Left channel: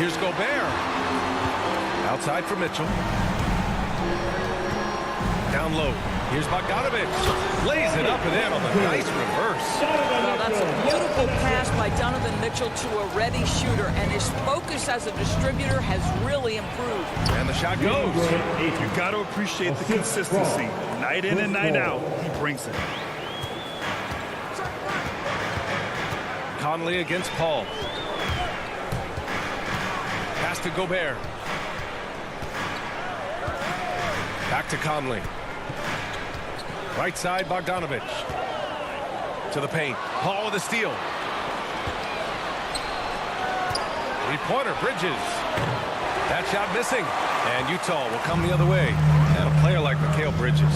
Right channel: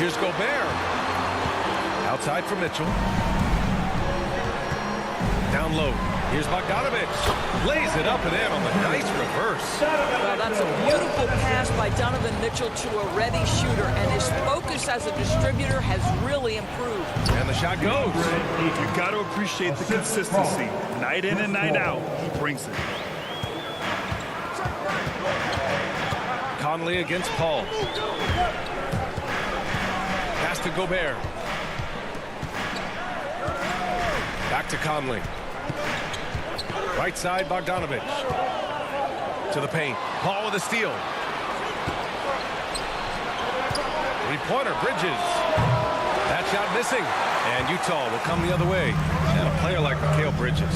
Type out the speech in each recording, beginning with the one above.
Here's Gobert. Outside for Mitchell. Down low. Here's Bogdanovich. Lays it up and in on the nice reverse. Well, that's a beautiful pass by Donovan Mitchell to a ready shooter, and his focus as a distributor has really improved. And the shot goes. You got to appreciate the consistency. Night in and night out, he brings it. Conley against Paul. Pass to Gobert. Back to Conley. Right side, Bogdanovich. To the paint. Paul with a steal. Three-pointer, Bridges. That shot missing. And Utah will come the other way. And a player like Mikal Bridges,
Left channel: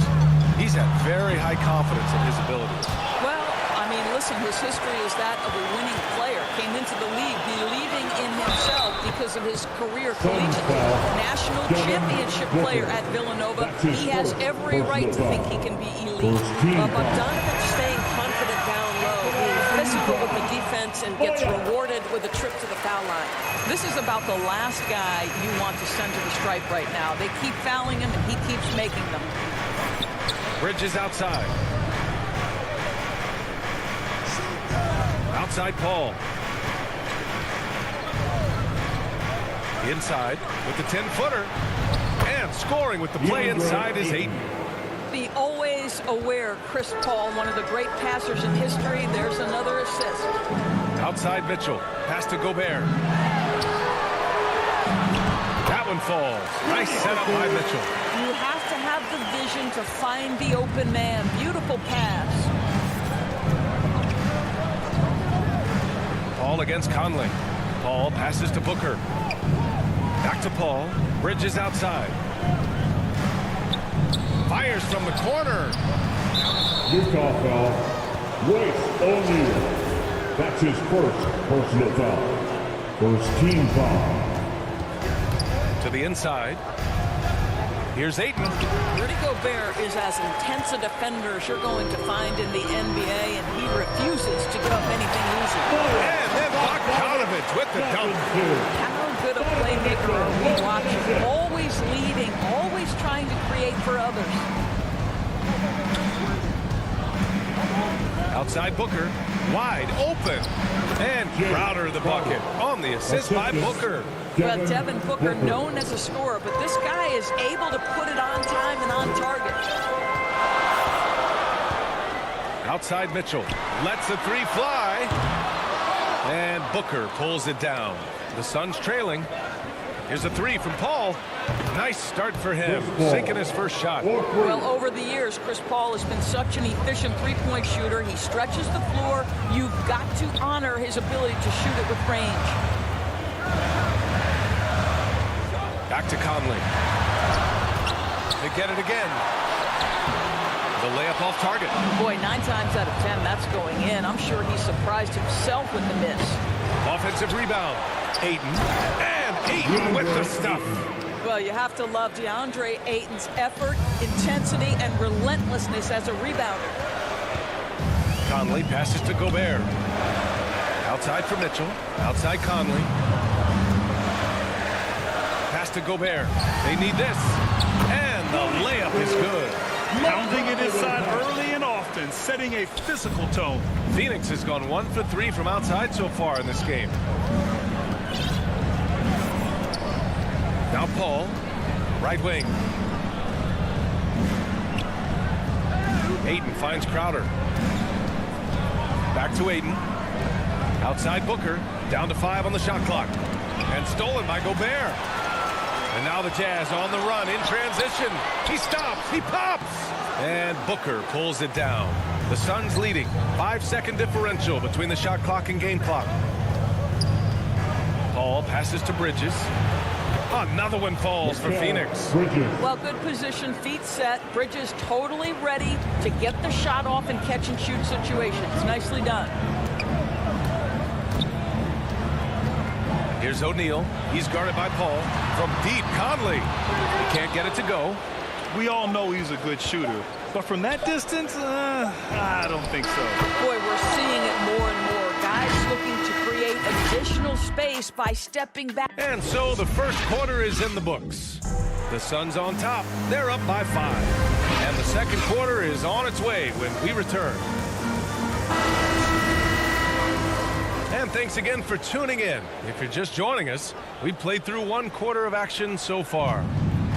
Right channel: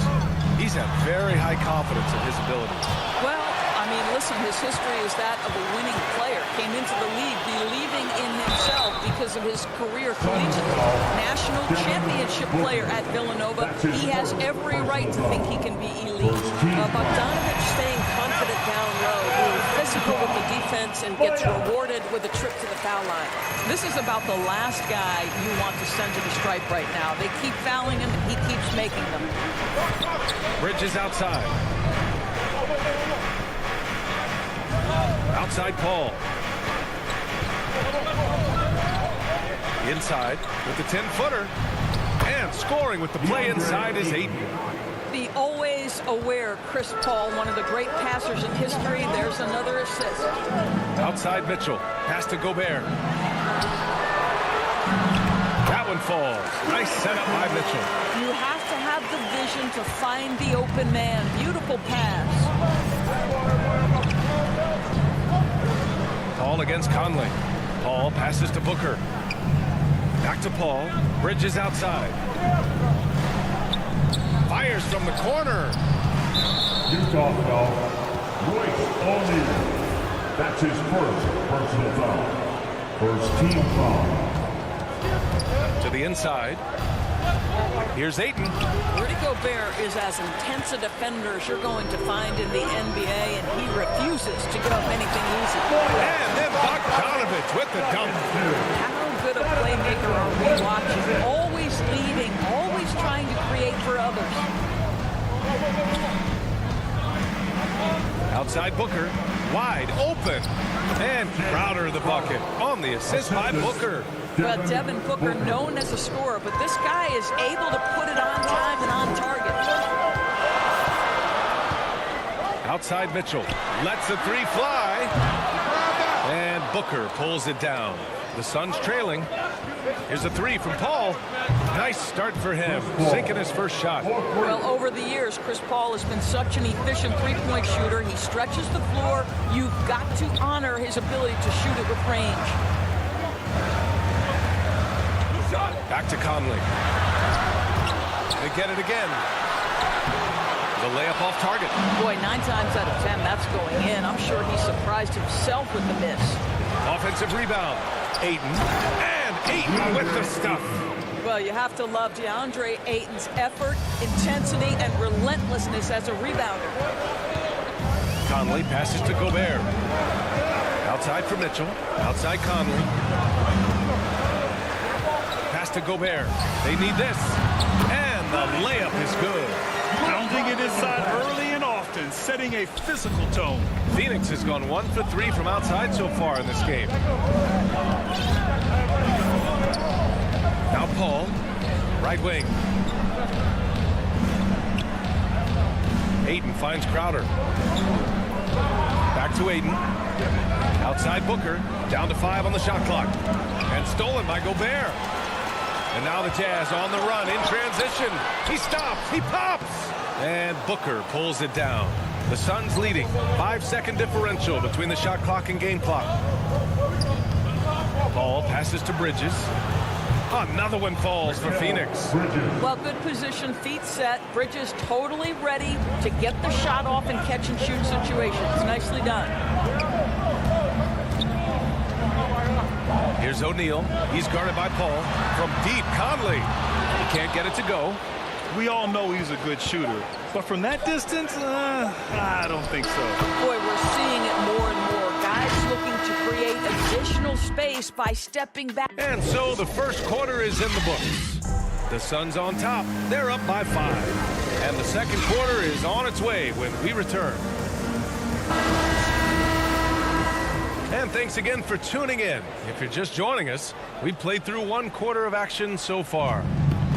he's had very high confidence in his abilities. Well, I mean, listen, his history is that of a winning player. Came into the league believing in himself because of his career collegiately. National championship player at Villanova. He has every right to think he can be elite. Bogdanovich staying confident down low, being physical with the defense, and gets rewarded with a trip to the foul line. This is about the last guy you want to send to the stripe right now. They keep fouling him, and he keeps making them. Bridges outside. Outside Paul. Inside with the 10-footer. And scoring with the play inside is Ayton. The always aware Chris Paul, one of the great passers in history. There's another assist. Outside Mitchell. Pass to Gobert. That one falls. Nice setup by Mitchell. You have to have the vision to find the open man. Beautiful pass. Paul against Conley. Paul passes to Booker. Back to Paul. Bridges outside. Fires from the corner. Utah foul. Royce O'Neal. That's his first personal foul. First team foul. To the inside. Here's Ayton. Rudy Gobert is as intense a defender as you're going to find in the NBA, and he refuses to give up anything easy. And then Bogdanovich with the dunk. How good a playmaker are we watching? Always leading, always trying to create for others. Outside Booker. Wide open. And Crowder the bucket on the assist by Booker. Well, Devin Booker, known as a scorer, but this guy is able to put it on time and on target. Outside Mitchell. Lets the three fly. And Booker pulls it down. The Suns trailing. Here's a three from Paul. Nice start for him. Sinking his first shot. Well, over the years, Chris Paul has been such an efficient three-point shooter. He stretches the floor. You've got to honor his ability to shoot it with range. Back to Conley. They get it again. The layup off target. Boy, 9 times out of 10, that's going in. I'm sure he surprised himself with the miss. Offensive rebound. Ayton. And Ayton with the stuff. Well, you have to love DeAndre Ayton's effort, intensity, and relentlessness as a rebounder. Conley passes to Gobert. Outside for Mitchell. Outside Conley. Pass to Gobert. They need this. And the layup is good. Pounding it inside early and often, setting a physical tone. Phoenix has gone 1 for 3 from outside so far in this game. Now Paul, right wing. Ayton finds Crowder. Back to Ayton. Outside Booker, down to 5 on the shot clock. And stolen by Gobert. And now the Jazz on the run in transition. He stops, he pops. And Booker pulls it down. The Suns leading. 5-second differential between the shot clock and game clock. Paul passes to Bridges. Another one falls for Phoenix. Well, good position, feet set. Bridges totally ready to get the shot off in catch-and-shoot situations. Nicely done. Here's O'Neal. He's guarded by Paul. From deep, Conley. He can't get it to go. We all know he's a good shooter, but from that distance, I don't think so. Boy, we're seeing it more and more. Guys looking to create additional space by stepping back. And so the first quarter is in the books. The Suns on top. They're up by 5. And the second quarter is on its way when we return. And thanks again for tuning in. If you're just joining us, we've played through 1 quarter of action so far.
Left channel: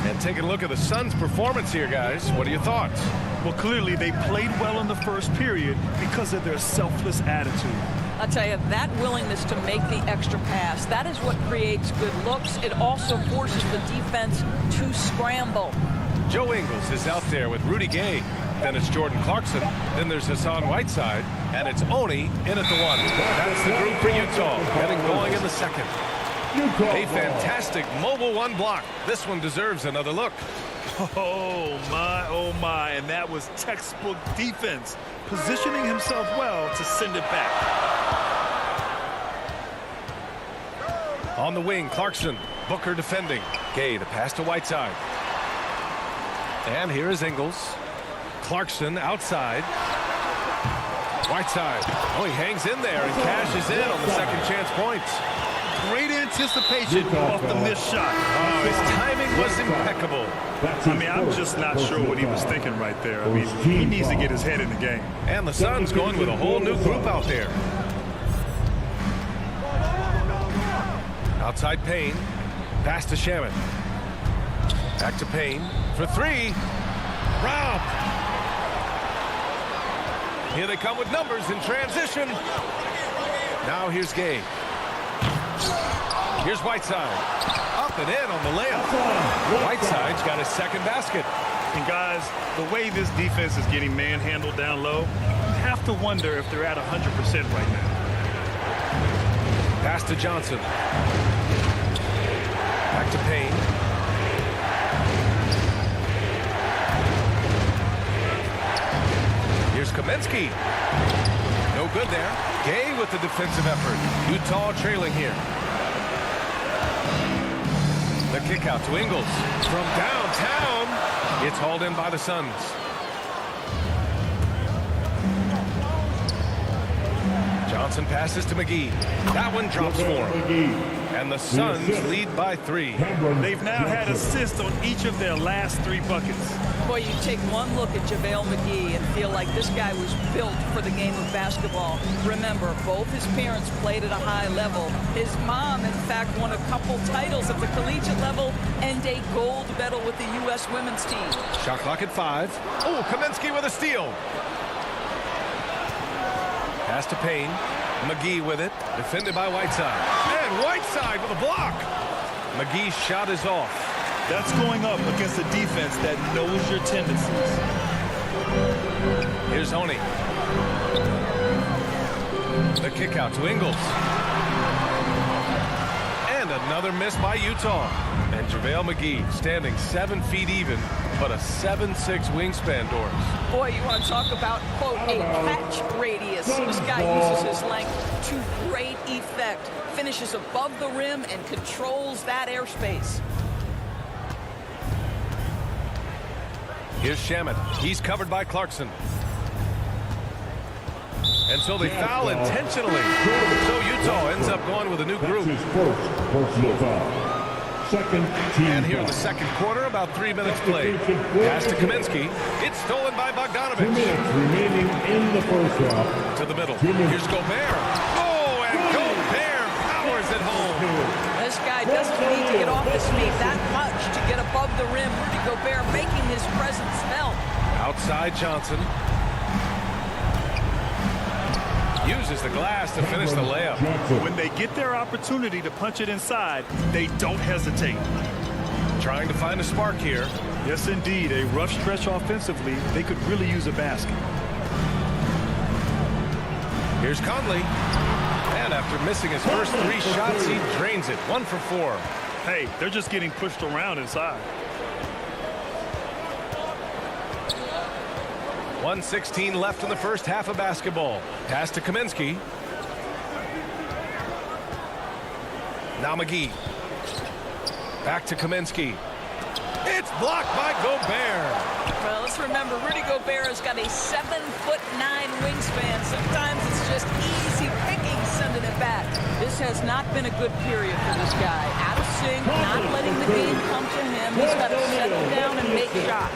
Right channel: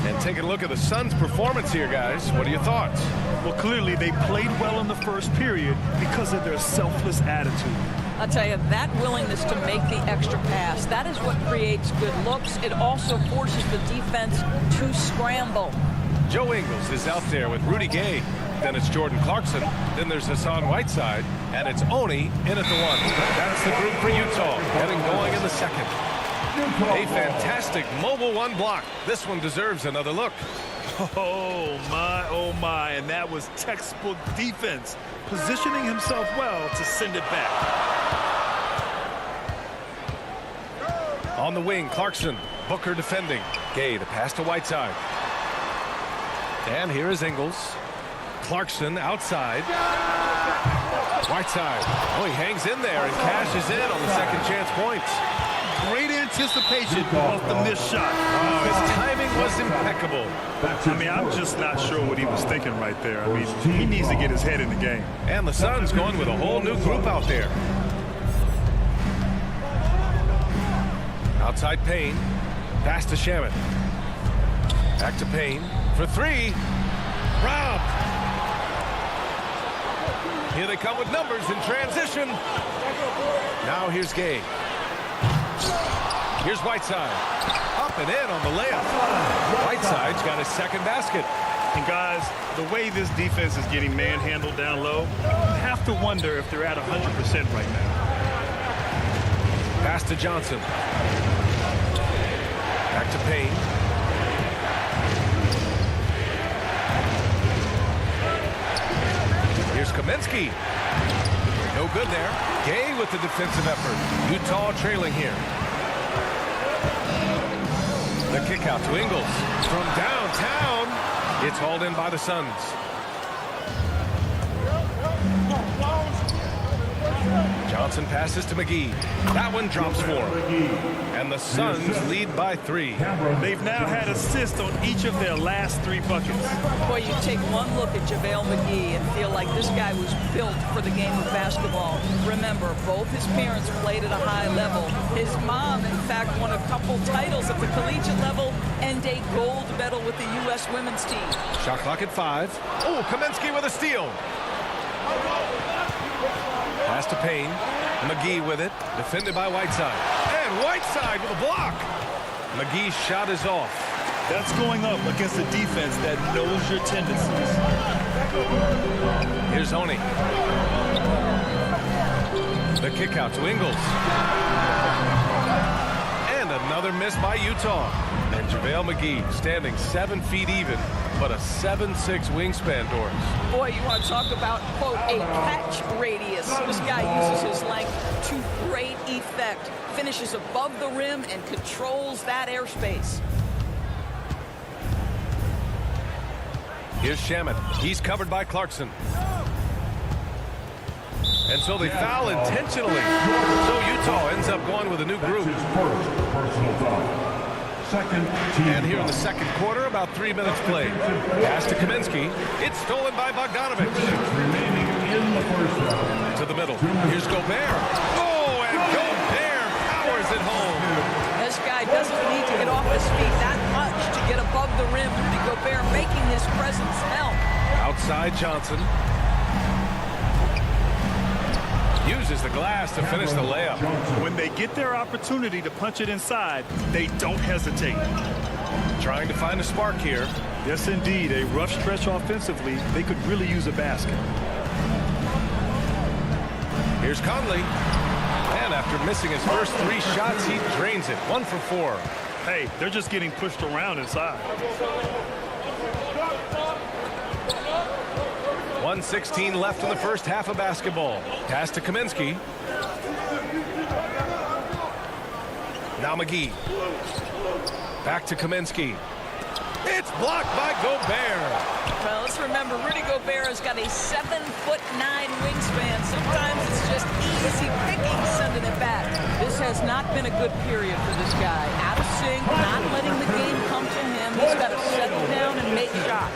And taking a look at the Suns' performance here, guys. What are your thoughts? Well, clearly they played well in the first period because of their selfless attitude. I'll tell you, that willingness to make the extra pass, that is what creates good looks. It also forces the defense to scramble. Joe Ingles is out there with Rudy Gay. Then it's Jordan Clarkson. Then there's Hassan Whiteside. And it's Oni in at the 1. That's the group for Utah, getting going in the second. A fantastic mobile 1 block. This one deserves another look. Oh my, and that was textbook defense, positioning himself well to send it back. On the wing, Clarkson. Booker defending. Gay, the pass to Whiteside. And here is Ingles. Clarkson outside. Whiteside. Oh, he hangs in there and cashes in on the second chance points. Great anticipation off the missed shot. Oh, his timing was impeccable. I mean, I'm just not sure what he was thinking right there. I mean, he needs to get his head in the game. And the Suns going with a whole new group out there. Outside Payne. Pass to Shaman. Back to Payne for 3. Rob. Here they come with numbers in transition. Now here's Gay. Here's Whiteside. Up and in on the layup. Whiteside's got his second basket. And guys, the way this defense is getting manhandled down low, you have to wonder if they're at 100% right now. Pass to Johnson. Back to Payne. Here's Kaminsky. No good there. Gay with the defensive effort. Utah trailing here. The kick out to Ingles. From downtown, it's hauled in by the Suns. Johnson passes to McGee. That one drops for him. And the Suns lead by 3. They've now had assists on each of their last 3 buckets. Boy, you take one look at JaVale McGee and feel like this guy was built for the game of basketball. Remember, both his parents played at a high level. His mom, in fact, won a couple titles at the collegiate level and a gold medal with the U.S. women's team. Shot clock at 5. Oh, Kaminsky with a steal. Pass to Payne. McGee with it. Defended by Whiteside. And Whiteside with a block. McGee's shot is off. That's going up against a defense that knows your tendencies. Here's Oni. The kick out to Ingles. And another miss by Utah. And JaVale McGee standing 7 feet even but a 7'6" wingspan, Doris. Boy, you want to talk about, quote, a catch radius. This guy uses his length to great effect. Finishes above the rim and controls that airspace. Here's Shamet. He's covered by Clarkson. And so they foul intentionally. So Utah ends up going with a new group. That's his first personal foul. Second team And here in the foul. second quarter, about 3 minutes played. Pass to Kaminsky. It's stolen by 2 Bogdanovich. minutes remaining in the first half. To the middle. 2 minutes. Here's Gobert. Oh, and Gobert powers it home. This guy doesn't need to get off his feet that much to get above the rim. Rudy Gobert making his presence felt. Outside Johnson. Uses the glass to finish the layup. When they get their opportunity to punch it inside, they don't hesitate. Trying to find a spark here. Yes, indeed. A rough stretch offensively. They could really use a basket. Here's Conley. And after missing his first 3 shots, he drains it. 1 for 4. Hey, they're just getting pushed around inside. 1:16 left in the first half of basketball. Pass to Kaminsky. Now McGee. Back to Kaminsky. It's blocked by Gobert. Well, let's remember, Rudy Gobert has got a 7'9" wingspan. Sometimes it's just easy picking sending it back. This has not been a good period for this guy. Out of sync, not letting the game come to him. He's got to settle down and make shots.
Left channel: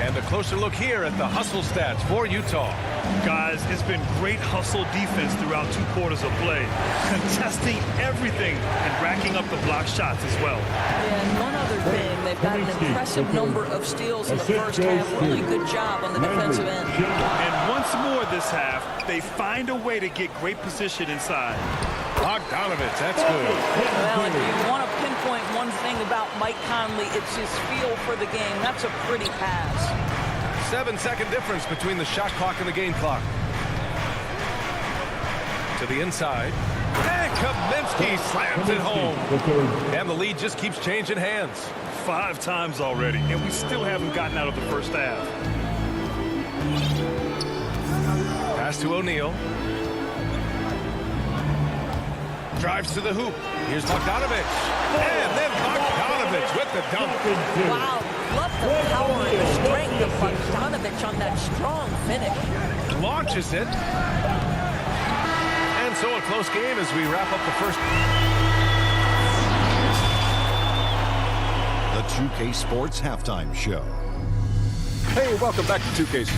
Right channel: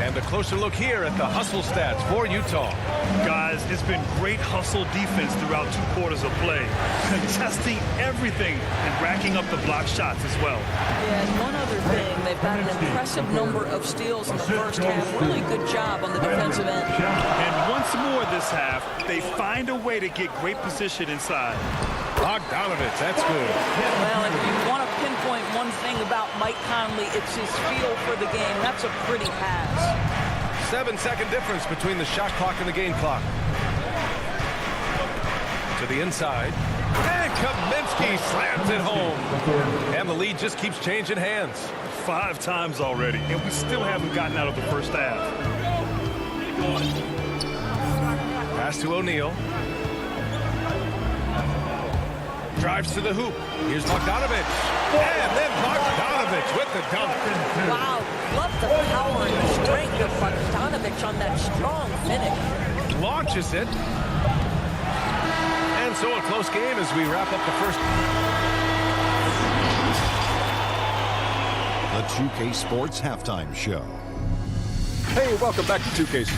And a closer look here at the hustle stats for Utah. Guys, it's been great hustle defense throughout 2 quarters of play. Contesting everything and racking up the block shots as well. Yeah, and one other thing, they've got an impressive number of steals in the first half. Really good job on the defensive end. And once more this half, they find a way to get great position inside. Bogdanovich, that's good. Well, if you want to pinpoint one thing about Mike Conley, it's his feel for the game. That's a pretty pass. 7-second difference between the shot clock and the game clock. To the inside. And Kaminsky slams it home. And the lead just keeps changing hands. 5 times already, and we still haven't gotten out of the first half. Pass to O'Neal. Drives to the hoop. Here's Bogdanovich. And then Bogdanovich with the dunk. Wow, love the power and the strength of Bogdanovich on that strong finish. Launches it. And so a close game as we wrap up the first. The 2K Sports Halftime Show. Hey, welcome back to 2K.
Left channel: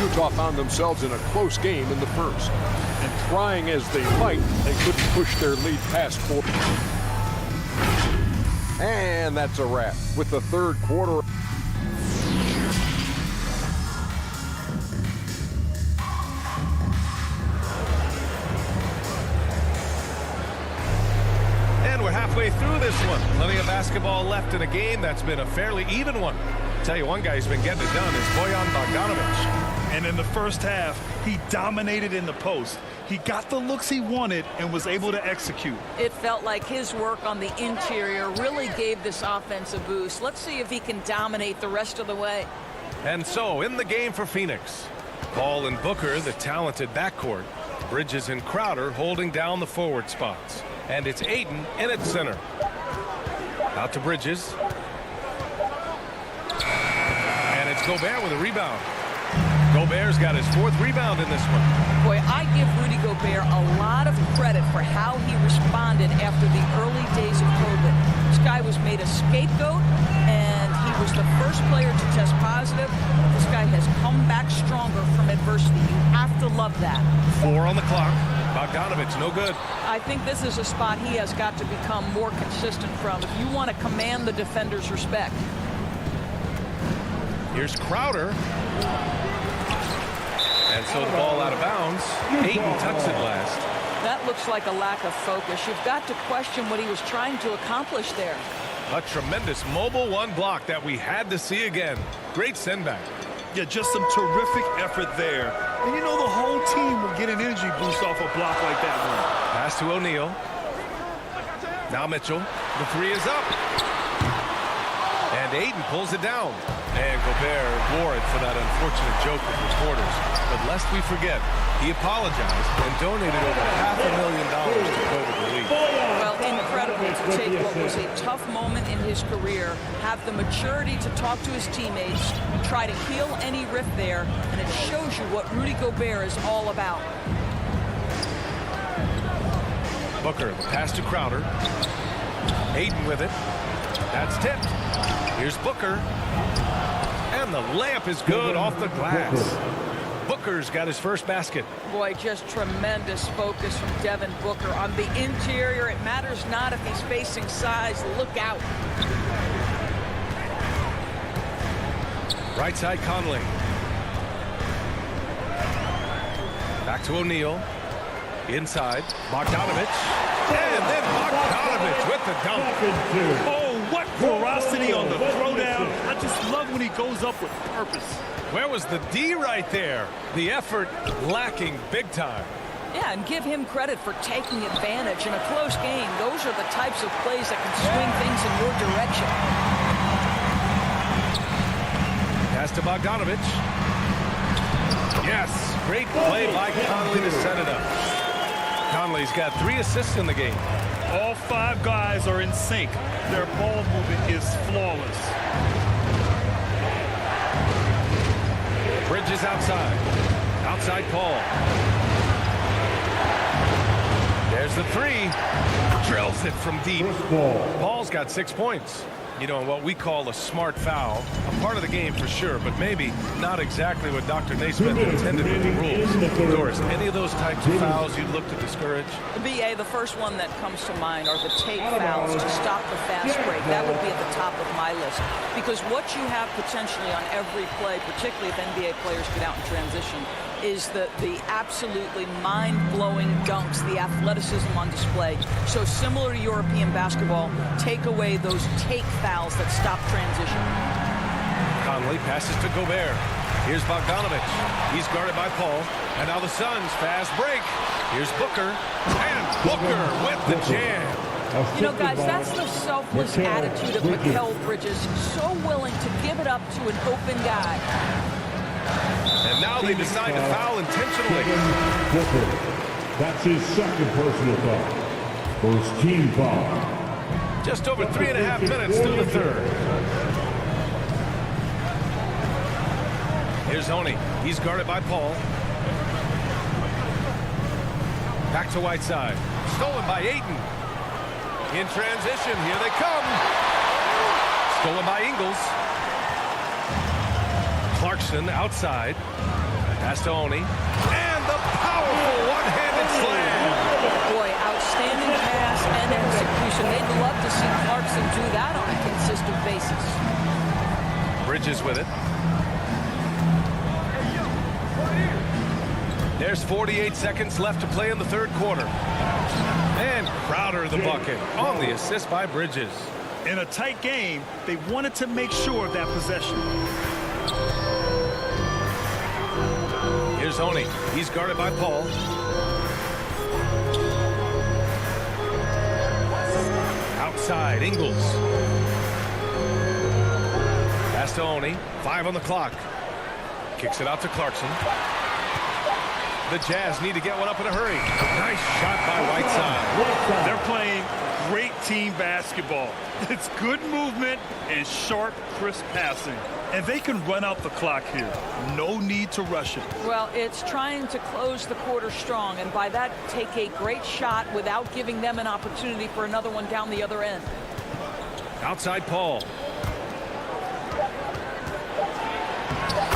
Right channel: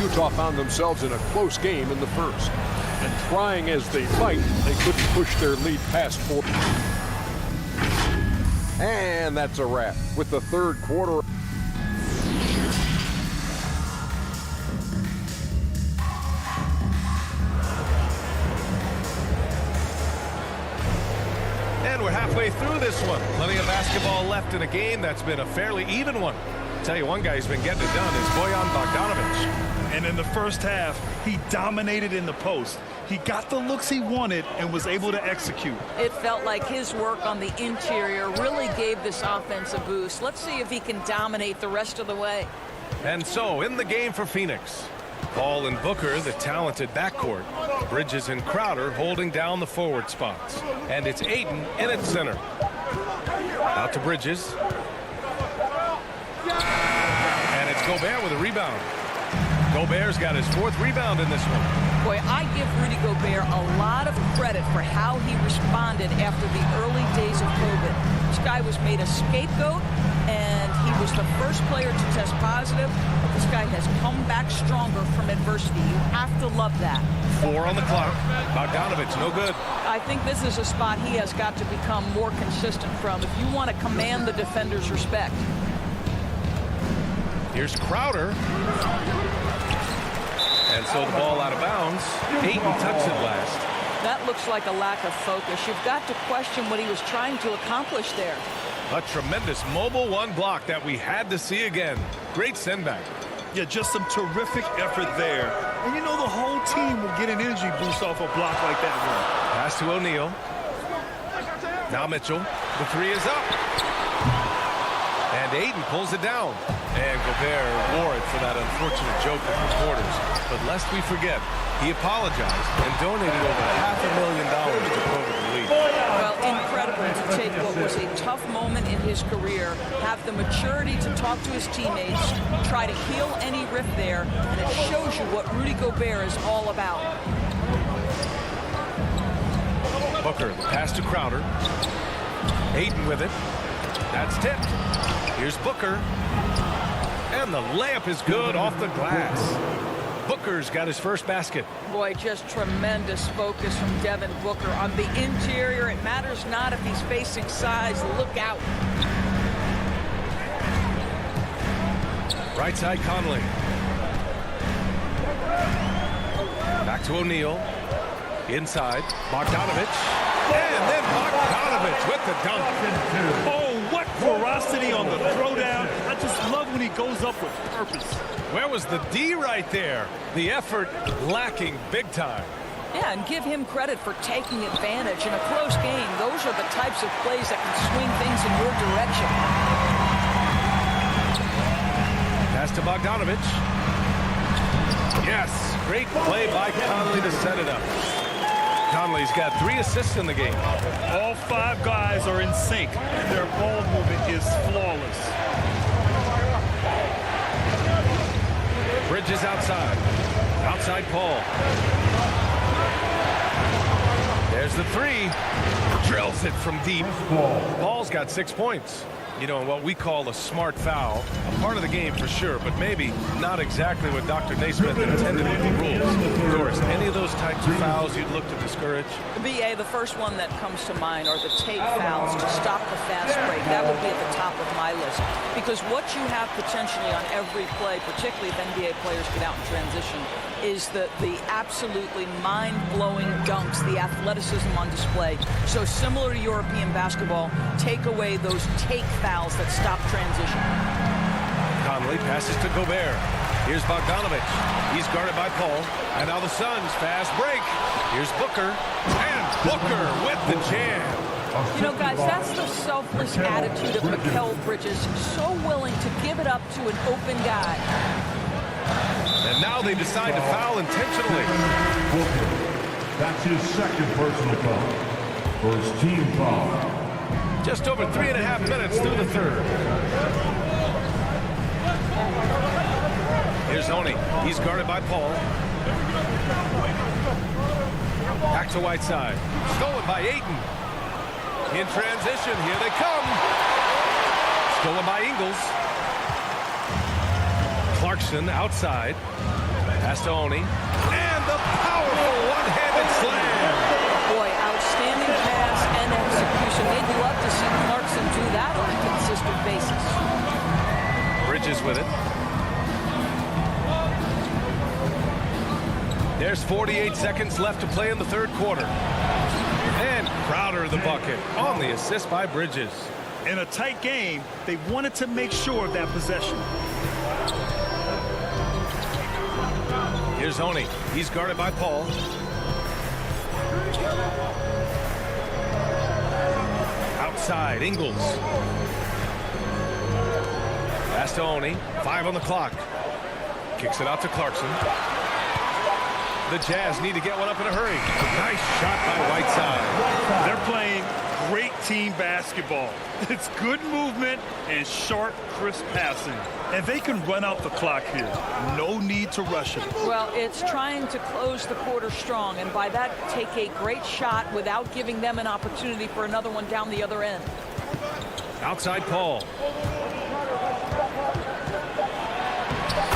Utah found themselves in a close game in the first. And trying as they might, they couldn't push their lead past 4. And that's a wrap with the third quarter. And we're halfway through this one. Plenty of basketball left in a game that's been a fairly even one. Tell you one guy who's been getting it done is Bojan Bogdanovich. And in the first half, he dominated in the post. He got the looks he wanted and was able to execute. It felt like his work on the interior really gave this offense a boost. Let's see if he can dominate the rest of the way. And so in the game for Phoenix, Paul and Booker, the talented backcourt. Bridges and Crowder holding down the forward spots. And it's Ayton in at center. Out to Bridges. And it's Gobert with a rebound. Gobert's got his 4th rebound in this one. Boy, I give Rudy Gobert a lot of credit for how he responded after the early days of COVID. This guy was made a scapegoat, and he was the first player to test positive. But this guy has come back stronger from adversity. You have to love that. 4 on the clock. Bogdanovich, no good. I think this is a spot he has got to become more consistent from if you want to command the defender's respect. Here's Crowder. And so the ball out of bounds. Ayton touched it last. That looks like a lack of focus. You've got to question what he was trying to accomplish there. A tremendous mobile 1 block that we had to see again. Great send back. Yeah, just some terrific effort there. And you know the whole team will get an energy boost off a block like that one. Pass to O'Neal. Now Mitchell. The 3 is up. And Ayton pulls it down. And Gobert wore it for that unfortunate joke with reporters. But lest we forget, he apologized and donated over $500,000 to COVID relief. Well, incredible to take what was a tough moment in his career, have the maturity to talk to his teammates, try to heal any rift there, and it shows you what Rudy Gobert is all about. Booker, the pass to Crowder. Ayton with it. That's tipped. Here's Booker. And the layup is good off the glass. Booker's got his first basket. Boy, just tremendous focus from Devin Booker on the interior. It matters not if he's facing size. Look out. Right side, Conley. Back to O'Neal. Inside, Bogdanovich. And then Bogdanovich with the dunk. Oh, what ferocity on the throwdown. I just love when he goes up with purpose. Where was the D right there? The effort lacking big time. Yeah, and give him credit for taking advantage in a close game. Those are the types of plays that can swing things in your direction. Pass to Bogdanovich. Yes, great play by Conley to set it up. Conley's got 3 assists in the game. All 5 guys are in sync. Their ball movement is flawless. Bridges outside. Outside Paul. There's the 3. Drills it from deep. Paul's got 6 points. You know, what we call a smart foul. A part of the game for sure, but maybe not exactly what Dr. Naismith intended with the rules. Doris, any of those types of fouls you'd look to discourage? BA, the first one that comes to mind are the take fouls to stop the fast break. That would be at the top of my list. Because what you have potentially on every play, particularly if NBA players get out in transition, is the absolutely mind-blowing dunks, the athleticism on display. So similar to European basketball, take away those take fouls that stop transition. Conley passes to Gobert. Here's Bogdanovich. He's guarded by Paul. And now the Suns fast break. Here's Booker. And Booker with the jam. You know, guys, that's the selfless attitude of Mikal Bridges. So willing to give it up to an open guy. And now they decide to foul intentionally. Booker. That's his second personal foul. First team foul. Just over 3.5 minutes through the third. Here's Oni. He's guarded by Paul. Back to Whiteside. Stolen by Ayton. In transition, here they come. Stolen by Ingles. Clarkson outside. Pass to Oni. And the powerful one-handed slam. Boy, outstanding pass and execution. They'd love to see Clarkson do that on a consistent basis. Bridges with it. There's 48 seconds left to play in the third quarter. And Crowder the bucket on the assist by Bridges. In a tight game, they wanted to make sure of that possession. Here's Oni. He's guarded by Paul. Outside, Ingles. Pass to Oni. 5 on the clock. Kicks it out to Clarkson. The Jazz need to get one up in a hurry. Nice shot by Whiteside. They're playing great team basketball. It's good movement and sharp, crisp passing. And they can run out the clock here. No need to rush it. Well, it's trying to close the quarter strong, and by that, take a great shot without giving them an opportunity for another one down the other end. Outside Paul.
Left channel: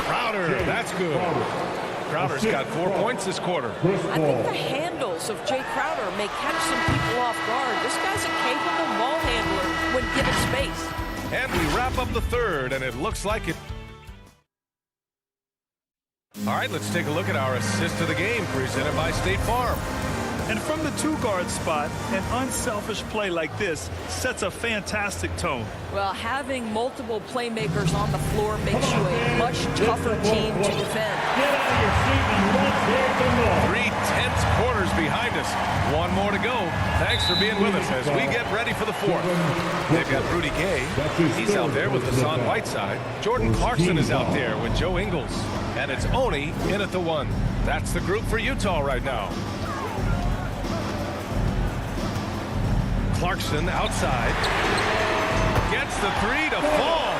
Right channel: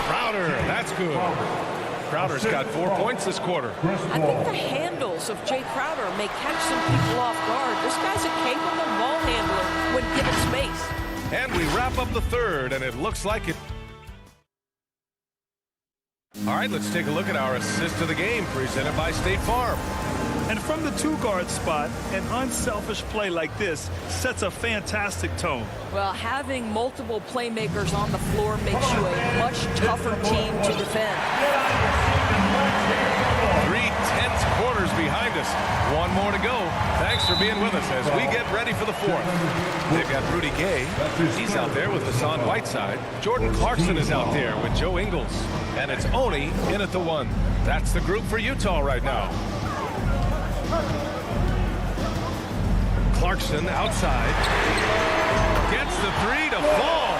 Crowder, that's good. Crowder's got 4 points this quarter. I think the handles of Jay Crowder may catch some people off guard. This guy's a capable ball handler when given space. And we wrap up the third, and it looks like it. All right, let's take a look at our assist of the game presented by State Farm. And from the two-guard spot, an unselfish play like this sets a fantastic tone. Well, having multiple playmakers on the floor makes you a much tougher team to defend. Get out of your seat and let's hear some noise. 3 tense quarters behind us. One more to go. Thanks for being with us as we get ready for the fourth. They've got Rudy Gay. He's out there with Hassan Whiteside. Jordan Clarkson is out there with Joe Ingles. And it's Oni in at the 1. That's the group for Utah right now. Clarkson outside. Gets the 3 to fall.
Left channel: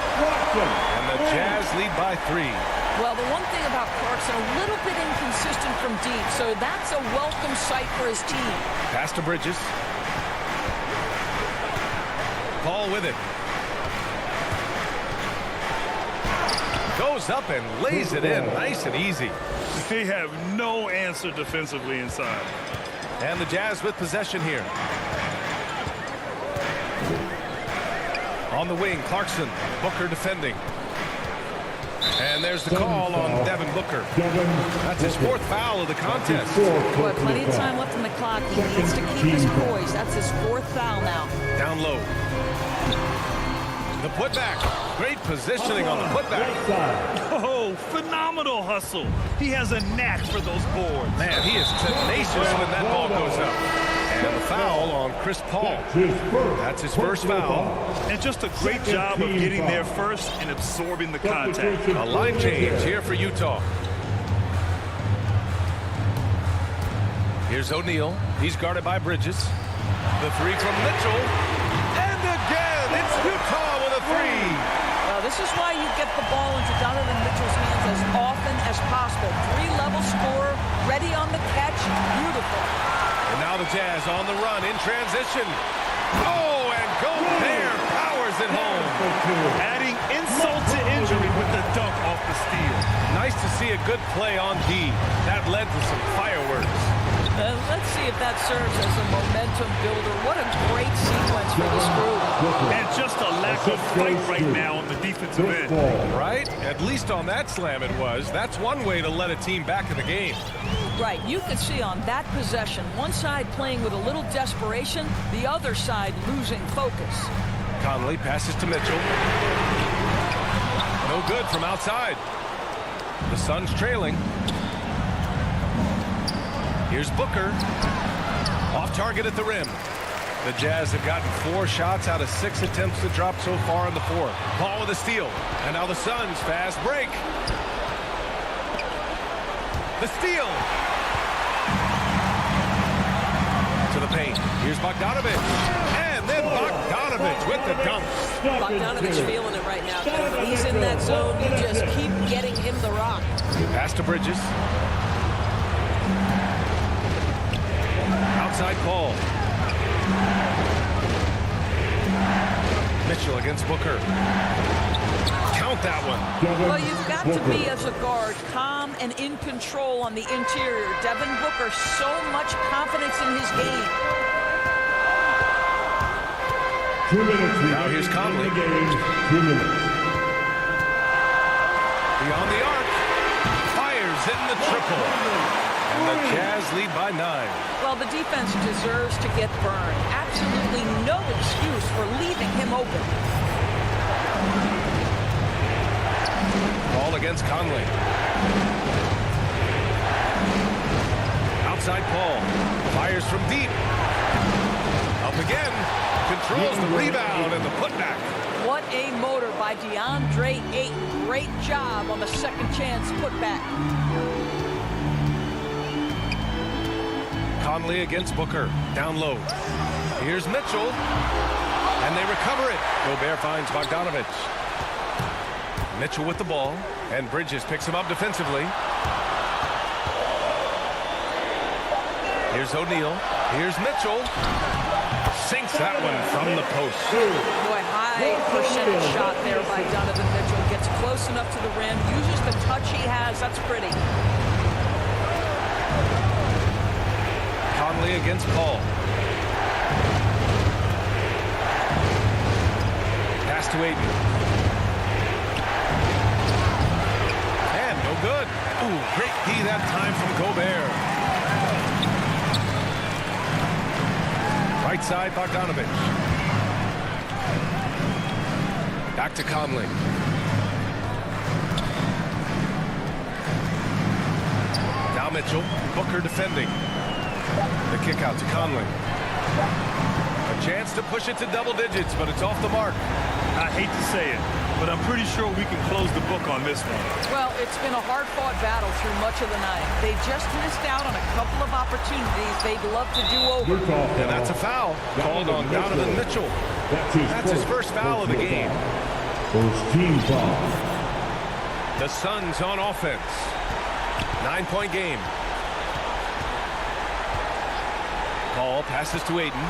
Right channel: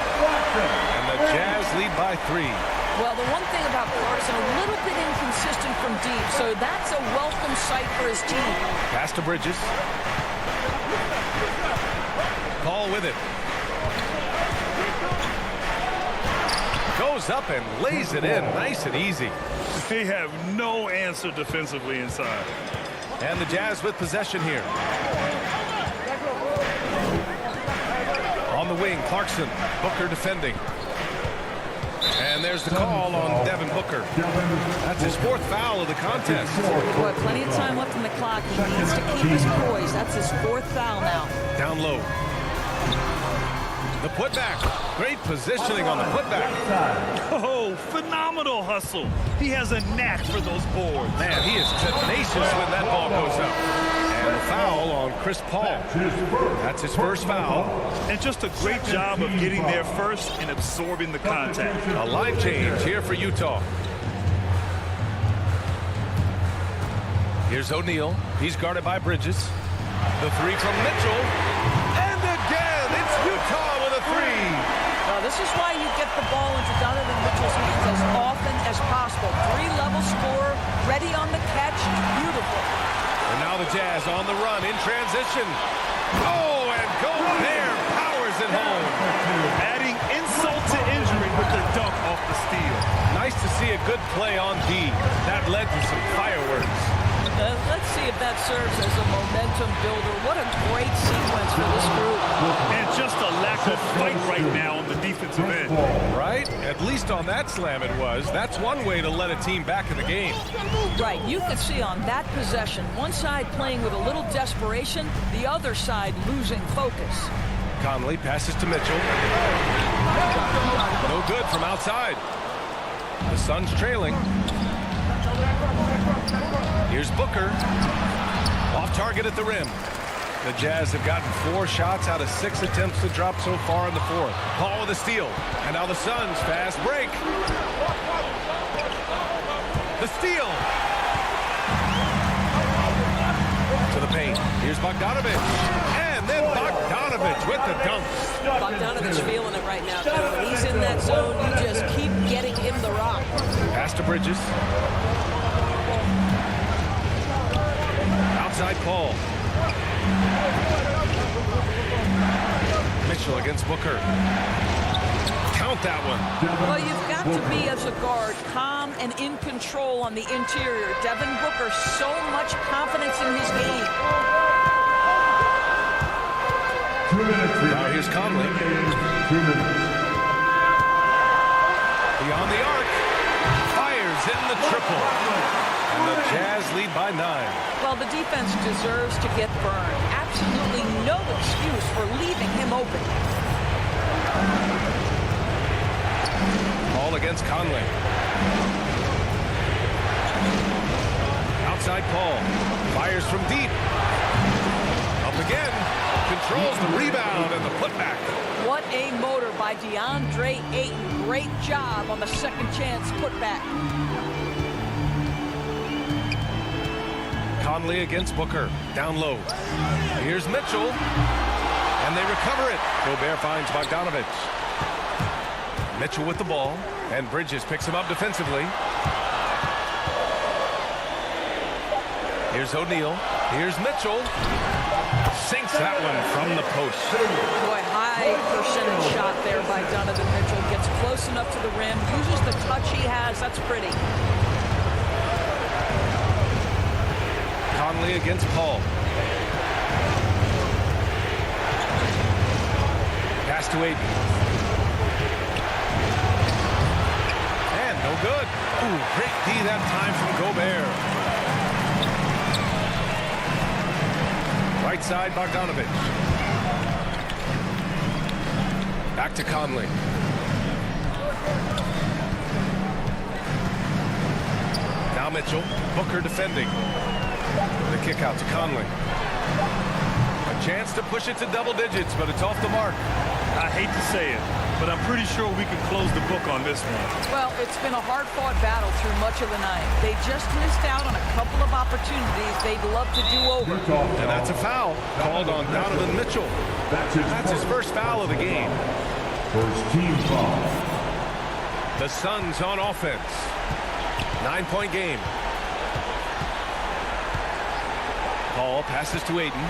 And the Jazz lead by 3. Well, the one thing about Clarkson, a little bit inconsistent from deep, so that's a welcome sight for his team. Pass to Bridges. Paul with it. Goes up and lays it in nice and easy. They have no answer defensively inside. And the Jazz with possession here. On the wing, Clarkson. Booker defending. And there's the call on Devin Booker. That's his 4th foul of the contest. Boy, plenty of time left on the clock. He needs to keep his poise. That's his 4th foul now. Down low. The putback. Great positioning on the putback. Oh, phenomenal hustle. He has a knack for those boards. Man, he is tenacious when that ball goes up. And the foul on Chris Paul. That's his first foul. And just a great job of getting there first and absorbing the contact. A line change here for Utah. Here's O'Neal. He's guarded by Bridges. The 3 from Mitchell. And again, it's Utah with a 3. Well, this is why you get the ball into Donovan Mitchell's hands as often as possible. 3-level scorer, ready on the catch. Beautiful. And now the Jazz on the run in transition. Oh, and Gobert powers it home. Adding insult to injury with the dunk off the steal. Nice to see a good play on D. That led to some fireworks. Let's see if that serves as a momentum builder. What a great sequence for this group. And just a lack of fight right now on the defensive end. Right? At least on that slam it was. That's one way to let a team back in the game. Right. You can see on that possession, one side playing with a little desperation, the other side losing focus. Conley passes to Mitchell. No good from outside. The Suns trailing. Here's Booker. Off target at the rim. The Jazz have gotten 4 shots out of 6 attempts to drop so far in the 4th. Paul with a steal. And now the Suns fast break. The steal. To the paint. Here's Bogdanovich. And then Bogdanovich with the dunk. Bogdanovich feeling it right now. When he's in that zone, you just keep getting him the rock. Pass to Bridges. Outside Paul. Mitchell against Booker. Count that one. Well, you've got to be, as a guard, calm and in control on the interior. Devin Booker, so much confidence in his game. 2 minutes. Now here's Conley. 2 minutes. Beyond the arc. Fires in the triple. And the Jazz lead by 9. Well, the defense deserves to get burned. Absolutely no excuse for leaving him open. Paul against Conley. Outside Paul. Fires from deep. Up again. Controls the rebound and the putback. What a motor by DeAndre Ayton. Great job on the second chance putback. Conley against Booker. Down low. Here's Mitchell. And they recover it. Gobert finds Bogdanovich. Mitchell with the ball. And Bridges picks him up defensively. Here's O'Neal. Here's Mitchell. Sinks that one from the post. Boy, high percentage shot there by Donovan Mitchell. Gets close enough to the rim. Uses the touch he has. That's pretty. Conley against Paul. Pass to Ayton. And no good. Ooh, great D that time from Gobert. Right side, Bogdanovich. Back to Conley. Now Mitchell. Booker defending. The kick out to Conley. A chance to push it to double digits, but it's off the mark. I hate to say it, but I'm pretty sure we can close the book on this one. Well, it's been a hard-fought battle through much of the night. They just missed out on a couple of opportunities they'd love to do over. And that's a foul called on Donovan Mitchell. That's his first foul of the game. First team foul. The Suns on offense. 9-point game. Paul passes to Ayton.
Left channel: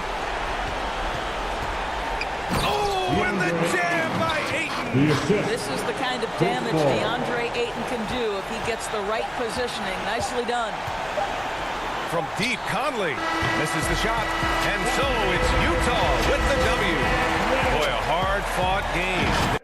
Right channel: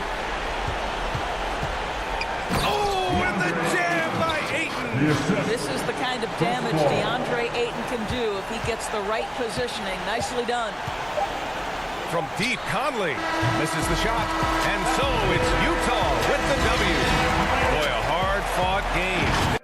Oh, and the jam by Ayton. This is the kind of damage DeAndre Ayton can do if he gets the right positioning. Nicely done. From deep, Conley misses the shot. And so it's Utah with the W. Boy, a hard-fought game.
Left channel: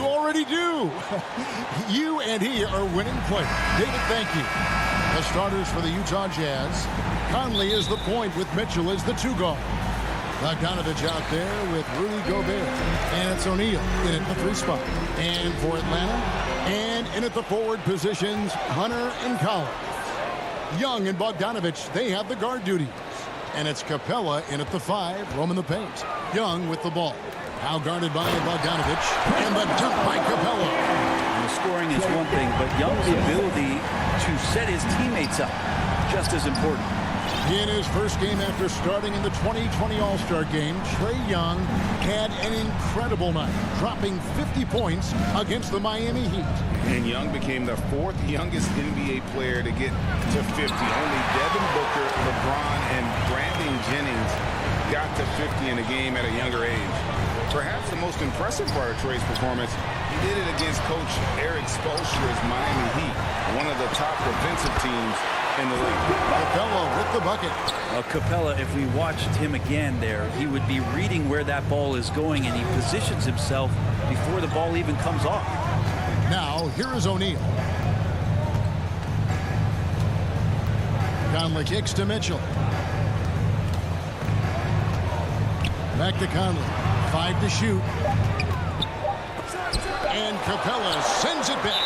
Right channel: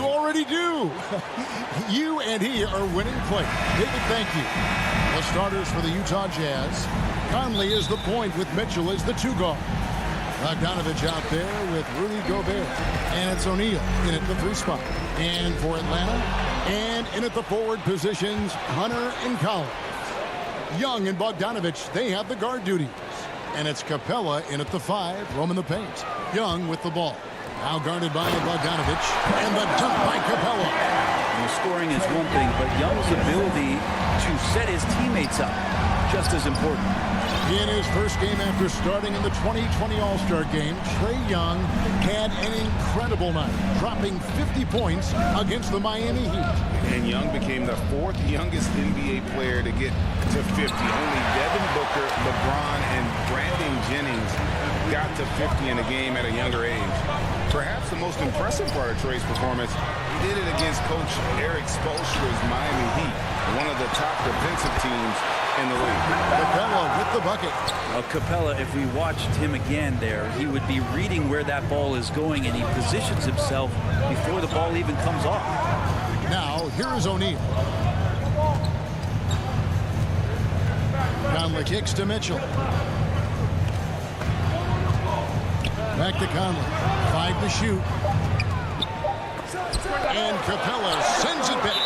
You already do. You and he are winning players. David, thank you. The starters for the Utah Jazz. Conley is the point with Mitchell as the two guard. Bogdanovich out there with Rudy Gobert. And it's O'Neal in at the 3 spot. And for Atlanta, and in at the forward positions, Hunter and Collins. Young and Bogdanovich, they have the guard duties. And it's Capella in at the 5, roaming the paint. Young with the ball. Now guarded by Bogdanovich. And the dunk by Capella. And the scoring is one thing, but Young's ability to set his teammates up, just as important. In his first game after starting in the 2020 All-Star Game, Trae Young had an incredible night, dropping 50 points against the Miami Heat. And Young became the 4th youngest NBA player to get to 50. Only Devin Booker, LeBron, and Brandon Jennings got to 50 in a game at a younger age. Perhaps the most impressive part of Trae's performance, he did it against Coach Eric Spoelstra's Miami Heat, one of the top defensive teams in the league. Capella with the bucket. Well, Capella, if we watched him again there, he would be reading where that ball is going, and he positions himself before the ball even comes off. Now, here is O'Neal. Conley kicks to Mitchell. Back to Conley. 5 to shoot. And Capella sends it back.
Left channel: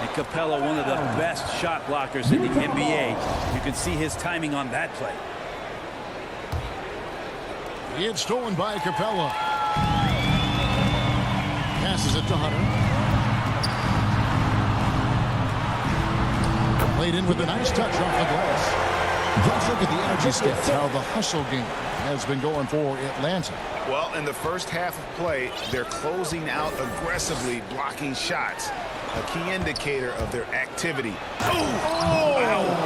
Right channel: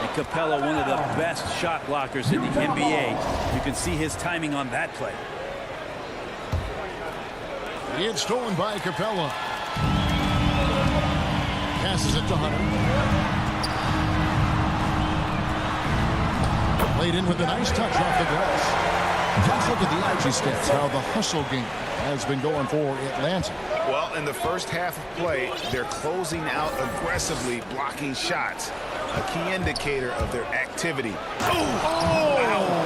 And Capella, one of the best shot blockers in the NBA. You can see his timing on that play. It's stolen by Capella. Passes it to Hunter. Played in with a nice touch off the glass. Let's look at the energy stats, how the hustle game has been going for Atlanta. Well, in the first half of play, they're closing out aggressively, blocking shots. A key indicator of their activity. Oh!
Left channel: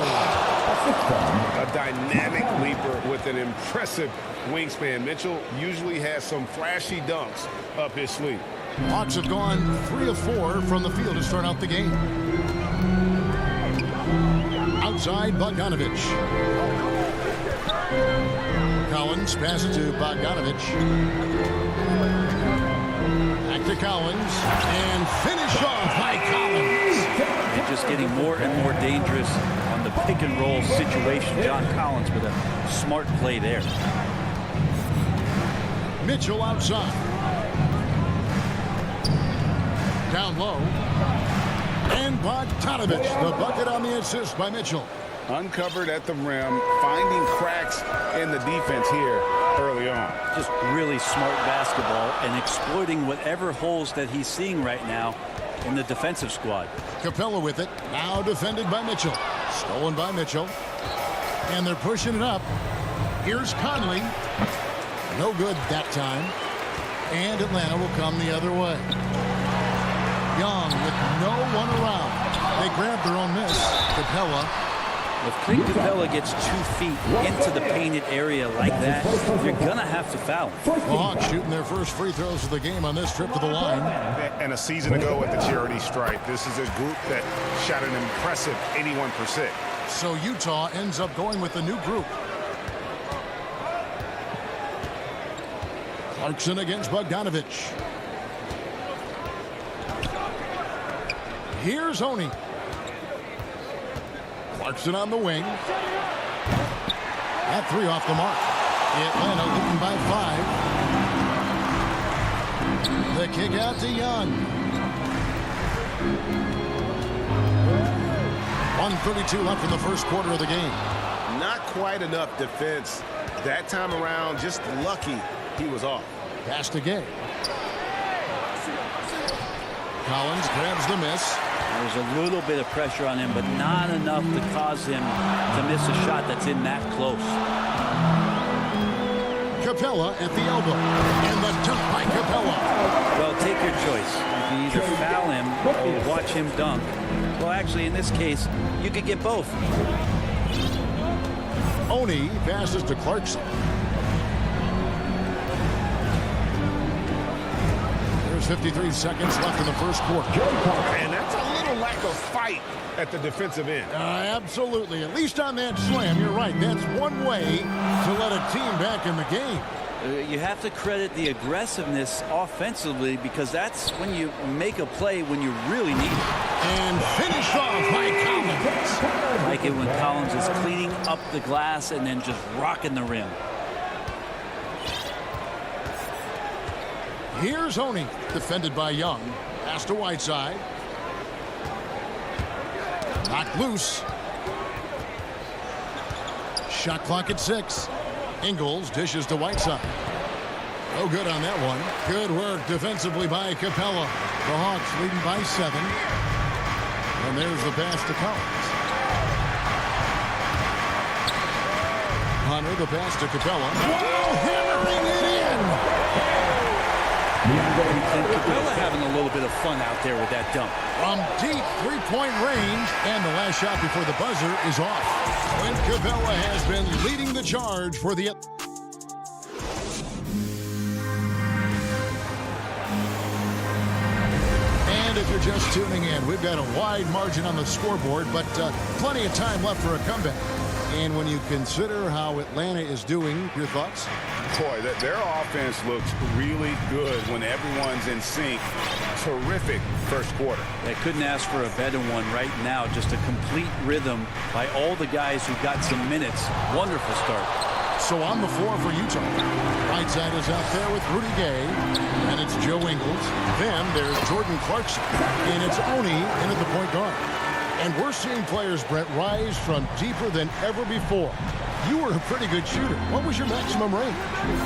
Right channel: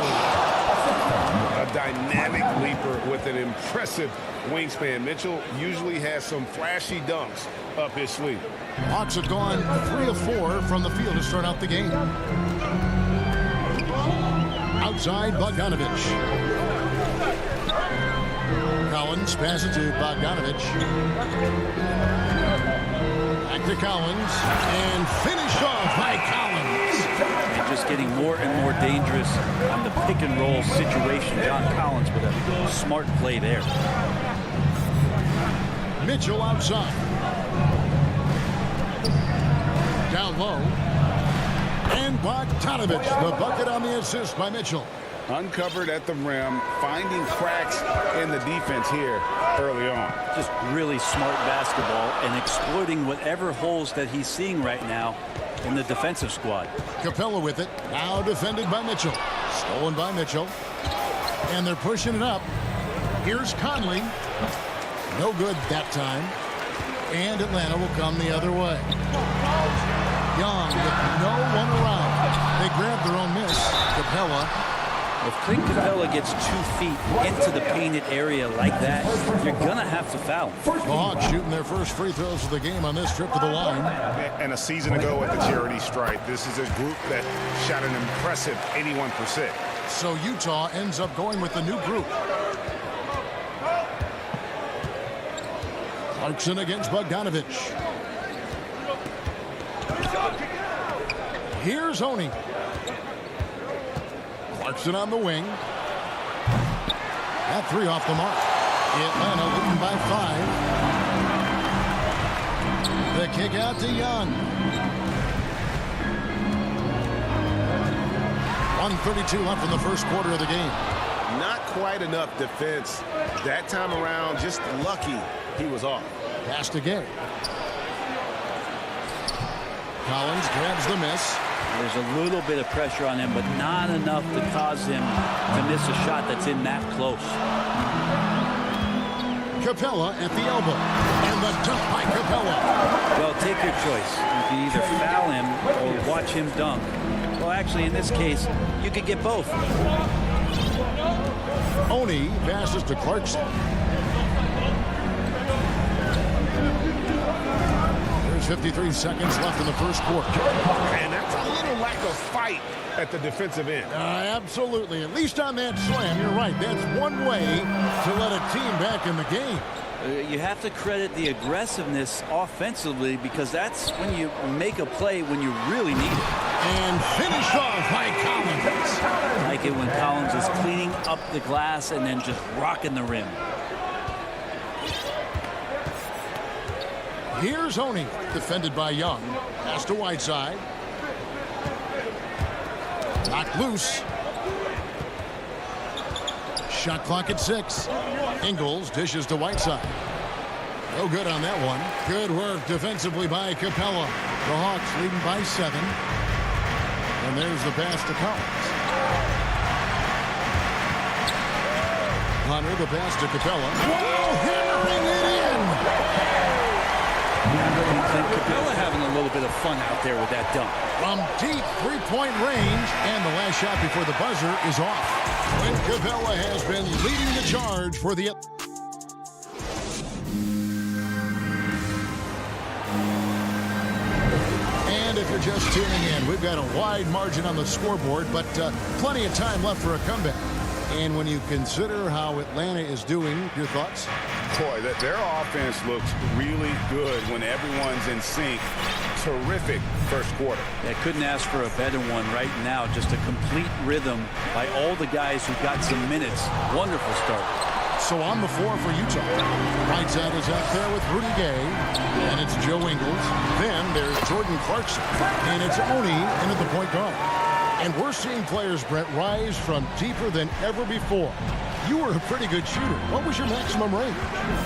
A dynamic leaper with an impressive wingspan. Mitchell usually has some flashy dunks up his sleeve. Hawks have gone 3 of 4 from the field to start out the game. Outside, Bogdanovich. Collins passes to Bogdanovich. Back to Collins. And finish off by Collins. And just getting more and more dangerous on the pick and roll situation. John Collins with a smart play there. Mitchell outside. Down low. And Bogdanovich, the bucket on the assist by Mitchell. Uncovered at the rim, finding cracks in the defense here early on. Just really smart basketball and exploiting whatever holes that he's seeing right now in the defensive squad. Capella with it, now defended by Mitchell. Stolen by Mitchell. And they're pushing it up. Here's Conley. No good that time. And Atlanta will come the other way. Young with no one around. They grab their own miss. Capella. If Clint Capella gets 2 feet into the painted area like that, you're going to have to foul him. The Hawks shooting their first free throws of the game on this trip to the line. And a season ago at the charity stripe, this is a group that shot an impressive 81%. So Utah ends up going with the new group. Clarkson against Bogdanovich. Here's Oni. Clarkson on the wing. That three off the mark. Atlanta leading by 5. The kick out to Young. 1:32 left in the first quarter of the game. Not quite enough defense that time around. Just lucky he was off. Pass to Gay. Collins grabs the miss. There's a little bit of pressure on him, but not enough to cause him to miss a shot that's in that close. Capella at the elbow. And the dunk by Capella. Well, take your choice. You can either foul him or watch him dunk. Well, actually, in this case, you could get both. Oni passes to Clarkson. There's 53 seconds left in the first quarter. And that's a little lack of fight at the defensive end. Absolutely. At least on that slam, you're right. That's one way to let a team back in the game. You have to credit the aggressiveness offensively, because that's when you make a play when you really need it. And finish off by Collins. I like it when Collins is cleaning up the glass and then just rocking the rim. Here's Oni, defended by Young. Pass to Whiteside. Knocked loose. Shot clock at 6. Ingles dishes to Whiteside. No good on that one. Good work defensively by Capella. The Hawks leading by 7. And there's the pass to Collins. Hunter, the pass to Capella. Whoa, hammering it in. Clint Capella having a little bit of fun out there with that dunk. From deep three-point range, and the last shot before the buzzer is off. Clint Capella has been leading the charge for the... And if you're just tuning in, we've got a wide margin on the scoreboard, but plenty of time left for a comeback. And when you consider how Atlanta is doing, your thoughts? Boy, their offense looks really good when everyone's in sync. Terrific first quarter. I couldn't ask for a better one right now. Just a complete rhythm by all the guys who got some minutes. Wonderful start. So on the floor for Utah. Whiteside is out there with Rudy Gay. And it's Joe Ingles. Then there's Jordan Clarkson. And it's Oni in at the point guard. And we're seeing players, Brett, rise from deeper than ever before. You were a pretty good shooter. What was your maximum range?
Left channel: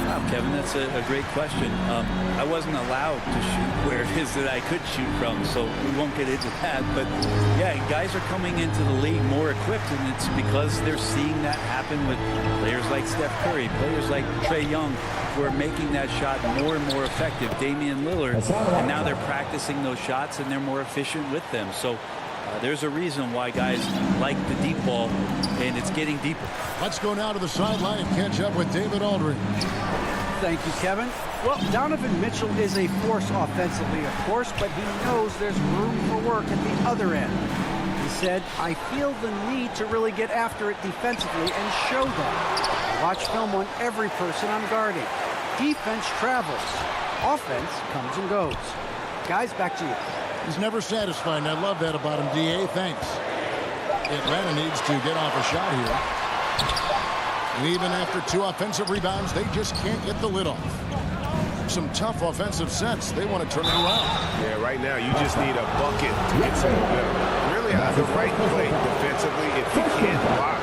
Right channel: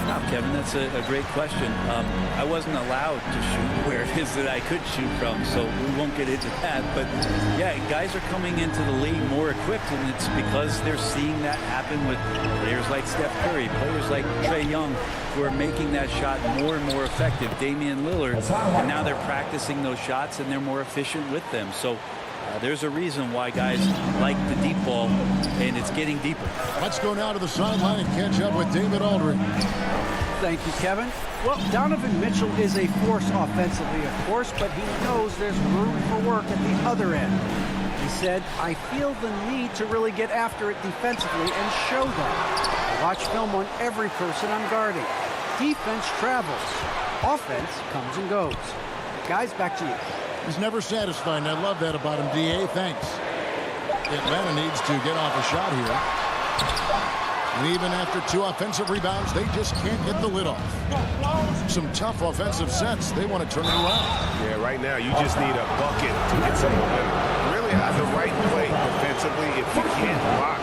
Wow, Kevin, that's a great question. I wasn't allowed to shoot where it is that I could shoot from, so we won't get into that. But, yeah, guys are coming into the league more equipped, and it's because they're seeing that happen with players like Steph Curry, players like Trae Young, who are making that shot more and more effective. Damian Lillard, and now they're practicing those shots, and they're more efficient with them. So there's a reason why guys like the deep ball, and it's getting deeper. Let's go now to the sideline and catch up with David Aldridge. Thank you, Kevin. Well, Donovan Mitchell is a force offensively, of course, but he knows there's room for work at the other end. He said, I feel the need to really get after it defensively and show that. I watch film on every person I'm guarding. Defense travels. Offense comes and goes. Guys, back to you. He's never satisfied, and I love that about him, D.A. Thanks. Atlanta needs to get off a shot here. And even after 2 offensive rebounds, they just can't get the lid off. Some tough offensive sets. They want to turn it around. Yeah, right now you just need a bucket to get some momentum. Really the right play defensively. If you can't block,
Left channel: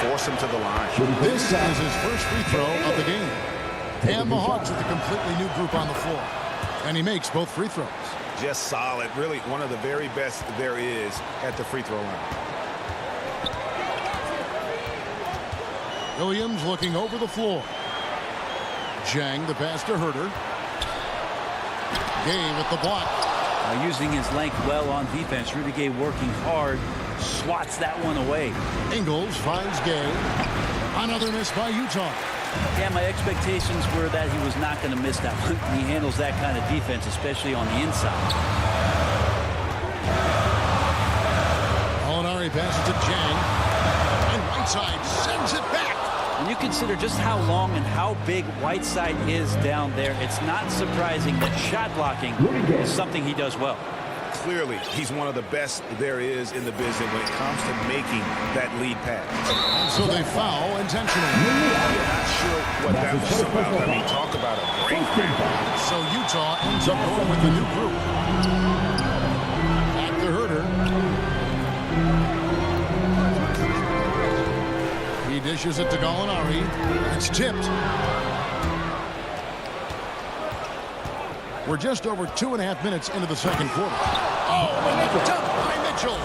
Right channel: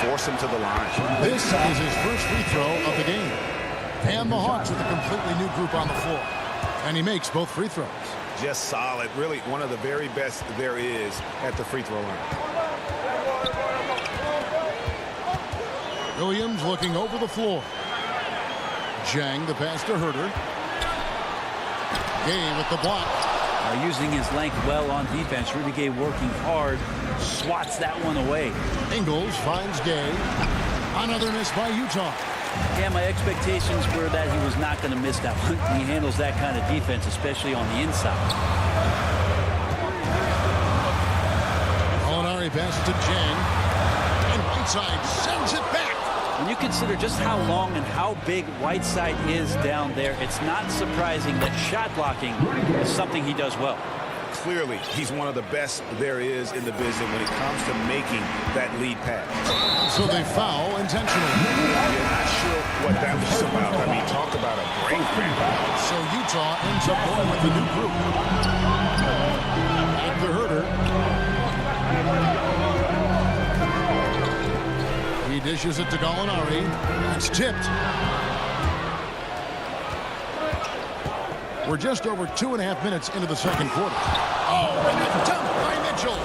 force him to the line. This is his first free throw of the game. And the Hawks with a completely new group on the floor. And he makes both free throws. Just solid. Really one of the very best there is at the free throw line. Williams looking over the floor. Jang, the pass to Herter. Gay with the block. Using his length well on defense. Rudy Gay working hard. Swats that one away. Ingles finds Gay. Another miss by Utah. Yeah, my expectations were that he was not going to miss that one. He handles that kind of defense, especially on the inside. Molinari passes to Jang. And Whiteside sends it back. When you consider just how long and how big Whiteside is down there, it's not surprising that shot blocking is something he does well. Clearly, he's one of the best there is in the business when it comes to making that lead pass. So they foul intentionally. You're not sure what that was about. I mean, talk about a brain cramp. So Utah ends up going with the new group. Back to Herter. He dishes it to Gallinari. It's tipped. We're just over 2.5 minutes into the second quarter. Oh, and the dunk by Mitchell.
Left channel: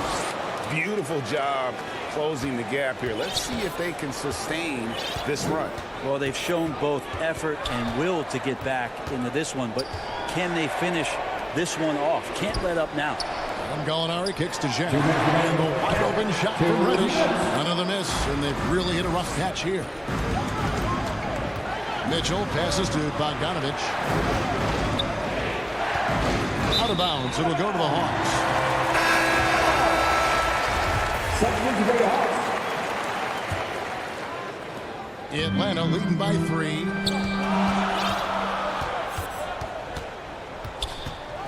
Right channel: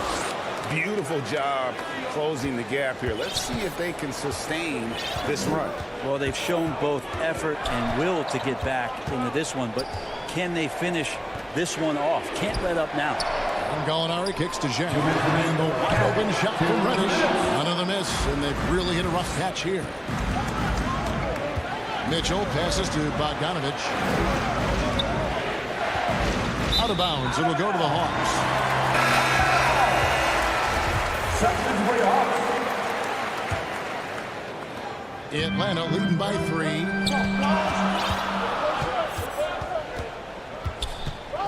Beautiful job closing the gap here. Let's see if they can sustain this run. Well, they've shown both effort and will to get back into this one, but can they finish this one off? Can't let up now. And Gallinari kicks to Zhang. And the wide open shot from Reddish. Another miss, and they've really hit a rough patch here. Mitchell passes to Bogdanovich. Out of bounds. It'll go to the Hawks. Atlanta leading by 3.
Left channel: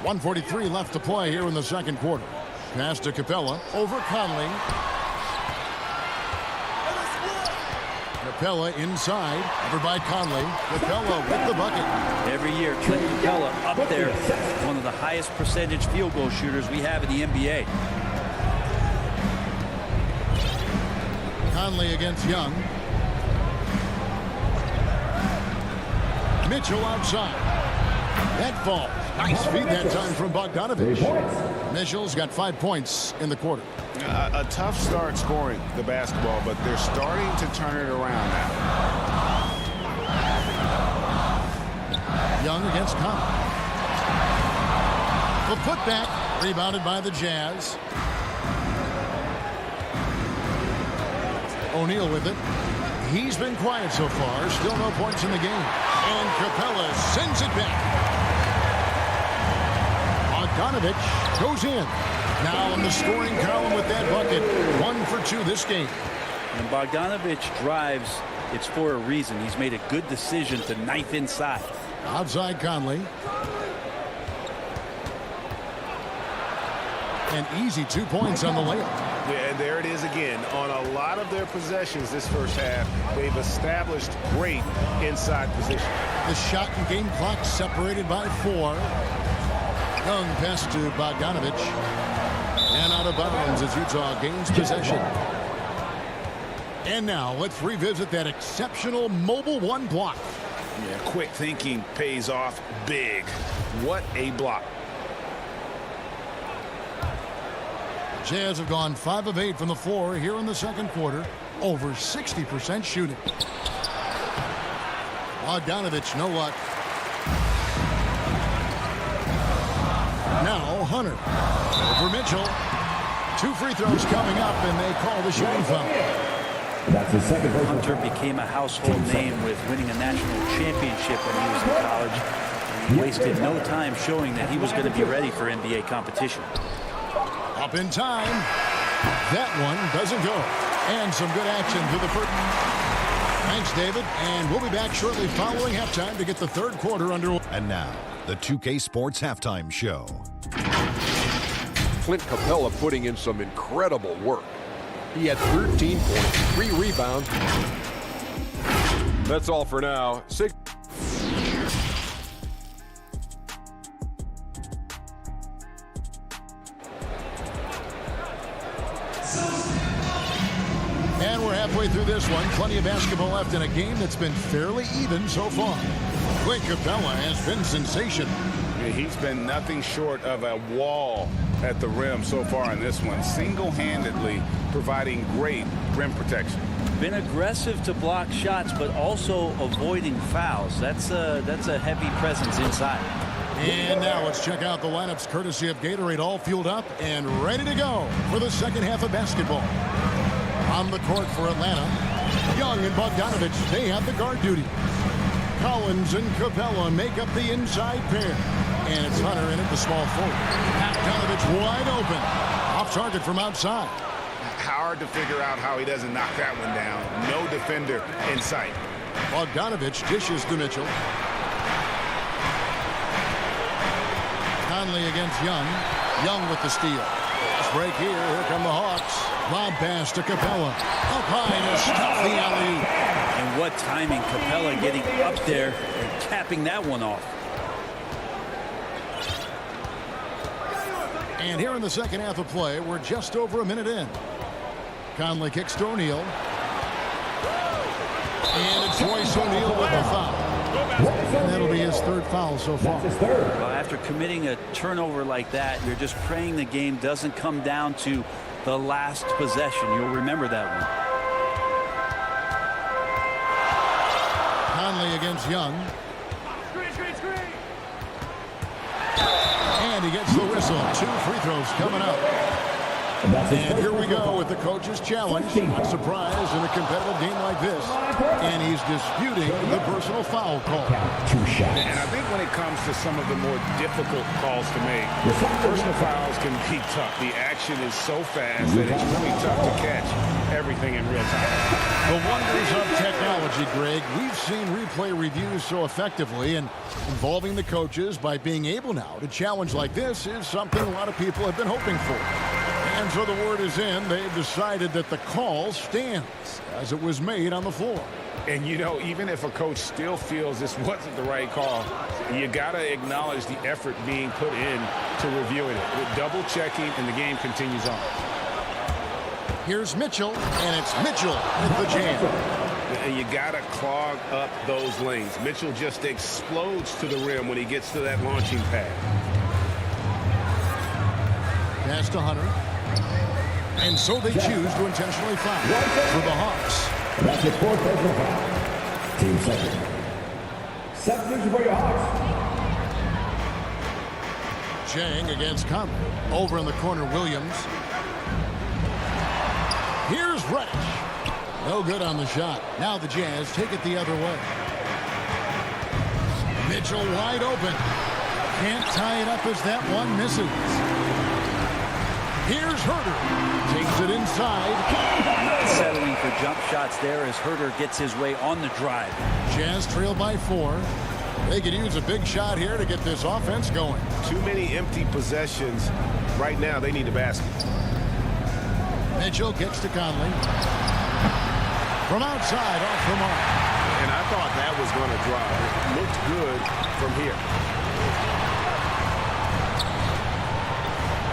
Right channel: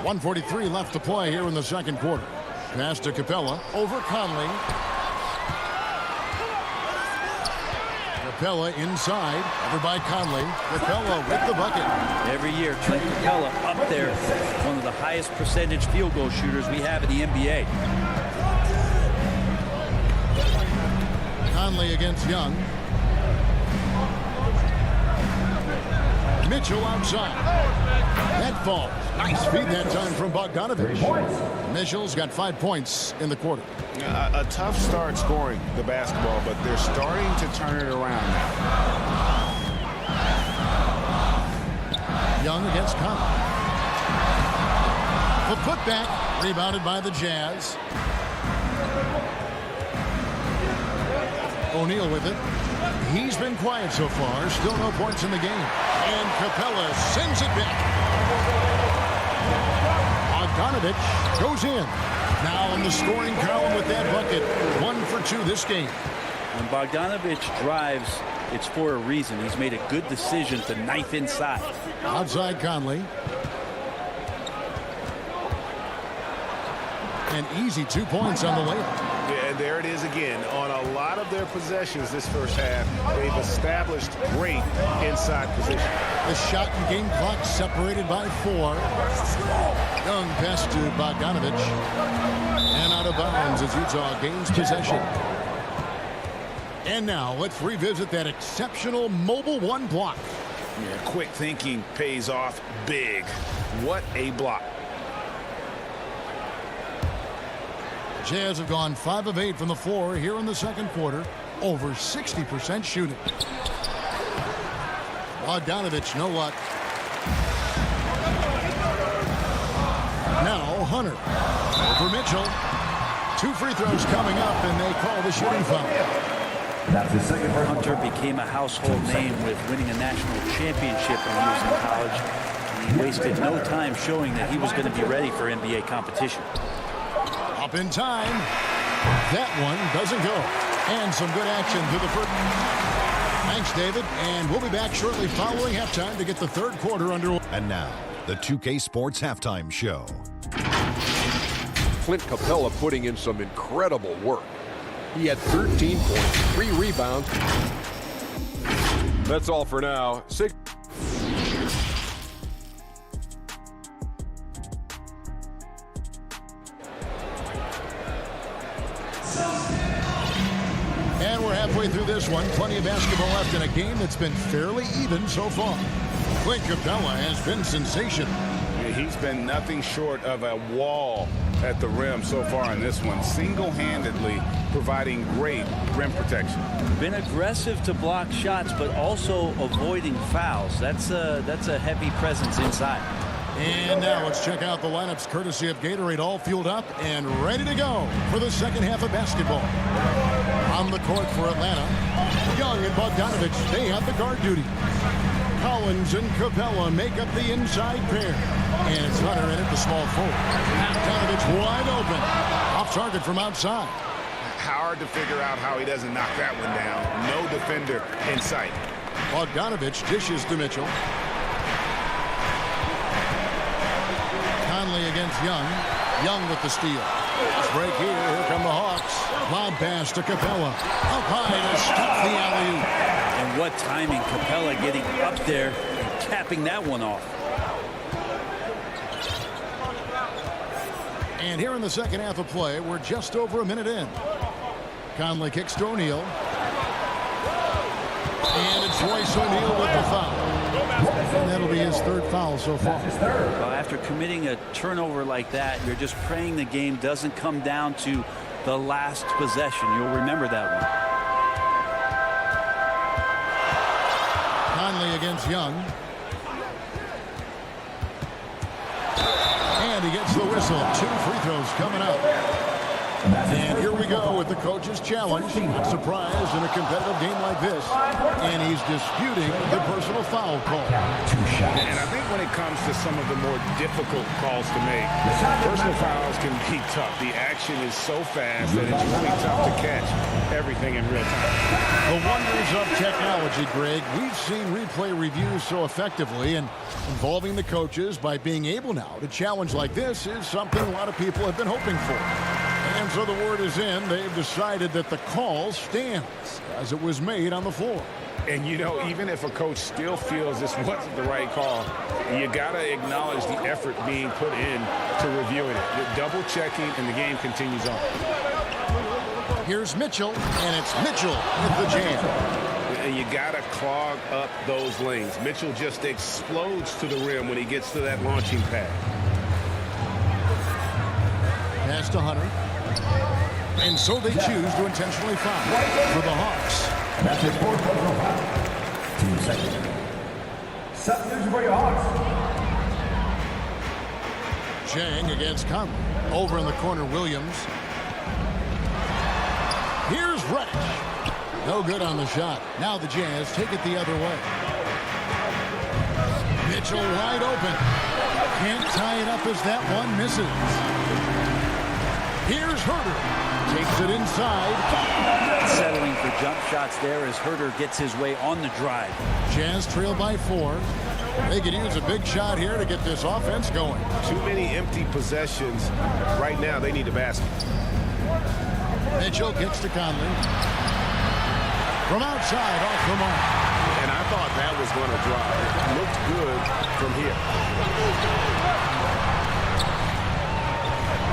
1:43 left to play here in the second quarter. Pass to Capella over Conley. Capella inside, covered by Conley. Capella with the bucket. Every year, Trent Capella up there, one of the highest percentage field goal shooters we have in the NBA. Conley against Young. Mitchell outside. That falls. Nice feed that time from Bogdanovich. Mitchell's got 5 points in the quarter. A tough start scoring the basketball, but they're starting to turn it around now. Young against Conley. The putback rebounded by the Jazz. O'Neal with it. He's been quiet so far. Still no points in the game. And Capella sends it back. Bogdanovich goes in. Now in the scoring column with that bucket. 1 for 2 this game. When Bogdanovich drives, it's for a reason. He's made a good decision to knife inside. Outside Conley. An easy 2 points on the layup. Yeah, and there it is again. On a lot of their possessions this first half, they've established great inside position. The shot and game clock separated by 4. Young pass to Bogdanovich. And out of bounds as Utah gains possession. And now let's revisit that exceptional mobile 1 block. Yeah, quick thinking pays off big. What a block. Jazz have gone 5 of 8 from the floor here in the second quarter. Over 60% shooting. Bogdanovich, no luck. Now Hunter. Over Mitchell. 2 free throws coming up, and they call the shooting foul. That's his second. Hunter became a household name with winning a national championship when he was in college. And he wasted no time showing that he was going to be ready for NBA competition. Up in time. That one doesn't go. And some good action through the first. Thanks, David. And we'll be back shortly following halftime to get the third quarter underway. And now, the 2K Sports Halftime Show. Clint Capella putting in some incredible work. He had 13 points, 3 rebounds. That's all for now. And we're halfway through this one. Plenty of basketball left in a game that's been fairly even so far. Clint Capella has been sensational. Yeah, he's been nothing short of a wall at the rim so far in this one, single-handedly providing great rim protection. Been aggressive to block shots, but also avoiding fouls. That's a heavy presence inside. And now let's check out the lineups courtesy of Gatorade, all fueled up and ready to go for the second half of basketball. On the court for Atlanta, Young and Bogdanovich, they have the guard duty. Collins and Capella make up the inside pair. And it's Hunter in at the small forward. Bogdanovich wide open. Off target from outside. Hard to figure out how he doesn't knock that one down. No defender in sight. Bogdanovich dishes to Mitchell. Conley against Young. Young with the steal. Fast break here. Here come the Hawks. Lob pass to Capella. Up high to stop the alley-oop. And what timing, Capella getting up there and capping that one off. And here in the second half of play, we're just over a minute in. Conley kicks to O'Neal. And it's Royce O'Neal with the foul. And that'll be his third foul so far. Well, after committing a turnover like that, you're just praying the game doesn't come down to the last possession. You'll remember that one. Conley against Young. And he gets the whistle. 2 free throws coming up. And here we go with the coach's challenge. Not surprised in a competitive game like this. And he's disputing the personal foul call. 2 shots. And I think when it comes to some of the more difficult calls to make, personal fouls can be tough. The action is so fast that it's really tough to catch everything in real time. The wonders of technology, Greg. We've seen replay reviews so effectively, and involving the coaches by being able now to challenge like this is something a lot of people have been hoping for. And so the word is in. They've decided that the call stands as it was made on the floor. And, you know, even if a coach still feels this wasn't the right call, you got to acknowledge the effort being put in to reviewing it. With double checking, and the game continues on. Here's Mitchell, and it's Mitchell with the jam. And you got to clog up those lanes. Mitchell just explodes to the rim when he gets to that launching pad. Pass to Hunter. And so they choose to intentionally foul for the Hawks. That's his 4th personal foul. Team second. Substitution for your Hawks. Chang against Conley. Over in the corner, Williams. Here's Reddish. No good on the shot. Now the Jazz take it the other way. Mitchell wide open. Can't tie it up as that one misses. Here's Herter. Takes it inside. Not settling for jump shots there as Herter gets his way on the drive. Jazz trail by 4. They could use a big shot here to get this offense going. Too many empty possessions. Right now, they need a basket. Mitchell kicks to Conley. From outside, off the mark. And I thought that was going to drop. It looked good from here.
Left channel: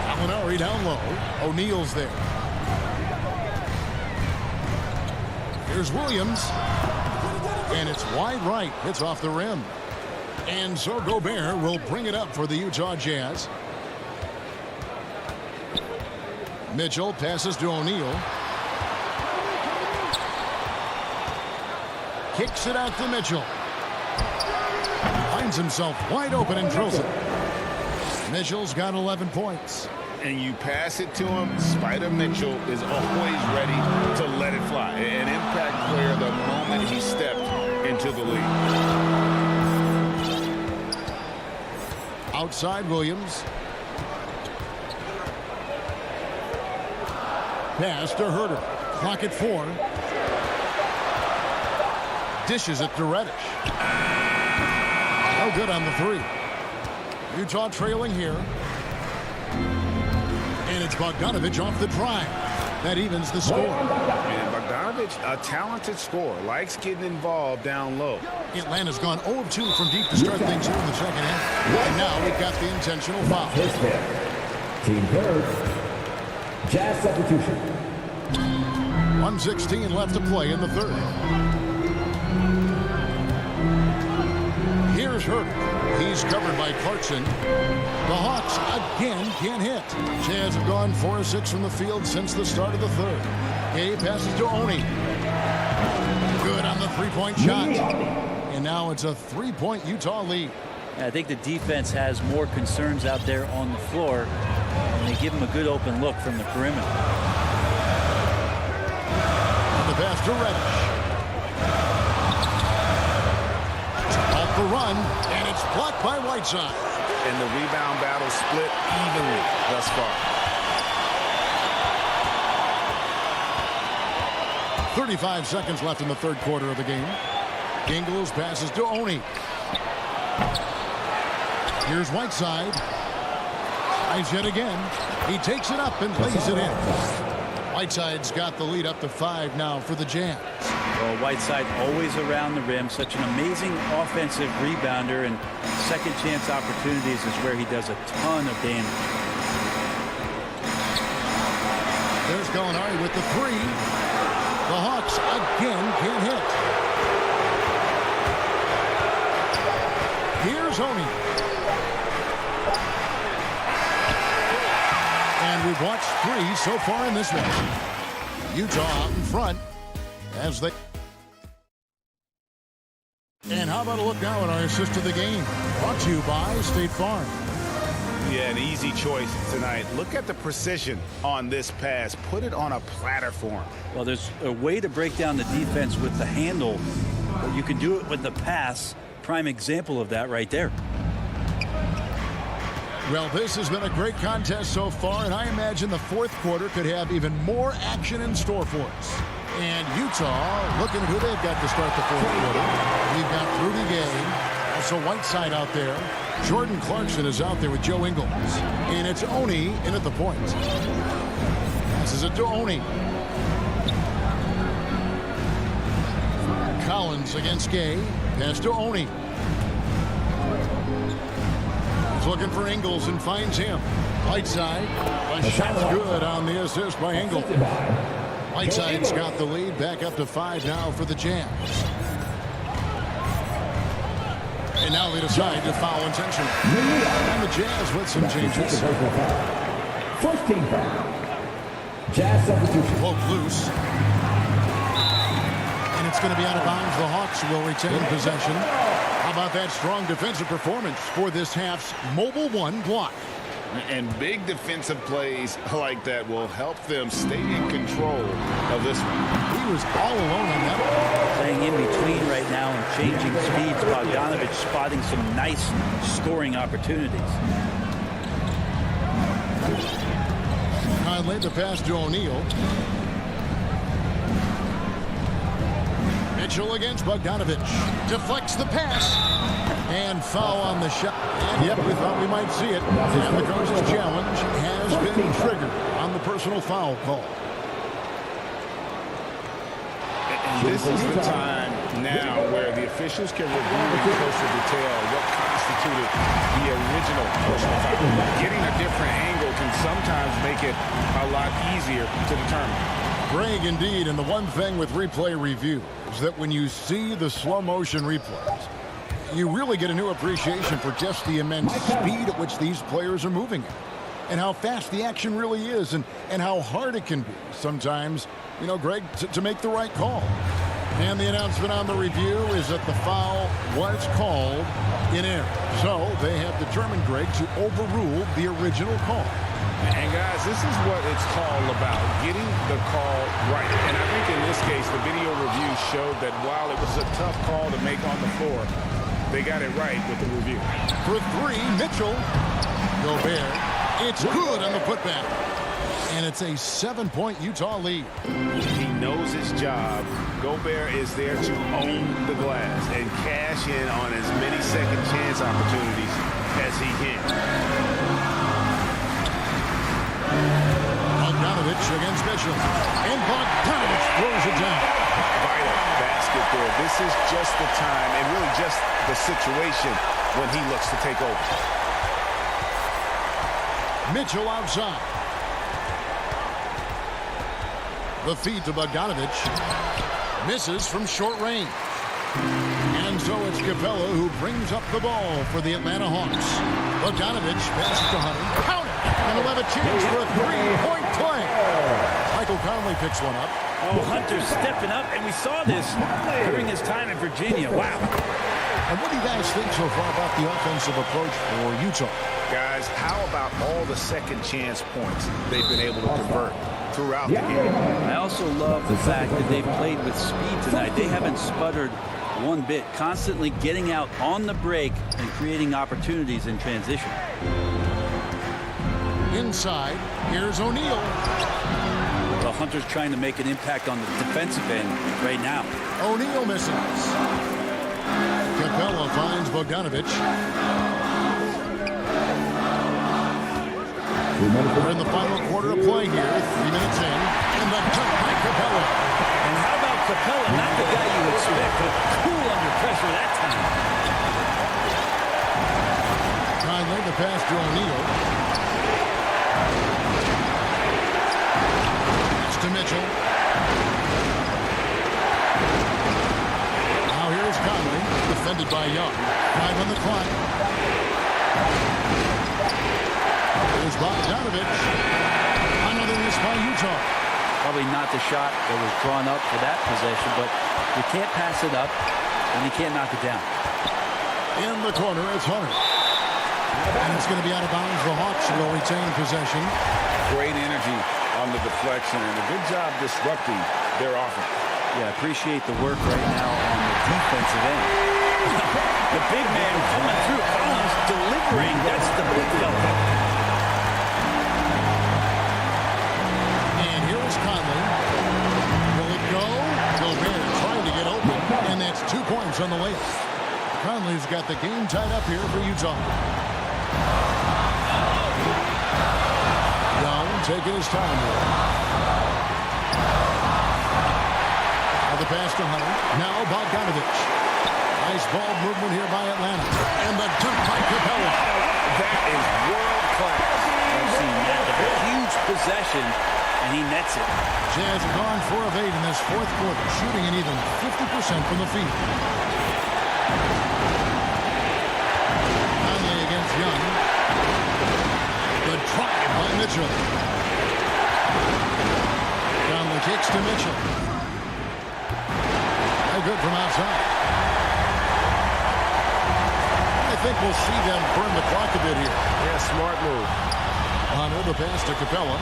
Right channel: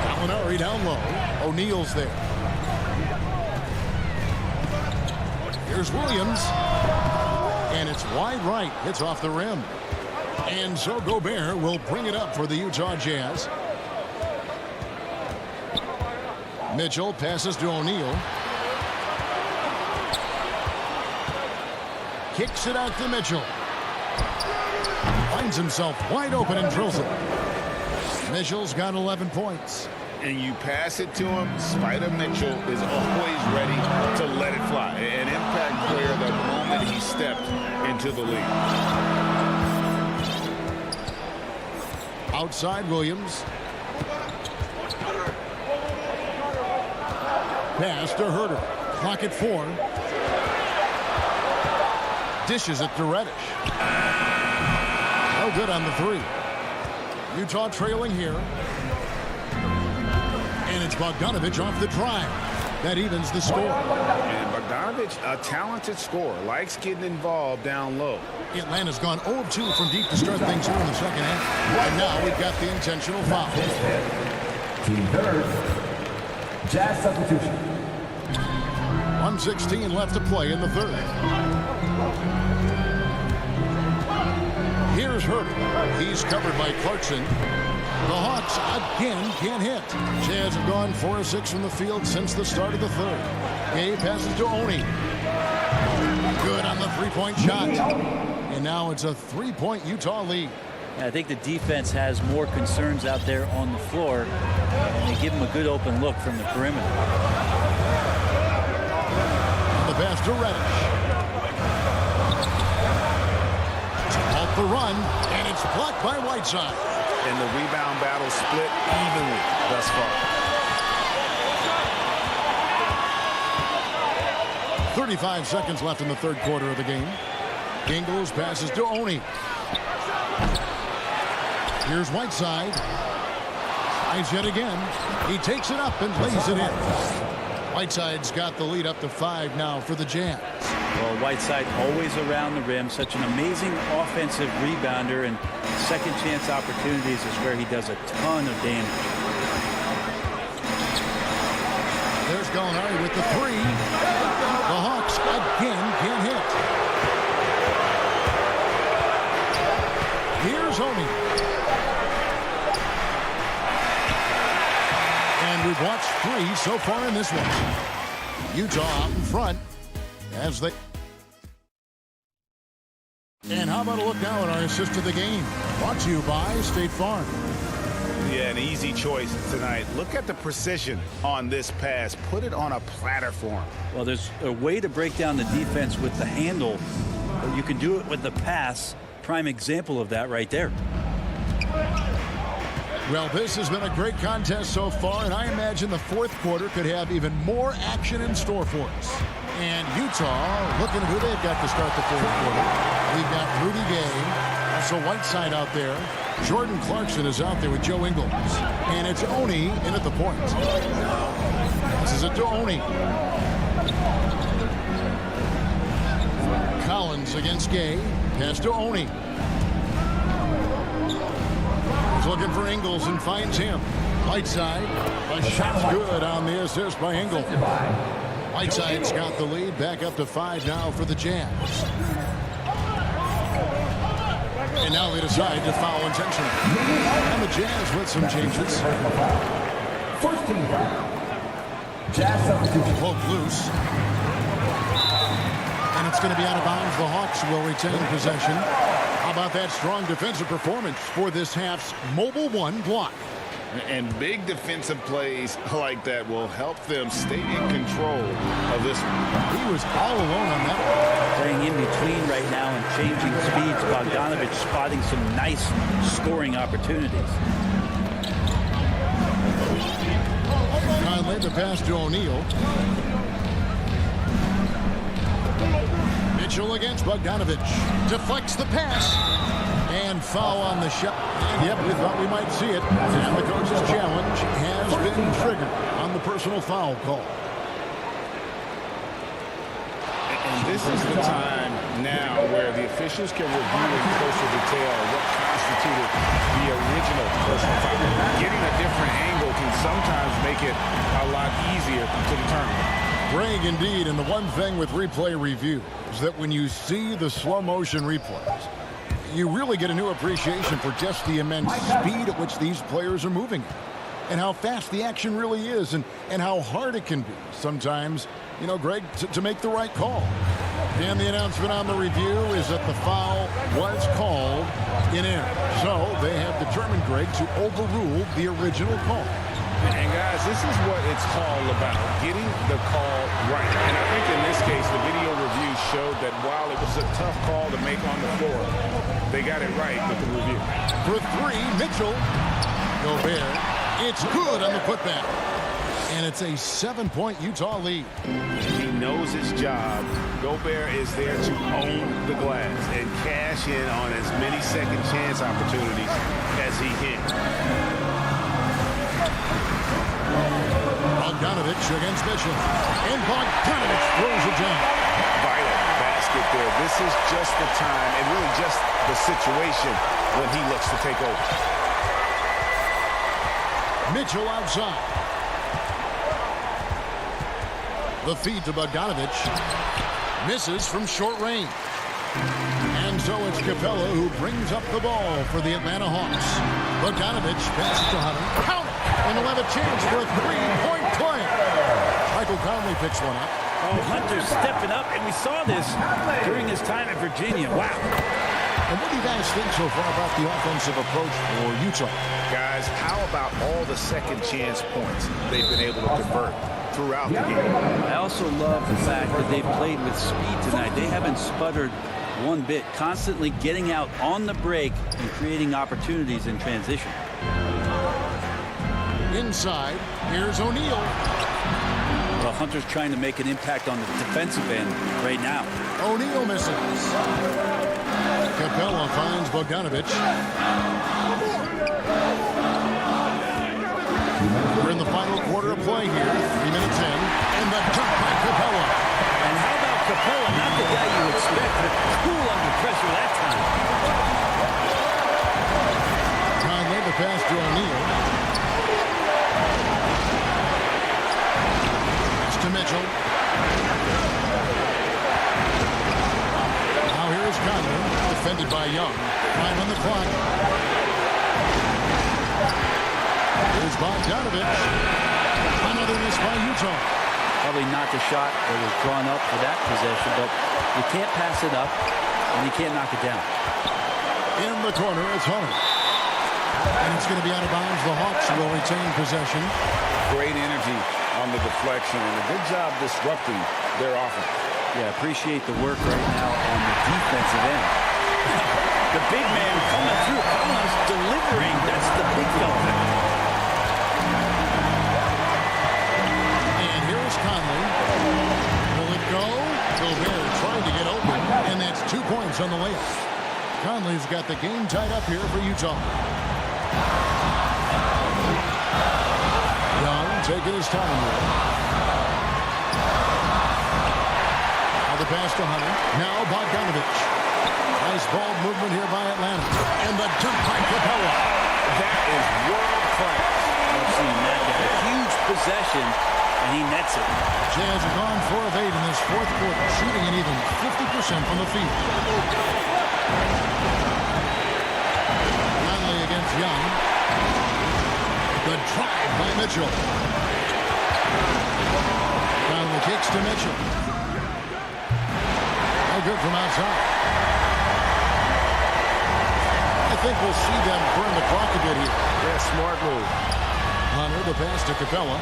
Gallinari down low. O'Neal's there. Here's Williams. And it's wide right. Hits off the rim. And so Gobert will bring it up for the Utah Jazz. Mitchell passes to O'Neal. Kicks it out to Mitchell. Finds himself wide open and drills it. Mitchell's got 11 points. And you pass it to him, Spider Mitchell is always ready to let it fly. An impact player the moment he stepped into the league. Outside Williams. Pass to Herter. Clock at 4. Dishes it to Reddish. No good on the 3. Utah trailing here. And it's Bogdanovich off the drive. That evens the score. And Bogdanovich, a talented scorer, likes getting involved down low. Atlanta's gone 0 of 2 from deep to start things here in the second half. And now we've got the intentional foul. His fifth. Team third. Jazz substitution. 1:16 left to play in the third. Here's Herter. He's covered by Clarkson. The Hawks again can't hit. Jazz have gone 4 of 6 from the field since the start of the third. Gay passes to Oni. Good on the three-point shot. And now it's a 3-point Utah lead. I think the defense has more concerns out there on the floor, and they give them a good open look from the perimeter. And the pass to Reddish. Off the run, and it's blocked by Whiteside. And the rebound battle split evenly thus far. 35 seconds left in the third quarter of the game. Ingles passes to Oni. Here's Whiteside. Tries yet again. He takes it up and lays it in. Whiteside's got the lead up to 5 now for the Jazz. Well, Whiteside always around the rim. Such an amazing offensive rebounder, and second chance opportunities is where he does a ton of damage. There's Gallinari with the 3. The Hawks again can't hit. Here's Oni. And we've watched 3 so far in this one. Utah out in front as they... And how about a look now at our assist of the game? Brought to you by State Farm. Yeah, an easy choice tonight. Look at the precision on this pass. Put it on a platter for him. Well, there's a way to break down the defense with the handle, but you can do it with the pass. Prime example of that right there. Well, this has been a great contest so far, and I imagine the fourth quarter could have even more action in store for us. And Utah, looking at who they've got to start the fourth quarter. We've got Rudy Gay, also Whiteside out there. Jordan Clarkson is out there with Joe Ingles. And it's Oni in at the point. Passes it to Oni. Collins against Gay. Pass to Oni. He's looking for Ingles and finds him. Whiteside. The shot's good on the assist by Ingles. Whiteside's got the lead. Back up to 5 now for the Jazz. And now they decide to foul intentionally. And the Jazz with some changes. First team foul. Jazz substitution. Poke loose. And it's going to be out of bounds. The Hawks will retain possession. How about that strong defensive performance for this half's Mobile One block? And big defensive plays like that will help them stay in control of this one. He was all alone on that one. Playing in between right now and changing speeds. Bogdanovich spotting some nice scoring opportunities. Conley, the pass to O'Neal. Mitchell against Bogdanovich. Deflects the pass. And foul on the shot. And yep, we thought we might see it. And the coach's challenge has been triggered on the personal foul call. And this is the time now where the officials can review in closer detail what constituted the original personal foul. Getting a different angle can sometimes make it a lot easier to determine. Greg, indeed, and the one thing with replay review is that when you see the slow motion replays, you really get a new appreciation for just the immense speed at which these players are moving at, and how fast the action really is, and how hard it can be sometimes, you know, Greg, to make the right call. And the announcement on the review is that the foul was called in error. So they have determined, Greg, to overrule the original call. And guys, this is what it's all about, getting the call right. And I think in this case, the video review showed that while it was a tough call to make on the floor, they got it right with the review. For 3, Mitchell. Gobert. It's good on the putback. And it's a 7-point Utah lead. He knows his job. Gobert is there to own the glass and cash in on as many second chance opportunities as he can. Bogdanovich against Mitchell. And Bogdanovich throws it down. Vital basket there. This is just the time and really just the situation when he looks to take over. Mitchell outside. The feed to Bogdanovich. Misses from short range. And so it's Capella who brings up the ball for the Atlanta Hawks. Bogdanovich passes to Hunter. Count it! And he'll have a chance for a 3-point play. Michael Conley picks one up. Oh, Hunter's stepping up, and we saw this during his time in Virginia. Wow. And what do you guys think so far about the offensive approach for Utah? Guys, how about all the second chance points they've been able to convert throughout the game? I also love the fact that they've played with speed tonight. They haven't sputtered one bit, constantly getting out on the break and creating opportunities in transition. Inside, here's O'Neal. Well, Hunter's trying to make an impact on the defensive end right now. O'Neal misses. Capella finds Bogdanovich. We're in the final quarter of play here. 3 minutes in. And the dunk by Capella. And how about Capella? Not the guy you expect, but cool under pressure that time. Conley, the pass to O'Neal. Pass to Mitchell. Now here's Conley, defended by Young. 5 on the clock. Here's Bogdanovich. Another miss by Utah. Probably not the shot that was drawn up for that possession, but you can't pass it up, and you can't knock it down. In the corner, it's Hunter. And it's going to be out of bounds. The Hawks will retain possession. Great energy on the deflection, and a good job disrupting their offense. Yeah, appreciate the work right now on the defensive end. The big man coming through. Collins delivering. That's the big fella. And here is Conley. Will it go? Gobert trying to get open, and that's 2 points on the layup. Conley's got the game tied up here for Utah. Young taking his time here. Now the pass to Hunter. Now Bogdanovich. Nice ball movement here by Atlanta. And the dunk by Capella. That is world class. I've seen that. They're a huge possession, and he nets it. Jazz have gone 4 of 8 in this fourth quarter, shooting an even 50% from the field. Conley against Young. Good drive by Mitchell. Conley kicks to Mitchell. No good from outside. I think we'll see them burn the clock a bit here. Yeah, smart move. Hunter, the pass to Capella.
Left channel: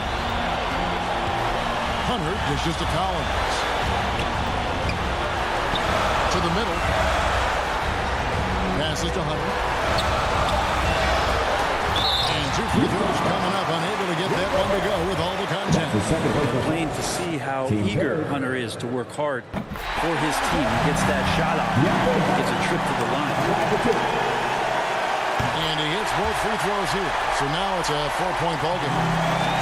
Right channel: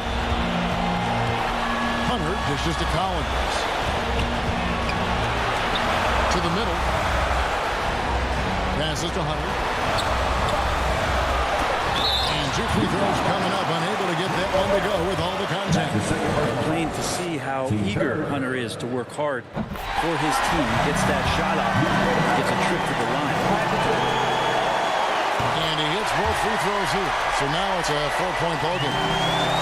Hunter dishes to Collins. To the middle. Passes to Hunter. And 2 free throws coming up. Unable to get that one to go with all the contact. Plain to see how eager Hunter is to work hard for his team. He gets that shot off. He gets a trip to the line. And he hits both free throws here. So now it's a 4-point ball game.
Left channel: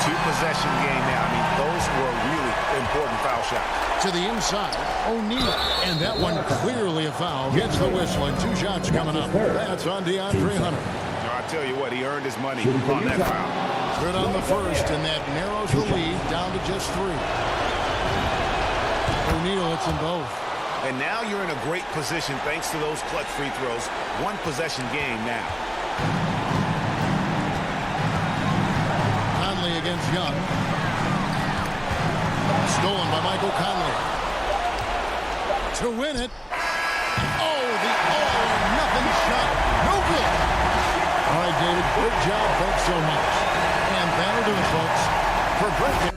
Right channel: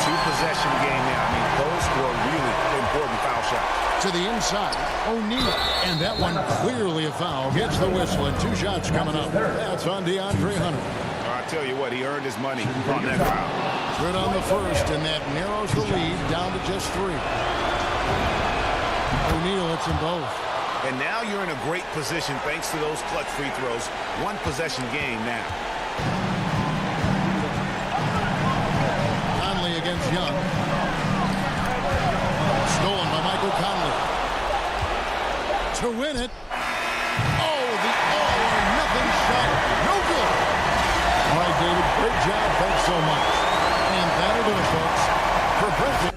2-possession game now. I mean, those were really important foul shots. To the inside, O'Neal. And that one clearly a foul. Gets the whistle, and 2 shots coming up. That's on DeAndre Hunter. No, I tell you what, he earned his money on that foul. Good on the first, and that narrows the lead down to just 3. O'Neal hits them both. And now you're in a great position thanks to those clutch free throws. 1-possession game now. Conley against Young. Stolen by Michael Conley. To win it. Oh, the all-or-nothing shot. No good. All right, David, great job. Thanks so much. And that'll do it, folks. For Brent.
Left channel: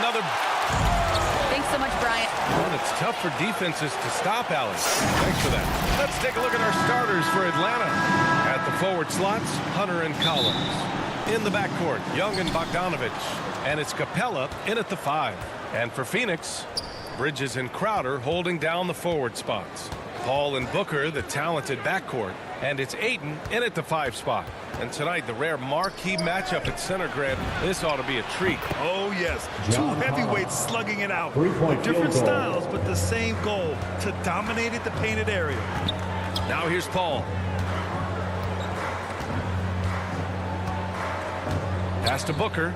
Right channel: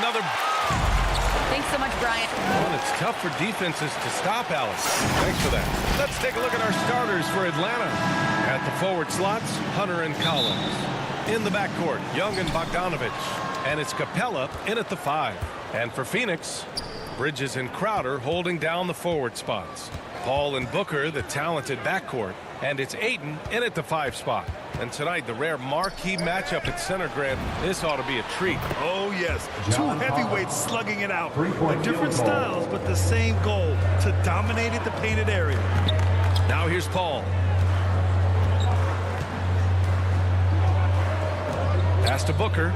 Another. Thanks so much, Brian. Well, it's tough for defenses to stop, Alex. Thanks for that. Let's take a look at our starters for Atlanta. At the forward slots, Hunter and Collins. In the backcourt, Young and Bogdanovich. And it's Capella in at the 5. And for Phoenix, Bridges and Crowder holding down the forward spots. Paul and Booker, the talented backcourt. And it's Ayton in at the 5 spot. And tonight, the rare marquee matchup at center, Grant. This ought to be a treat. Oh, yes. Two heavyweights slugging it out. Different styles, but the same goal, to dominate the painted area. Now here's Paul. Pass to Booker.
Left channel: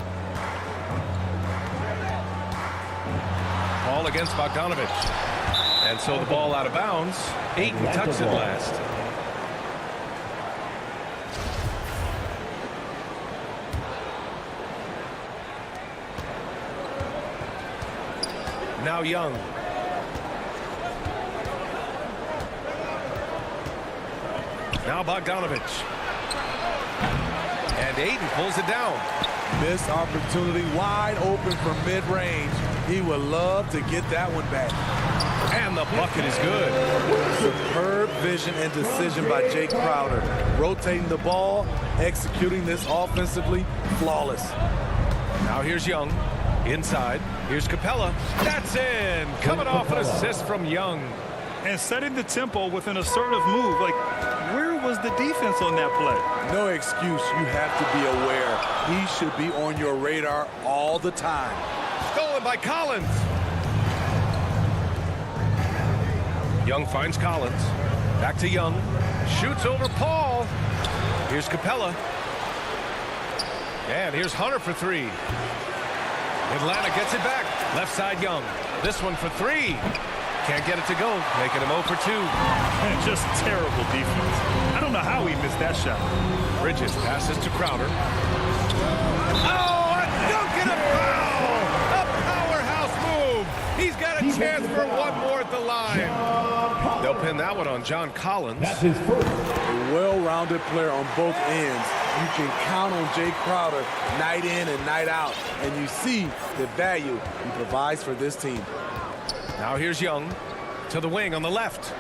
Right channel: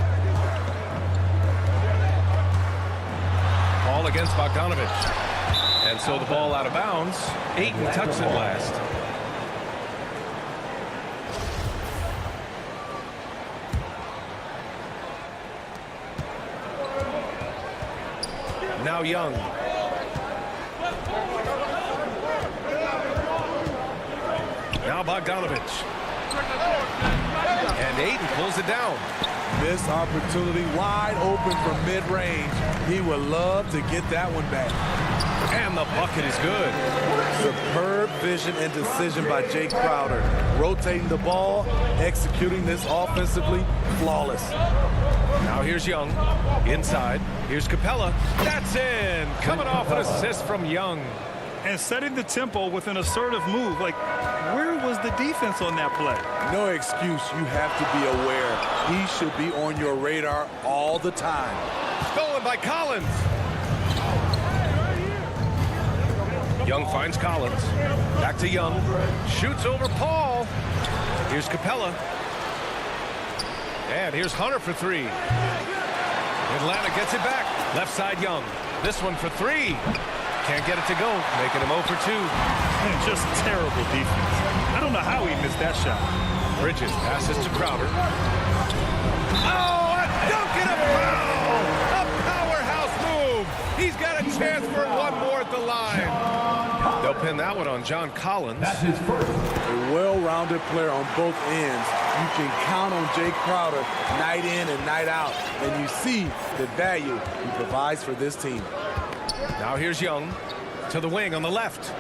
Paul against Bogdanovich. And so the ball out of bounds. Ayton touched it last. Now Young. Now Bogdanovich. And Ayton pulls it down. Missed opportunity, wide open from mid-range. He would love to get that one back. And the bucket is good. Superb vision and decision by Jake Crowder. Rotating the ball, executing this offensively, flawless. Now here's Young. Inside. Here's Capella. That's in. Coming off an assist from Young. And setting the tempo with an assertive move. Like, where was the defense on that play? No excuse. You have to be aware. He should be on your radar all the time. Stolen by Collins. Young finds Collins. Back to Young. Shoots over Paul. Here's Capella. And here's Hunter for three. Atlanta gets it back. Left side Young. This one for three. Can't get it to go. Making him 0 for 2. And just terrible defense. I don't know how he missed that shot. Bridges passes to Crowder. Oh, a dunk and a foul! A powerhouse move. He's got a chance for one more at the line. They'll pin that one on John Collins. That's his first. A well-rounded player on both ends. You can count on Jake Crowder night in and night out, and you see the value he provides for this team. Now here's Young to the wing on the left.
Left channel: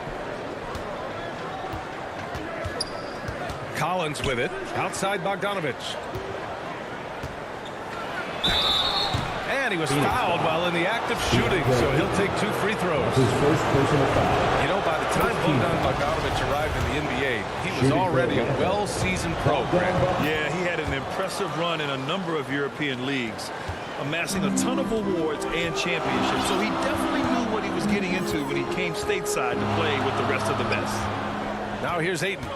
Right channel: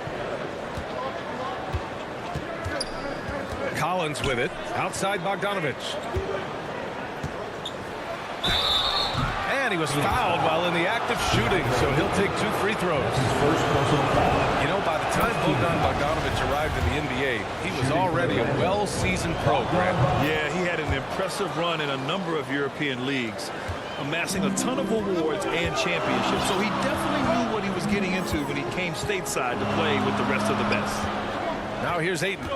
Collins with it. Outside Bogdanovich. And he was fouled while in the act of shooting, so he'll take 2 free throws. His first personal foul. You know, by the time Bogdanovich arrived in the NBA, he was already a well-seasoned pro, Grant. Yeah, he had an impressive run in a number of European leagues, amassing a ton of awards and championships. So he definitely knew what he was getting into when he came stateside to play with the rest of the best. Now here's Ayton.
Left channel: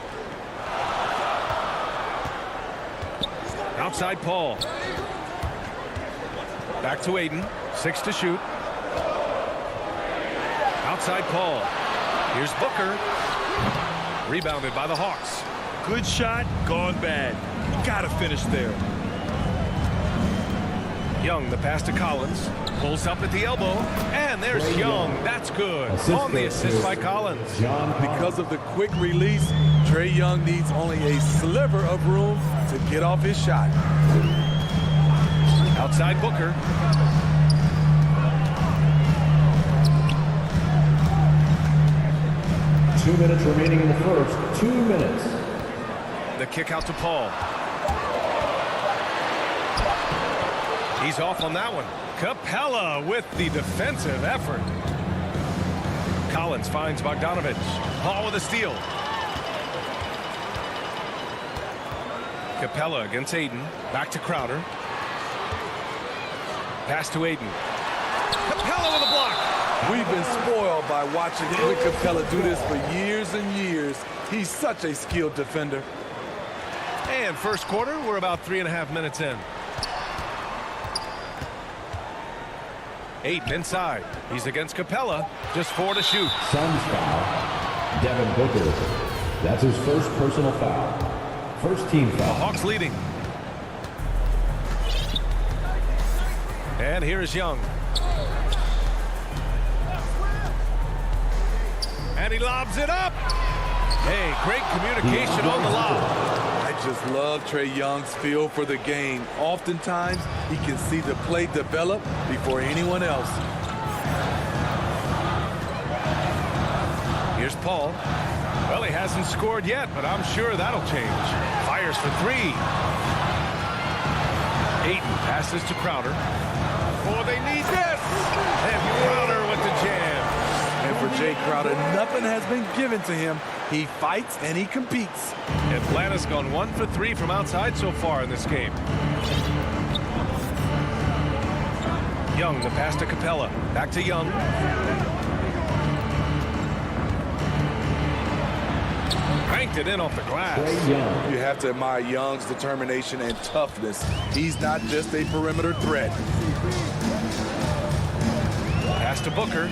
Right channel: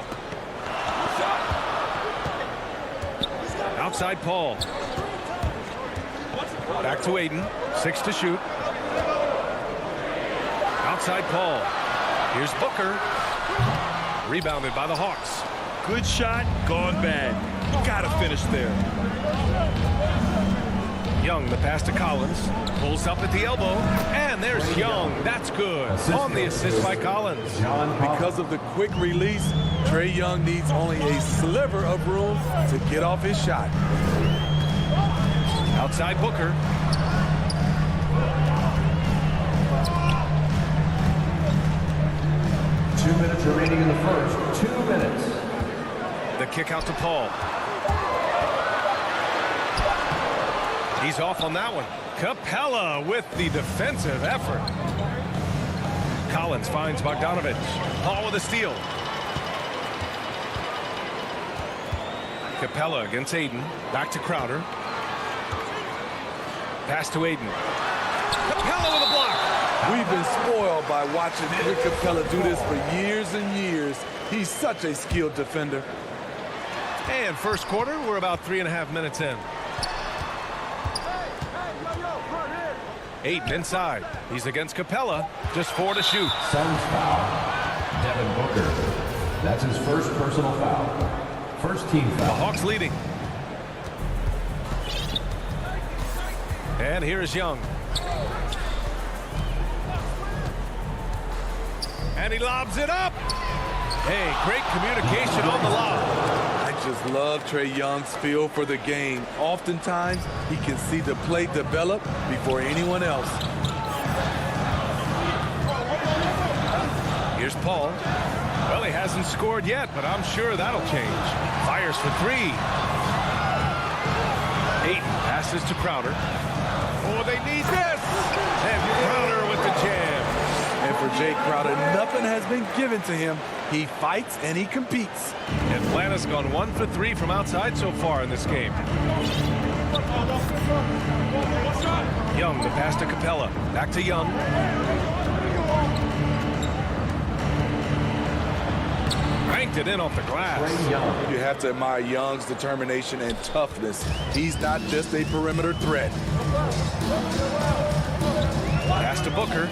Outside Paul. Back to Ayton. 6 to shoot. Outside Paul. Here's Booker. Rebounded by the Hawks. Good shot, gone bad. You gotta finish there. Young, the pass to Collins. Pulls up at the elbow. And there's Young. That's good. On the assist by Collins. Because of the quick release, Trae Young needs only a sliver of room to get off his shot. Outside Booker. Two minutes remaining in the first. 2 minutes. The kick out to Paul. He's off on that one. Capella with the defensive effort. Collins finds Bogdanovich. Paul with a steal. Capella against Ayton. Back to Crowder. Pass to Ayton. Capella with a block. We've been spoiled by watching Clint Capella do this for years and years. He's such a skilled defender. And first quarter, we're about 3.5 minutes in. Ayton inside. He's against Capella. Just 4 to shoot. Suns foul. Devin Booker. That's his first personal foul. First team foul. The Hawks leading. And here is Young. And he lobs it up. Hey, great communication on the lob. I just love Trae Young's feel for the game. Oftentimes, he can see the play develop before anyone else. Here's Paul. Well, he hasn't scored yet, but I'm sure that'll change. Fires for 3. Ayton passes to Crowder. Oh, they need this. And Crowder with the jam. And for Jay Crowder, nothing has been given to him. He fights and he competes. Atlanta's gone 1 for 3 from outside so far in this game. Young, the pass to Capella. Back to Young. Banked it in off the glass. You have to admire Young's determination and toughness. He's not just a perimeter threat. Pass to Booker.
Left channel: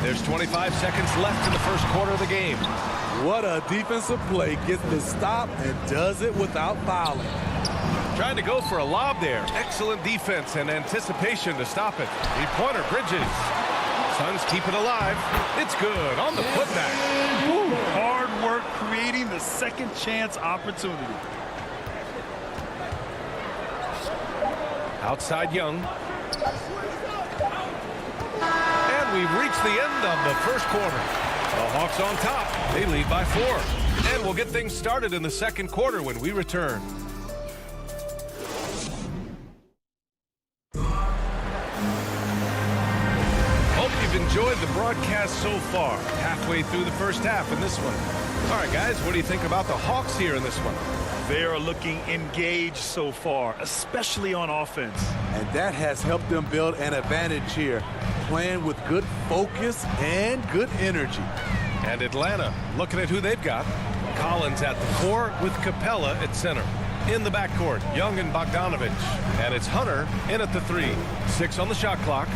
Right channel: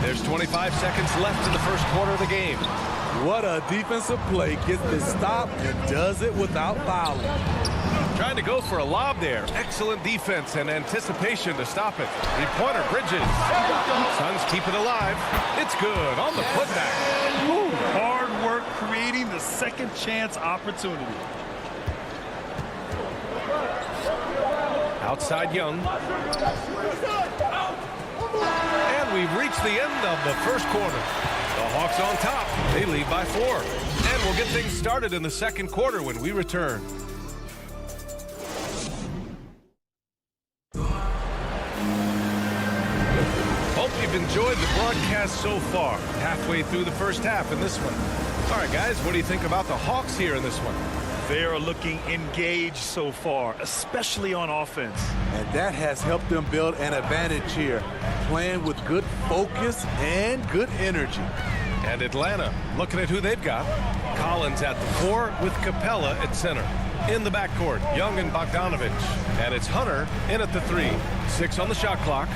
There's 25 seconds left in the first quarter of the game. What a defensive play. Gets the stop and does it without fouling. Trying to go for a lob there. Excellent defense and anticipation to stop it. Three-pointer, Bridges. Suns keep it alive. It's good on the putback. Ooh, hard work creating the second chance opportunity. Outside Young. And we've reached the end of the first quarter. The Hawks on top. They lead by 4. And we'll get things started in the second quarter when we return. Hope you've enjoyed the broadcast so far. Halfway through the first half in this one. All right, guys, what do you think about the Hawks here in this one? They are looking engaged so far, especially on offense. And that has helped them build an advantage here, playing with good focus and good energy. And Atlanta, looking at who they've got. Collins at the 4 with Capella at center. In the backcourt, Young and Bogdanovich. And it's Hunter in at the 3. 6 on the shot clock.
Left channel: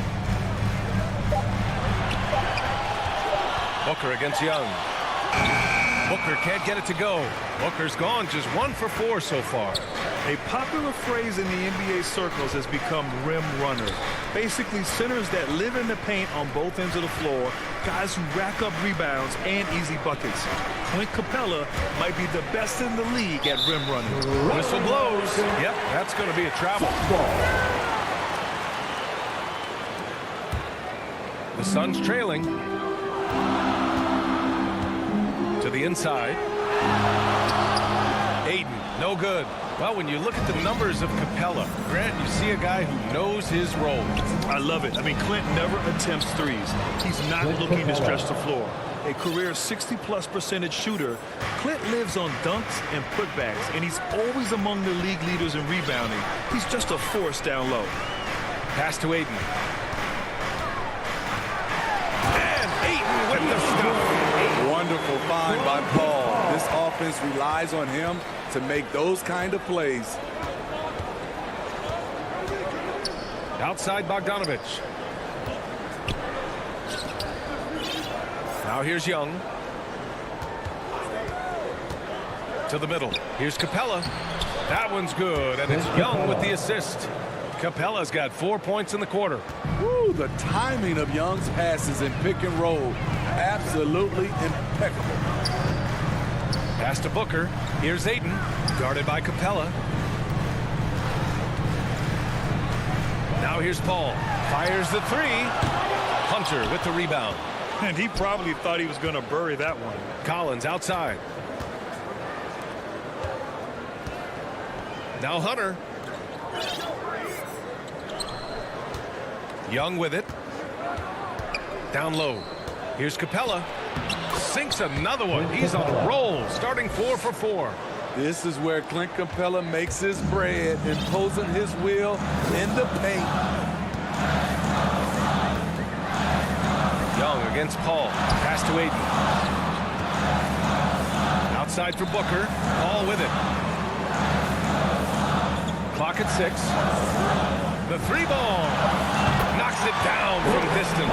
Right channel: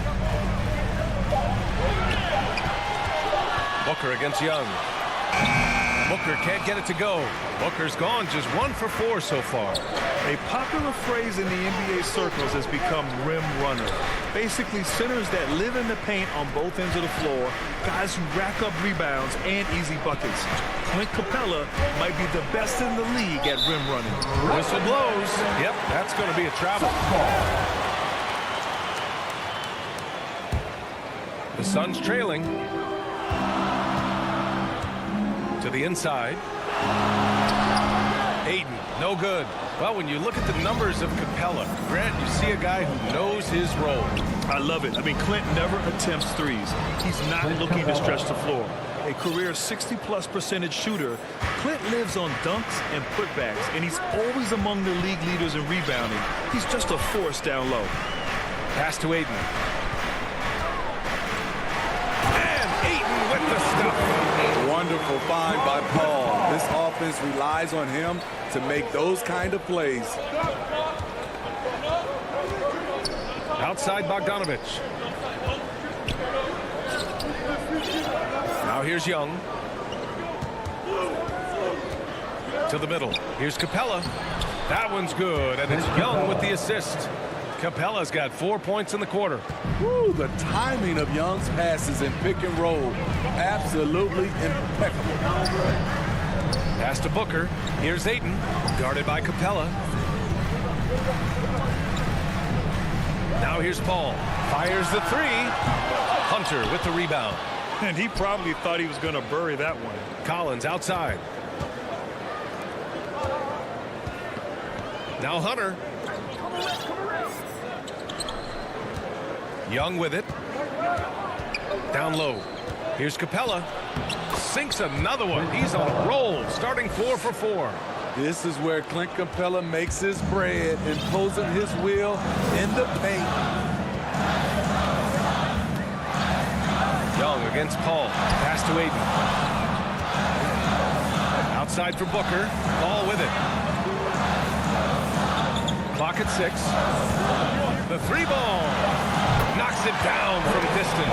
Booker against Young. Booker can't get it to go. Booker's gone just 1 for 4 so far. A popular phrase in the NBA circles has become rim runner. Basically centers that live in the paint on both ends of the floor, guys who rack up rebounds and easy buckets. Clint Capella might be the best in the league at rim running. Whistle blows. Yep, that's going to be a travel. The Suns trailing. To the inside. Aiden, no good. Well, when you look at the numbers of Capella, Grant, you see a guy who knows his role. I love it. I mean, Clint never attempts threes. He's not looking to stretch the floor. A career 60+% shooter, Clint lives on dunks and putbacks, and he's always among the league leaders in rebounding. He's just a force down low. Pass to Aiden. And Aiden with the stuff. Wonderful find by Paul. This offense relies on him to make those kind of plays. Outside Bogdanovich. Now here's Young. To the middle. Here's Capella. That one's good, and it's Young with the assist. Capella's got 4 points in the quarter. Woo, the timing of Young's passes in pick and roll, absolutely impeccable. Pass to Booker. Here's Aiden, guarded by Capella. Now here's Paul. Fires the 3. Hunter with the rebound. And he probably thought he was going to bury that one. Collins outside. Now Hunter. Young with it. Down low. Here's Capella. Sinks another one. He's on a roll, starting 4 for 4. This is where Clint Capella makes his bread, imposing his will in the paint. Young against Paul. Pass to Aiden. Outside for Booker. Paul with it. Clock at 6. The 3 ball. Knocks it down from distance.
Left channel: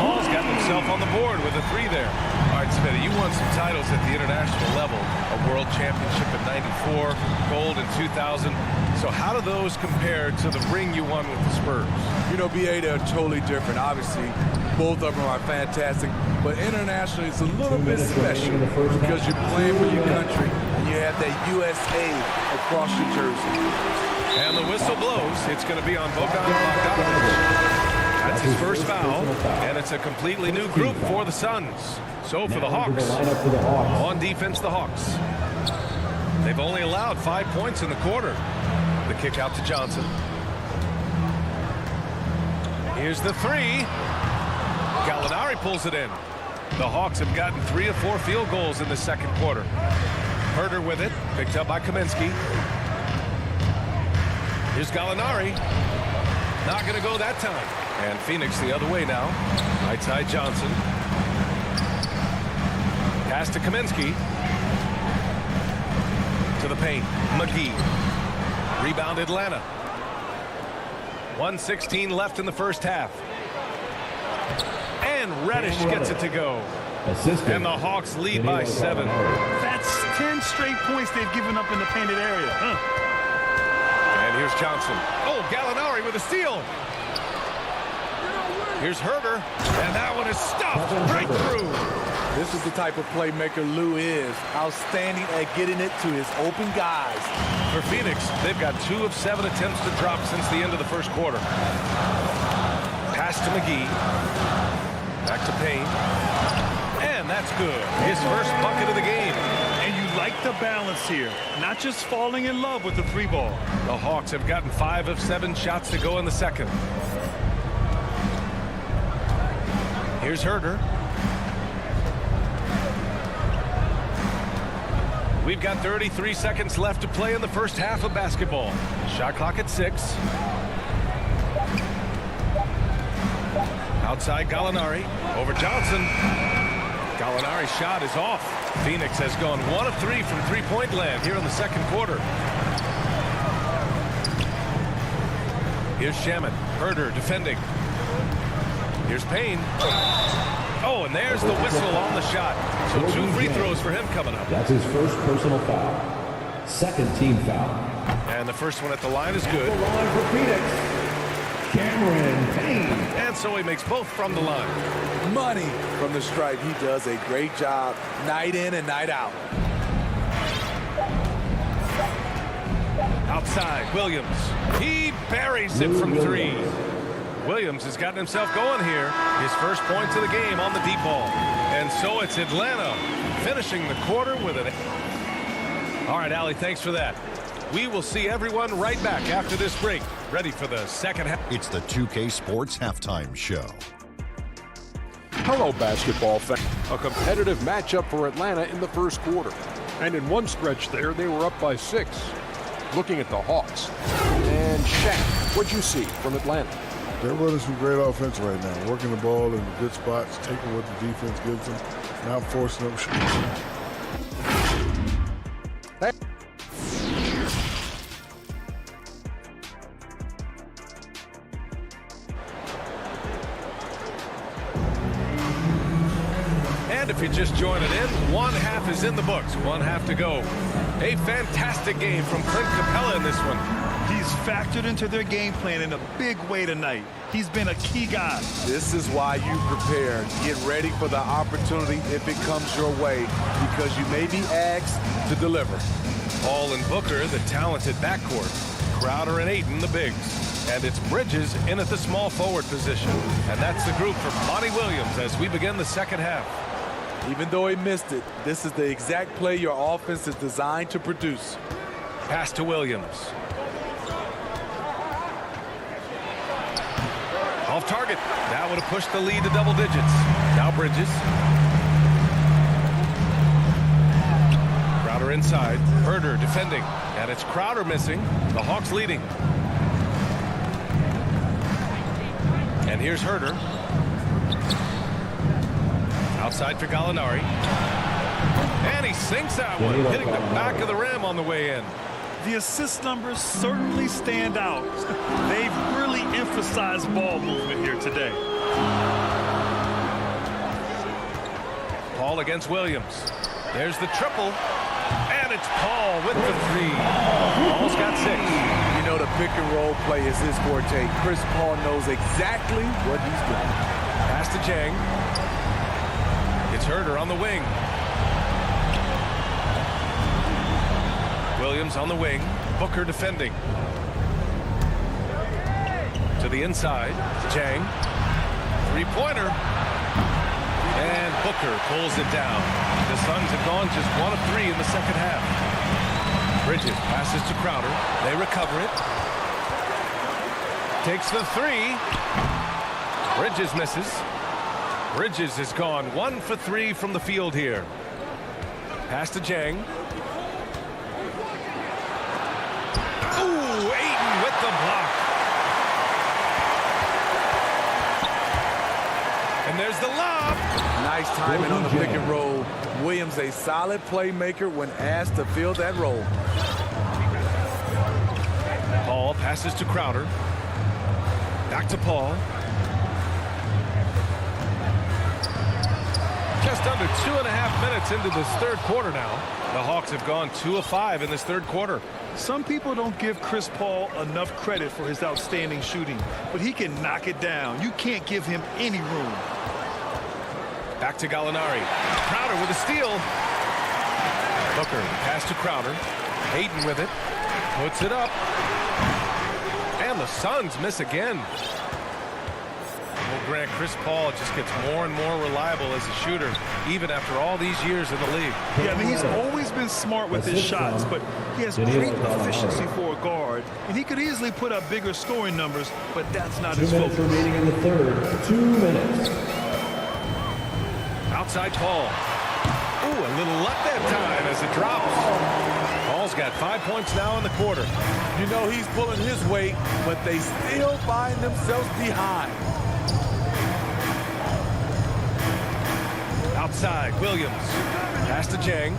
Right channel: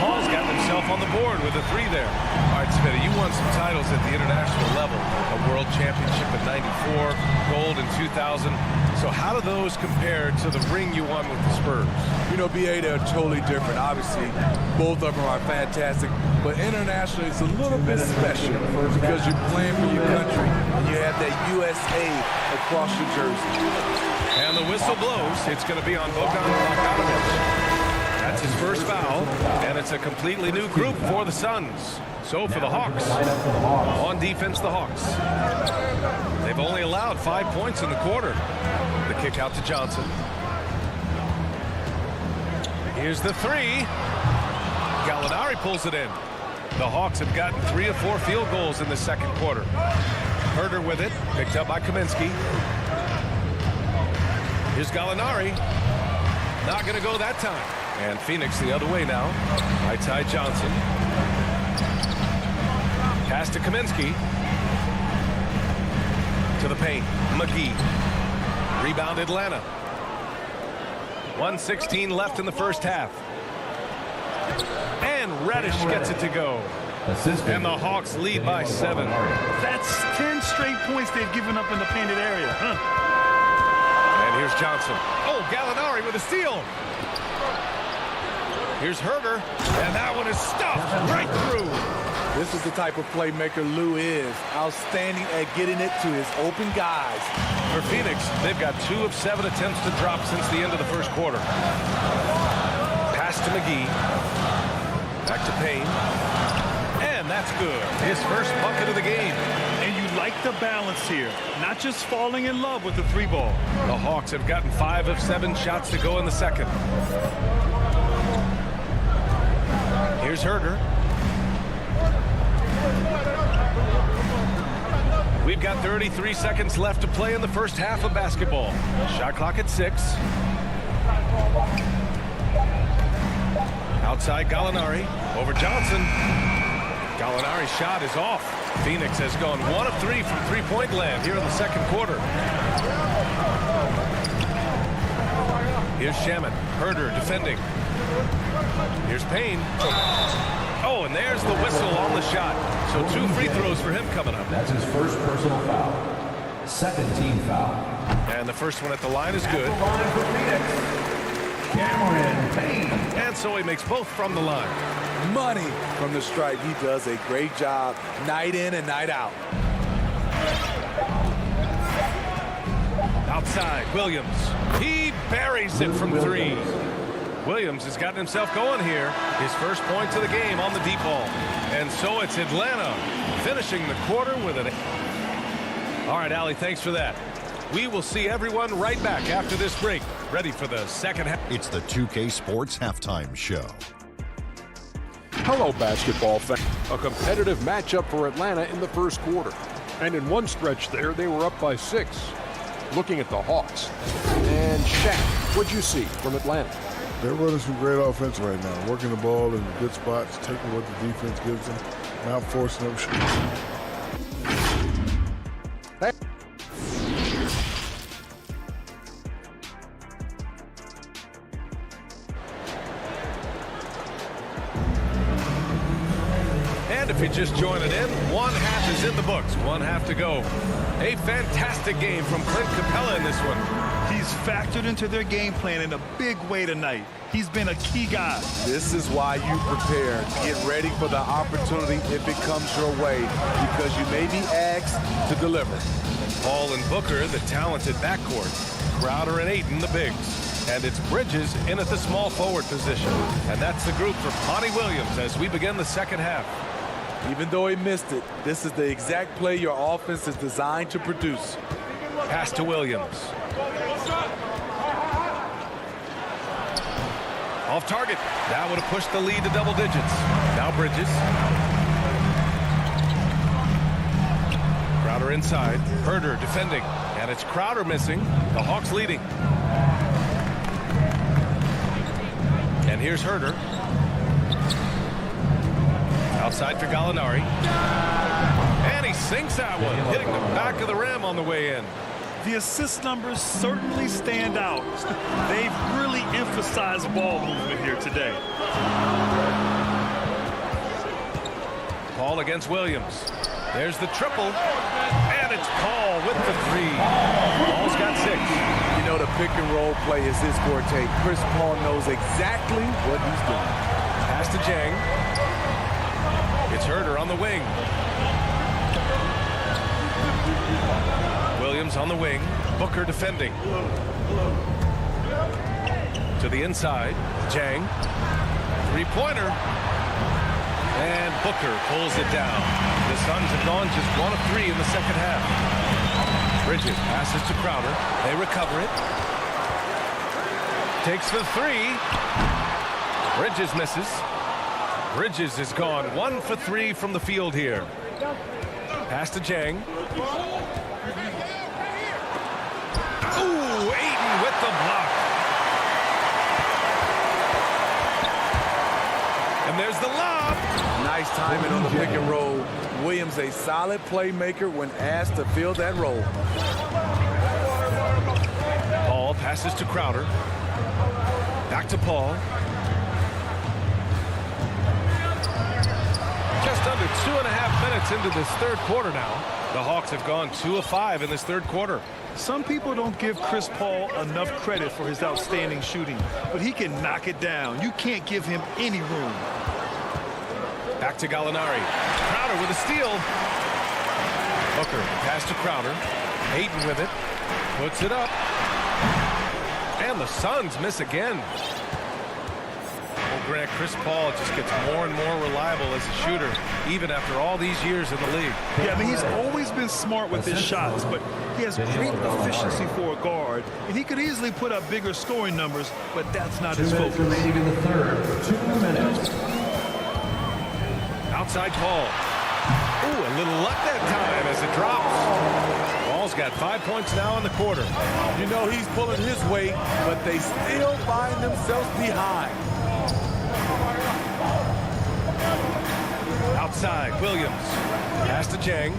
Paul's got himself on the board with a 3 there. All right, Smitty, you won some titles at the international level. A world championship in '94, gold in 2000. So how do those compare to the ring you won with the Spurs? You know, BA, they're totally different. Obviously, both of them are fantastic. But internationally, it's a little bit special because you're playing for your country and you have that USA across your jersey. And the whistle blows. It's going to be on Bogdanovich. That's his first foul, and it's a completely new group for the Suns. So for the Hawks, on defense, the Hawks. They've only allowed 5 points in the quarter. The kick out to Johnson. Here's the three. Gallinari pulls it in. The Hawks have gotten 3 of 4 field goals in the second quarter. Herder with it, picked up by Kaminsky. Here's Gallinari. Not going to go that time. And Phoenix the other way now. Right side Johnson. Pass to Kaminsky. To the paint. McGee. Rebound Atlanta. 1:16 left in the first half. And Reddish gets it to go. And the Hawks lead by 7. That's 10 straight points they've given up in the painted area. And here's Johnson. Oh, Gallinari with a steal. Here's Herder. And that one is stuffed right through. This is the type of playmaker Lou is. Outstanding at getting it to his open guys. For Phoenix, they've got 2 of 7 attempts to drop since the end of the first quarter. Pass to McGee. Back to Payne. And that's good. His first bucket of the game. And you like the balance here. Not just falling in love with the 3 ball. The Hawks have gotten 5 of 7 shots to go in the second. Here's Herder. We've got 33 seconds left to play in the first half of basketball. Shot clock at 6. Outside Gallinari. Over Johnson. Gallinari's shot is off. Phoenix has gone 1 of 3 from three-point land here in the second quarter. Here's Shamet. Herder defending. Here's Payne. Oh, and there's the whistle on the shot. So 2 free throws for him coming up. That's his first personal foul. Second team foul. And the first one at the line is good. At the line for Phoenix, Cameron Payne. And so he makes both from the line. Money from the stripe. He does a great job night in and night out. Outside, Williams. He buries it from 3. Williams has gotten himself going here. His first points of the game on the deep ball. And so it's Atlanta finishing the quarter with an... All right, Allie, thanks for that. We will see everyone right back after this break. Ready for the second half. It's the 2K Sports Halftime Show. Hello, basketball fans. A competitive matchup for Atlanta in the first quarter. And in one stretch there, they were up by 6. Looking at the Hawks. And Shaq, what'd you see from Atlanta? They're running some great offense right now, working the ball in the good spots, taking what the defense gives them, not forcing up shots. And if you're just joining in, 1 half is in the books, 1 half to go. A fantastic game from Clint Capella in this one. He's factored into their game plan in a big way tonight. He's been a key guy. This is why you prepare. Get ready for the opportunity if it comes your way, because you may be asked to deliver. Hall and Booker, the talented backcourt. Crowder and Ayton, the bigs. And it's Bridges in at the small forward position. And that's the group for Monty Williams as we begin the second half. Even though he missed it, this is the exact play your offense is designed to produce. Pass to Williams. Off target. That would have pushed the lead to double digits. Now Bridges. Crowder inside. Herder defending. And it's Crowder missing. The Hawks leading. And here's Herder. Outside for Gallinari. And he sinks that one, hitting the back of the rim on the way in. The assist numbers certainly stand out. They've really emphasized ball movement here today. Paul against Williams. There's the triple. And it's Paul with the 3. Paul's got 6. You know, the pick and roll play is his forte. Chris Paul knows exactly what he's doing. Pass to Jang. It's Herder on the wing. Williams on the wing. Booker defending. To the inside. Jang. Three-pointer. And Booker pulls it down. The Suns have gone just 1 of 3 in the second half. Bridges passes to Crowder. They recover it. Takes the 3. Bridges misses. Bridges has gone 1 for 3 from the field here. Pass to Jang. Ooh, Ayton with the block. And there's the lob. Nice timing on the pick and roll. Williams a solid playmaker when asked to fill that role. Paul passes to Crowder. Back to Paul. Just under 2.5 minutes into this third quarter now. The Hawks have gone 2 of 5 in this third quarter. Some people don't give Chris Paul enough credit for his outstanding shooting, but he can knock it down. You can't give him any room. Back to Gallinari. Crowder with a steal. Booker, pass to Crowder. Ayton with it. Puts it up. And the Suns miss again. Well, Grant, Chris Paul just gets more and more reliable as a shooter, even after all these years in the league. Yeah, I mean, he's always been smart with his shots, but he has great efficiency for a guard, and he could easily put up bigger scoring numbers, but that's not his focus. 2 minutes remaining in the third. 2 minutes. Outside Paul. Ooh, a little luck that time as it drops. Paul's got 5 points now in the quarter. You know he's pulling his weight, but they still find themselves behind. Outside, Williams. Pass to Jang.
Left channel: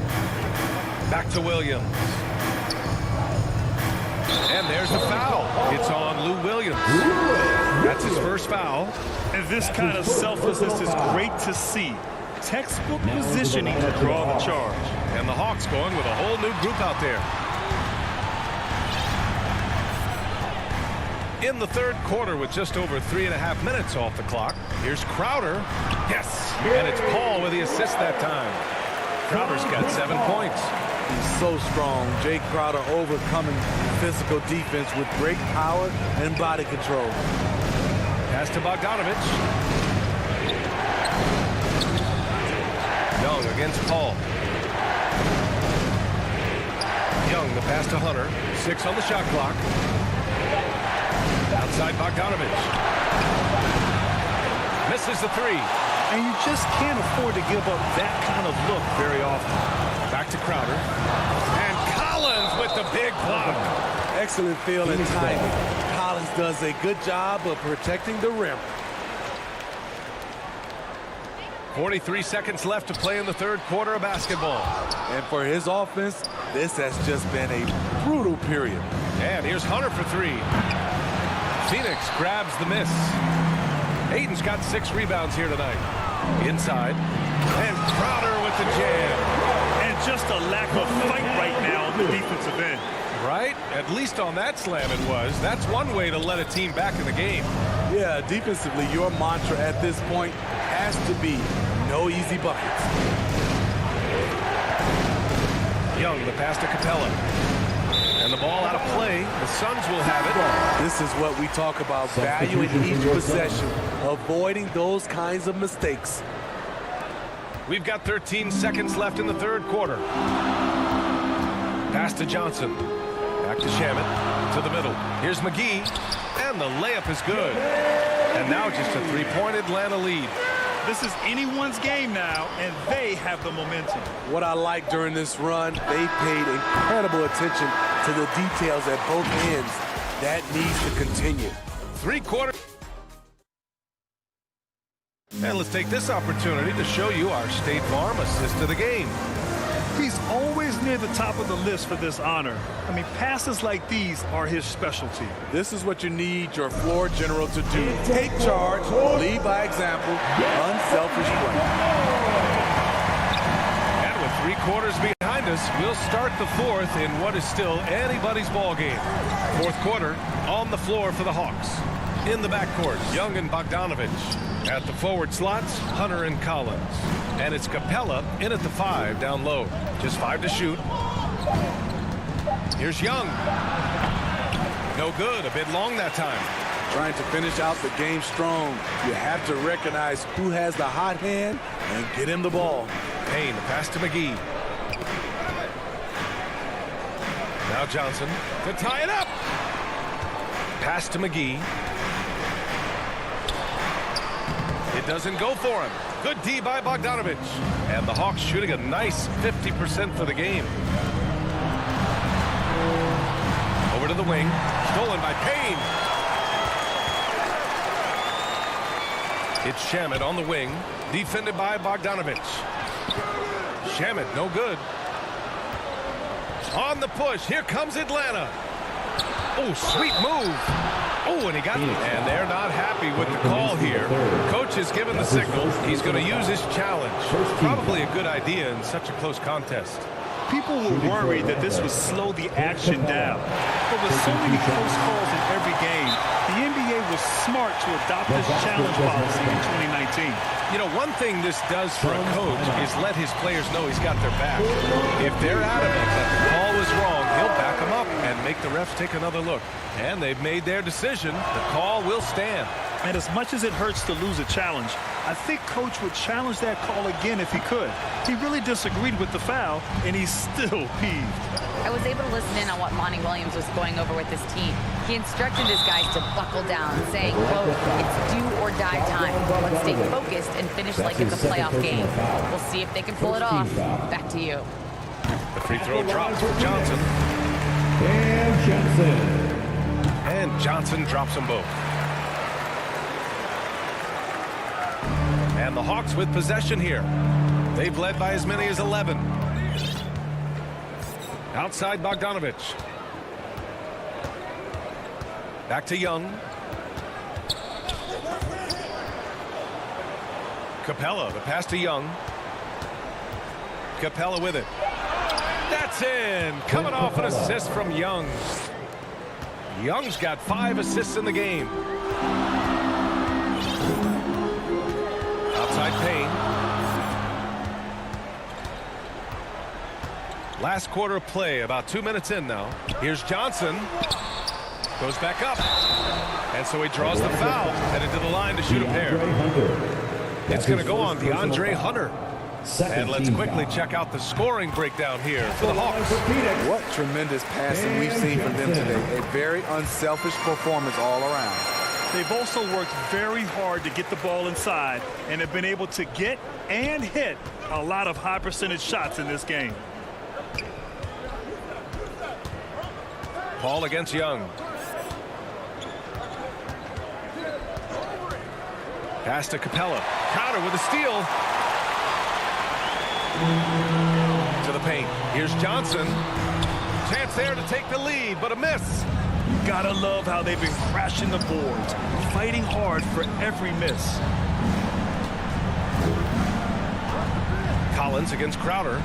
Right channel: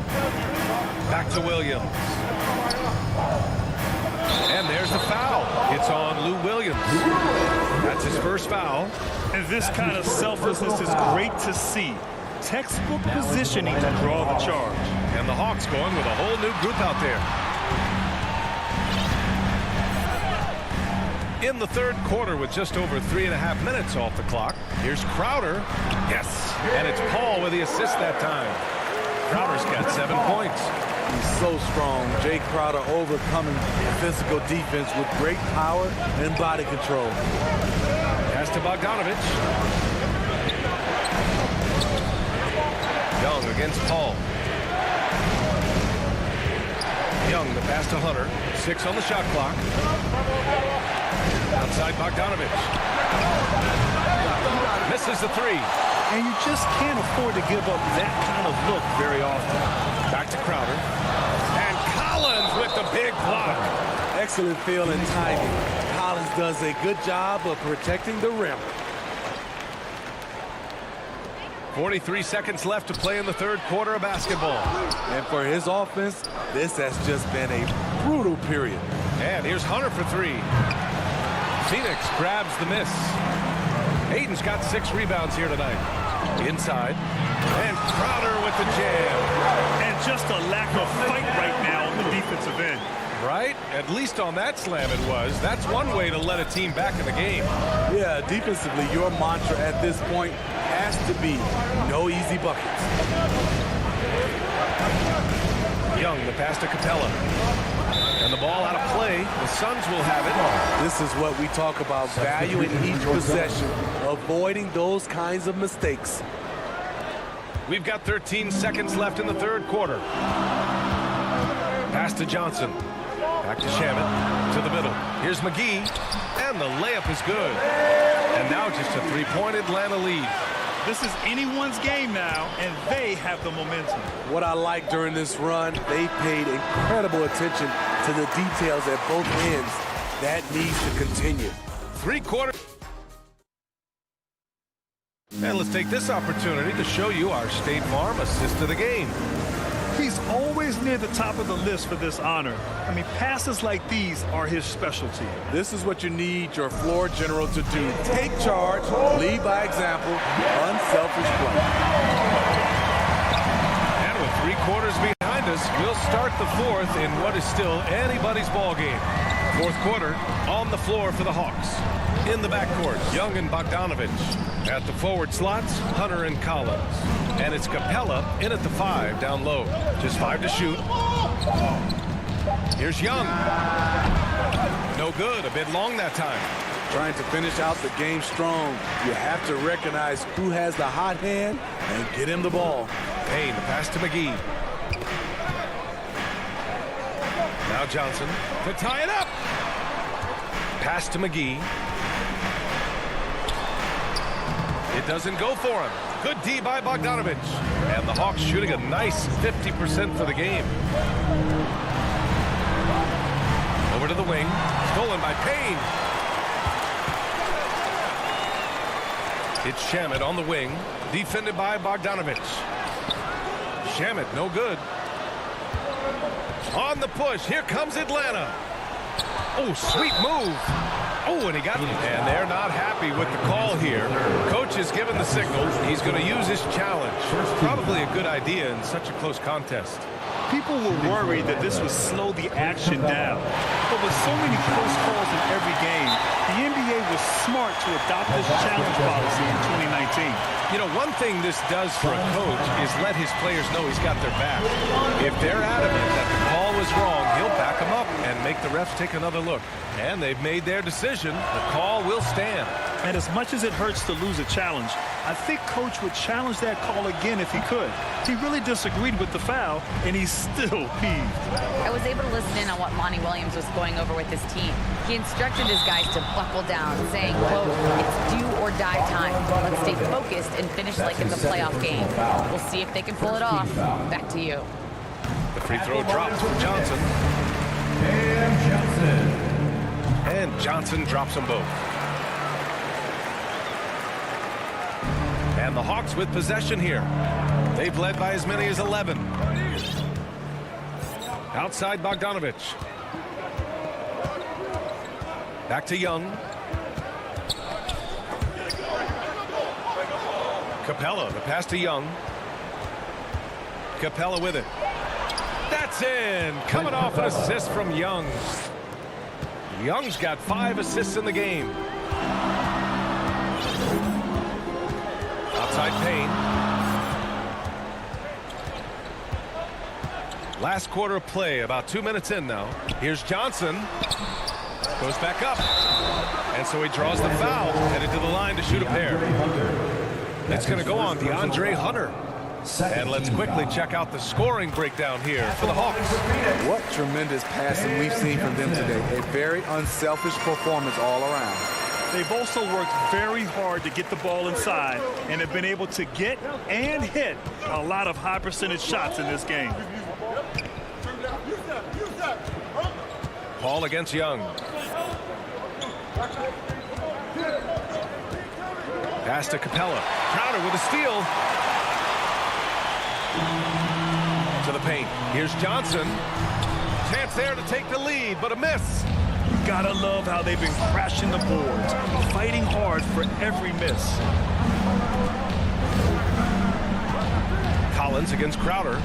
Back to Williams. And there's the foul. It's on Lou Williams. That's his first foul. And this kind of selflessness is great to see. Textbook positioning to draw the charge. And the Hawks going with a whole new group out there. In the third quarter with just over 3.5 minutes off the clock. Here's Crowder. Yes. And it's Paul with the assist that time. Crowder's got 7 points. He's so strong. Jay Crowder overcoming physical defense with great power and body control. Pass to Bogdanovich. Young against Paul. Young, the pass to Hunter. 6 on the shot clock. Outside Bogdanovich. Misses the 3. And you just can't afford to give up that kind of look very often. Back to Crowder. And Collins with the big block. Excellent feel and timing. Collins does a good job of protecting the rim. 43 seconds left to play in the third quarter of basketball. And for his offense, this has just been a brutal period. And here's Hunter for 3. Phoenix grabs the miss. Ayton's got 6 rebounds here tonight. Inside. And Crowder with the jam. And just a lack of fight right now on the defensive end. Right? At least on that slam it was. That's one way to let a team back in the game. Yeah, defensively, your mantra at this point has to be no easy buckets. Young, the pass to Capella. And the ball out of play. The Suns will have it. This is what we talk about, value in each possession, avoiding those kinds of mistakes. We've got 13 seconds left in the third quarter. Pass to Johnson. Back to Shamet. To the middle. Here's McGee. And the layup is good. And now just a 3-point Atlanta lead. This is anyone's game now, and they have the momentum. What I like during this run, they paid incredible attention to the details at both ends. That needs to continue. 3 quarters. And let's take this opportunity to show you our State Farm assist of the game. He's always near the top of the list for this honor. I mean, passes like these are his specialty. This is what you need your floor general to do. Take charge, lead by example, unselfish play. And with 3 quarters behind us, we'll start the fourth in what is still anybody's ball game. Fourth quarter on the floor for the Hawks. In the backcourt, Young and Bogdanovich. At the forward slots, Hunter and Collins. And it's Capella in at the 5 down low. Just 5 to shoot. Here's Young. No good. A bit long that time. Trying to finish out the game strong. You have to recognize who has the hot hand and get him the ball. Payne, the pass to McGee. Now Johnson to tie it up. Pass to McGee. It doesn't go for him. Good D by Bogdanovich. And the Hawks shooting a nice 50% for the game. Over to the wing. Stolen by Payne. It's Shamet on the wing. Defended by Bogdanovich. Shamet, no good. On the push. Here comes Atlanta. Oh, sweet move. Oh, and he got it. And they're not happy with the call here. Coach has given the signal. He's going to use his challenge. Probably a good idea in such a close contest. People were worried that this would slow the action down. But with so many close calls in every game, the NBA was smart to adopt this challenge policy in 2019. You know, one thing this does for a coach is let his players know he's got their back. If they're adamant that the call was wrong, he'll back them up and make the refs take another look. And they've made their decision. The call will stand. And as much as it hurts to lose a challenge, I think Coach would challenge that call again if he could. He really disagreed with the foul, and he's still peeved. I was able to listen in on what Monty Williams was going over with his team. He instructed his guys to buckle down, saying, quote, "It's do or die time. Let's stay focused and finish like it's a playoff game. We'll see if they can pull it off." Back to you. The free throw drops for Johnson. And Johnson drops them both. And the Hawks with possession here. They've led by as many as 11. Outside Bogdanovich. Back to Young. Capella, the pass to Young. Capella with it. That's in. Coming off an assist from Young. Young's got 5 assists in the game. Outside Payne. Last quarter of play, about 2 minutes in now. Here's Johnson. Goes back up. And so he draws the foul. Headed to the line to shoot a pair. It's going to go on DeAndre Hunter. And let's quickly check out the scoring breakdown here for the Hawks. What tremendous passing we've seen from them today. A very unselfish performance all around. They've also worked very hard to get the ball inside and have been able to get and hit a lot of high percentage shots in this game. Paul against Young. Pass to Capella. Crowder with a steal. To the paint. Here's Johnson. Chance there to take the lead, but a miss. You gotta love how they've been crashing the boards, fighting hard for every miss. Collins against Crowder.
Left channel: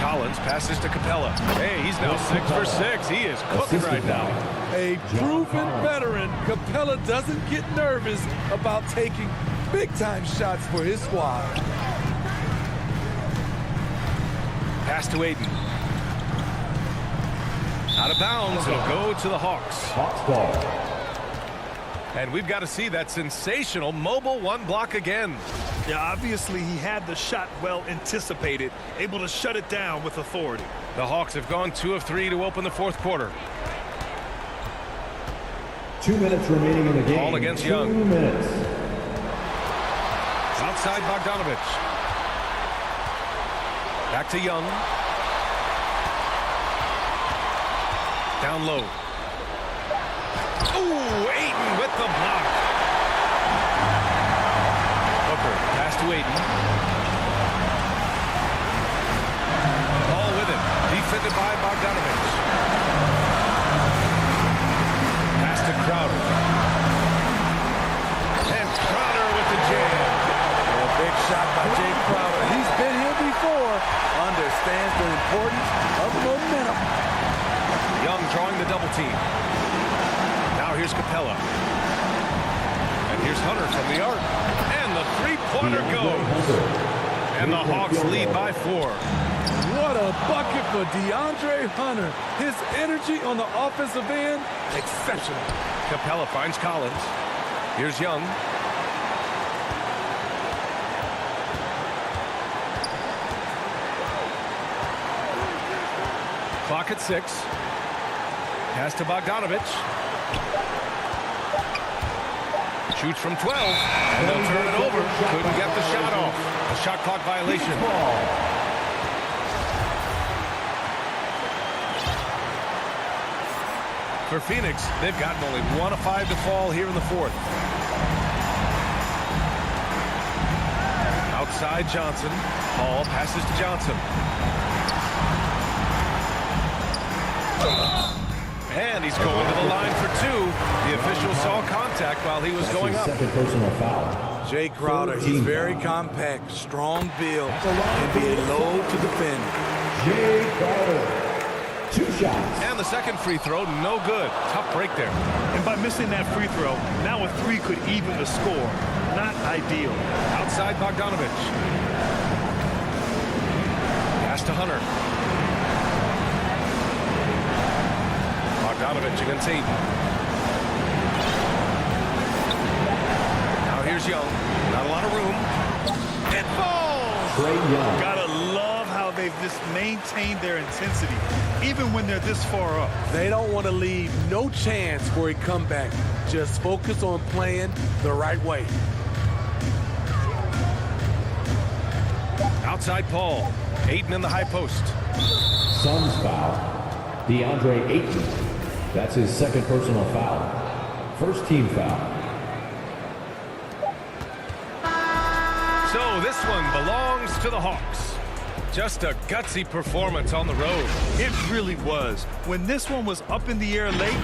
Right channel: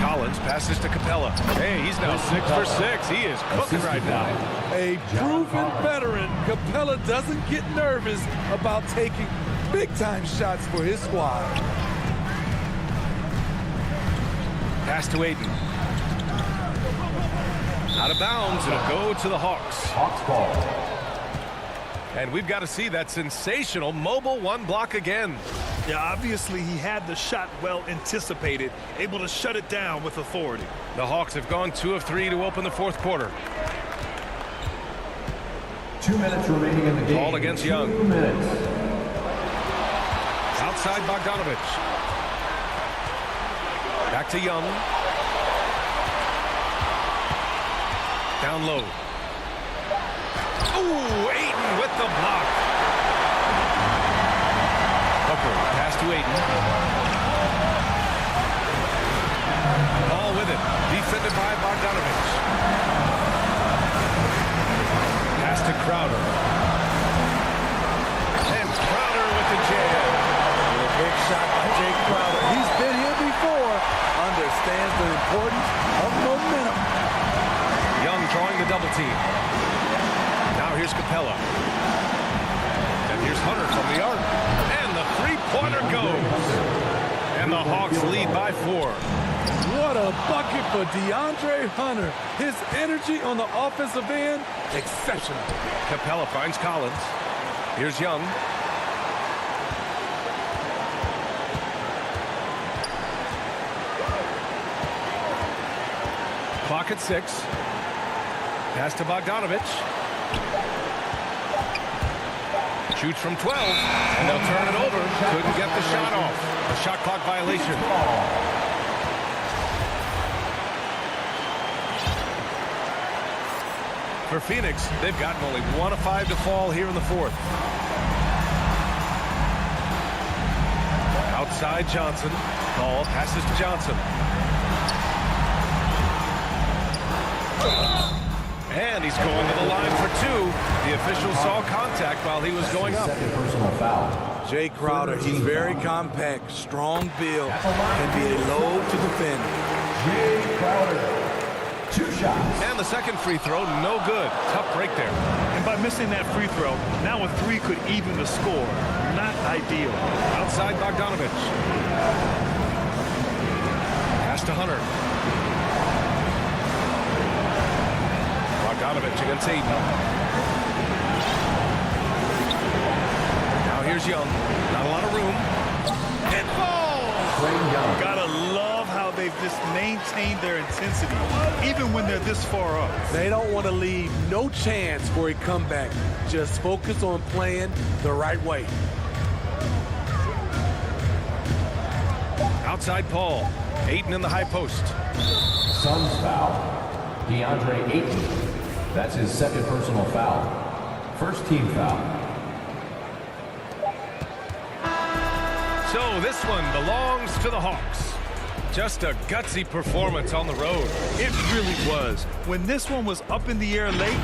Collins passes to Capella. Hey, he's now 6 for 6. He is cooking right now. A proven veteran, Capella doesn't get nervous about taking big-time shots for his squad. Pass to Aiden. Out of bounds. It'll go to the Hawks. Hawks ball. And we've got to see that sensational mobile one block again. Yeah, obviously he had the shot well anticipated, able to shut it down with authority. The Hawks have gone 2 of 3 to open the fourth quarter. 2 minutes remaining in the game. Ball against Young. 2 minutes. Outside Bogdanovich. Back to Young. Down low. Ooh, Ayton with the block. Booker, pass to Ayton. Ball with it. Defended by Bogdanovich. Pass to Crowder. And Crowder with the jam. A big shot by Jake Crowder. He's been here before. Understands the importance of momentum. Young drawing the double team. Now here's Capella. And here's Hunter from the arc. And the three-pointer goes. And the Hawks lead by 4. What a bucket for DeAndre Hunter. His energy on the offensive end, exceptional. Capella finds Collins. Here's Young. Clock at 6. Pass to Bogdanovich. Shoots from 12, and they'll turn it over. Couldn't get the shot off. A shot clock violation. For Phoenix, they've gotten only 1 of 5 to fall here in the fourth. Outside Johnson. Ball passes to Johnson. And he's going to the line for 2. The official saw contact while he was going up. Second personal foul. Jay Crowder, he's very compact, strong build, can be a load to defend. Jay Crowder. 2 shots. And the second free throw, no good. Tough break there. And by missing that free throw, now a 3 could even the score. Not ideal. Outside Bogdanovich. Pass to Hunter. Bogdanovich against Aiden. Now here's Young. Not a lot of room. It falls! Trey Young. Gotta love how they've just maintained their intensity, even when they're this far up. They don't want to leave no chance for a comeback. Just focus on playing the right way. Outside Paul. Aiden in the high post. Suns foul. DeAndre Ayton. That's his second personal foul. First team foul. So this one belongs to the Hawks. Just a gutsy performance on the road. It really was. When this one was up in the air late,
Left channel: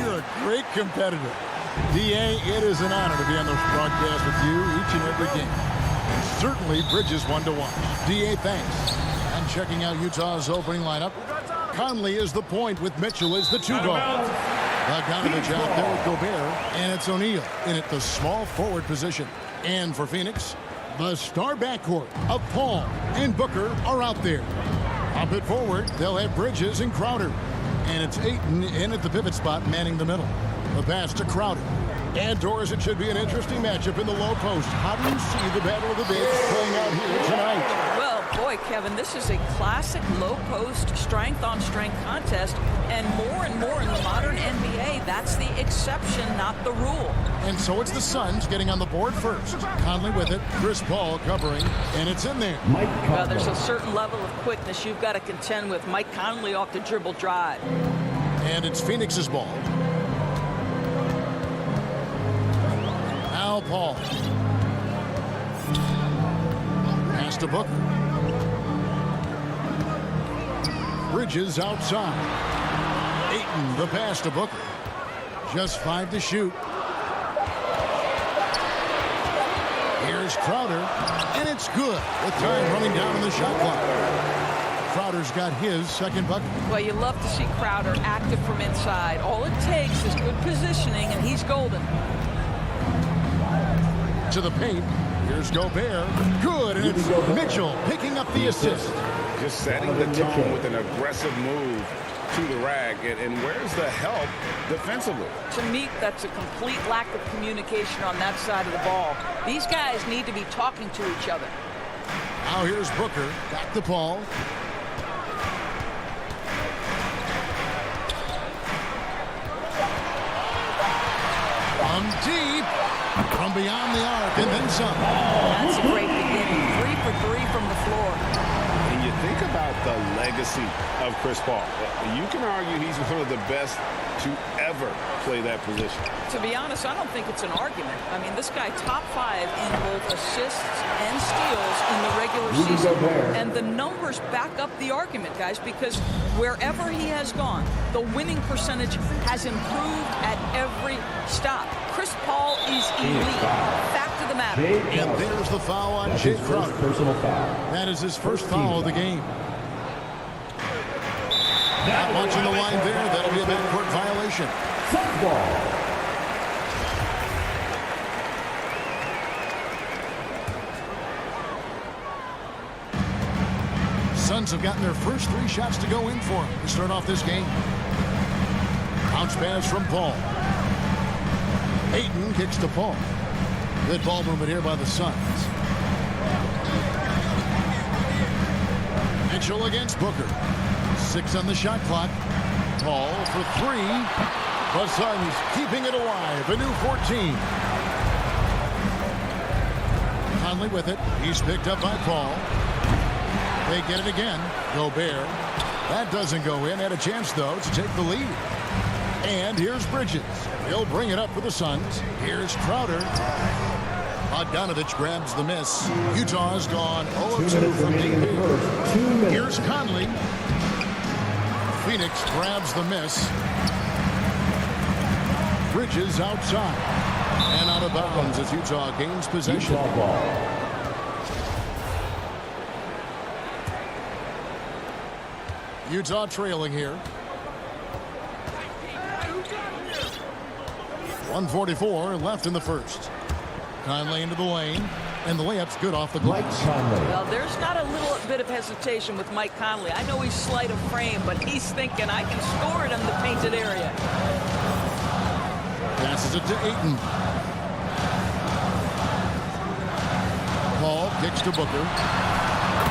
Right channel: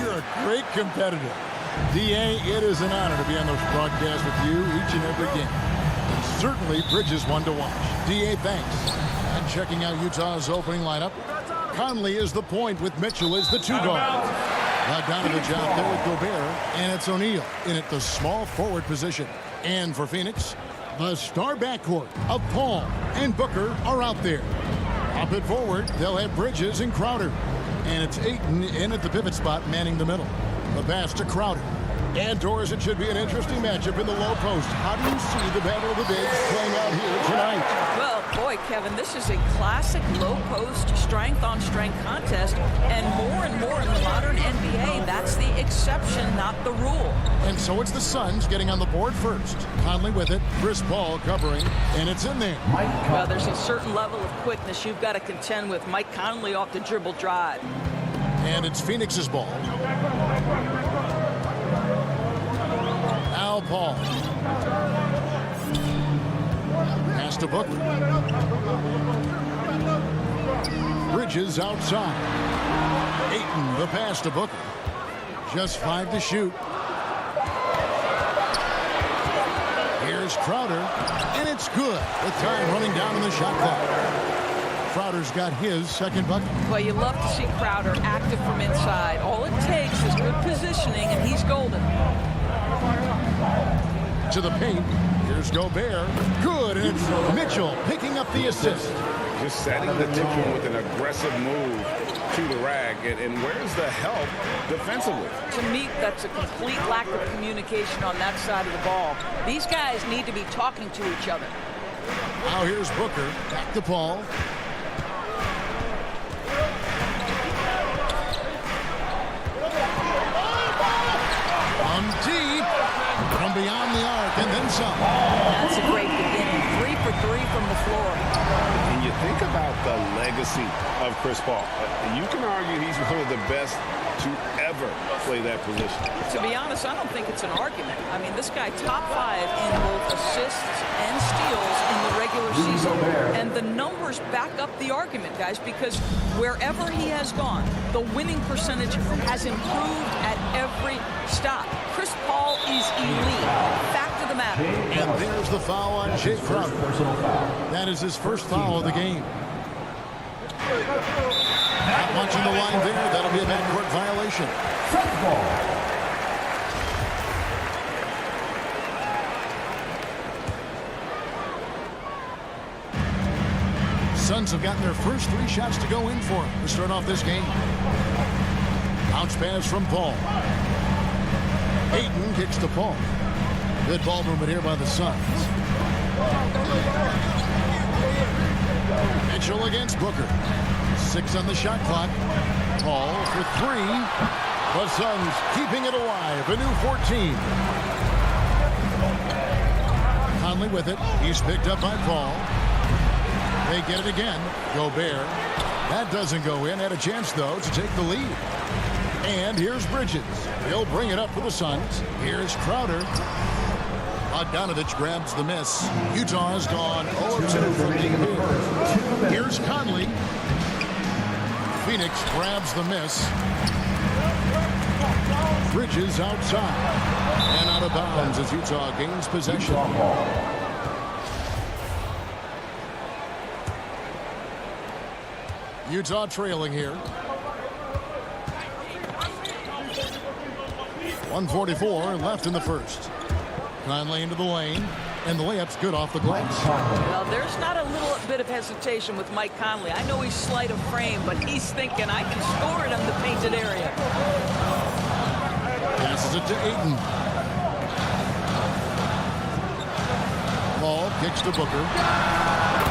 You're a great competitor. D.A., it is an honor to be on this broadcast with you each and every game. And certainly Bridges one to watch. D.A., thanks. And checking out Utah's opening lineup, Conley is the point with Mitchell as the two guard. Bogdanovich out there with Gobert, and it's O'Neal in at the small forward position. And for Phoenix, the star backcourt of Paul and Booker are out there. Up at forward, they'll have Bridges and Crowder. And it's Ayton in at the pivot spot, manning the middle. The pass to Crowder. And Doris, it should be an interesting matchup in the low post. How do you see the Battle of the Bigs playing out here tonight? Well, boy, Kevin, this is a classic low post strength-on-strength contest, and more in the modern NBA, that's the exception, not the rule. And so it's the Suns getting on the board first. Conley with it, Chris Paul covering, and it's in there. Well, there's a certain level of quickness you've got to contend with. Mike Conley off the dribble drive. And it's Phoenix's ball. Now Paul. Pass to Booker. Bridges outside. Ayton, the pass to Booker. Just 5 to shoot. Here's Crowder, and it's good with time running down on the shot clock. Crowder's got his second bucket. Well, you love to see Crowder active from inside. All it takes is good positioning, and he's golden. To the paint. Here's Gobert. Good, and it's Mitchell picking up the assist. Just setting the tone with an aggressive move to the rack. And where's the help defensively? To me, that's a complete lack of communication on that side of the ball. These guys need to be talking to each other. Now here's Booker. Back to Paul. From deep. From beyond the arc, and then some. That's a great beginning. 3 for 3 from the floor. And you think about the legacy of Chris Paul. You can argue he's one of the best to ever play that position. To be honest, I don't think it's an argument. I mean, this guy top 5 in both assists and steals in the regular season. And the numbers back up the argument, guys, because wherever he has gone, the winning percentage has improved at every stop. Chris Paul is elite. Fact of the matter. And there's the foul on Jay Crowder. Personal foul. That is his first foul of the game. Not much in the line there. That'll be a backcourt violation. Suns have gotten their first 3 shots to go in for him to start off this game. Bounce pass from Paul. Ayton kicks to Paul. Good ball movement here by the Suns. Mitchell against Booker. 6 on the shot clock. Paul for 3. The Suns keeping it alive. A new 14. Conley with it. He's picked up by Paul. They get it again. Gobert. That doesn't go in. Had a chance, though, to take the lead. And here's Bridges. He'll bring it up for the Suns. Here's Crowder. Bogdanovich grabs the miss. Utah's gone 0-2 from deep here. Here's Conley. Phoenix grabs the miss. Bridges outside. And out of bounds as Utah gains possession. Utah trailing here. 1:44 left in the first. Conley into the lane, and the layup's good off the glass. Well, there's not a little bit of hesitation with Mike Conley. I know he's slight of frame, but he's thinking I can score it in the painted area. Passes it to Ayton. Paul kicks to Booker.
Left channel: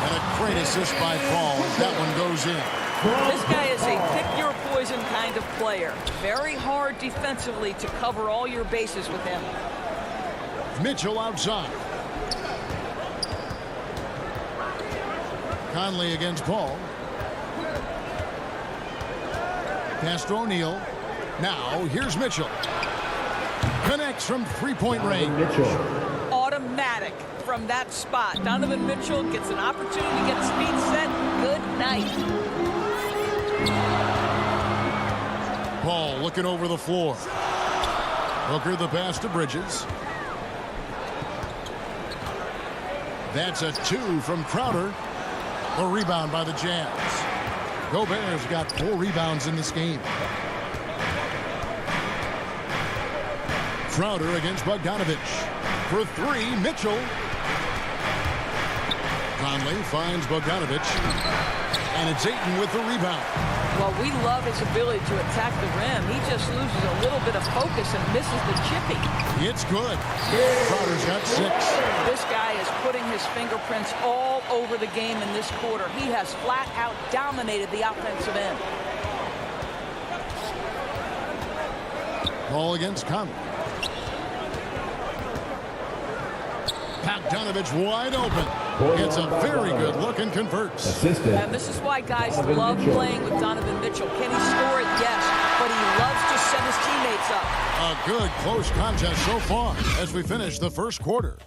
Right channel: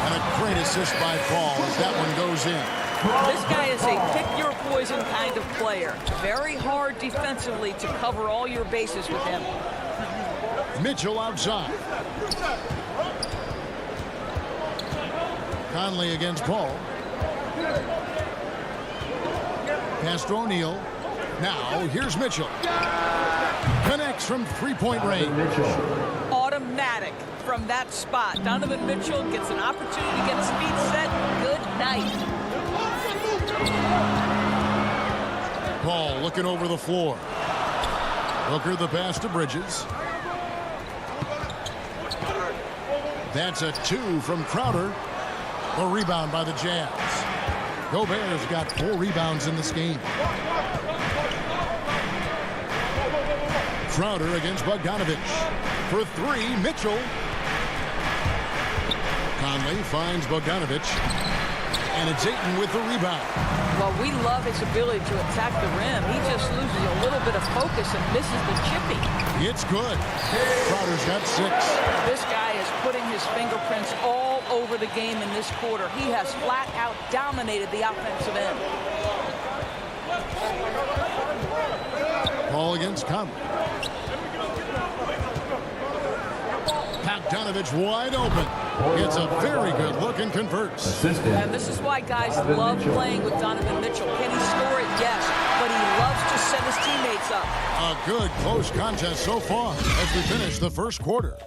And a great assist by Paul as that one goes in. This guy is a pick-your-poison kind of player. Very hard defensively to cover all your bases with him. Mitchell outside. Conley against Paul. Pass to O'Neal. Now, here's Mitchell. Connects from three-point range. Automatic from that spot. Donovan Mitchell gets an opportunity to get his feet set. Good night. Paul looking over the floor. Booker the pass to Bridges. That's a 2 from Crowder. The rebound by the Jazz. Gobert's got 4 rebounds in this game. Crowder against Bogdanovich. For 3, Mitchell. Conley finds Bogdanovich. And it's Ayton with the rebound. Well, we love his ability to attack the rim. He just loses a little bit of focus and misses the chippy. It's good. Crowder's got 6. This guy is putting his fingerprints all over the game in this quarter. He has flat out dominated the offensive end. Ball against Conley. Bogdanovich wide open. Gets a very good look and converts. And this is why guys love playing with Donovan Mitchell. Can he score it? Yes. But he loves to set his teammates up. A good close contest so far as we finish the first quarter.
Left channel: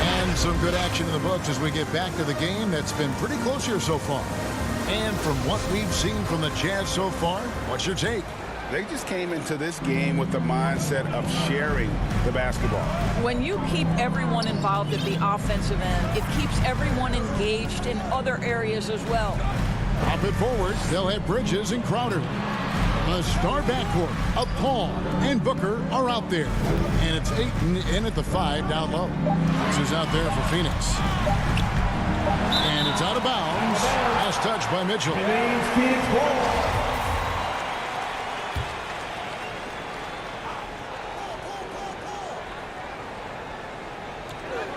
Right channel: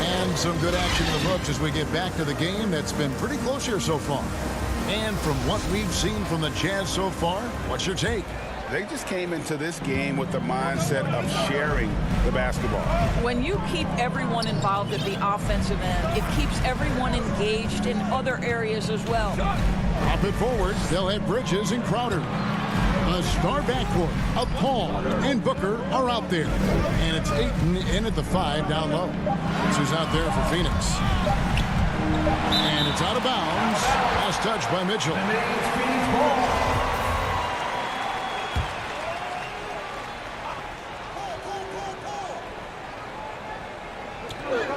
And some good action in the books as we get back to the game that's been pretty close here so far. And from what we've seen from the Jazz so far, what's your take? They just came into this game with the mindset of sharing the basketball. When you keep everyone involved at the offensive end, it keeps everyone engaged in other areas as well. Up it forward, they'll have Bridges and Crowder. The star backcourt of Paul and Booker are out there. And it's Ayton in at the 5 down low. This is out there for Phoenix. And it's out of bounds. Last touch by Mitchell. Phoenix ball.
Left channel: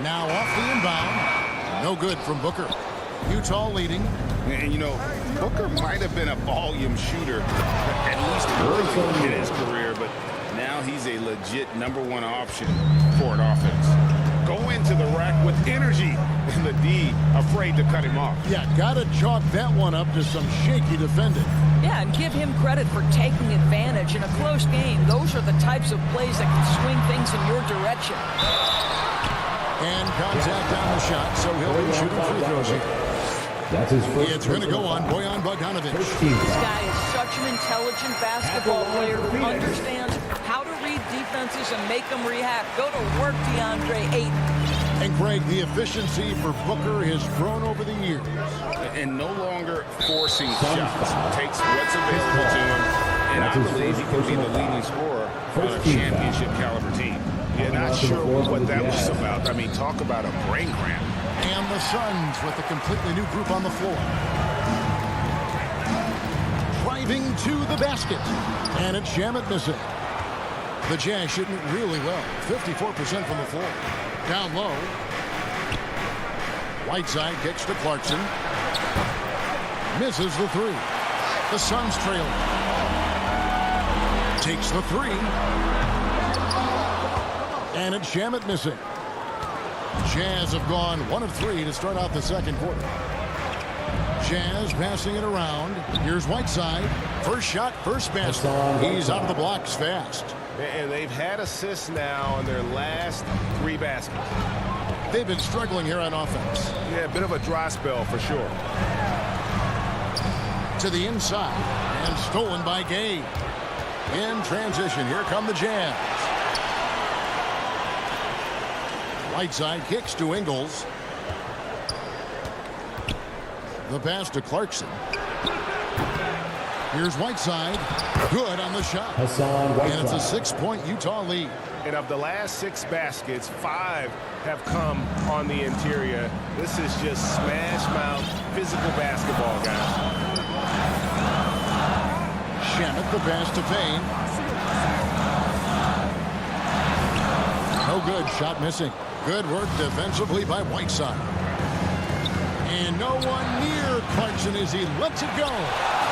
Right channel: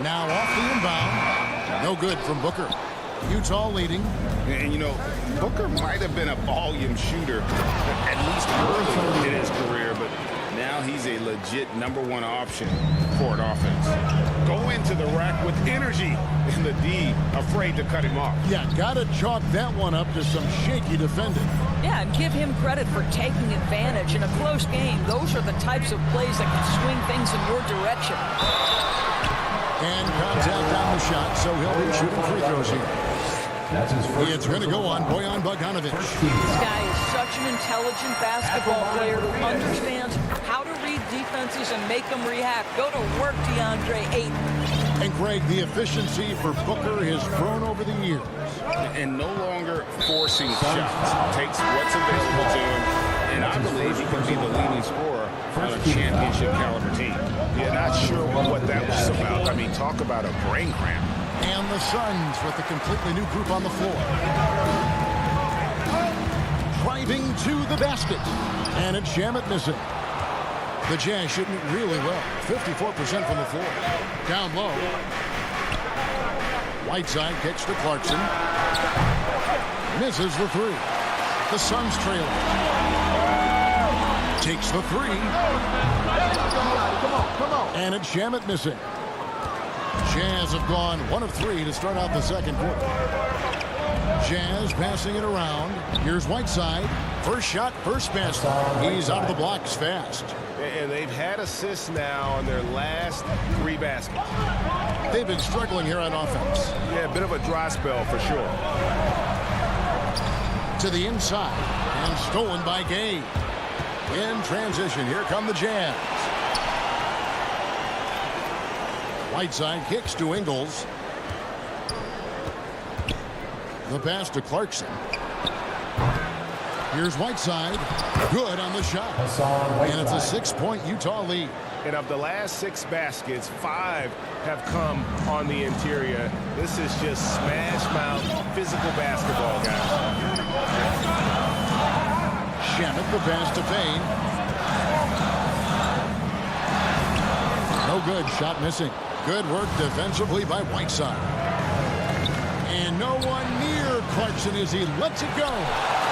Now off the inbound. No good from Booker. Utah leading. And, you know, Booker might have been a volume shooter, at least early in his career, but now he's a legit #1 option for an offense. Go into the rack with energy, and the D afraid to cut him off. Yeah, got to chalk that one up to some shaky defending. Yeah, and give him credit for taking advantage in a close game. Those are the types of plays that can swing things in your direction. And contact on the shot, so he'll be shooting free throws here. That's his first. It's going to go on Bojan Bogdanovich. This guy is such an intelligent basketball player who understands how to read defenses and make them react. Go to work, DeAndre Ayton. And Greg, the efficiency for Booker has grown over the years. And no longer forcing shots. Takes what's available to him. And I believe he could be the leading scorer on a championship caliber team. Yeah, not sure what that was about. I mean, talk about a brain cramp. And the Suns with a completely new group on the floor. Driving to the basket. And it's Shamet missing. The Jazz shooting it really well. 54% from the floor. Down low. Whiteside kicks to Clarkson. Misses the 3. The Suns trailing. Takes the 3. And it's Shamet missing. Jazz have gone 1 of 3 to start out the second quarter. Jazz passing it around. Here's Whiteside. First shot, first basket. He's out of the blocks fast. And they've had assists now on their last 3 baskets. They've been struggling here on offense. Yeah, a bit of a dry spell for sure. To the inside. And stolen by Gay. In transition, here come the Jazz. Whiteside kicks to Ingles. The pass to Clarkson. Here's Whiteside. Good on the shot. And it's a 6-point Utah lead. And of the last 6 baskets, 5 have come on the interior. This is just smash mouth physical basketball, guys. Shamet the pass to Payne. No good. Shot missing. Good work defensively by Whiteside. And no one near Clarkson as he lets it go.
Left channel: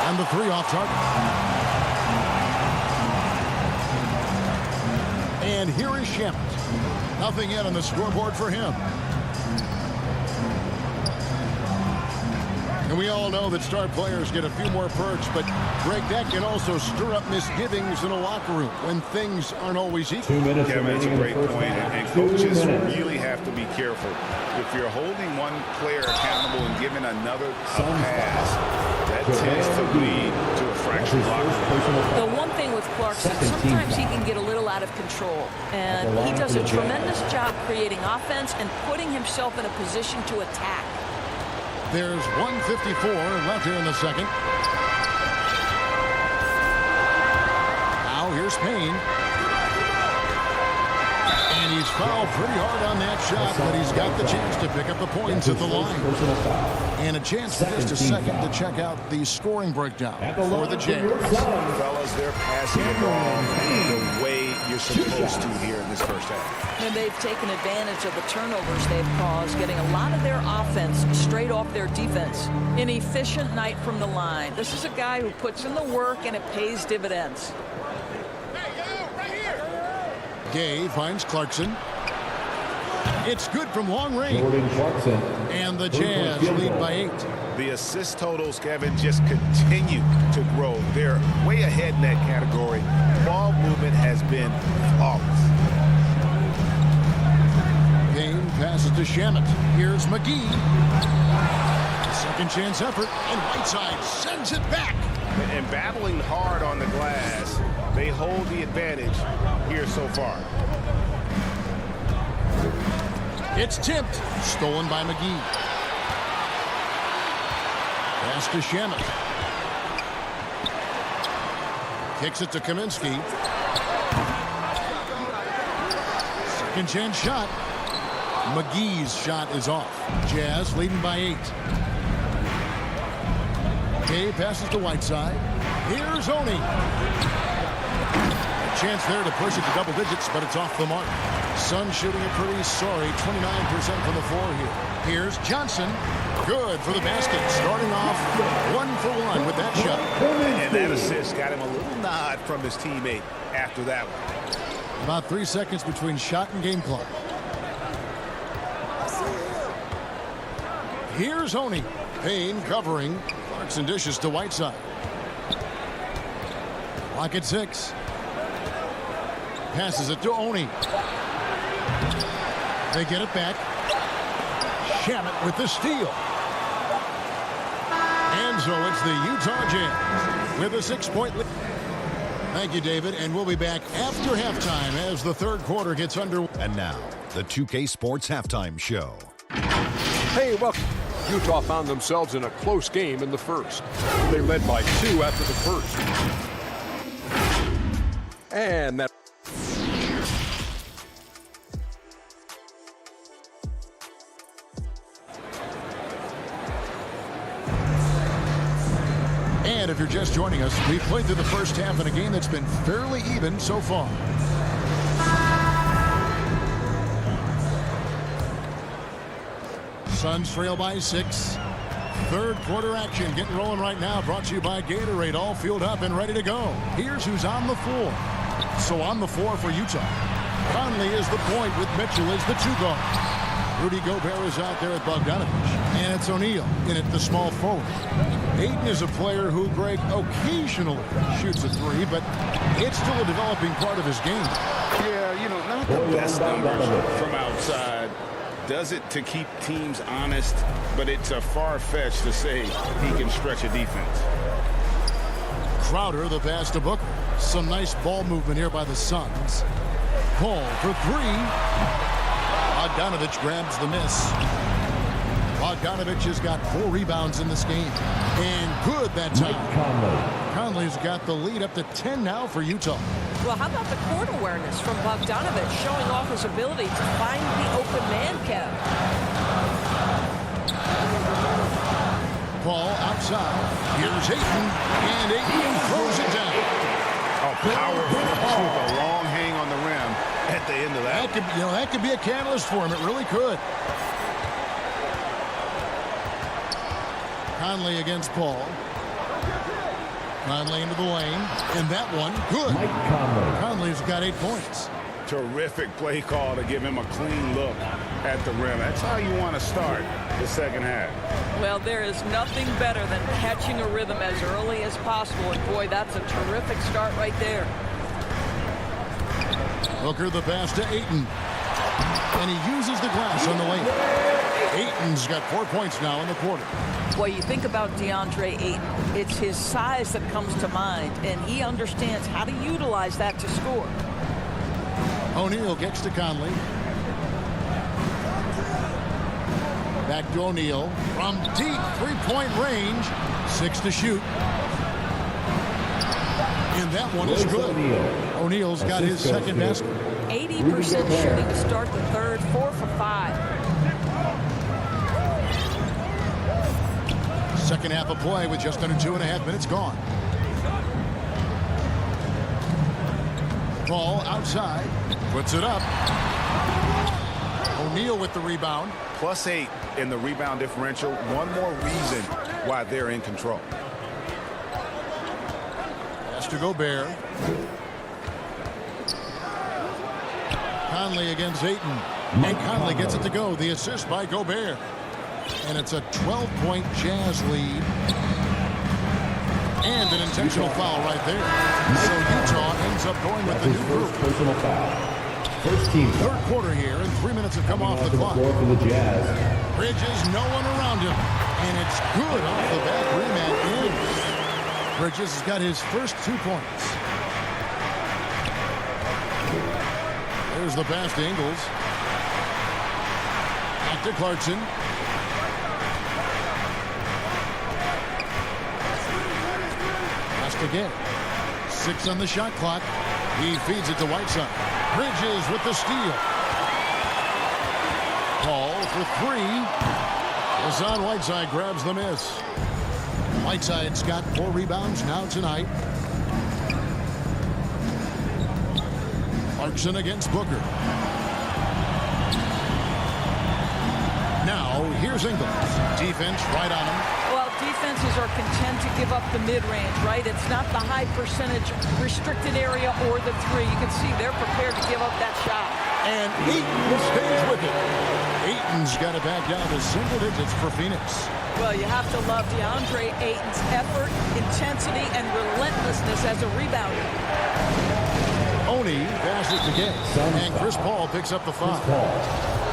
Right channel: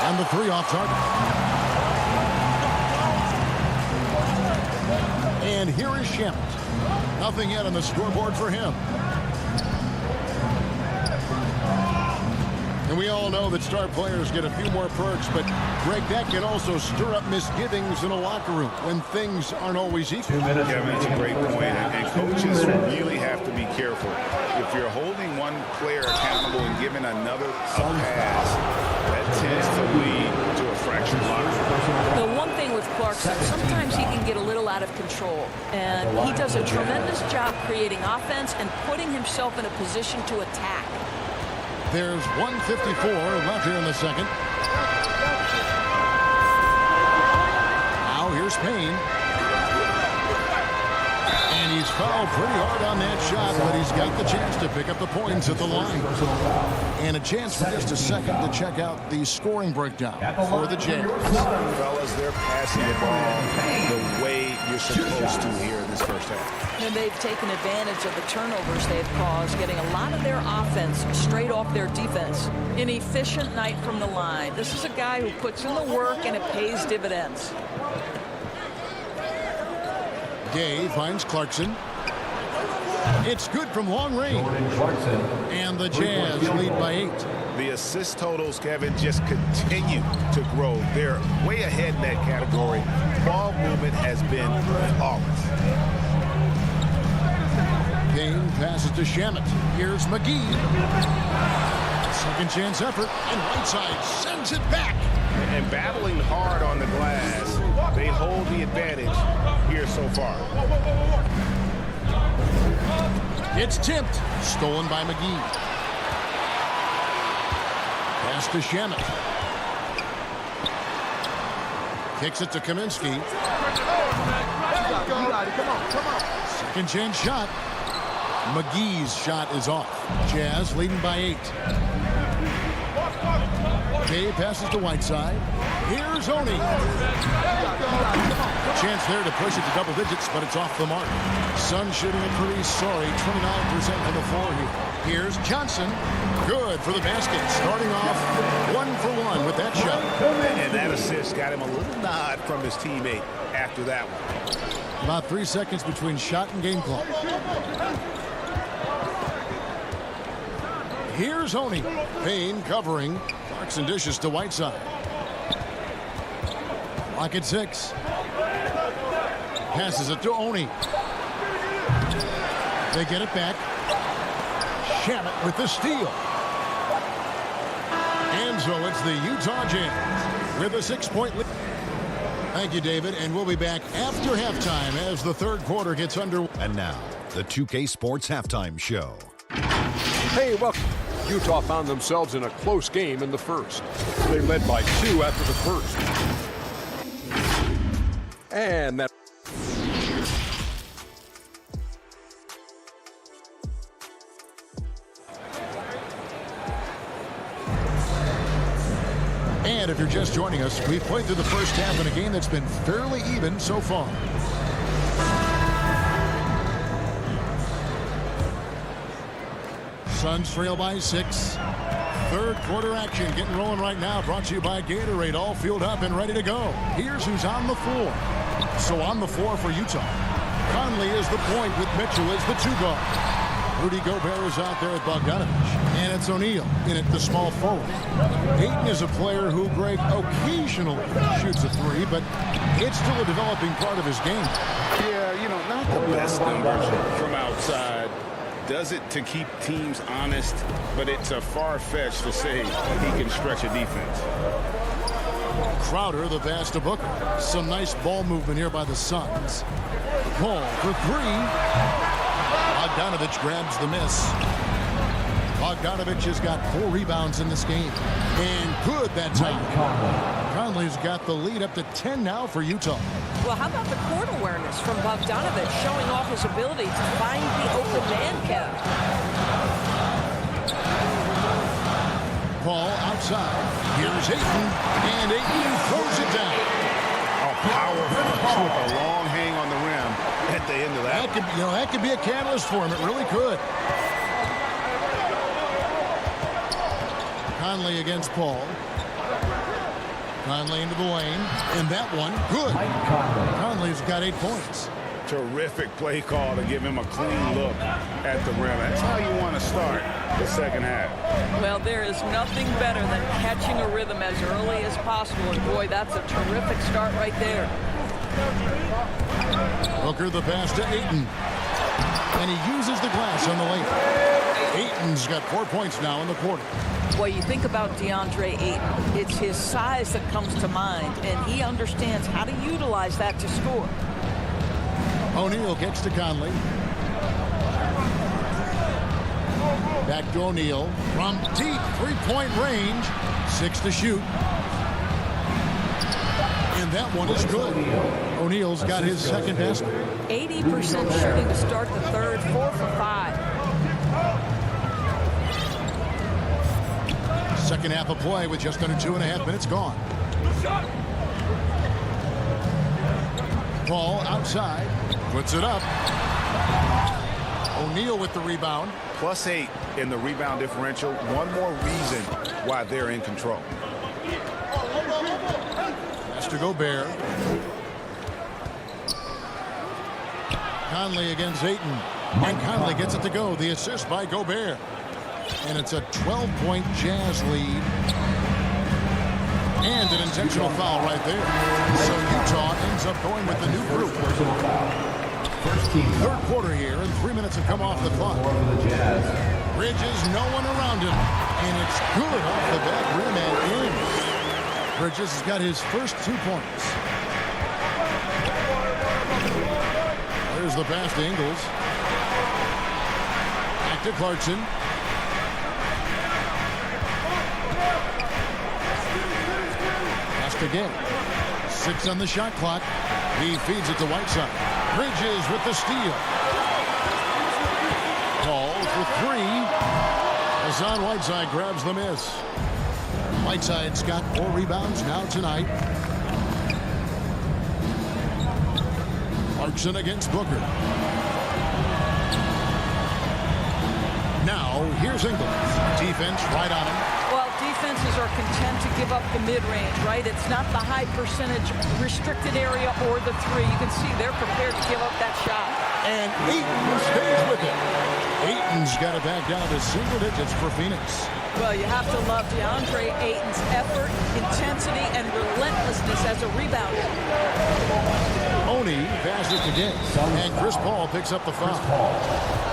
And the 3 off target. And here is Shamet. Nothing yet on the scoreboard for him. And we all know that star players get a few more perks, but Greg, that can also stir up misgivings in a locker room when things aren't always equal. 2 minutes. Kevin, it's a great point, and coaches really have to be careful. If you're holding one player accountable and giving another a pass, that tends to lead to a fractured locker room. The one thing with Clarkson, sometimes he can get a little out of control, and he does a tremendous job creating offense and putting himself in a position to attack. There's 1:54 left here in the second. Now here's Payne. And he's fouled pretty hard on that shot, but he's got the chance to pick up the points at the line. And a chance for just a second to check out the scoring breakdown for the Jazz. Fellas, they're passing the ball the way you're supposed to here in this first half. And they've taken advantage of the turnovers they've caused, getting a lot of their offense straight off their defense. An efficient night from the line. This is a guy who puts in the work, and it pays dividends. Gay finds Clarkson. It's good from long range. And the Jazz lead by 8. The assist totals, Kevin, just continue to grow. They're way ahead in that category. Ball movement has been flawless. Payne passes to Shamet. Here's McGee. A second chance effort, and Whiteside sends it back. And battling hard on the glass, they hold the advantage here so far. It's tipped. Stolen by McGee. Pass to Shamet. Kicks it to Kaminsky. Second chance shot. McGee's shot is off. Jazz leading by 8. Kay passes to Whiteside. Here's Oni. Chance there to push it to double digits, but it's off the mark. Suns shooting a pretty sorry 29% from the floor here. Here's Johnson. Good for the basket. Starting off 1 for 1 with that shot. And that assist got him a little nod from his teammate after that one. About 3 seconds between shot and game clock. Here's Oni. Payne covering. Clarkson dishes to Whiteside. Clock at 6. Passes it to Oni. They get it back. Shamet with the steal. And so it's the Utah Jazz with a 6-point lead. Thank you, David, and we'll be back after halftime as the third quarter gets underway. And now, the 2K Sports Halftime Show. Hey, welcome. Utah found themselves in a close game in the first. They led by 2 after the first. And that... And if you're just joining us, we've played through the first half in a game that's been fairly even so far. Suns trail by 6. Third quarter action getting rolling right now. Brought to you by Gatorade. All fueled up and ready to go. Here's who's on the floor. So on the floor for Utah. Conley is the point with Mitchell as the 2 guard. Rudy Gobert is out there at Bogdanovich. And it's O'Neal in at the small forward. Ayton is a player who, Greg, occasionally shoots a 3, but it's still a developing part of his game. Yeah, you know, not the best numbers from outside. Does it to keep teams honest, but it's a far-fetched to say he can stretch a defense. Crowder, the pass to Booker. Some nice ball movement here by the Suns. Paul for 3. Bogdanovich grabs the miss. Bogdanovich has got 4 rebounds in this game. And good that time. Conley's got the lead up to 10 now for Utah. Well, how about the court awareness from Bogdanovich, showing off his ability to find the open man, Kev? Paul outside. Here's Ayton. And Ayton throws it down. Oh, power flush with a long hang on the rim at the end of that. That could be a catalyst for him. It really could. Conley against Paul. Conley into the lane. And that one, good. Conley's got 8 points. Terrific play call to give him a clean look at the rim. That's how you want to start the second half. Well, there is nothing better than catching a rhythm as early as possible. And, boy, that's a terrific start right there. Booker the pass to Ayton. And he uses the glass on the lane. Ayton's got 4 points now in the quarter. Well, you think about DeAndre Ayton. It's his size that comes to mind, and he understands how to utilize that to score. O'Neal gets to Conley. Back to O'Neal. From deep 3-point range. 6 to shoot. And that one is good. O'Neal's got his second basket. 80% shooting to start the third, 4 for 5. Second half of play with just under 2.5 minutes gone. Ball outside, puts it up. O'Neal with the rebound. +8 in the rebound differential. One more reason why they're in control. Has to Gobert. Conley against Ayton. And Conley gets it to go. The assist by Gobert. And it's a 12-point Jazz lead. And an intentional foul right there. So Utah ends up going with the new group. Personal foul. First team foul. Third quarter here, and 3 minutes have come off the clock. For the Jazz. Bridges, no one around him. And it's good off the back rim and in. Bridges has got his first 2 points. There's the pass to Ingles. Back to Clarkson. Again. 6 on the shot clock. He feeds it to Whiteside. Bridges with the steal. Paul for 3. Hassan Whiteside grabs the miss. Whiteside's got 4 rebounds now tonight. Clarkson against Booker. Now here's Ingles. Defense right on him. Well, defenses are content to give up the mid-range, right? It's not the high percentage restricted area or the 3. You can see they're prepared to give up that shot. And Ayton stays with it. Ayton's got it back down to single digits for Phoenix. Well, you have to love DeAndre Ayton's effort, intensity, and relentlessness as a rebounder. Oni passes to Gay. And Chris Paul picks up the foul.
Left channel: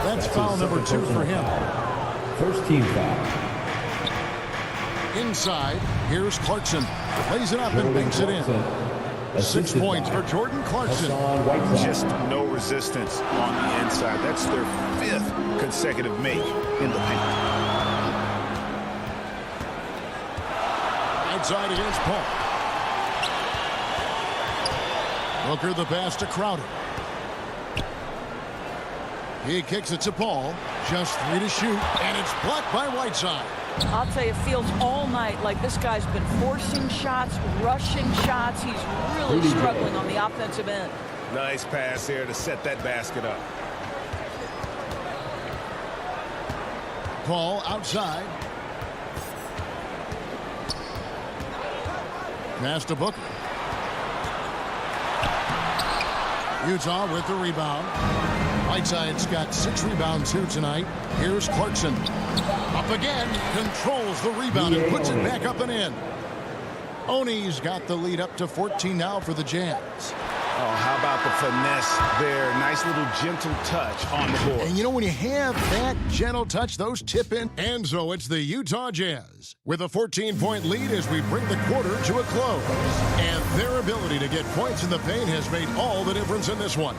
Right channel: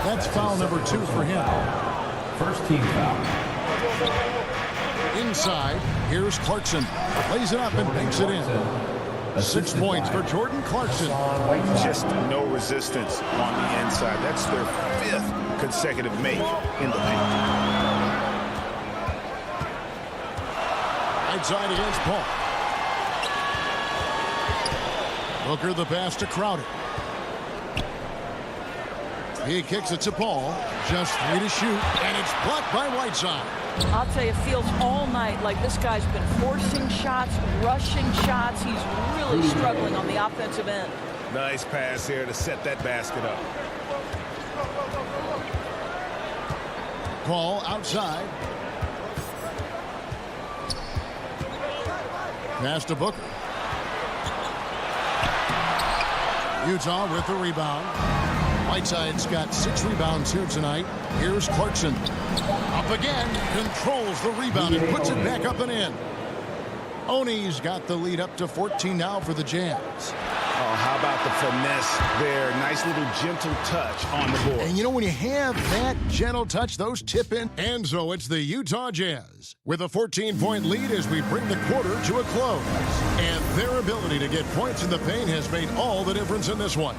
That's foul number 2 for him. First team foul. Inside, here's Clarkson. Lays it up and banks it in. 6 points for Jordan Clarkson. Just no resistance on the inside. That's their 5th consecutive make in the paint. Outside against Paul. Booker the pass to Crowder. He kicks it to Paul. Just 3 to shoot, and it's blocked by Whiteside. I'll tell you, it feels all night like this guy's been forcing shots, rushing shots. He's really struggling on the offensive end. Nice pass here to set that basket up. Paul outside. Pass to Booker. Utah with the rebound. Whiteside's got 6 rebounds here tonight. Here's Clarkson. Up again, controls the rebound and puts it back up and in. Oni's got the lead up to 14 now for the Jazz. Oh, how about the finesse there? Nice little gentle touch on the board. And you know, when you have that gentle touch, those tip in. And so it's the Utah Jazz with a 14-point lead as we bring the quarter to a close. And their ability to get points in the paint has made all the difference in this one.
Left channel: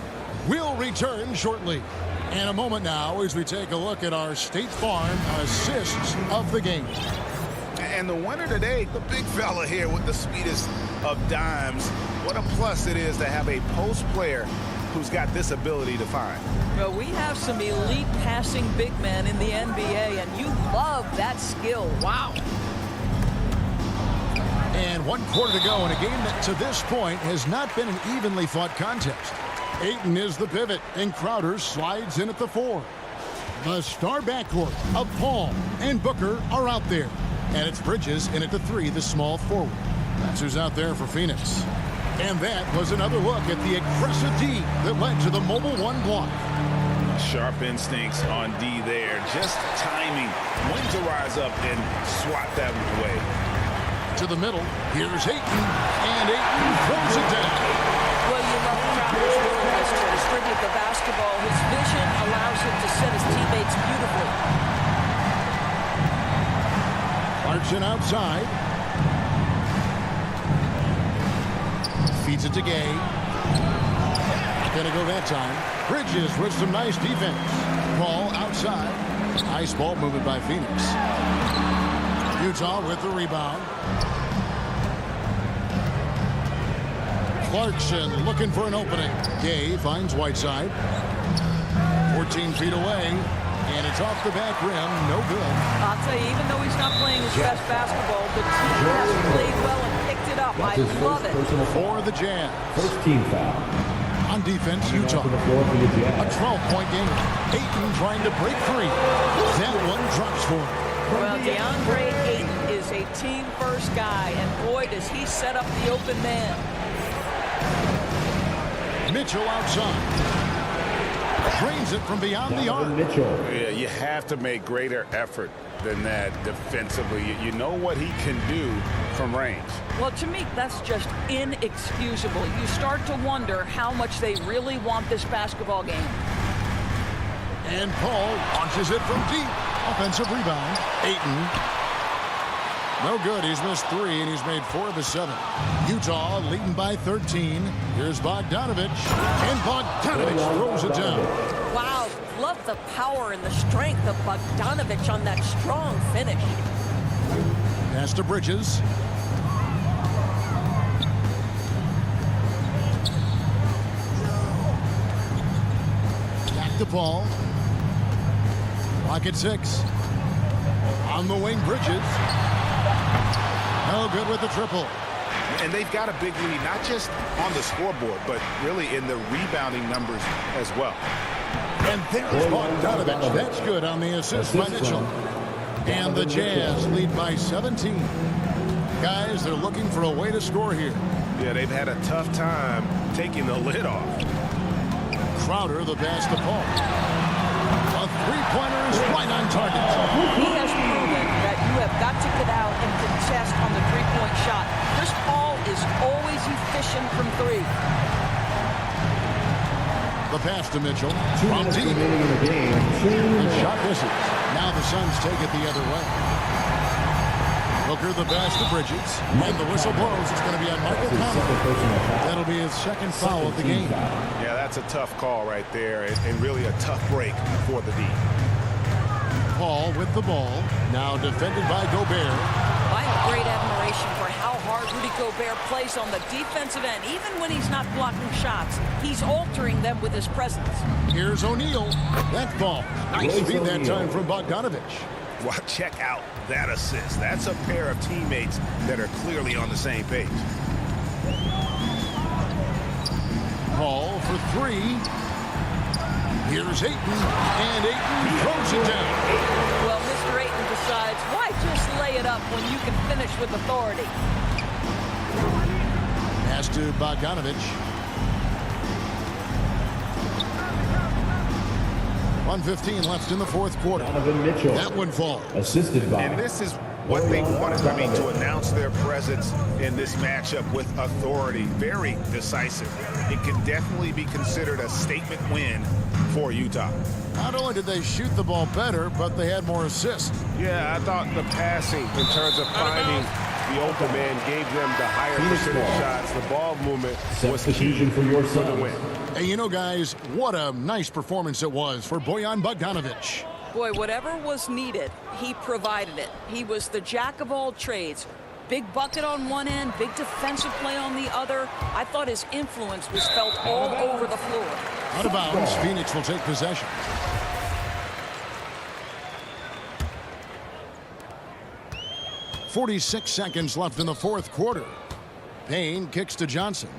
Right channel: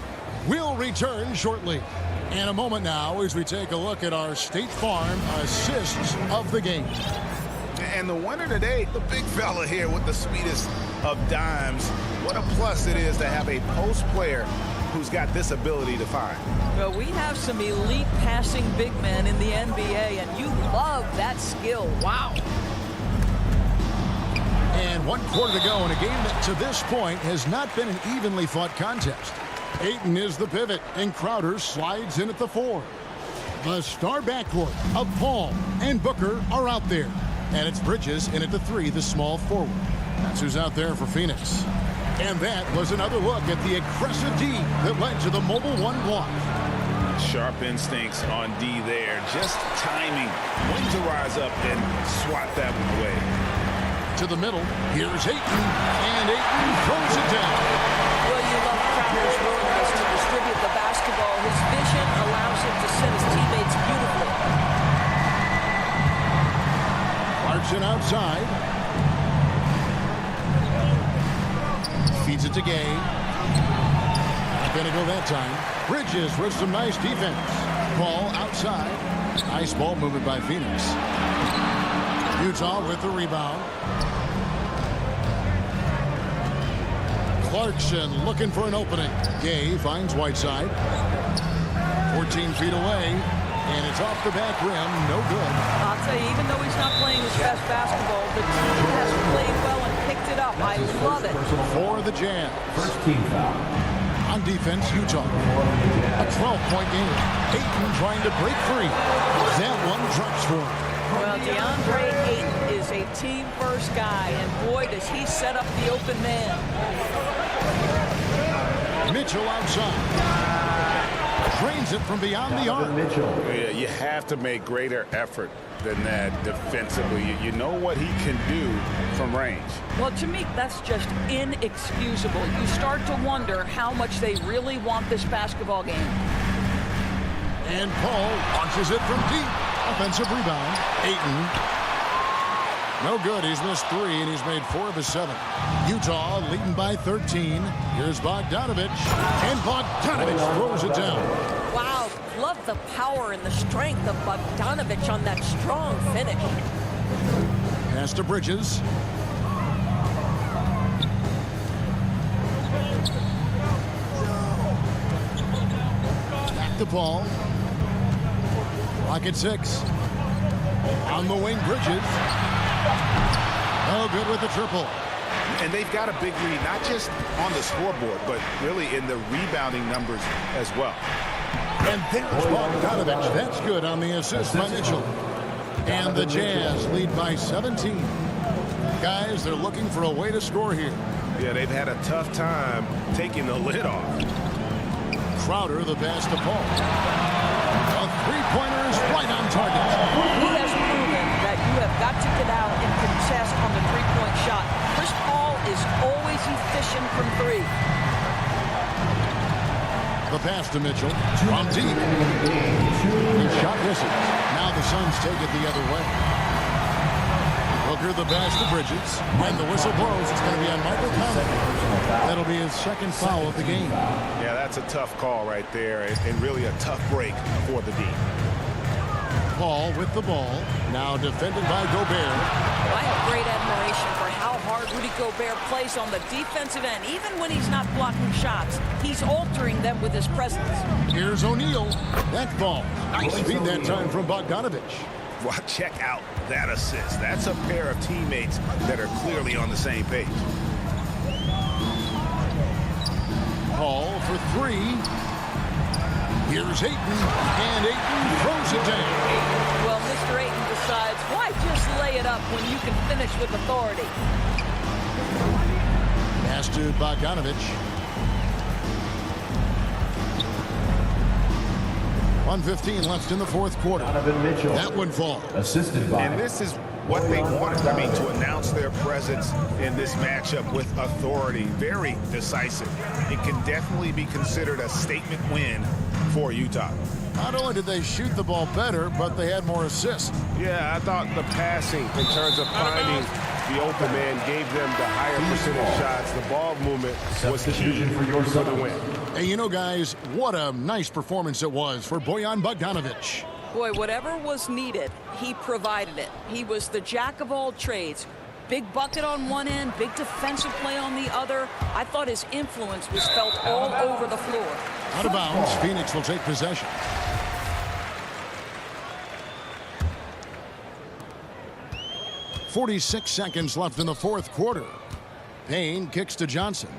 We'll return shortly. And a moment now as we take a look at our State Farm assists of the game. And the winner today, the big fella here with the sweetest of dimes. What a plus it is to have a post player who's got this ability to find. Well, we have some elite passing big men in the NBA, and you love that skill. Wow. And 1 quarter to go in a game that to this point has not been an evenly fought contest. Ayton is the pivot, and Crowder slides in at the 4. The star backcourt of Paul and Booker are out there. And it's Bridges in at the 3, the small forward. That's who's out there for Phoenix. And that was another look at the aggressive D that led to the mobile 1 block. Sharp instincts on D there. Just timing when to rise up and swat that one away. To the middle, here's Ayton, and Ayton throws it down. Well, you love Crowder's willingness to distribute the basketball. His vision allows him to set his teammates beautifully. Clarkson outside. Feeds it to Gay. Not going to go that time. Bridges with some nice defense. Paul outside. Nice ball movement by Phoenix. Utah with the rebound. Clarkson looking for an opening. Gay finds Whiteside. 14 feet away, and it's off the back rim. No good. I'll tell you, even though he's not playing his best basketball, the team has played well and picked it up. I love it. For the Jazz. First team foul. On defense, Utah. A 12-point game. Ayton trying to break free. That one drops for him. Well, DeAndre Ayton is a team-first guy, and boy, does he set up the open man. Mitchell outside. Drains it from beyond the arc. Yeah, you have to make greater effort than that defensively. You know what he can do from range. Well, to me, that's just inexcusable. You start to wonder how much they really want this basketball game. And Paul launches it from deep. Offensive rebound. Ayton. No good. He's missed 3, and he's made 4 of his 7. Utah leading by 13. Here's Bogdanovich. And Bogdanovich throws it down. Wow, love the power and the strength of Bogdanovich on that strong finish. Pass to Bridges. Back to Paul. Rocket 6. On the wing, Bridges. No good with the triple. And they've got a big lead, not just on the scoreboard, but really in the rebounding numbers as well. And there's Bogdanovich. That's good on the assist by Mitchell. And the Jazz lead by 17. Guys, they're looking for a way to score here. Yeah, they've had a tough time taking the lid off. Crowder, the pass to Paul. A three-pointer is right on target. He has proven that you have got to get out and contest on the three-point shot. Chris Paul is always efficient from 3. The pass to Mitchell. From deep. His shot misses. Now the Suns take it the other way. Booker, the pass to Bridges. And the whistle blows. It's going to be on Michael Conley. That'll be his second foul of the game. Yeah, that's a tough call right there, and really a tough break for the D. Paul with the ball. Now defended by Gobert. I have great admiration for how hard Rudy Gobert plays on the defensive end. Even when he's not blocking shots, he's altering them with his presence. Here's O'Neal. That ball. Nice feed that time from Bogdanovich. Well, check out that assist. That's a pair of teammates that are clearly on the same page. Paul for 3. Here's Ayton, and Ayton throws it down. Well, Mr. Ayton decides, why just lay it up when you can finish with authority? Pass to Bogdanovich. 1:15 left in the fourth quarter. That one falls. Assisted by. And this is what they wanted, to announce their presence in this matchup with authority. Very decisive. It can definitely be considered a statement win for Utah. Not only did they shoot the ball better, but they had more assists. Yeah, I thought the passing in terms of finding the open man gave them the higher percentage shots. The ball movement was key for the win. Hey, you know, guys, what a nice performance it was for Bojan Bogdanovich. Boy, whatever was needed, he provided it. He was the jack of all trades. Big bucket on one end, big defensive play on the other. I thought his influence was felt all over the floor. Out of bounds, Phoenix will take possession. .46 seconds left in the fourth quarter. Payne kicks to Johnson.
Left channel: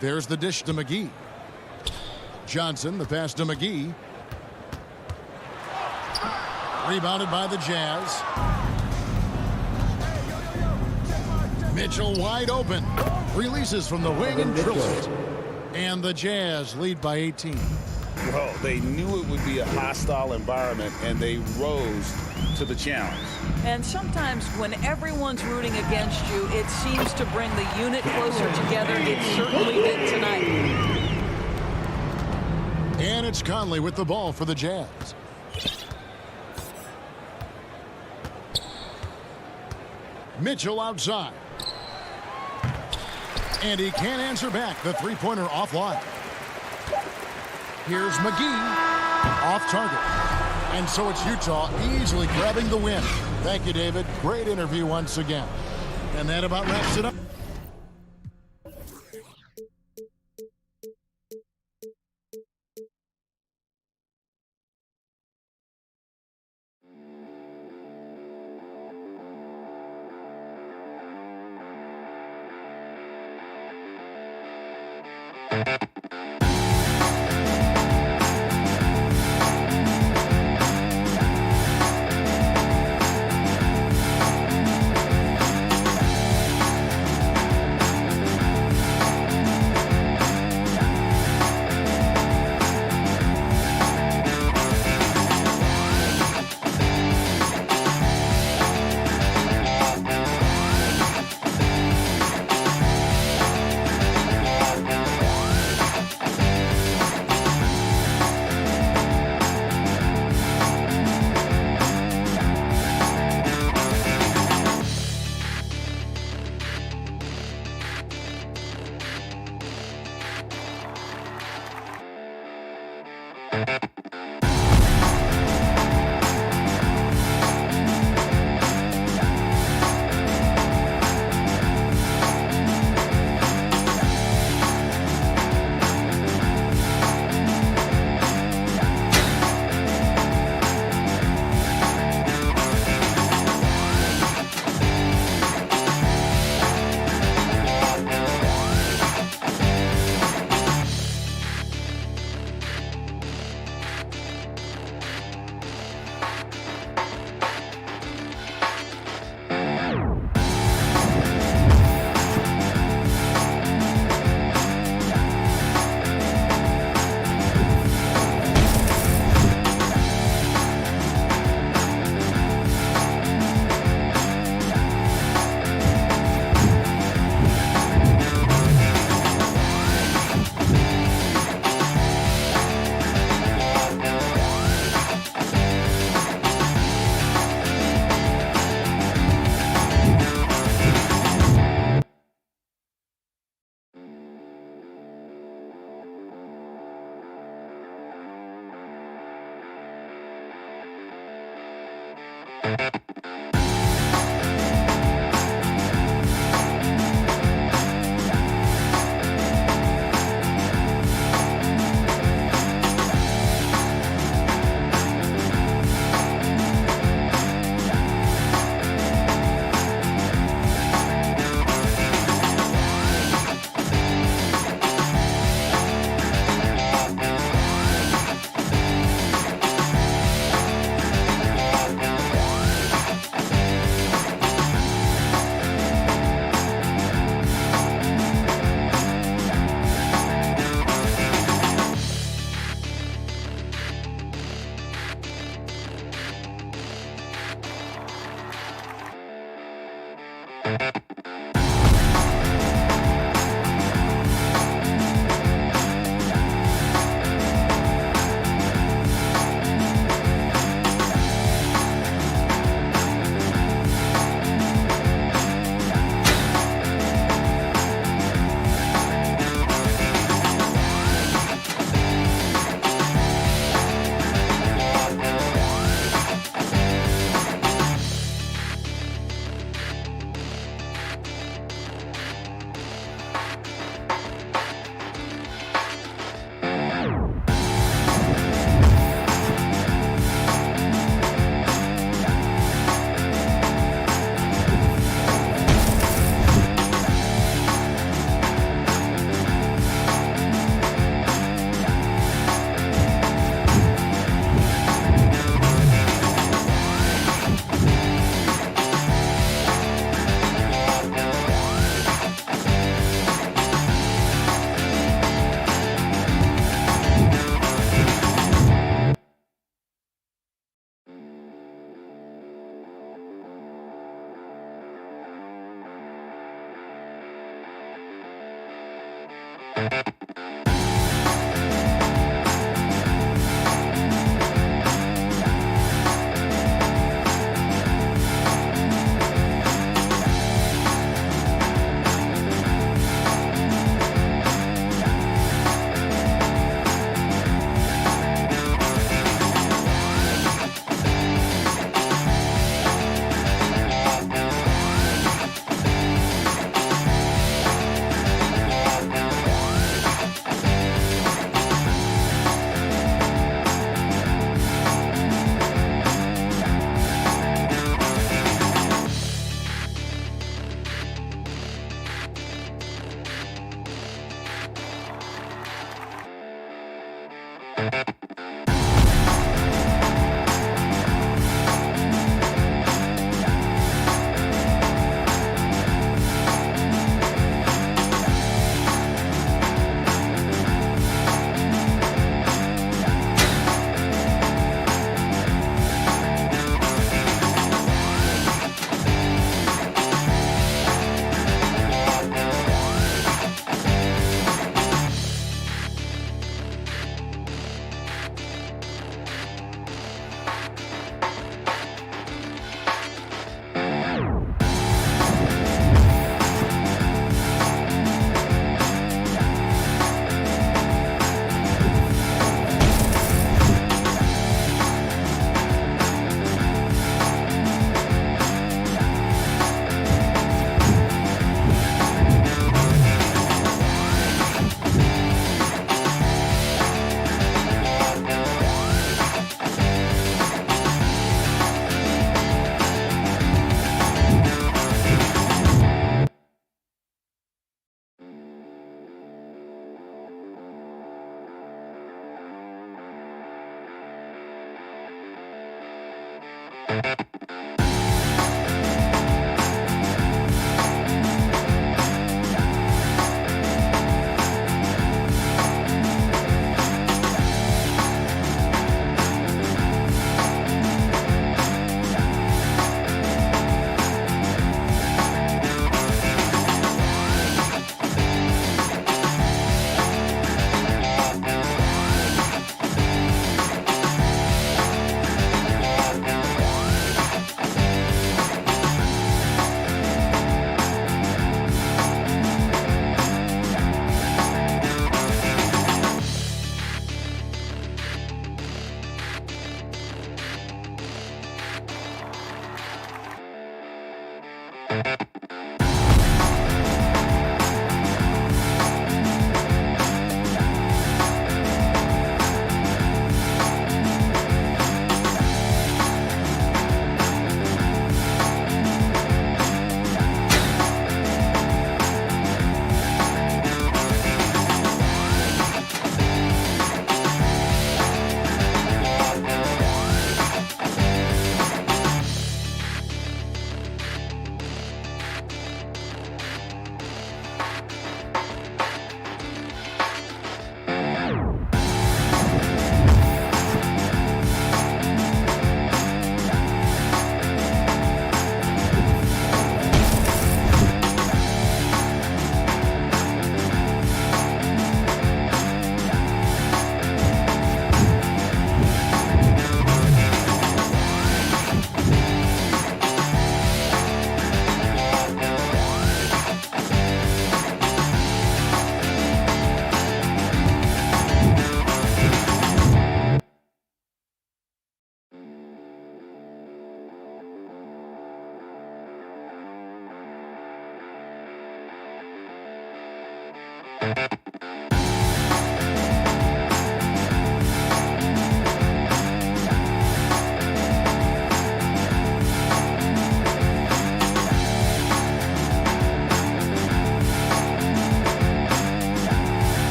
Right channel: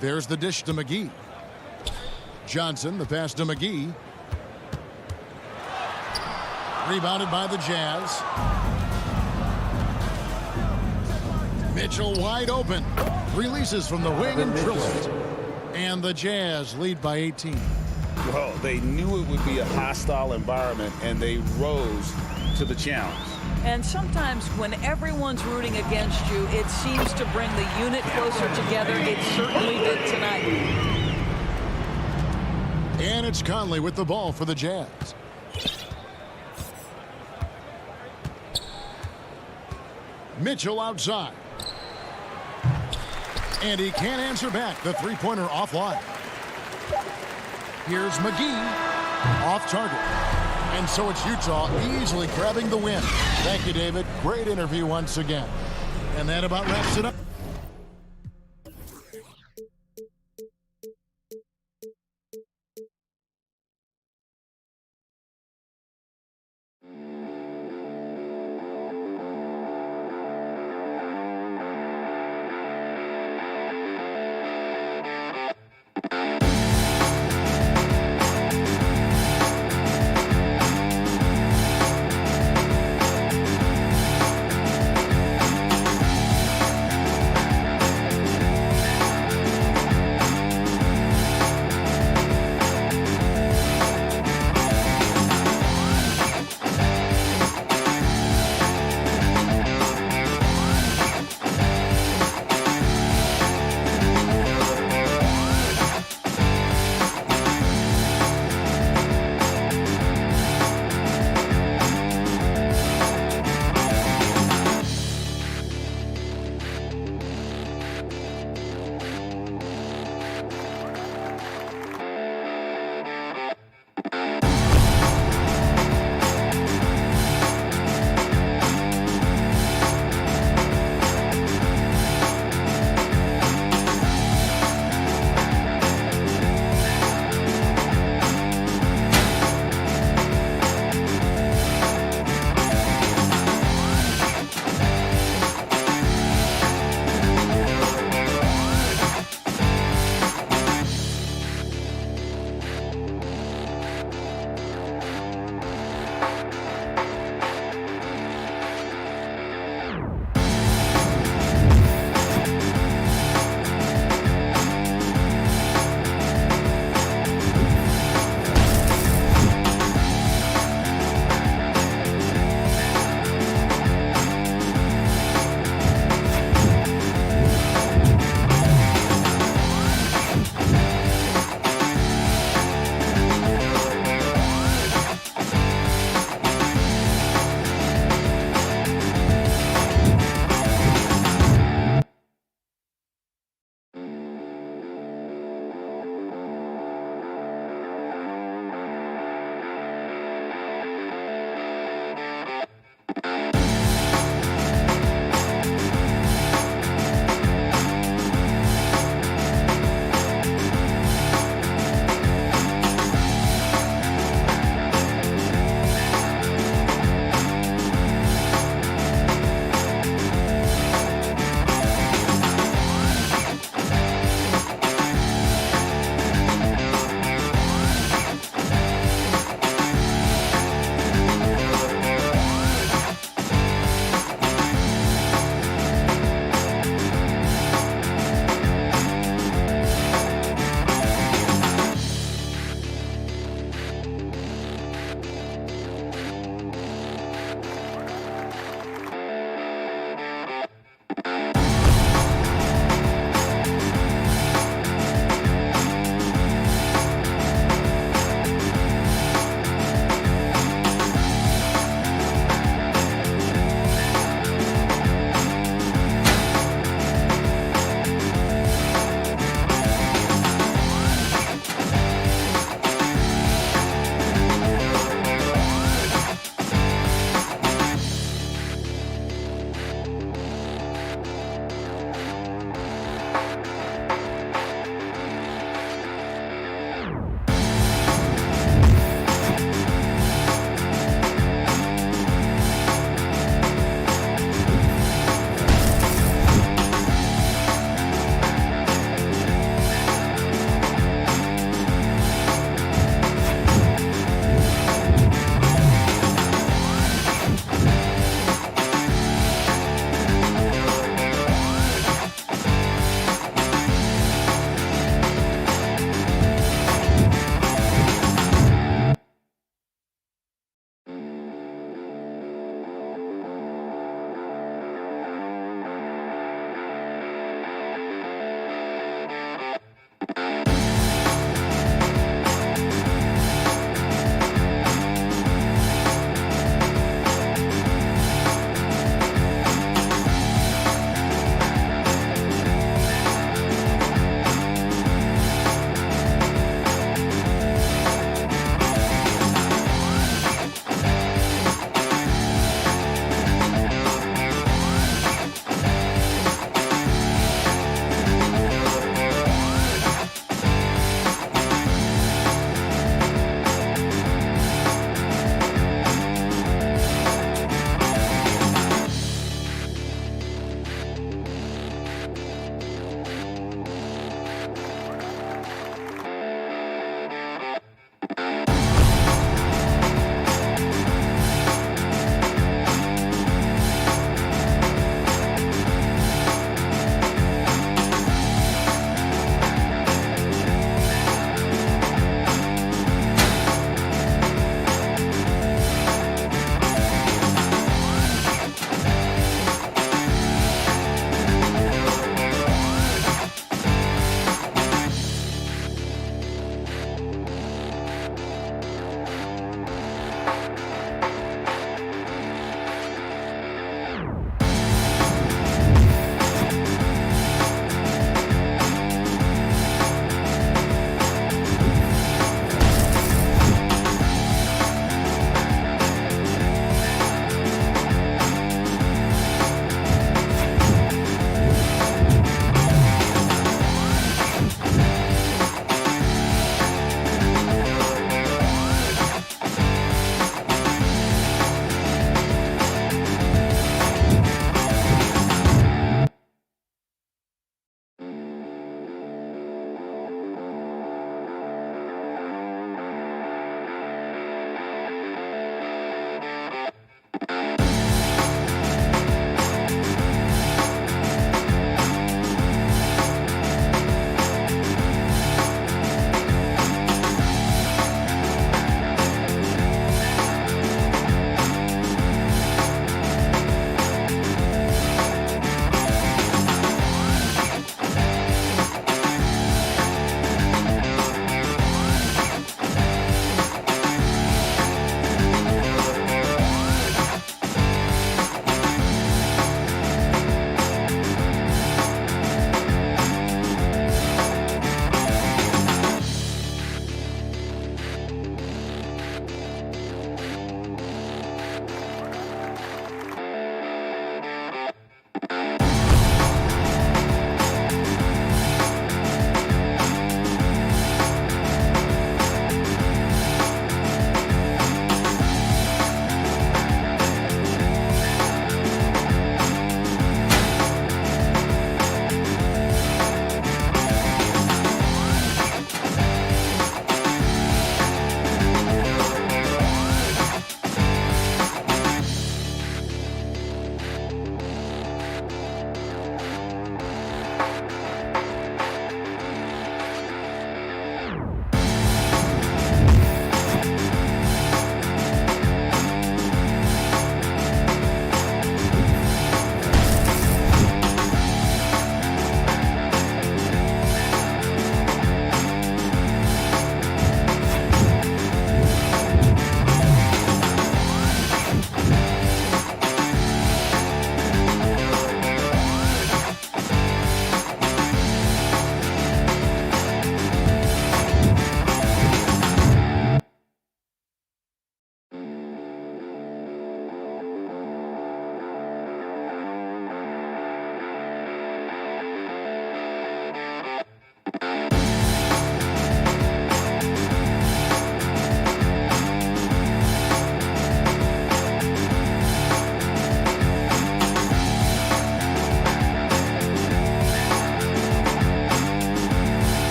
There's the dish to McGee. Johnson, the pass to McGee. Rebounded by the Jazz. Mitchell wide open. Releases from the wing and drills it. And the Jazz lead by 18. Well, they knew it would be a hostile environment, and they rose to the challenge. And sometimes when everyone's rooting against you, it seems to bring the unit closer together. It certainly did tonight. And it's Conley with the ball for the Jazz. Mitchell outside. And he can't answer back. The three-pointer offline. Here's McGee. Off target. And so it's Utah easily grabbing the win. Thank you, David. Great interview once again. And that about wraps it up.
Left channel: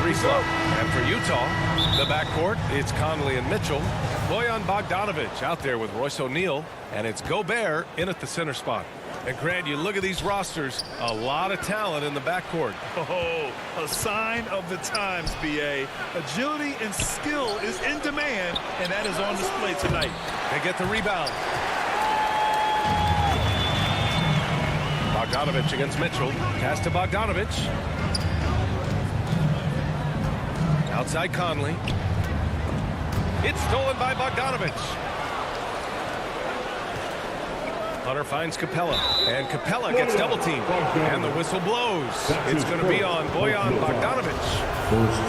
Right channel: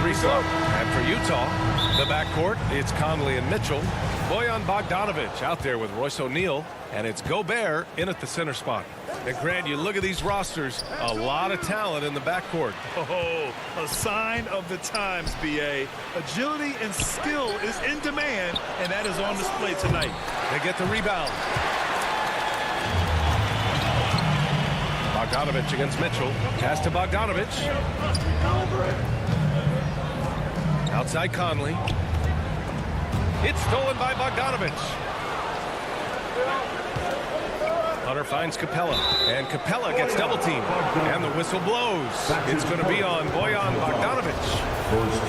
three slump. And for Utah, the backcourt, it's Conley and Mitchell. Bojan Bogdanovic out there with Royce O'Neal. And it's Gobert in at the center spot. And Grant, you look at these rosters, a lot of talent in the backcourt. Oh, a sign of the times, B.A. Agility and skill is in demand, and that is on display tonight. They get the rebound. Bogdanovic against Mitchell. Pass to Bogdanovic. Outside Conley. It's stolen by Bogdanovic. Hunter finds Capella, and Capella gets double teamed, and the whistle blows. It's going to be on Bojan Bogdanovic.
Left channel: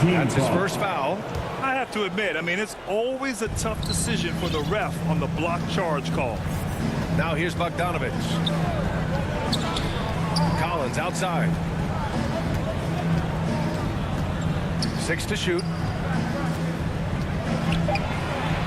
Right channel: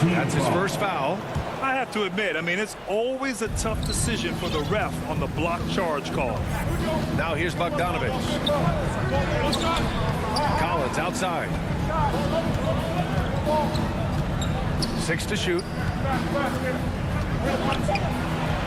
That's his first foul. I have to admit, I mean, it's always a tough decision for the ref on the block charge call. Now here's Bogdanovic. Collins outside. 6 to shoot.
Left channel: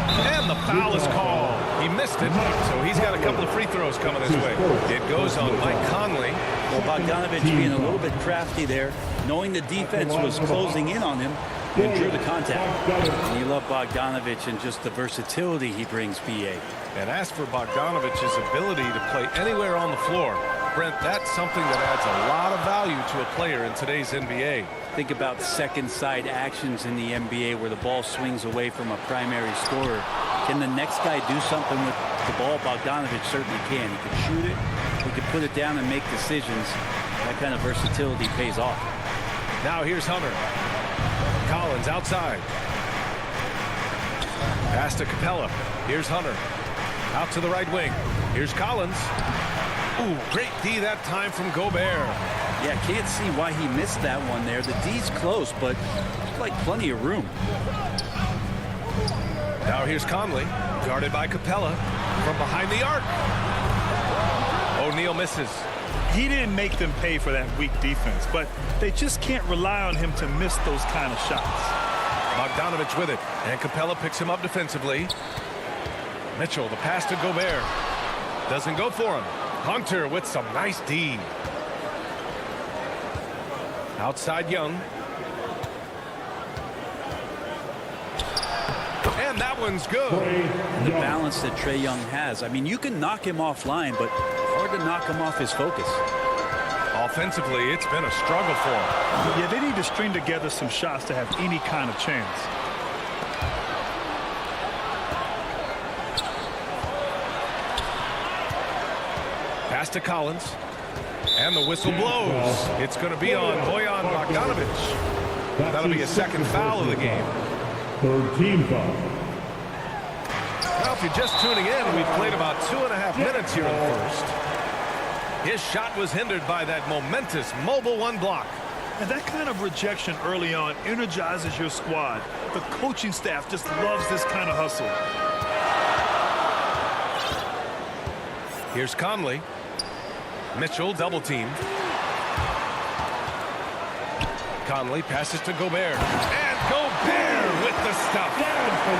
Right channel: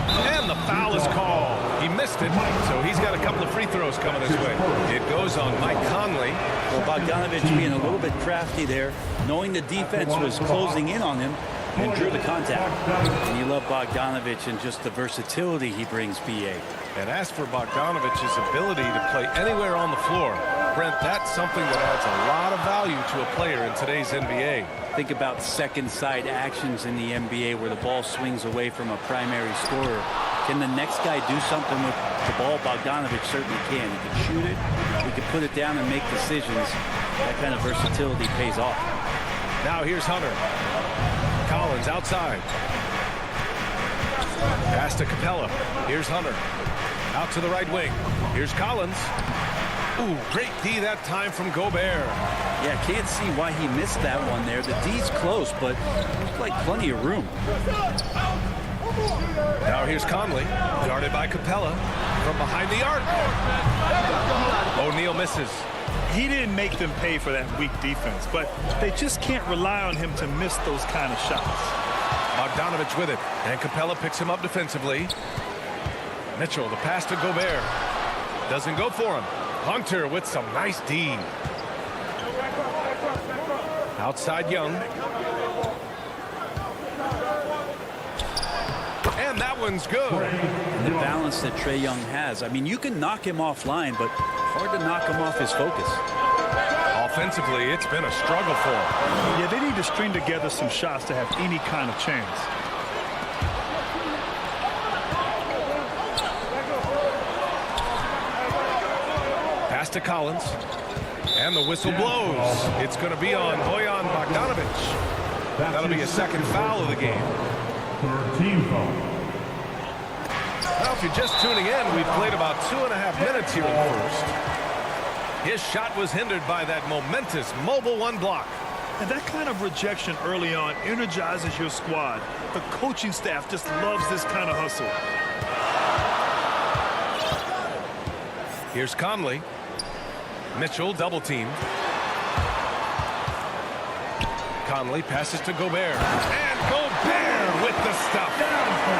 And the foul is called. He missed it, so he's got a couple of free throws coming his way. It goes on Mike Conley. Well, Bogdanovic being a little bit crafty there, knowing the defense was closing in on him, and drew the contact. And you love Bogdanovic and just the versatility he brings, B.A. And as for Bogdanovic's ability to play anywhere on the floor, Brent, that's something that adds a lot of value to a player in today's NBA. Think about second side actions in the NBA where the ball swings away from a primary scorer. Can the next guy do something with the ball? Bogdanovic certainly can. He could shoot it. He could put it down and make decisions. That kind of versatility pays off. Now here's Hunter. Collins outside. Pass to Capella. Here's Hunter. Out to the right wing. Here's Collins. Ooh, great D that time from Gobert. Yeah, can't see why he missed that one there. The D's close, but looks like plenty of room. Now here's Conley, guarded by Capella from behind the arc. O'Neal misses. He didn't make them pay for that weak defense, but they just can't rely on him to miss those kind of shots. Bogdanovic with it, and Capella picks him up defensively. Mitchell, the pass to Gobert. Doesn't go for him. Hunter with some nice D. Outside Young. And that one's good. And the balance that Trae Young has. I mean, you can knock him offline, but hard to knock him off his focus. Offensively, it's been a struggle for him. Yeah, they need to string together some shots to have any kind of chance. Pass to Collins. And the whistle blows. It's going to be on Bojan Bogdanovic. That'll be a second foul of the game. Third team foul. Now, if you're just tuning in, we've played about 2.5 minutes here in the first. His shot was hindered by that momentous mobile one block. And that kind of rejection early on energizes your squad. The coaching staff just loves this kind of hustle. Here's Conley. Mitchell double teamed. Conley passes to Gobert. And Gobert with the stuff.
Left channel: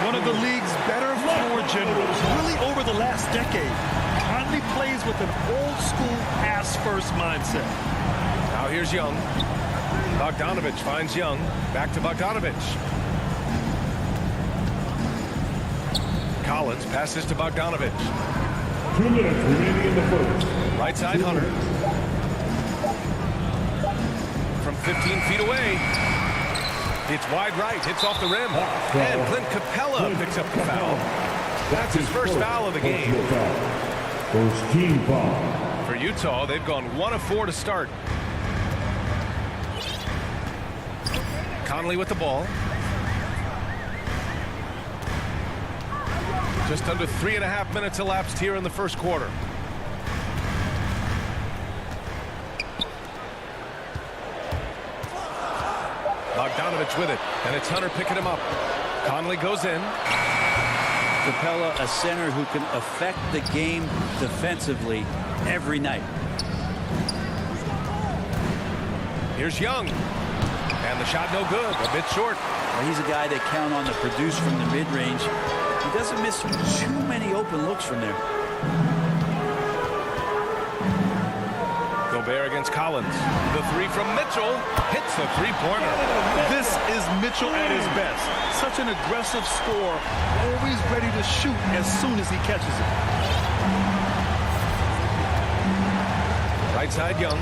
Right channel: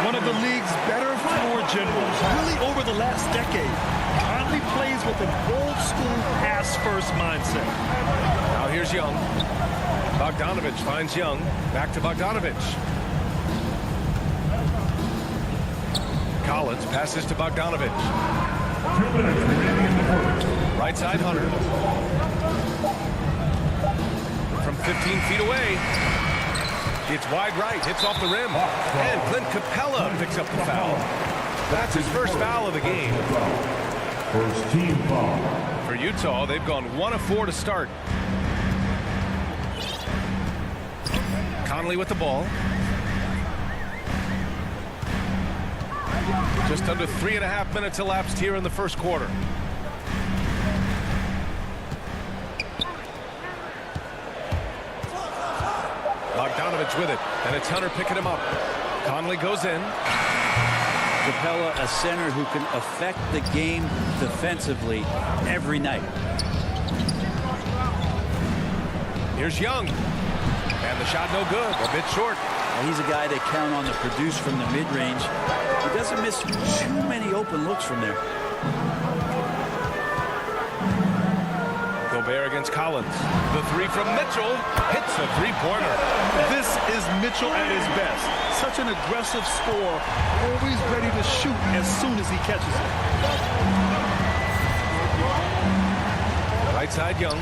One of the league's better floor generals, really over the last decade. Conley plays with an old school pass first mindset. Now here's Young. Bogdanovic finds Young. Back to Bogdanovic. Collins passes to Bogdanovic. 2 minutes remaining in the first. Right side Hunter. From 15 feet away. It's wide right. Hits off the rim. And Clint Capella picks up the foul. That's his first foul of the game. First team foul. For Utah, they've gone 1 of 4 to start. Conley with the ball. Just under 3.5 minutes elapsed here in the first quarter. Bogdanovic with it, and it's Hunter picking him up. Conley goes in. Capella, a center who can affect the game defensively every night. Here's Young. And the shot no good, a bit short. Well, he's a guy they count on to produce from the mid-range. He doesn't miss too many open looks from there. Gobert against Collins. The three from Mitchell hits a three-pointer. This is Mitchell at his best. Such an aggressive scorer, always ready to shoot as soon as he catches it. Right side, Young.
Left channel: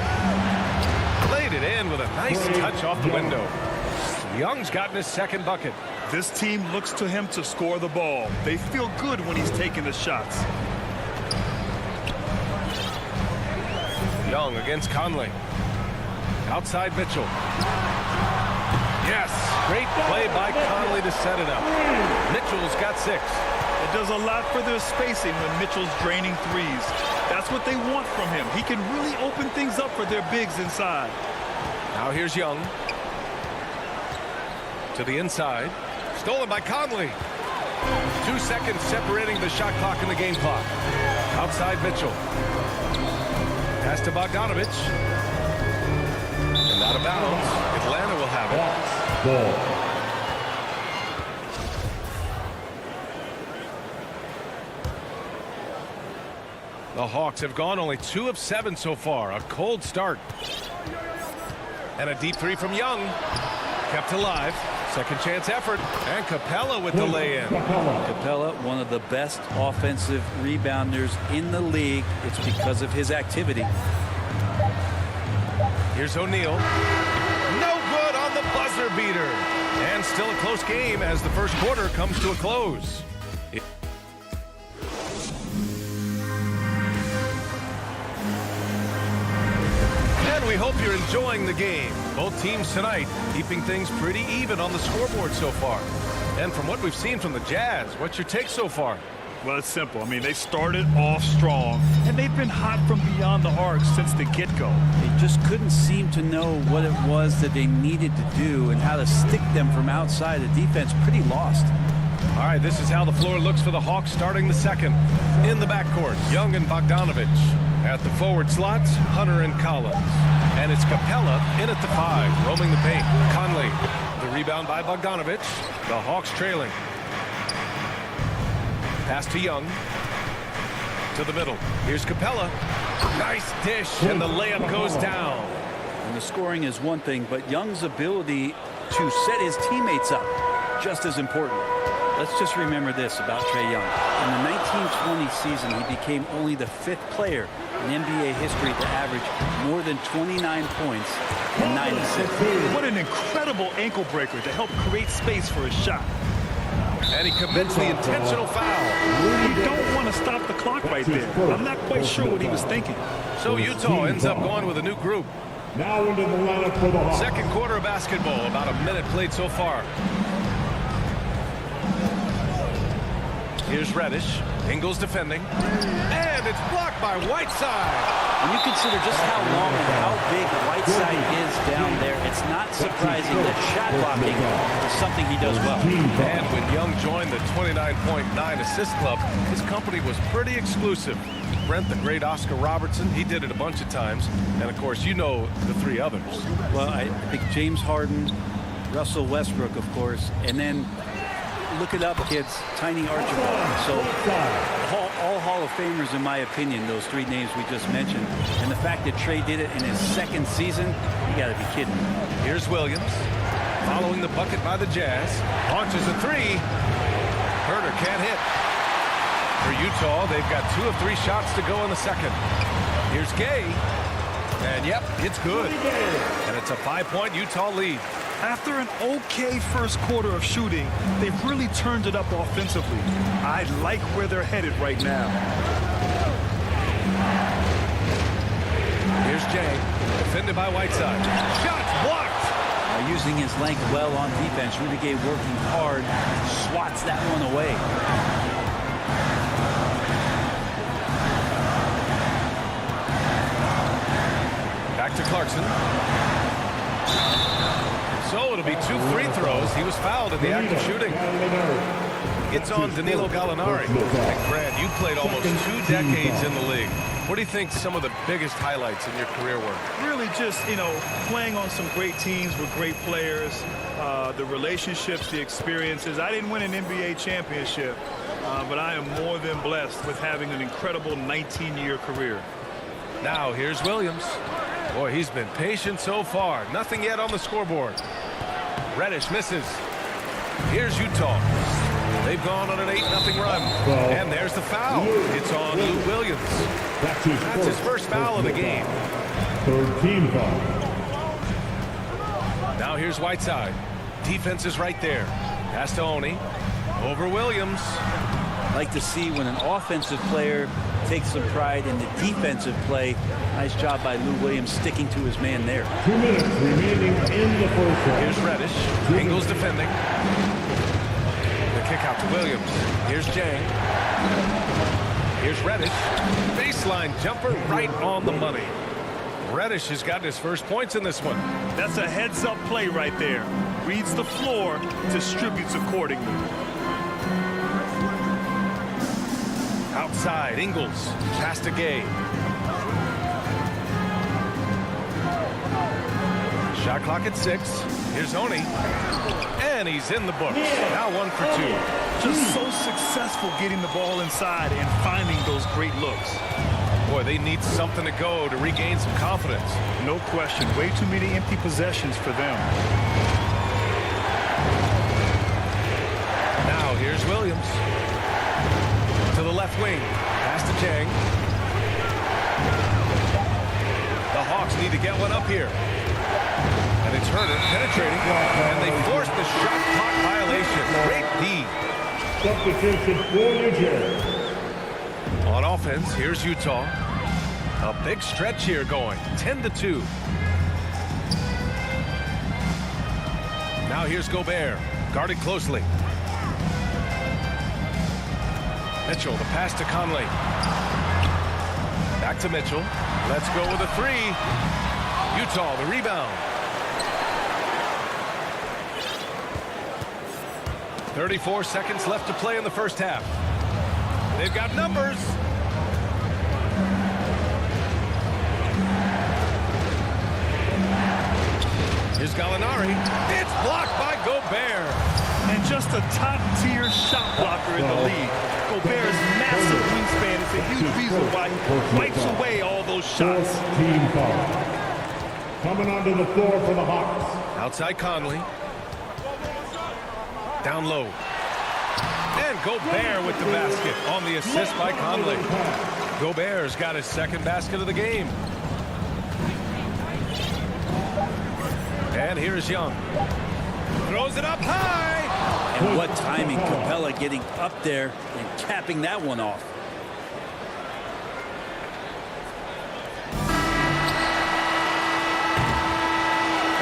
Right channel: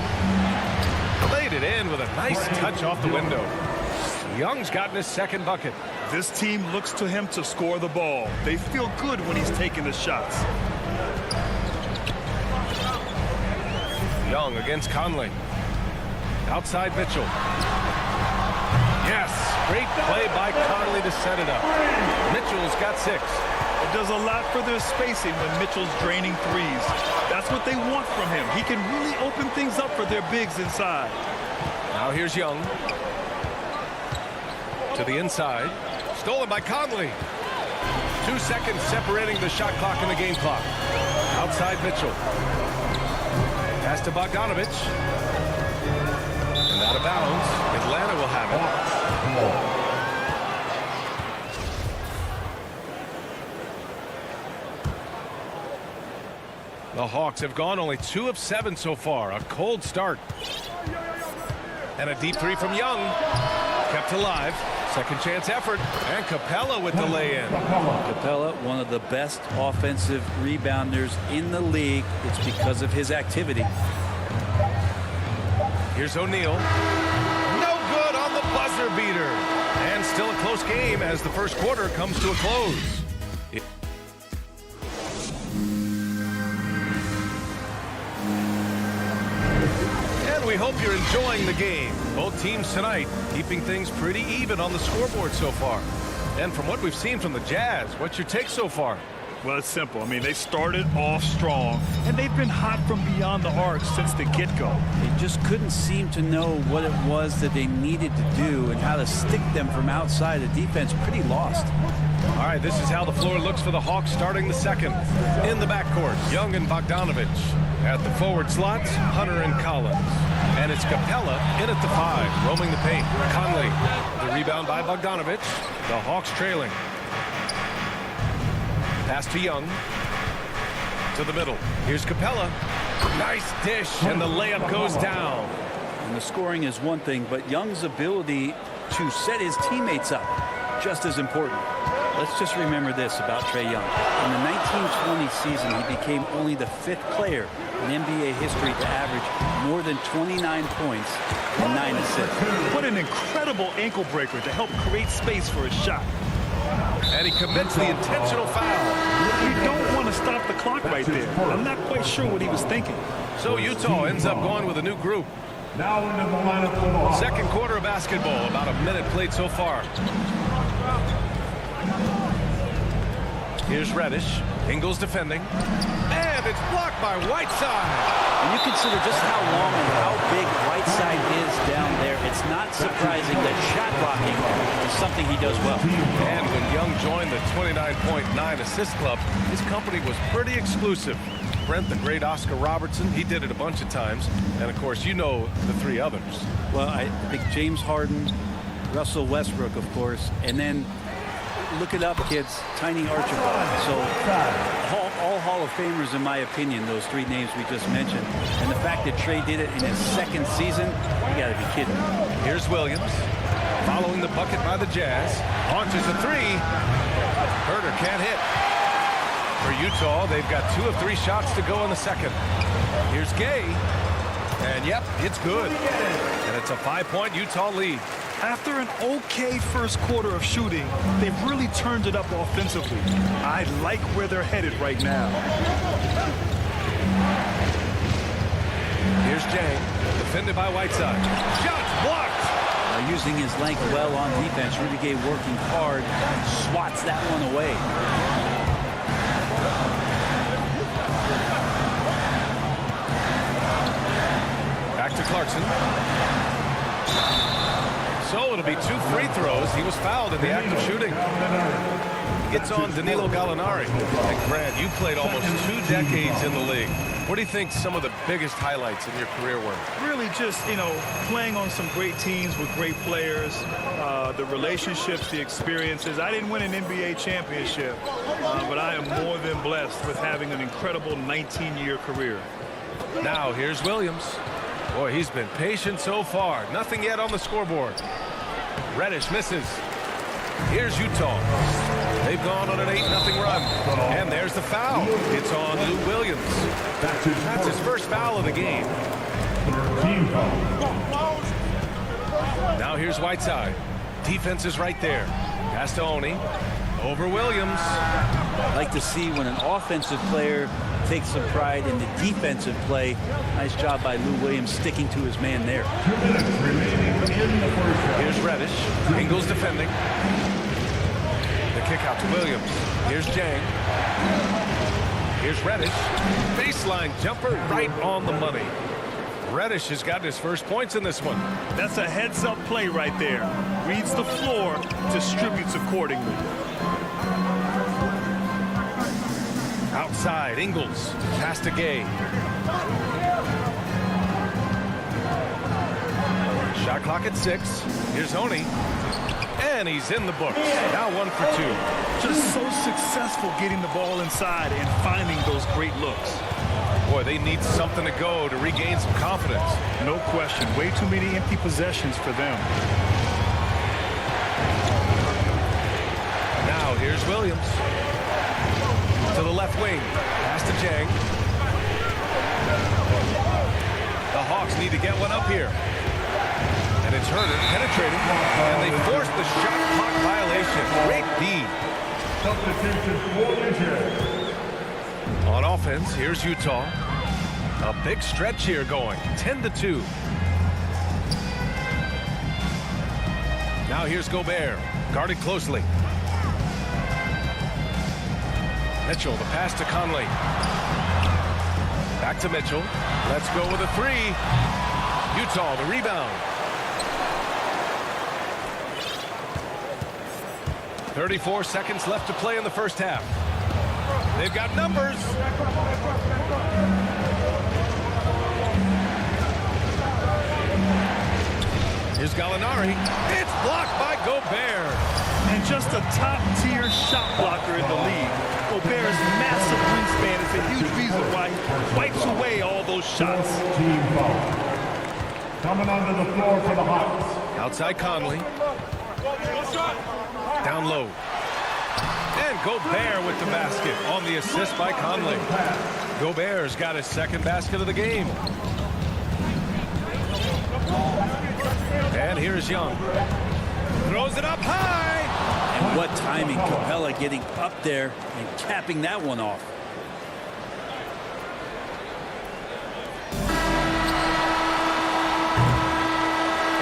Laid it in with a nice touch off the window. Young's gotten his second bucket. This team looks to him to score the ball. They feel good when he's taking the shots. Young against Conley. Outside Mitchell. Yes, great play by Conley to set it up. Mitchell's got 6. It does a lot for their spacing when Mitchell's draining threes. That's what they want from him. He can really open things up for their bigs inside. Now here's Young. To the inside. Stolen by Conley. 2 seconds separating the shot clock and the game clock. Outside Mitchell. Pass to Bogdanovich. And out of bounds. Atlanta will have it. Ball. The Hawks have gone only 2 of 7 so far. A cold start. And a deep three from Young. Kept alive. Second chance effort. And Capella with the lay-in. Capella, one of the best offensive rebounders in the league. It's because of his activity. Here's O'Neal. No good on the buzzer beater. And still a close game as the first quarter comes to a close. And we hope you're enjoying the game. Both teams tonight keeping things pretty even on the scoreboard so far. And from what we've seen from the Jazz, what's your take so far? Well, it's simple. I mean, they started off strong, and they've been hot from beyond the arc since the get-go. They just couldn't seem to know what it was that they needed to do and how to stick them from outside. The defense pretty lost. All right, this is how the floor looks for the Hawks starting the second. In the backcourt, Young and Bogdanovich. At the forward slots, Hunter and Collins. And it's Capella in at the 5, roaming the paint. Conley, the rebound by Bogdanovich. The Hawks trailing. Pass to Young. To the middle. Here's Capella. Nice dish, and the layup goes down. And the scoring is one thing, but Young's ability to set his teammates up, just as important. Let's just remember this about Trae Young. In the 1920 season, he became only the 5th player in NBA history to average more than 29 points and 9 assists. What an incredible ankle breaker to help create space for his shot. And he commits the intentional foul. You don't want to stop the clock right there. I'm not quite sure what he was thinking. So Utah ends up going with a new group. Now into the lineup for the Hawks. Second quarter of basketball, about a minute played so far. Here's Reddish. Ingles defending. And it's blocked by Whiteside. When you consider just how long and how big Whiteside is down there, it's not surprising that shot blocking is something he does well. And when Young joined the 29.9 assist club, his company was pretty exclusive. Brent, the great Oscar Robertson, he did it a bunch of times. And, of course, you know the 3 others. Well, I think James Harden, Russell Westbrook, of course, and then look it up, kids, Tiny Archibald. So all Hall of Famers, in my opinion, those 3 names we just mentioned. And the fact that Trae did it in his 2nd season, you got to be kidding. Here's Williams. Following the bucket by the Jazz. Launches a 3. Herter can't hit. For Utah, they've got 2 of 3 shots to go in the second. Here's Gay. And, yep, it's good. And it's a 5-point Utah lead. After an okay first quarter of shooting, they've really turned it up offensively. I like where they're headed right now. Here's Jang, defended by Whiteside. Shots blocked. Using his length well on defense, Rudy Gay working hard, swats that one away. Back to Clarkson. So it'll be 2 free throws. He was fouled in the act of shooting. It's on Danilo Gallinari. And Grant, you played almost 2 decades in the league. What do you think some of the biggest highlights in your career were? Really just, playing on some great teams with great players, the relationships, the experiences. I didn't win an NBA championship, but I am more than blessed with having an incredible 19-year career. Now here's Williams. Boy, he's been patient so far. Nothing yet on the scoreboard. Reddish misses. Here's Utah. They've gone on an 8-0 run. And there's the foul. It's on Lou Williams. That's his first foul of the game. Third team foul. Now here's Whiteside. Defense is right there. Pass to Oni. Over Williams. I'd like to see when an offensive player takes some pride in the defensive play. Nice job by Lou Williams sticking to his man there. 2 minutes remaining in the first half. Here's Reddish. Ingles defending. The kick out to Williams. Here's Jang. Here's Reddish. Baseline jumper right on the money. Reddish has gotten his first points in this one. That's a heads-up play right there. Reads the floor, distributes accordingly. Outside, Ingles. Pass to Gay. Shot clock at 6. Here's Oni. And he's in the books. Now 1 for 2. Just so successful getting the ball inside and finding those great looks. Boy, they need something to go to regain some confidence. No question. Way too many empty possessions for them. Now here's Williams. To the left wing. Pass to Jang. The Hawks need to get one up here. And it's Herter penetrating. And they force the shot clock violation. Great D. Substitution for New Jersey. On offense, here's Utah. A big stretch here going. 10-2. Now here's Gobert. Guarded closely. Mitchell, the pass to Conley. Back to Mitchell. Let's go with a 3. Utah, the rebound. 34 seconds left to play in the first half. They've got numbers. Here's Gallinari. It's blocked by Gobert. And just a top-tier shot blocker in the league. Gobert's massive wingspan is a huge reason why he wipes away all those shots. Fourth team foul. Coming onto the floor for the Hawks. Outside Conley. Down low. And Gobert with the basket on the assist by Conley. Gobert's got his second basket of the game. And here's Young. Throws it up high. And what timing. Capella getting up there and capping that one off.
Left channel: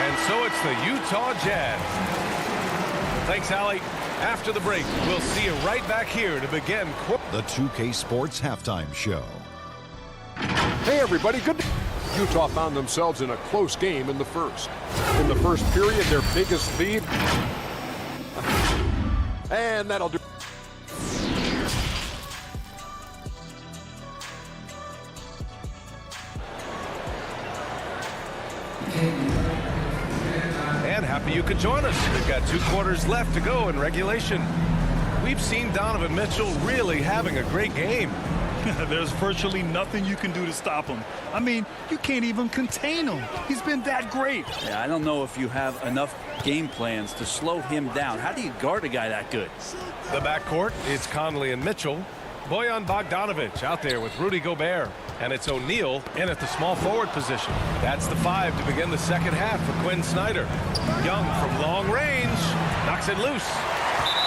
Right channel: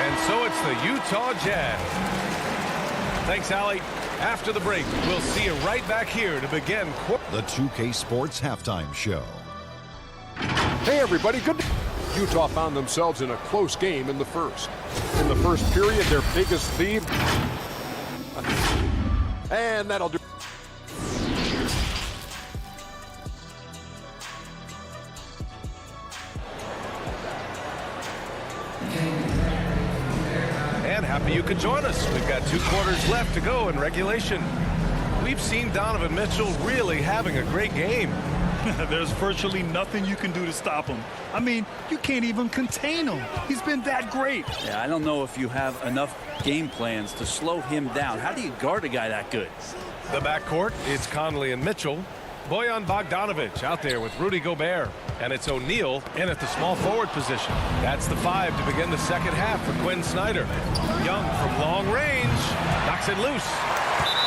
And so it's the Utah Jazz. Thanks, Allie. After the break, we'll see you right back here to begin the 2K Sports Halftime Show. Hey, everybody. Good. Utah found themselves in a close game in the first. In the first period, their biggest lead. And that'll do. And happy you could join us. We've got 2 quarters left to go in regulation. We've seen Donovan Mitchell really having a great game. There's virtually nothing you can do to stop him. I mean, you can't even contain him. He's been that great. Yeah, I don't know if you have enough game plans to slow him down. How do you guard a guy that good? The backcourt is Conley and Mitchell. Bojan Bogdanovic out there with Rudy Gobert. And it's O'Neal in at the small forward position. That's the 5 to begin the second half for Quinn Snyder. Young from long range. Knocks it loose.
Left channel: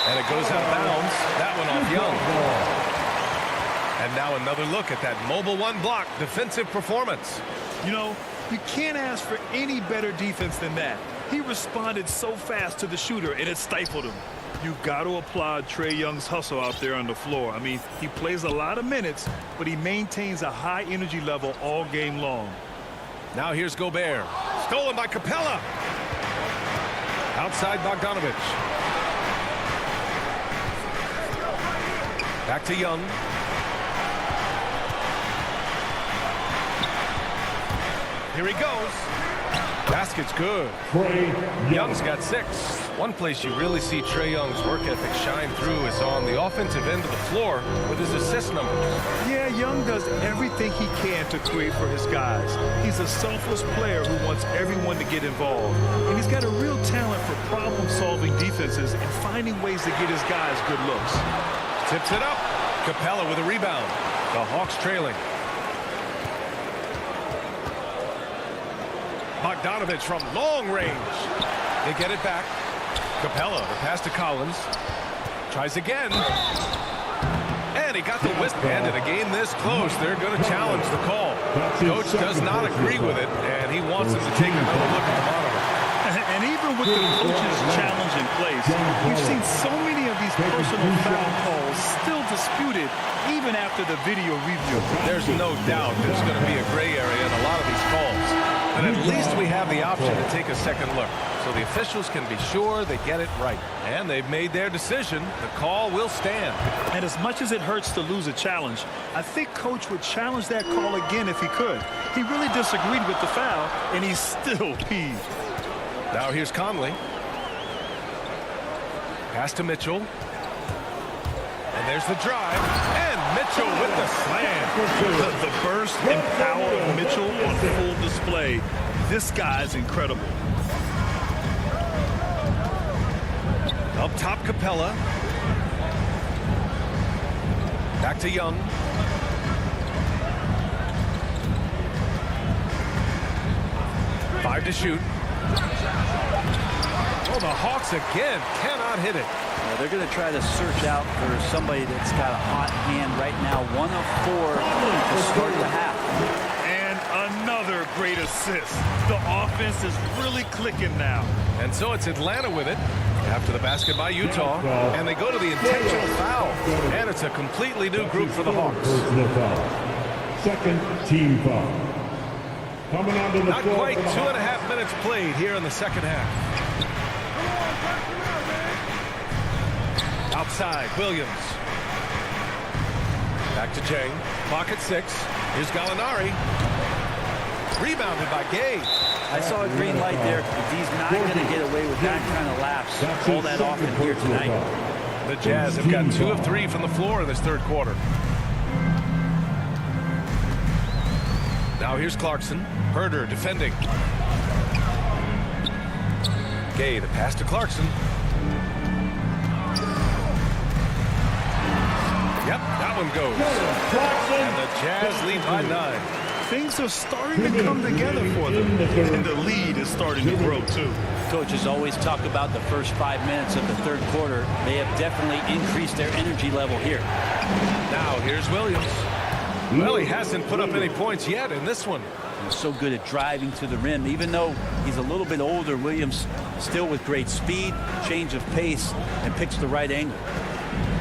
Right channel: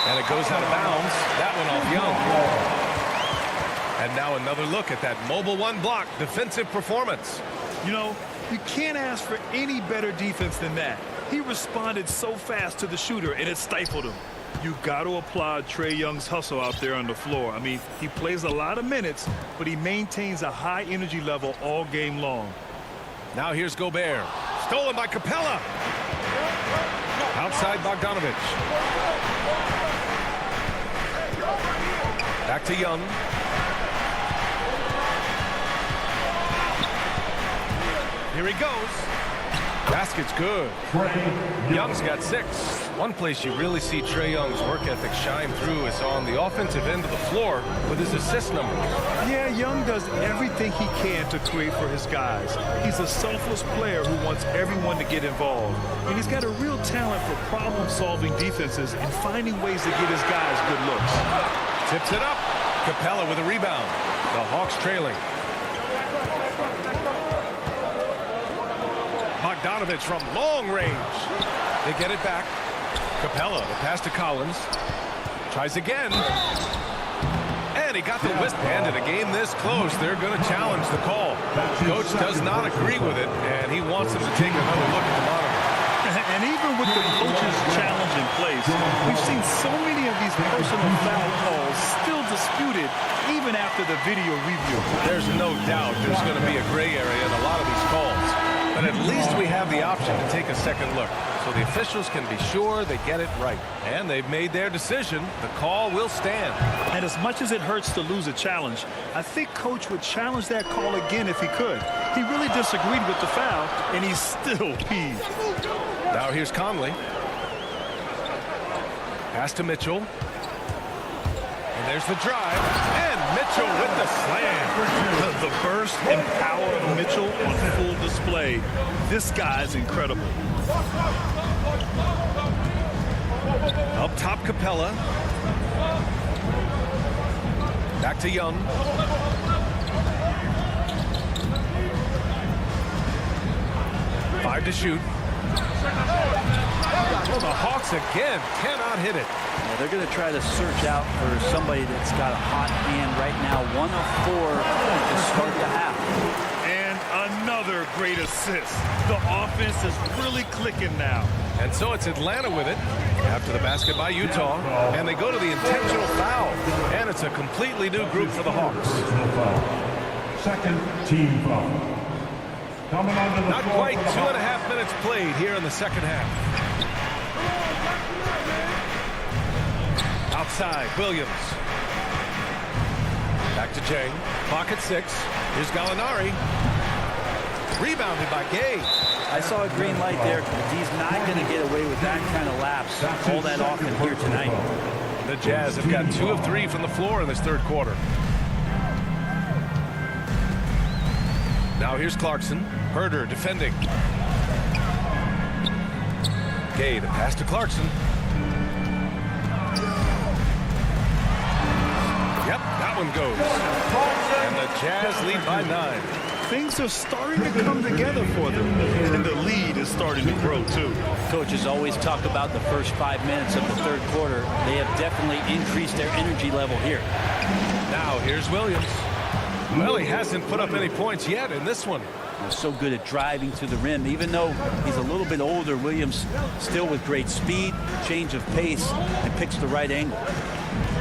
And it goes out of bounds. That one off Young. And now another look at that mobile 1 block defensive performance. You know, you can't ask for any better defense than that. He responded so fast to the shooter, and it stifled him. You got to applaud Trae Young's hustle out there on the floor. I mean, he plays a lot of minutes, but he maintains a high energy level all game long. Now here's Gobert. Stolen by Capella. Outside Bogdanovic. Back to Young. Here he goes. Basket's good. Young's got 6. One place you really see Trae Young's work ethic shine through is on the offensive end of the floor with his assist numbers. Yeah, Young does everything he can to create for his guys. He's a selfless player who wants everyone to get involved. And he's got a real talent for problem-solving defenses and finding ways to get his guys good looks. Tips it up. Capella with a rebound. The Hawks trailing. Bogdanovich from long range. They get it back. Capella, the pass to Collins. Tries again. And he got the wristband in a game this close. They're going to challenge the call. Coach does not agree with it, and he wants him to take another look at the monitor. And even with the coach's challenge in place, we've seen so many of these personal foul calls still disputed even after the video review. There's no doubt there's going to be a gray area in a lot of these calls. But at least we have the option to take a second look. So the officials can be sure they get it right. And they've made their decision. The call will stand. And as much as it hurts to lose a challenge, I think Coach would challenge that call again if he could. He really disagreed with the foul, and he's still peeved. Now here's Conley. Pass to Mitchell. And there's the drive. And Mitchell with the slam. The burst and power of Mitchell on full display. This guy's incredible. Up top, Capella. Back to Young. Five to shoot. Oh, the Hawks again cannot hit it. Yeah, they're going to try to search out for somebody that's got a hot hand right now. 1 of 4 to start the half. And another great assist. The offense is really clicking now. And so it's Atlanta with it after the basket by Utah. And they go to the intentional foul. And it's a completely new group for the Hawks. Personal foul. Second team foul. Coming onto the Not quite 2.5 minutes played here in the second half. Outside, Williams. Back to Jang. Clock at 6. Here's Gallinari. Rebounded by Gay. I saw a green light there. D's not going to get away with that kind of lapse all that often here tonight. The Jazz have got 2 of 3 from the floor in this third quarter. Now here's Clarkson. Herder defending. Gay, the pass to Clarkson. Yep, that one goes. And the Jazz lead by 9. Things are starting to come together for them. And the lead is starting to grow, too. Coaches always talk about the first 5 minutes of the third quarter. They have definitely increased their energy level here. Now here's Williams. Well, he hasn't put up any points yet in this one. He's so good at driving to the rim. Even though he's a little bit older, Williams still with great speed, change of pace, and picks the right angle.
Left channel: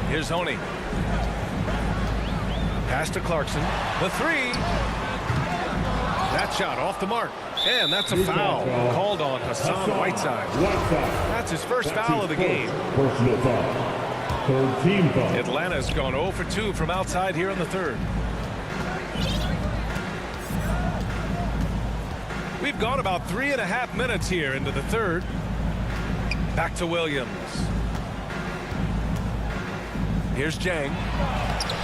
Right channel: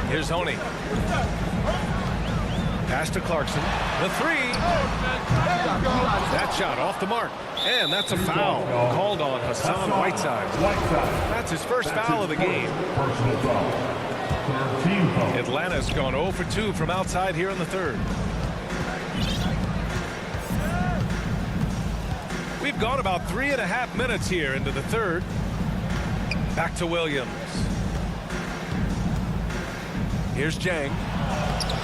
Here's Honey. Pass to Clarkson. The 3. That shot off the mark. And that's a foul called on Hassan Whiteside. That's his first foul of the game. Personal foul. Third team foul. Atlanta's gone 0 for 2 from outside here in the third. We've gone about 3.5 minutes here into the third. Back to Williams. Here's Jang.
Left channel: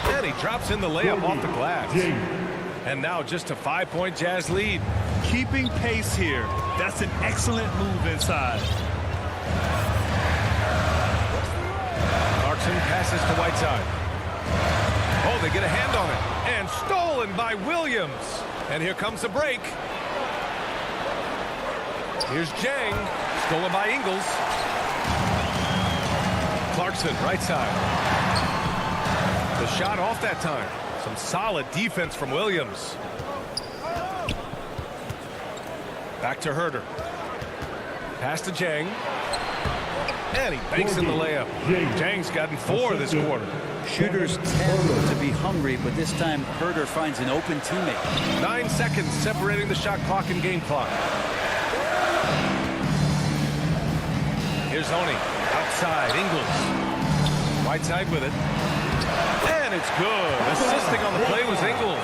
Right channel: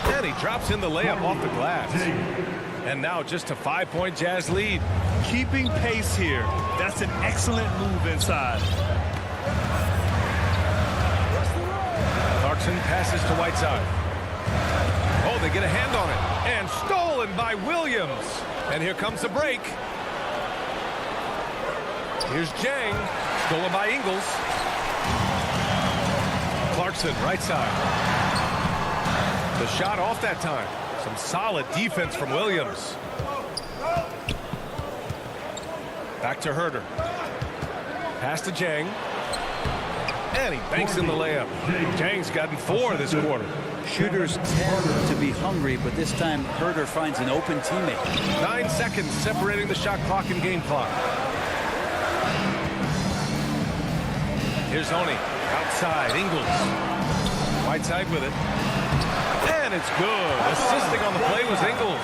And he drops in the layup off the glass. And now just a 5-point Jazz lead. Keeping pace here. That's an excellent move inside. Clarkson passes to Whiteside. Oh, they get a hand on it. And stolen by Williams. And here comes the break. Here's Jang. Stolen by Ingles. Clarkson, right side. The shot off that time. Some solid defense from Williams. Back to Herder. Pass to Jang. And he banks in the layup. Jang's gotten 4 this quarter. Shooters tend to be hungry, but this time Herder finds an open teammate. 9 seconds separating the shot clock and game clock. Here's Honey. Outside, Ingles. Whiteside with it. And it's good. Assisting on the play was Ingles.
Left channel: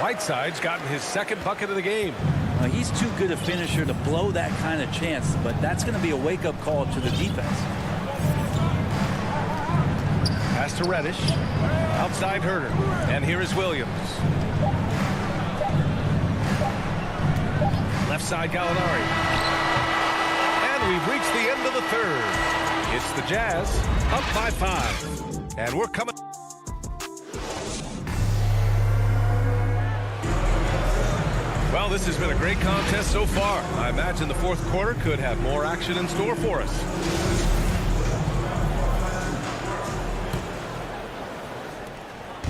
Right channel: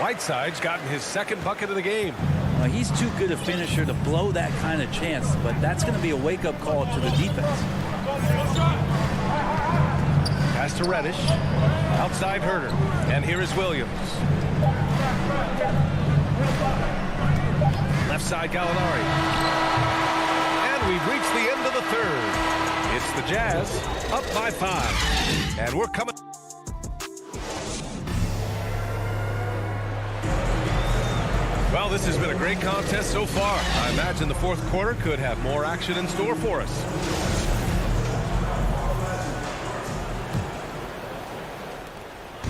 Whiteside's gotten his second bucket of the game. He's too good a finisher to blow that kind of chance, but that's going to be a wake-up call to the defense. Pass to Reddish. Outside Herder. And here is Williams. Left side Gallinari. And we've reached the end of the third. It's the Jazz up by 5. And we're coming. Well, this has been a great contest so far. I imagine the fourth quarter could have more action in store for us.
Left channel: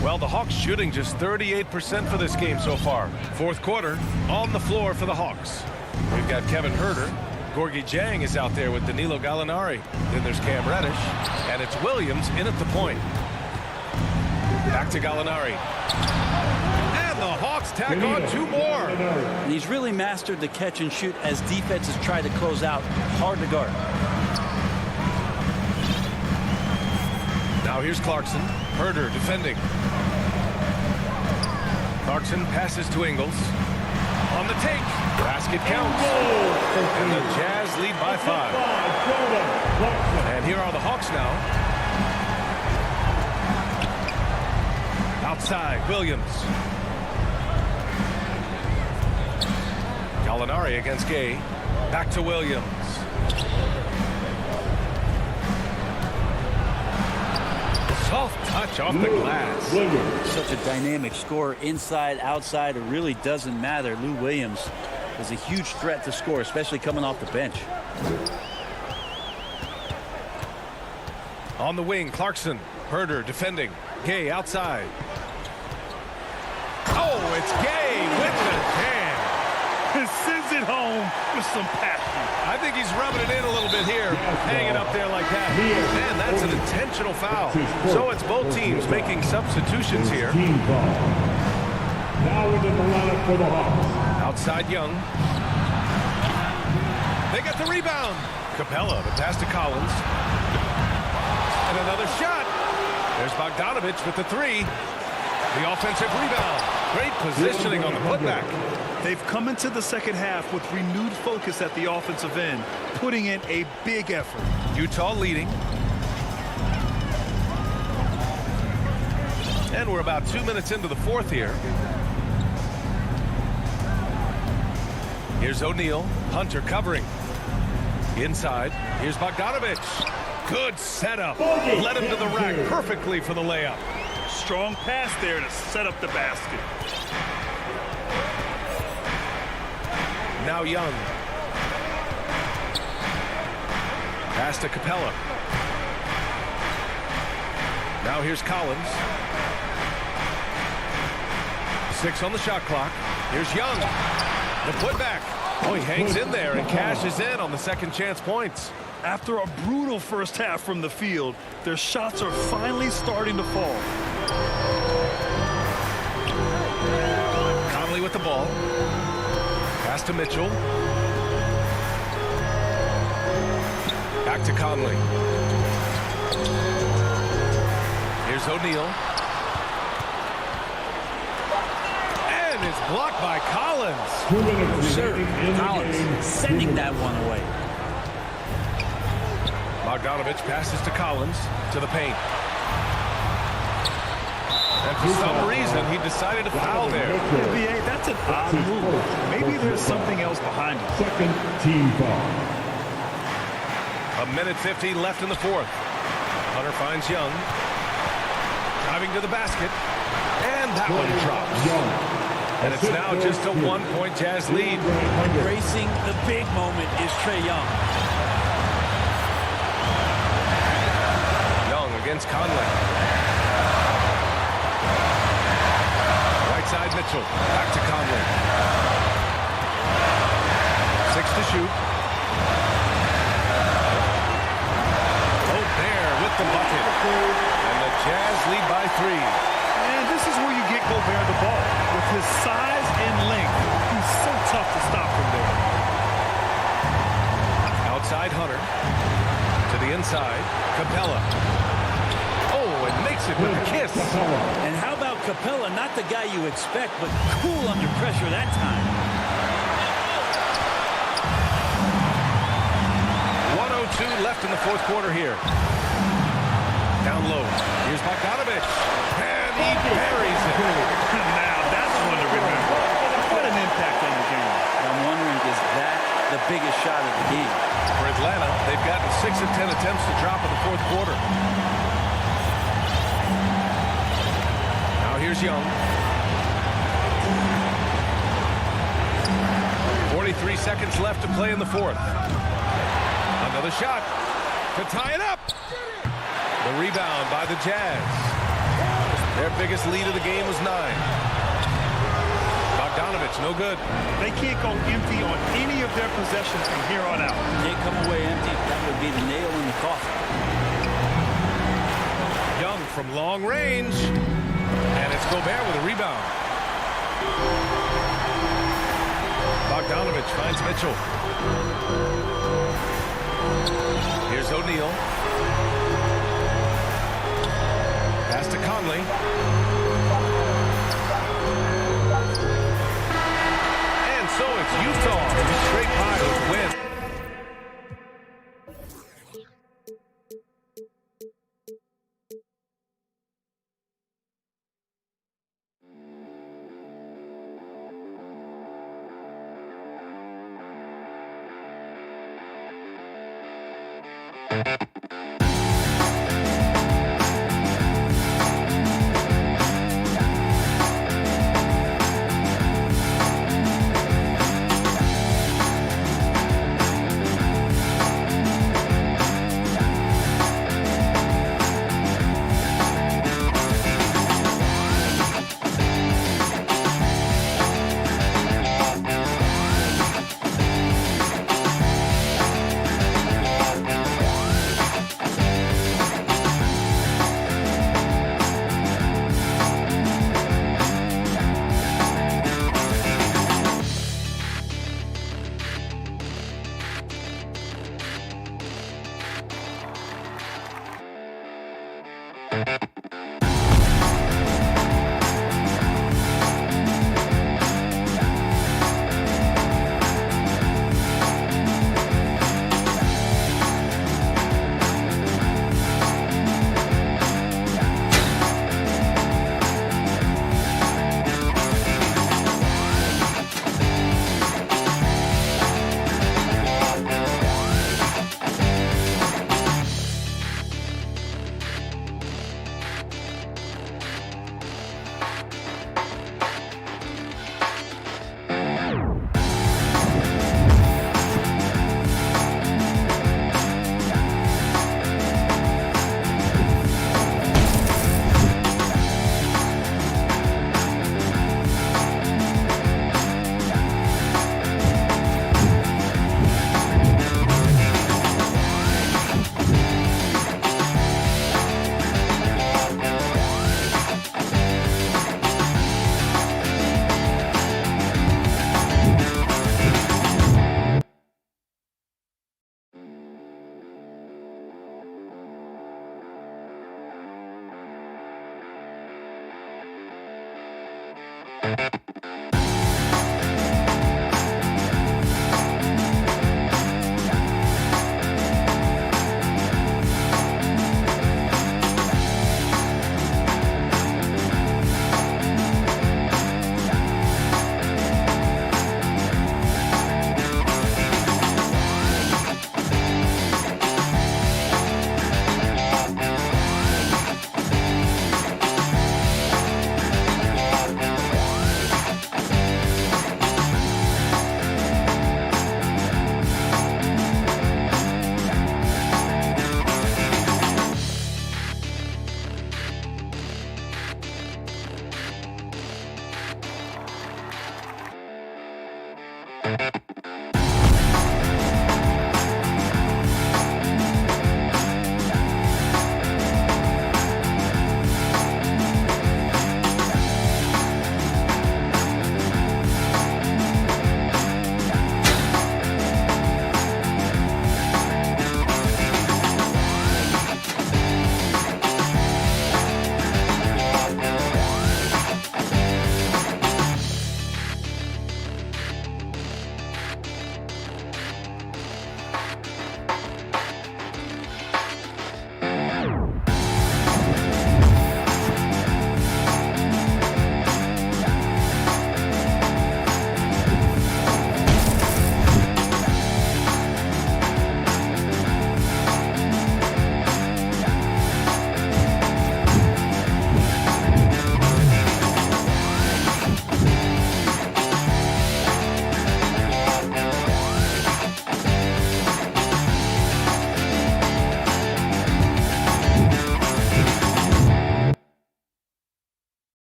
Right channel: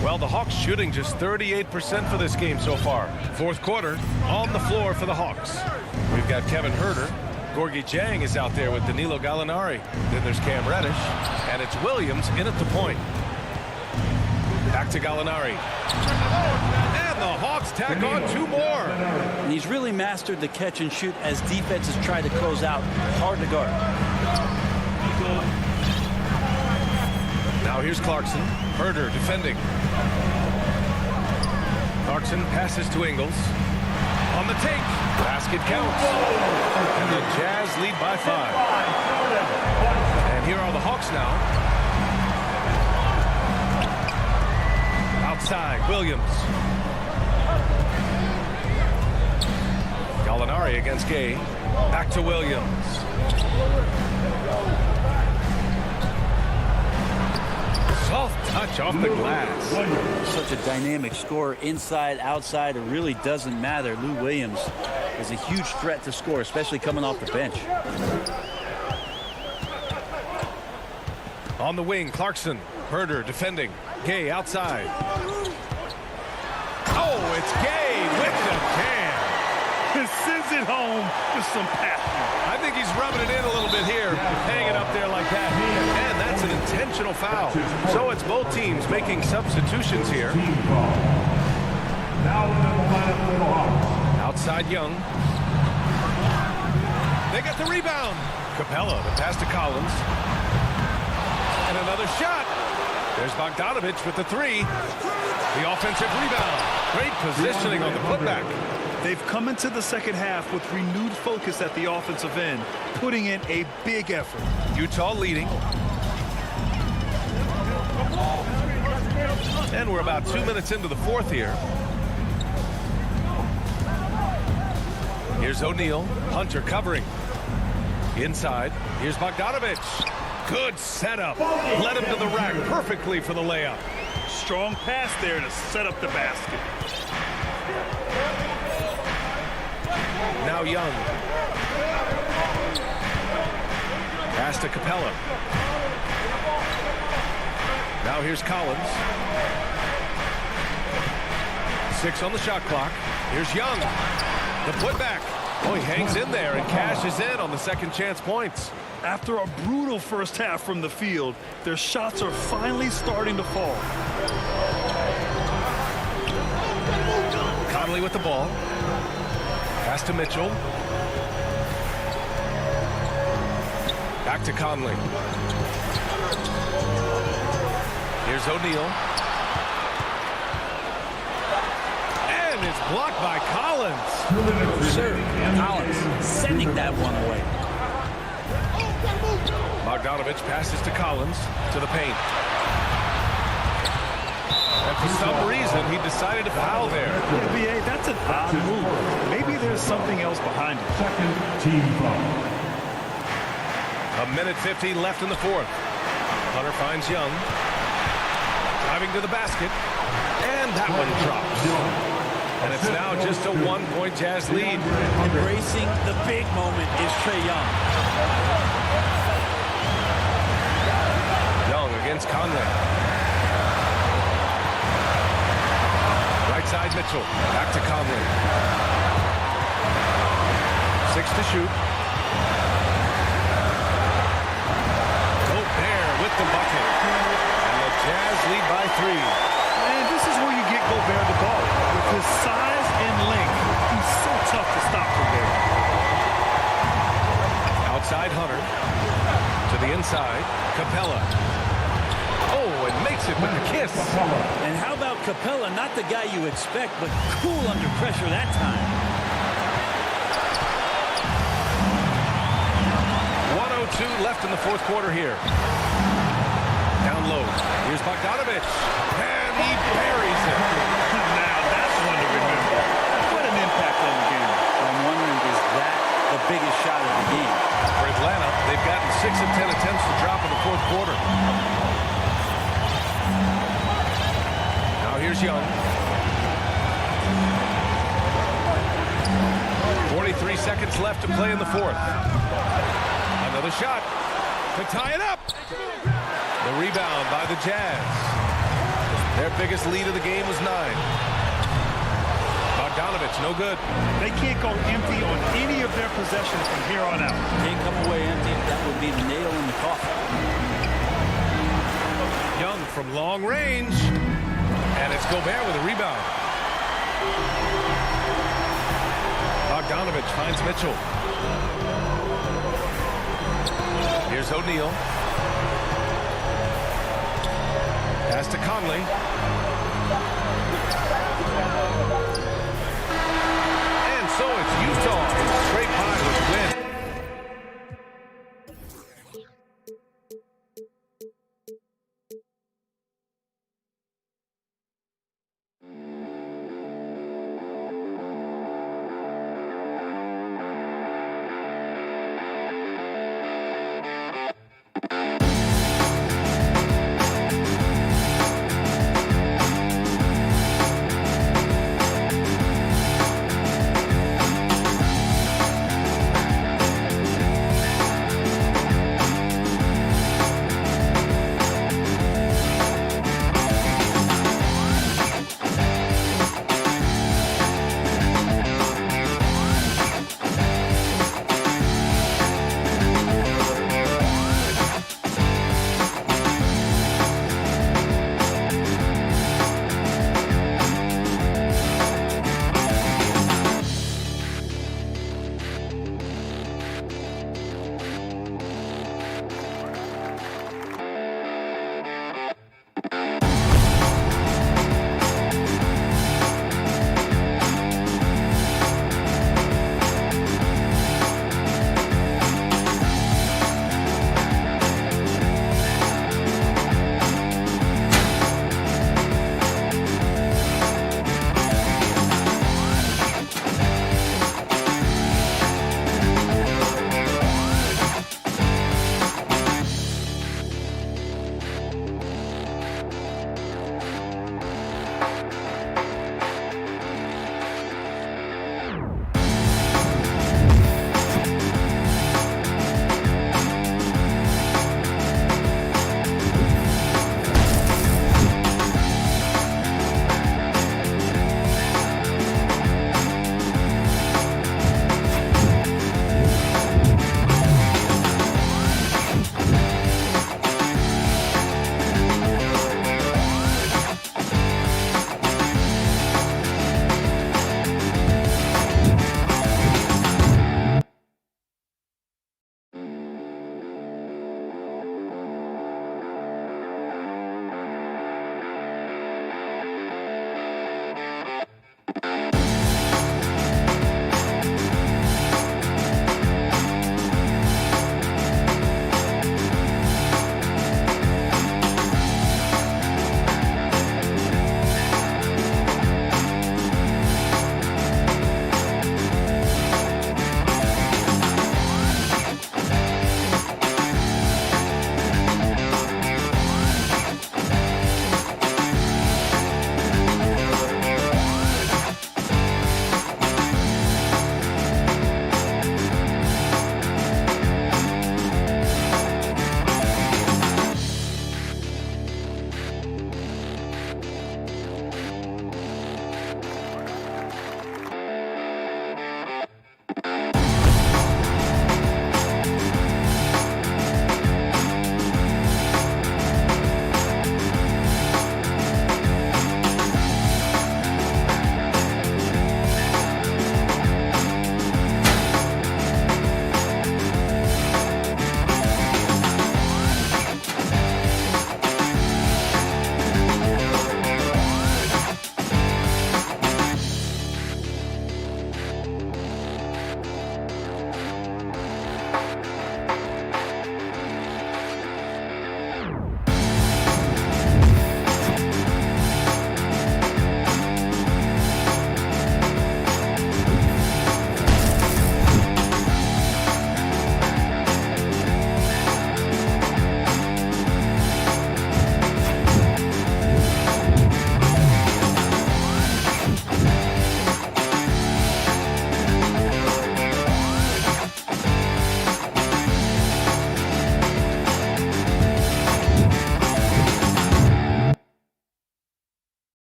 Well, the Hawks shooting just 38% for this game so far. Fourth quarter on the floor for the Hawks. We've got Kevin Herder. Gorgui Dieng is out there with Danilo Gallinari. Then there's Cam Reddish. And it's Williams in at the point. Back to Gallinari. And the Hawks tack on 2 more. And he's really mastered the catch and shoot as defenses try to close out. Hard to guard. Now here's Clarkson. Herder defending. Clarkson passes to Ingles. On the take. Basket counts. And the Jazz lead by 5. And here are the Hawks now. Outside, Williams. Gallinari against Gay. Back to Williams. Soft touch off the glass. Such a dynamic scorer, inside, outside, it really doesn't matter. Lou Williams is a huge threat to score, especially coming off the bench. On the wing, Clarkson. Herder defending. Gay outside. Oh, it's Gay with the jam. Sends it home with some passion. I think he's rubbing it in a little bit here, hanging up there like that. And that's an intentional foul. So it's both teams making substitutions here. Now into the lineup for the Hawks. Outside Young. They get the rebound. Capella, the pass to Collins. And another shot. There's Bogdanovich with the 3. The offensive rebound. Great positioning on the putback. They've come into the second half with renewed focus at the offensive end, putting in a big effort. Utah leading. And we're about 2 minutes into the fourth here. Here's O'Neal. Hunter covering. Inside. Here's Bogdanovich. Good setup. Led him to the rack perfectly for the layup. Strong pass there to set up the basket. Now Young. Pass to Capella. Now here's Collins. 6 on the shot clock. Here's Young. The putback. Oh, he hangs in there and cashes in on the second chance points. After a brutal first half from the field, their shots are finally starting to fall. Conley with the ball. Pass to Mitchell. Back to Conley. Here's O'Neal. And it's blocked by Collins. 2 minutes. Sir, Collins sending that one away. Bogdanovich passes to Collins to the paint. And for some reason, he decided to foul there. Yeah, B.A., that's an odd move. Maybe there's something else behind it. Second team foul. 1:50 left in the fourth. Hunter finds Young. Driving to the basket. And that one drops. And it's now just a 1-point Jazz lead. Embracing the big moment is Trae Young. Young against Conley. Right side Mitchell. Back to Conley. 6 to shoot. Gobert with the bucket. And the Jazz lead by 3. And this is where you get Gobert the ball. With his size and length, he's so tough to stop from there. Outside Hunter. To the inside. Capella. Oh, and makes it with a kiss. And how about Capella? Not the guy you expect, but cool under pressure that time. 1:02 left in the fourth quarter here. Down low. Here's Bogdanovich. And he buries it. Now that's one to remember. What an impact on the game. I'm wondering, is that the biggest shot of the game? For Atlanta, they've gotten 6 of 10 attempts to drop in the fourth quarter. Now here's Young. 43 seconds left to play in the fourth. Another shot to tie it up. The rebound by the Jazz. Their biggest lead of the game was 9. Bogdanovich, no good. They can't go empty on any of their possessions from here on out. Can't come away empty. That would be the nail in the coffin. Young from long range. And it's Gobert with a rebound. Bogdanovich finds Mitchell. Here's O'Neal. Pass to Conley. And so it's Utah who scrape by with the win.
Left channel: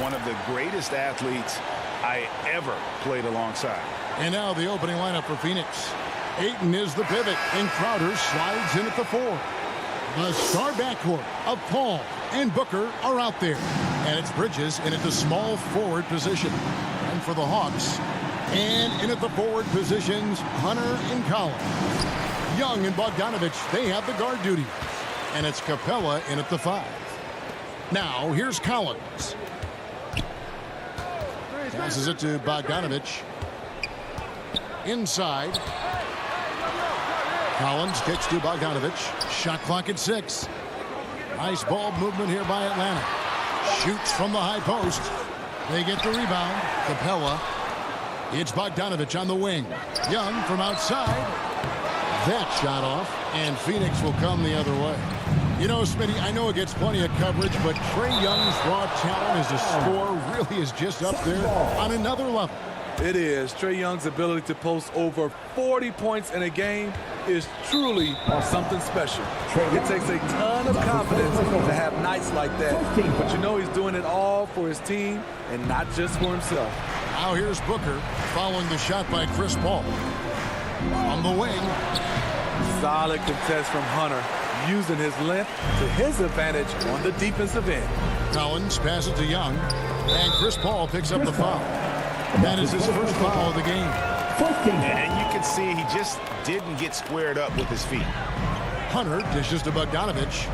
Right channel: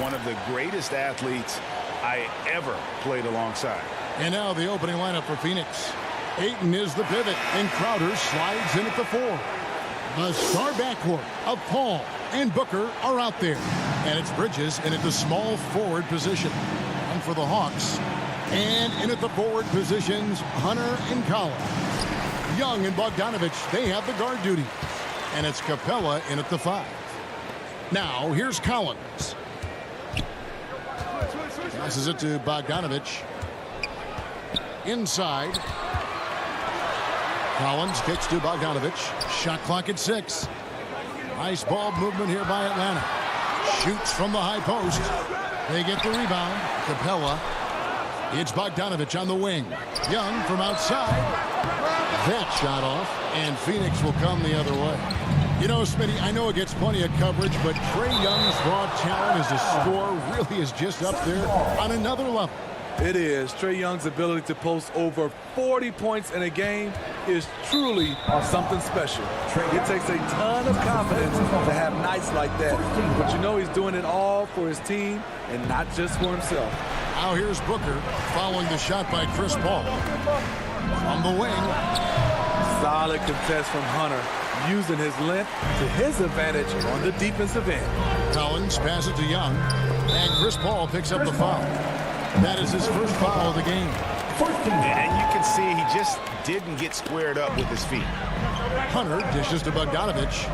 One of the greatest athletes I ever played alongside. And now the opening lineup for Phoenix. Ayton is the pivot, and Crowder slides in at the 4. The star backcourt of Paul, and Booker are out there. And it's Bridges in at the small forward position. And for the Hawks, and in at the forward positions, Hunter and Collins. Young and Bogdanovich, they have the guard duties. And it's Capella in at the 5. Now, here's Collins. Passes it to Bogdanovich. Inside. Collins kicks to Bogdanovich. Shot clock at 6. Nice ball movement here by Atlanta. Shoots from the high post. They get the rebound. Capella. It's Bogdanovich on the wing. Young from outside. That shot off. And Phoenix will come the other way. You know, Smitty, I know it gets plenty of coverage, but Trae Young's raw talent as a scorer really is just up there on another level. It is. Trae Young's ability to post over 40 points in a game is truly something special. It takes a ton of confidence to have nights like that. But you know he's doing it all for his team and not just for himself. Now here's Booker following the shot by Chris Paul. On the wing. Solid contest from Hunter, using his length to his advantage on the defensive end. Collins passes to Young, and Chris Paul picks up the foul. That is his first foul of the game. And you can see he just didn't get squared up with his feet. Hunter dishes to Bogdanovich.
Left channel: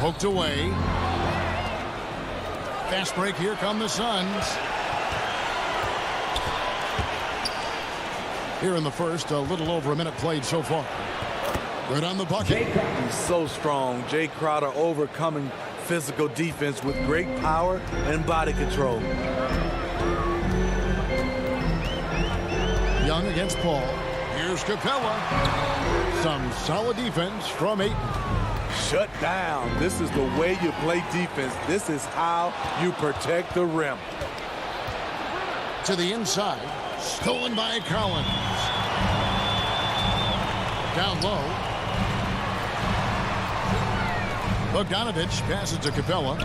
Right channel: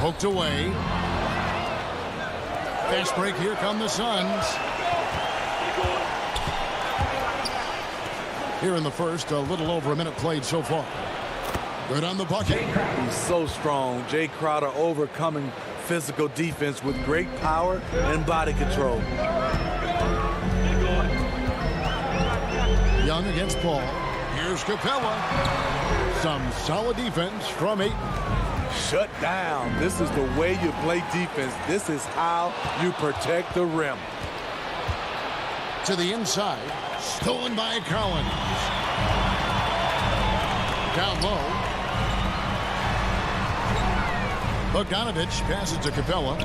Poked away. Fast break, here come the Suns. Here in the first, a little over a minute played so far. Good on the bucket. He's so strong. Jay Crowder overcoming physical defense with great power and body control. Young against Paul. Here's Capella. Some solid defense from Ayton. Shut down. This is the way you play defense. This is how you protect the rim. To the inside. Stolen by Collins. Down low. Bogdanovich passes to Capella.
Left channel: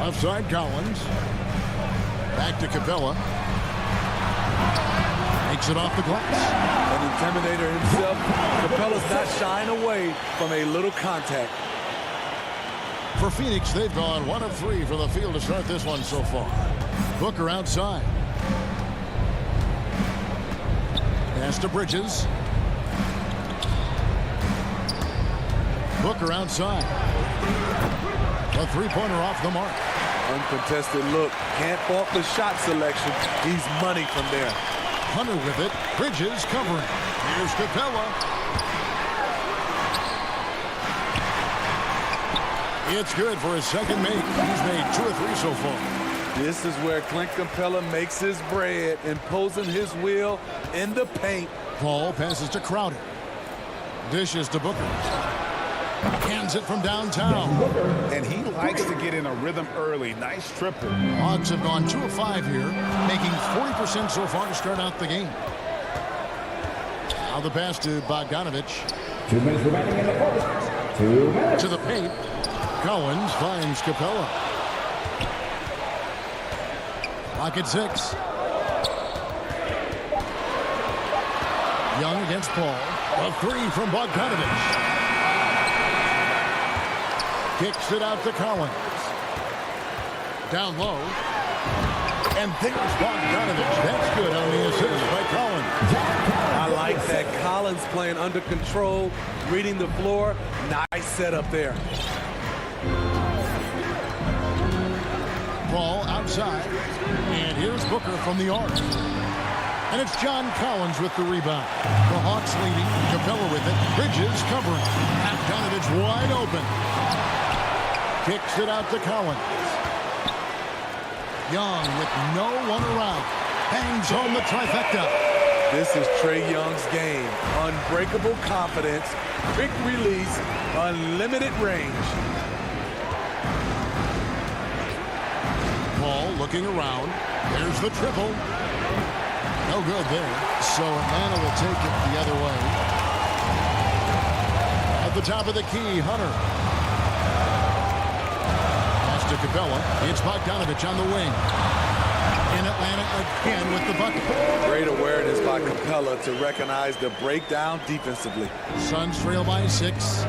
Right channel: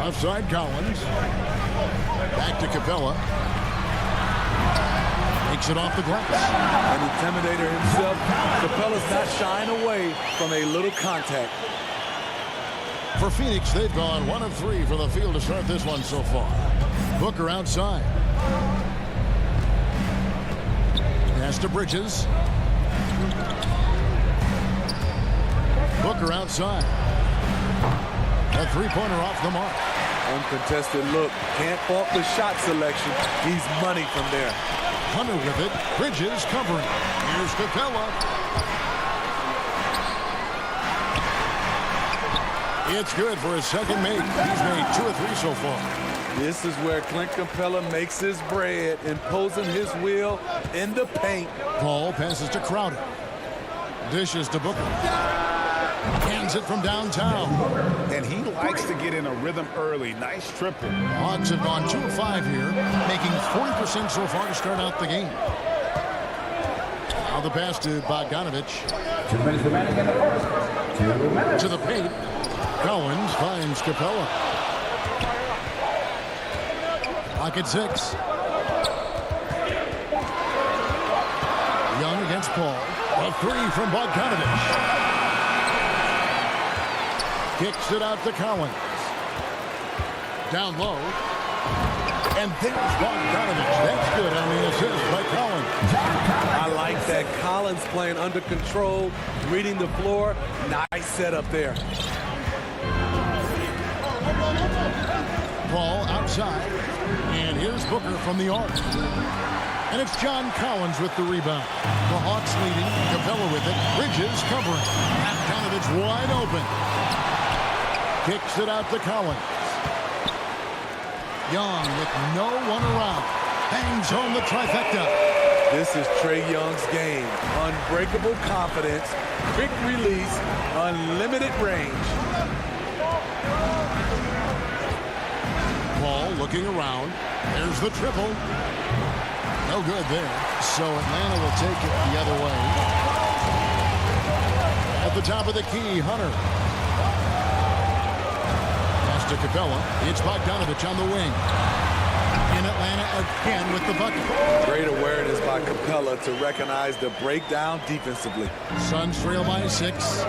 Offside Collins. Back to Capella. Makes it off the glass. An intimidator himself. Capella's not shying away from a little contact. For Phoenix, they've gone 1 of 3 from the field to start this one so far. Booker outside. Pass to Bridges. Booker outside. A three-pointer off the mark. Uncontested look. Can't fault the shot selection. He's money from there. Hunter with it. Bridges covering. Here's Capella. It's good for his second make. He's made 2 or 3 so far. This is where Clint Capella makes his bread, imposing his will in the paint. Paul passes to Crowder. Dishes to Booker. Hands it from downtown. And he likes to get in a rhythm early. Nice triple. Hawks have gone 2 of 5 here, making 40% so far to start out the game. Now the pass to Bogdanovich. 2 minutes remaining in the first. 2 minutes. To the paint. Collins finds Capella. Pocket 6. Young against Paul. A 3 from Bogdanovich. Kicks it out to Collins. Down low. And there's Bogdanovich. That's good on the assist by Collins. I like that. Collins playing under control, reading the floor. Nice setup there. Paul outside. And here's Booker from the arc. And it's John Collins with the rebound. The Hawks leading. Capella with it. Bridges covering. Bogdanovich wide open. Kicks it out to Collins. Young with no one around. Bangs home the trifecta. This is Trae Young's game. Unbreakable confidence, quick release, unlimited range. Paul looking around. There's the triple. No good there. So Atlanta will take it the other way. At the top of the key, Hunter. Pass to Capella. It's Bogdanovich on the wing. in Atlanta again with the bucket. Great awareness by Capella to recognize the breakdown defensively. Suns trail by 6.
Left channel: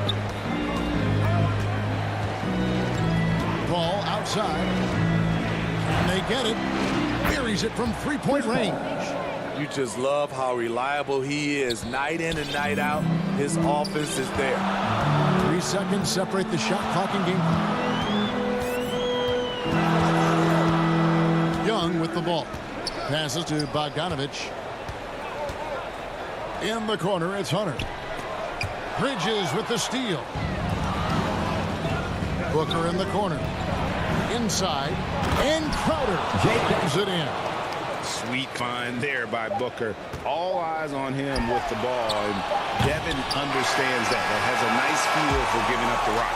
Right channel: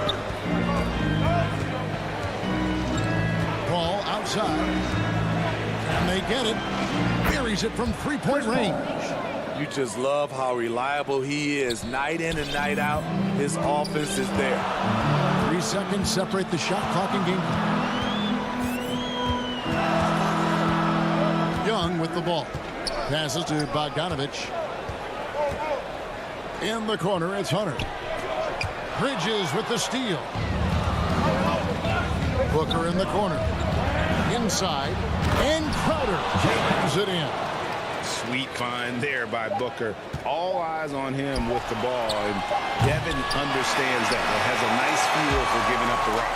Ball outside. And they get it. Buries it from three-point range. You just love how reliable he is. Night in and night out, his offense is there. 3 seconds separate the shot clock and game clock. Young with the ball. Passes to Bogdanovich. In the corner, it's Hunter. Bridges with the steal. Booker in the corner. Inside. And Crowder jams it in. Sweet find there by Booker. All eyes on him with the ball, and Devin understands that. He has a nice feel for giving up the rock.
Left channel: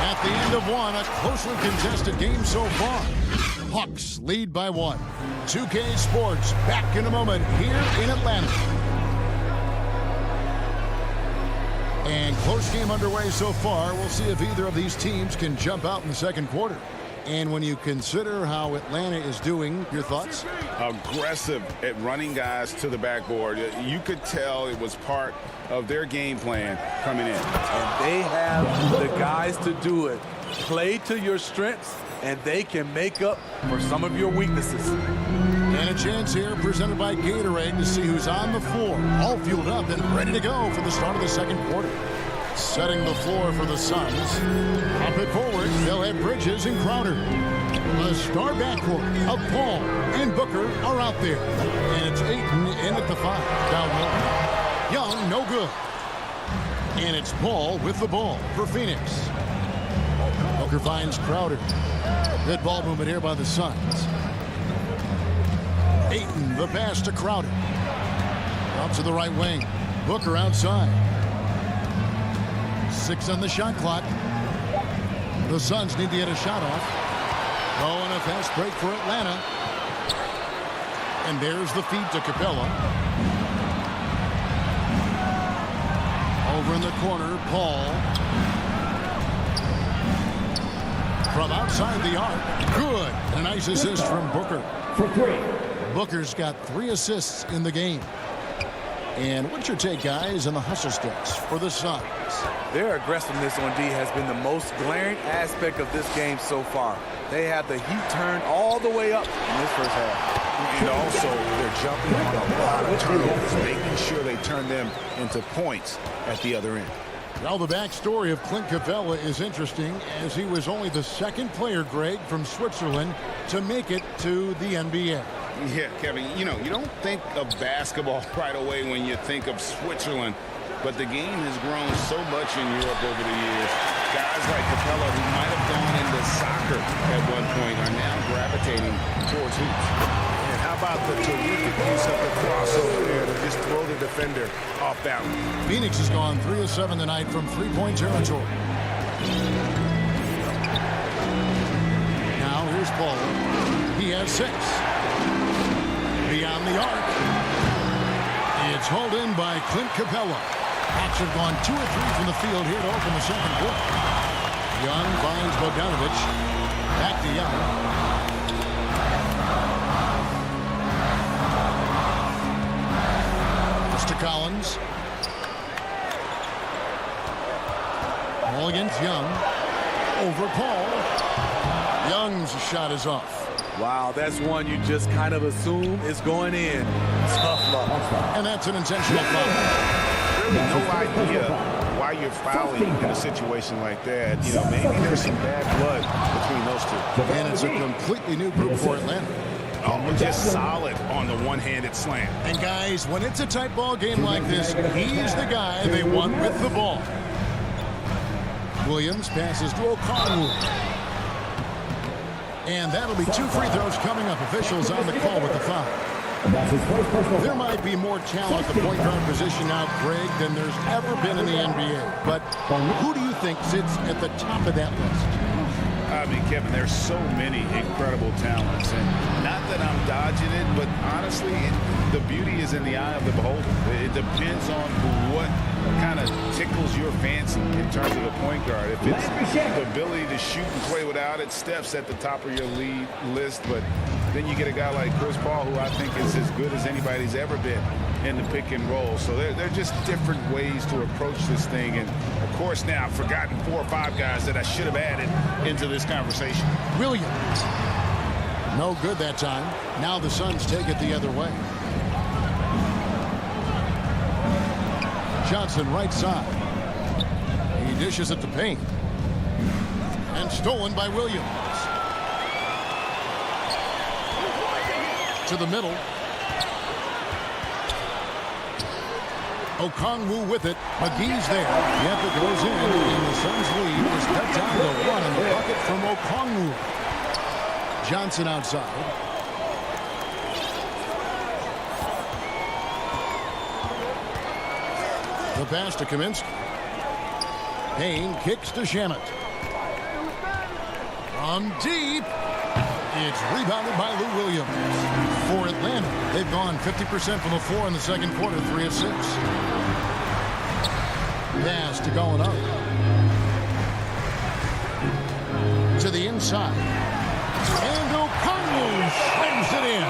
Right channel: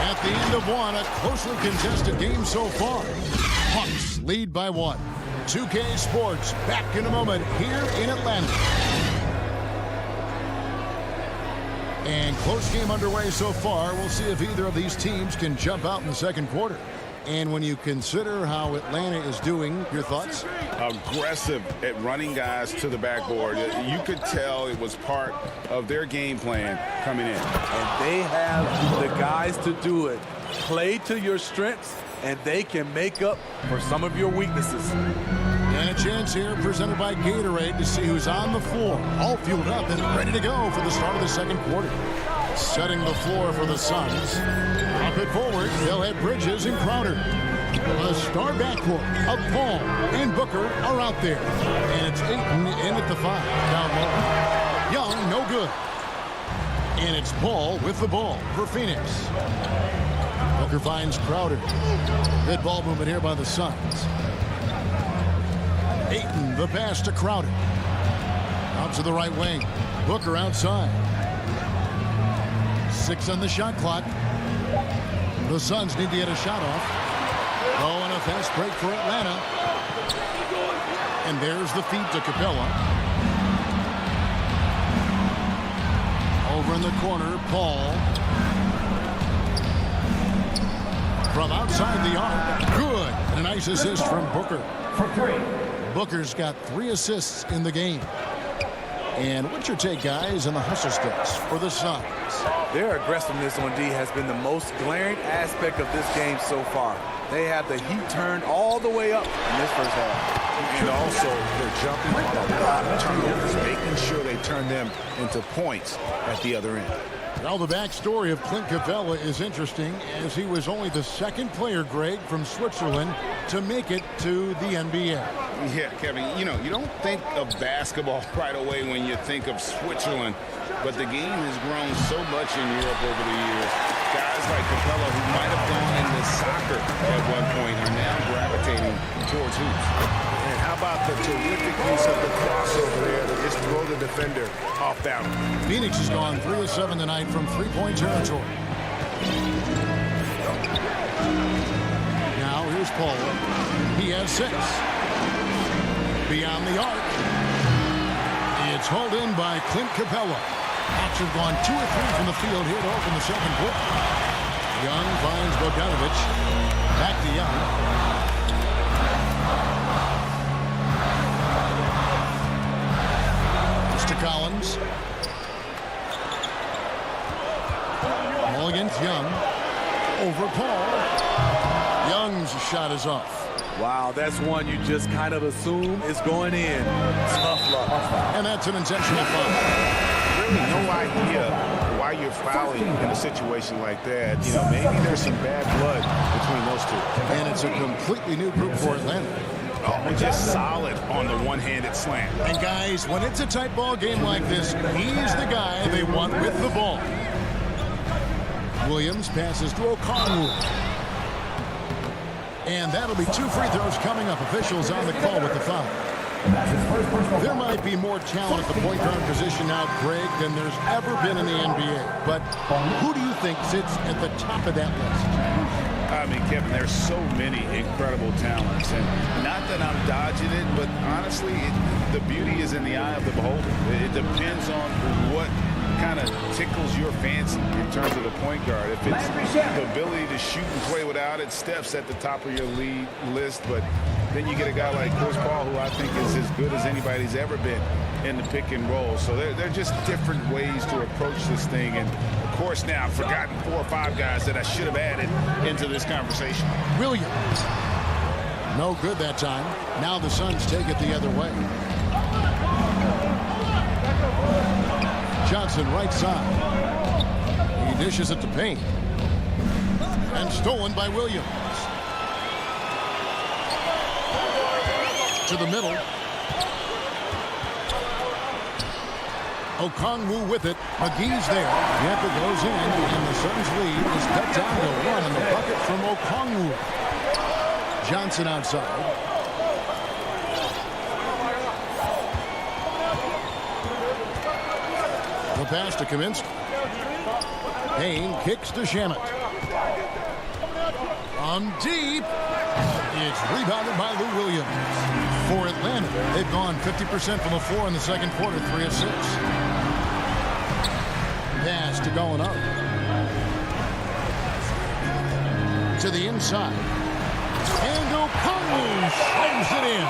At the end of one, a closely contested game so far. Hawks lead by 1. 2K Sports back in a moment here in Atlanta. And close game underway so far. We'll see if either of these teams can jump out in the second quarter. And when you consider how Atlanta is doing, your thoughts? Aggressive at running guys to the backboard. You could tell it was part of their game plan coming in. And they have the guys to do it. Play to your strengths, and they can make up for some of your weaknesses. And a chance here presented by Gatorade to see who's on the floor. All fueled up and ready to go for the start of the second quarter. Setting the floor for the Suns. Up it forward, they'll have Bridges and Crowder. The star backcourt of Paul and Booker are out there. And it's Ayton in at the 5, down low. Young, no good. And it's Paul with the ball for Phoenix. Booker finds Crowder. Good ball movement here by the Suns. Ayton, the pass to Crowder. Out to the right wing. Booker outside. 6 on the shot clock. The Suns need to get a shot off. Oh, and a fast break for Atlanta. And there's the feed to Capella. Over in the corner, Paul. From outside the arc. Good. And a nice assist from Booker. For 3. Booker's got 3 assists in the game. And what's your take, guys, on the hustle steps for the Suns? Their aggressiveness on D has been the most glaring aspect of this game so far. They have the heat turned all the way up in this first half. And also, they're jumping on a lot of turnovers, making sure they turn them into points at the other end. Now, the backstory of Clint Capella is interesting, as he was only the 2nd player, Greg, from Switzerland to make it to the NBA. Yeah, Kevin, you don't think of basketball right away when you think of Switzerland, but the game has grown so much in Europe over the years. Guys like Capella, who might have gone into soccer at one point, are now gravitating towards hoops. And how about the terrific use of the crossover there to just throw the defender off balance? Phoenix has gone 3 of 7 tonight from three-point territory. Now here's Paul. He has 6. Beyond the arc. It's hauled in by Clint Capella. Hawks have gone 2 of 3 from the field here to open the second quarter. Young finds Bogdanovich. Back to Young. To Collins. Ball against Young. Over Paul. Young's shot is off. Wow, that's one you just kind of assume is going in. Tough luck. And that's an intentional foul. Really no idea why you're fouling in a situation like that. Maybe there's some bad blood between those two. And it's a completely new group for Atlanta. Oh, just solid on the one-handed slam. And guys, when it's a tight ball game like this, he's the guy they want with the ball. Williams passes to O'Connell. And that'll be 2 free throws coming up. Officials on the call with the foul. There might be more talent at the point guard position now, Greg, than there's ever been in the NBA. But who do you think sits at the top of that list? I mean, Kevin, there's so many incredible talents. And not that I'm dodging it, but honestly, the beauty is in the eye of the beholder. It depends on what kind of tickles your fancy in terms of the point guard. If it's the ability to shoot and play without it, Steph's at the top of your lead list. But Then you get a guy like Chris Paul, who I think is as good as anybody's ever been in the pick and roll. So they're just different ways to approach this thing. And, of course, now I've forgotten 4 or 5 guys that I should have added into this conversation. Williams. No good that time. Now the Suns take it the other way. Johnson right side. He dishes it to Payne. And stolen by Williams. To the middle. Okongwu with it. McGee's there. The effort goes in, and the Suns' lead is cut down to 1 on the bucket from Okongwu. Johnson outside. The pass to Kaminsky. Payne kicks to Shamet. From deep. It's rebounded by Lou Williams. For Atlanta, they've gone 50% from the floor in the second quarter, 3 of 6. Pass to Gallinari. To the inside. And Okongwu slams it in.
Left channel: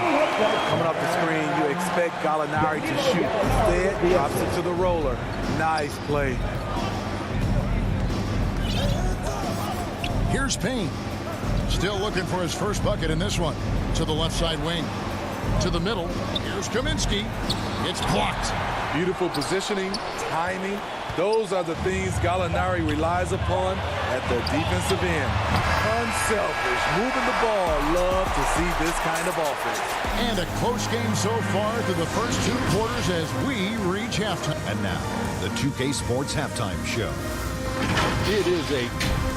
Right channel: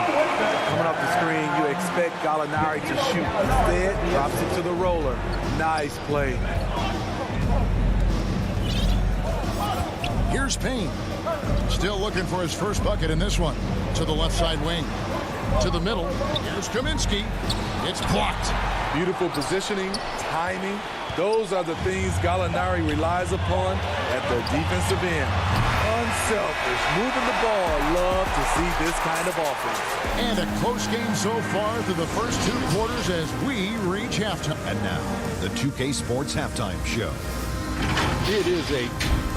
Coming off the screen, you expect Gallinari to shoot. Instead, drops it to the roller. Nice play. Here's Payne. Still looking for his first bucket in this one. To the left side wing. To the middle. Here's Kaminsky. It's blocked. Beautiful positioning, timing. Those are the things Gallinari relies upon at the defensive end. Unselfish, moving the ball. Love to see this kind of offense. And a close game so far through the first 2 quarters as we reach halftime. And now, the 2K Sports Halftime Show. It is a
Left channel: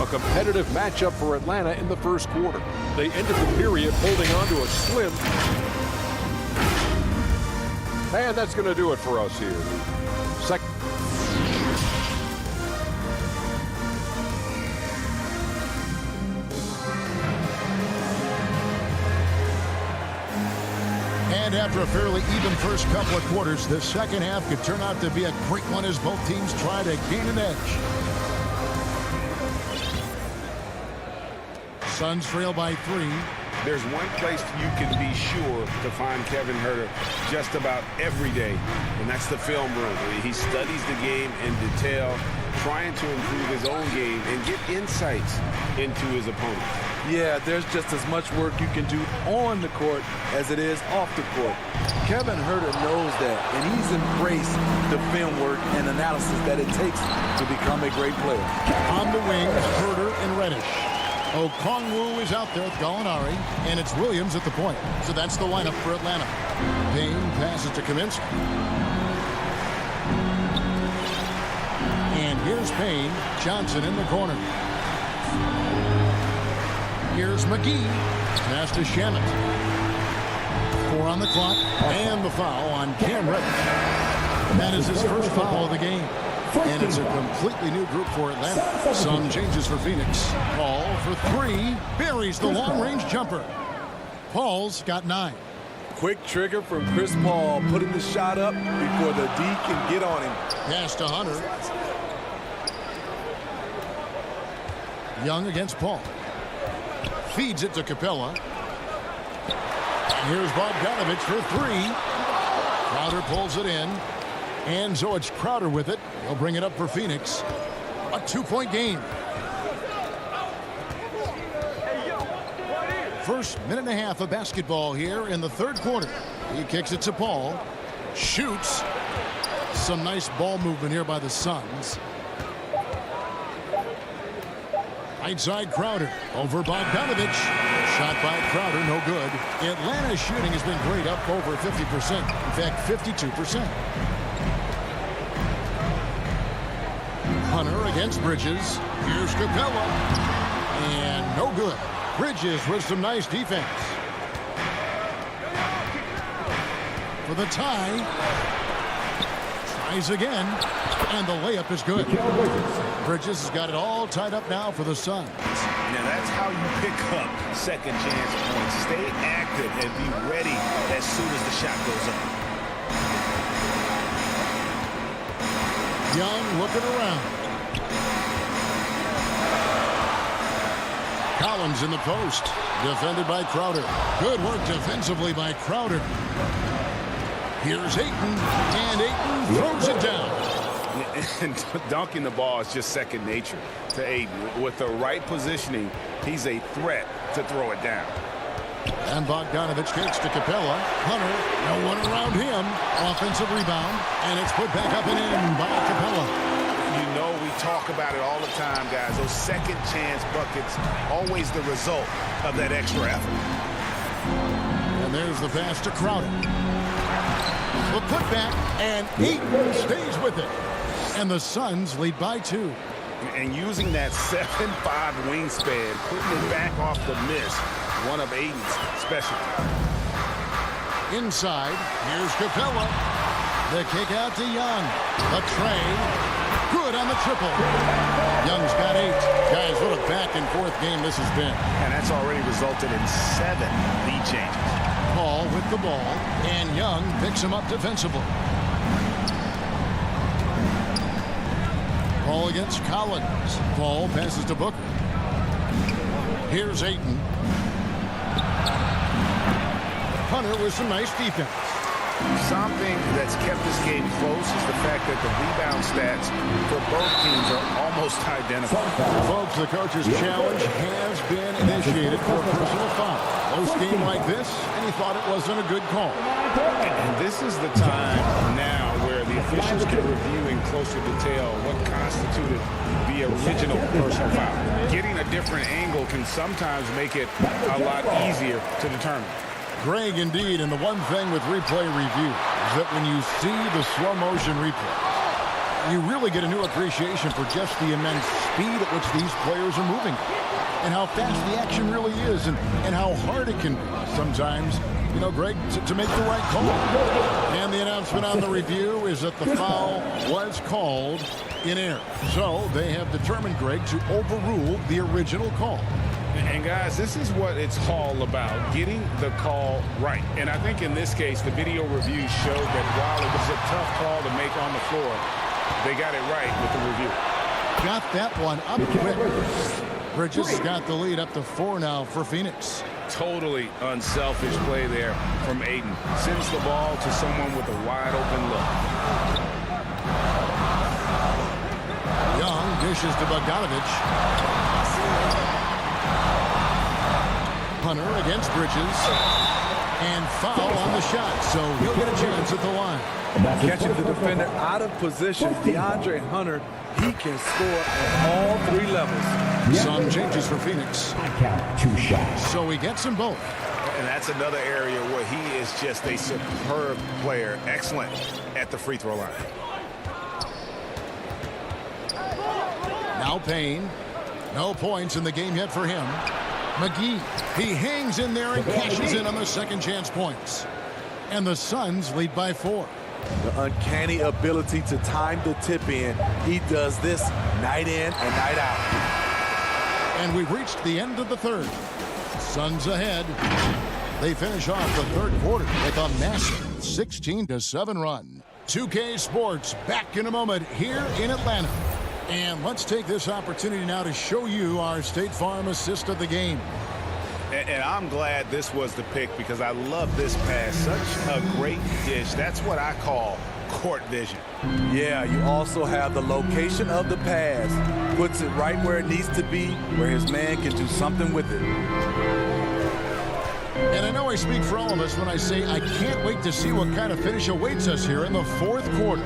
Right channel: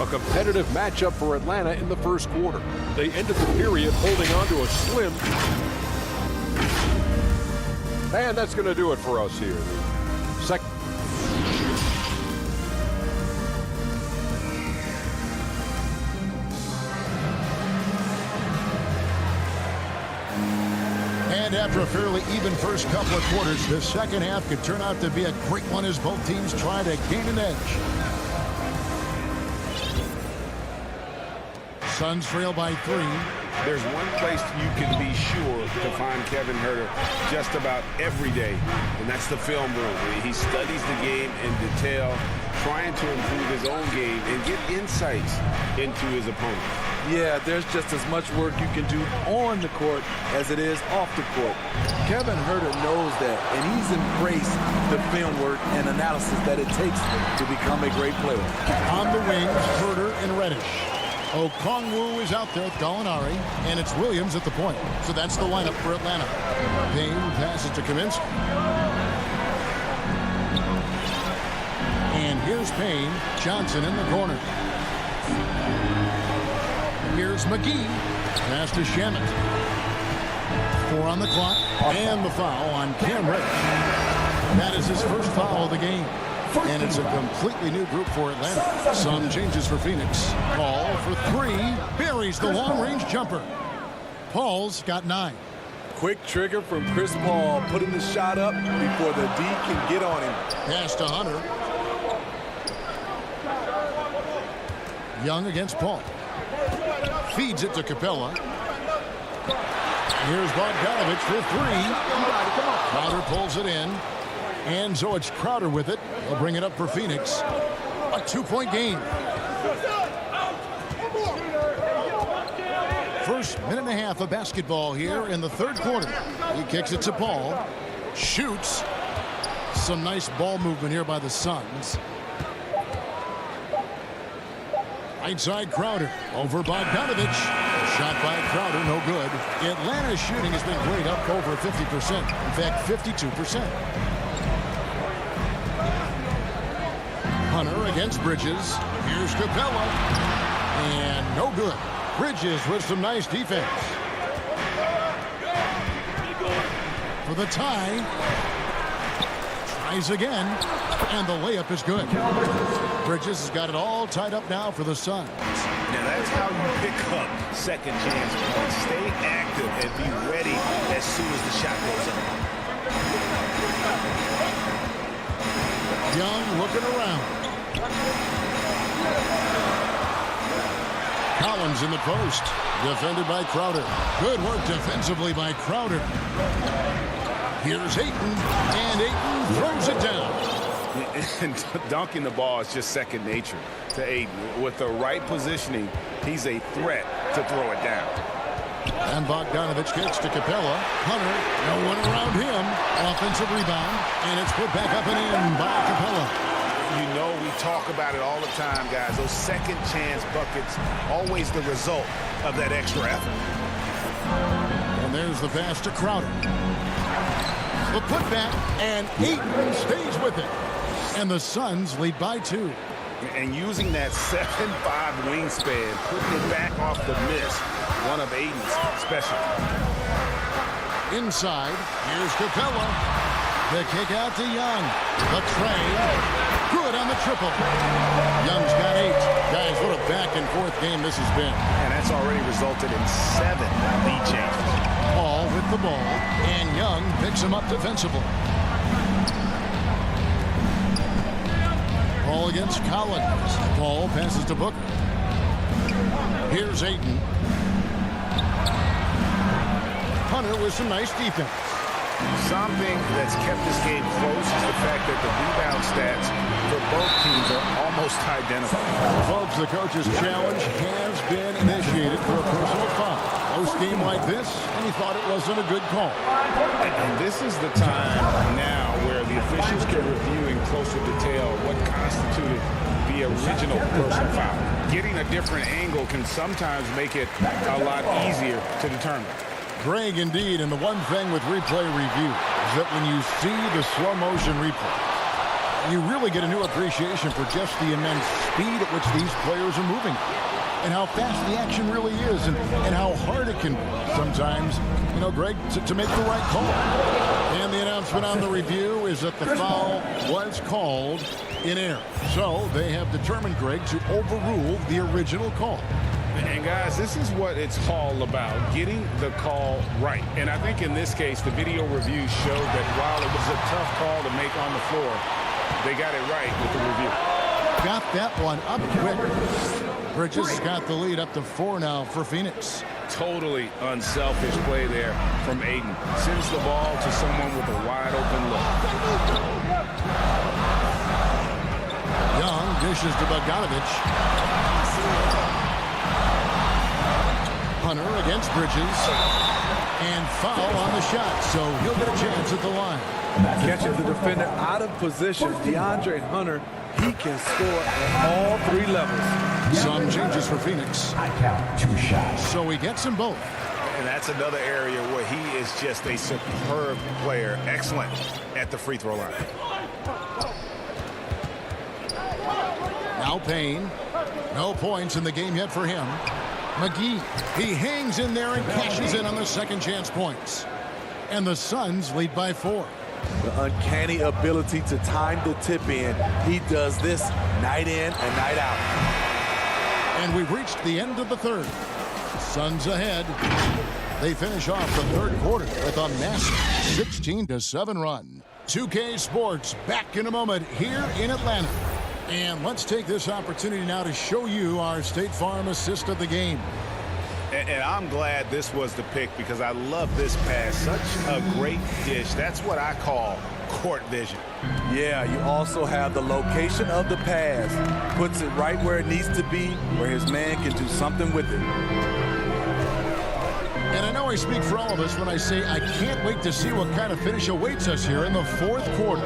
competitive matchup for Atlanta in the first quarter. They ended the period holding on to a slim. And that's going to do it for us here. Second. And after a fairly even first couple of quarters, the second half could turn out to be a great one as both teams try to gain an edge. Suns trail by 3. There's one place you can be sure to find Kevin Huerter just about every day, and that's the film room. He studies the game in detail, trying to improve his own game and get insights into his opponent. Yeah, there's just as much work you can do on the court as it is off the court. Kevin Huerter knows that, and he's embraced the film work and analysis that it takes to become a great player. On the wings, Huerter and Reddish. Okongwu is out there with Gallinari, and it's Williams at the point. So that's the lineup for Atlanta. Payne passes to Kaminsky. And here's Payne. Johnson in the corner. Here's McGee. Pass to Shamet. 4 on the clock. And the foul on Cam Reddish. That is his first foul of the game. And it's a completely new group for Atlanta. Some changes for Phoenix. Paul for 3. Buries the long-range jumper. Paul's got 9. Quick trigger from Chris Paul, putting the shot up before the D can get on him. Pass to Hunter. Young against Paul. Feeds it to Capella. And here's Bogdanovich for 3. Crowder pulls it in. And so it's Crowder with it. He'll bring it up for Phoenix. A 2-point game. First minute and a half of basketball here in the third quarter. He kicks it to Paul. Shoots. Some nice ball movement here by the Suns. Right side Crowder over Bogdanovich. Shot by Crowder, no good. Atlanta's shooting has been great, up over 50%. In fact, 52%. Hunter against Bridges. Here's Capella. And no good. Bridges with some nice defense. For the tie. Tries again. And the layup is good. Bridges has got it all tied up now for the Suns. Now that's how you pick up second chance points. Stay active and be ready as soon as the shot goes up. Young looking around. Collins in the post. Defended by Crowder. Good work defensively by Crowder. Here's Ayton. And Ayton throws it down. And dunking the ball is just second nature to Ayton. With the right positioning, he's a threat to throw it down. And Bogdanovich kicks to Capella. Hunter, no one around him. Offensive rebound. And it's put back up and in by Capella. You know, we talk about it all the time, guys. Those second chance buckets, always the result of that extra effort. And there's the pass to Crowder. The putback, and Ayton stays with it. And the Suns lead by 2. And using that 7'5" wingspan, putting it back off the miss, one of Ayton's specialties. Inside, here's Capella. The kick out to Young. The tray. Good on the triple. Young's got 8. Guys, what a back-and-forth game this has been. And that's already resulted in 7 lead changes. Paul with the ball, and Young picks him up defensively. Paul against Collins. Paul passes to Booker. Here's Ayton. Hunter with some nice defense. Something that's kept this game close is the fact that the rebound stats for both teams are almost identical. Folks, the coach's challenge has been initiated for a personal foul. Close game like this, and he thought it wasn't a good call. And this is the time now where the officials can review in closer detail what constituted the original personal foul. Getting a different angle can sometimes make it a lot easier to determine. Greg, indeed, and the one thing with replay review is that when you see the slow motion replays, you really get a new appreciation for just the immense speed at which these players are moving and how fast the action really is and how hard it can be sometimes, you know, Greg, to make the right call. And the announcement on the review is that the foul was called in error. So they have determined, Greg, to overrule the original call. And guys, this is what it's all about, getting the call right. And I think in this case, the video review showed that while it was a tough call to make on the floor, they got it right with the review. Got that one up quick. Bridges has got the lead up to 4 now for Phoenix. Totally unselfish play there from Ayton. Sends the ball to someone with a wide open look. Young dishes to Bogdanovich. Hunter against Bridges. And foul on the shot, so he'll get a chance at the line. Catching the defender out of position, DeAndre Hunter, he can score at all 3 levels. Some changes for Phoenix. I count 2 shots. So he gets them both. And that's another area where he is just a superb player. Excellent at the free throw line. Now Payne. No points in the game yet for him. McGee, he hangs in there and cashes in on the second chance points. And the Suns lead by 4. The uncanny ability to time the tip in. He does this night in and night out. And we've reached the end of the third. Suns ahead. They finish off the third quarter with a massive 16-7 run. 2K Sports back in a moment here in Atlanta. And let's take this opportunity now to show you our State Farm assist of the game. And I'm glad this was the pick because I love this pass. Such a great dish. That's what I call court vision. Yeah, you also have the location of the pass. Puts it right where it needs to be, where his man can do something with it. And I know I speak for all of us when I say I can't wait to see what kind of finish awaits us here in the fourth quarter.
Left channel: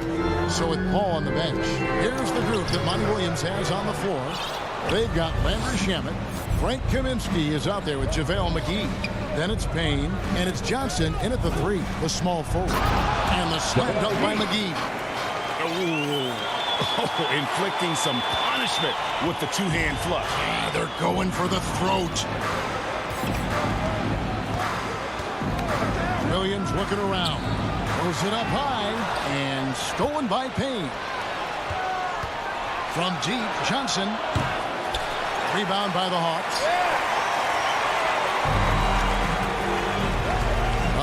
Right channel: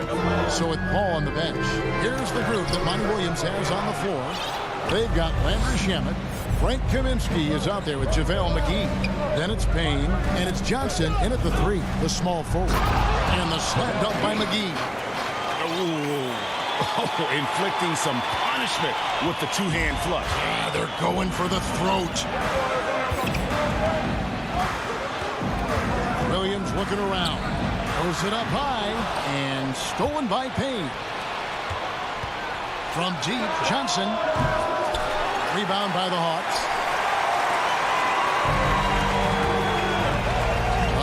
So with Paul on the bench, here's the group that Monty Williams has on the floor. They've got Landry Shamet. Frank Kaminsky is out there with JaVale McGee. Then it's Payne, and it's Johnson in at the 3, the small forward. And the slam dunk by McGee. Oh, inflicting some punishment with the two-hand flush. Yeah, they're going for the throat. Williams looking around. Throws it up high, and stolen by Payne. From deep, Johnson. Rebound by the Hawks.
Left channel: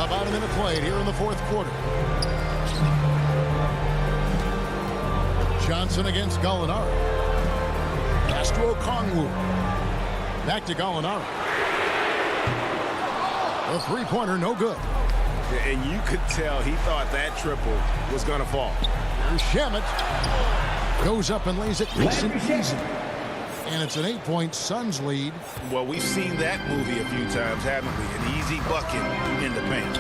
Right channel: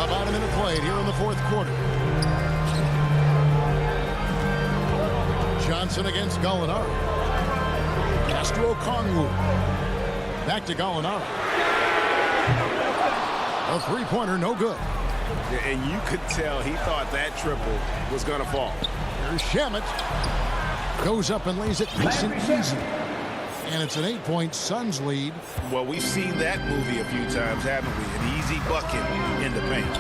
About a minute played here in the fourth quarter. Johnson against Gallinari. Pass to Okongwu. Back to Gallinari. A three-pointer, no good. And you could tell he thought that triple was going to fall. Here's Shamet. Goes up and lays it nice and easy. And it's an 8-point Suns lead. Well, we've seen that movie a few times, haven't we? An easy bucket in the paint.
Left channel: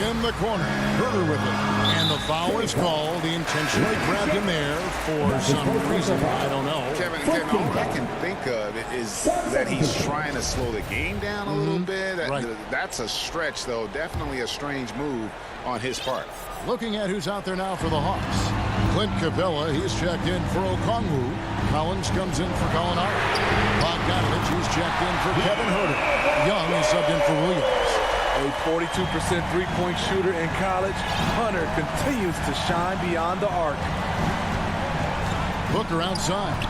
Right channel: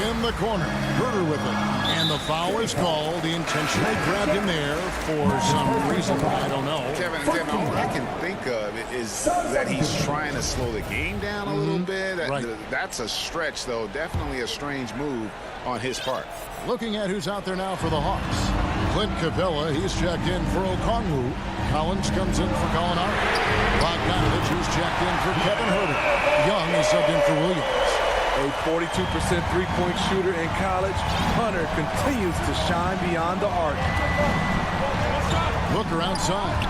In the corner, Herter with it. And the foul is called. He intentionally grabbed him there for some reason. I don't know. Kevin, all I can think of is that he's trying to slow the game down a little bit. Right. That's a stretch, though. Definitely a strange move on his part. Looking at who's out there now for the Hawks. Clint Capella, he's checked in for Okongwu. Collins comes in for Gallinari. Bogdanovich, he's checked in for Kevin Herter. Young is subbed in for Williams. A 42% three-point shooter in college, Hunter continues to shine beyond the arc. Booker outside.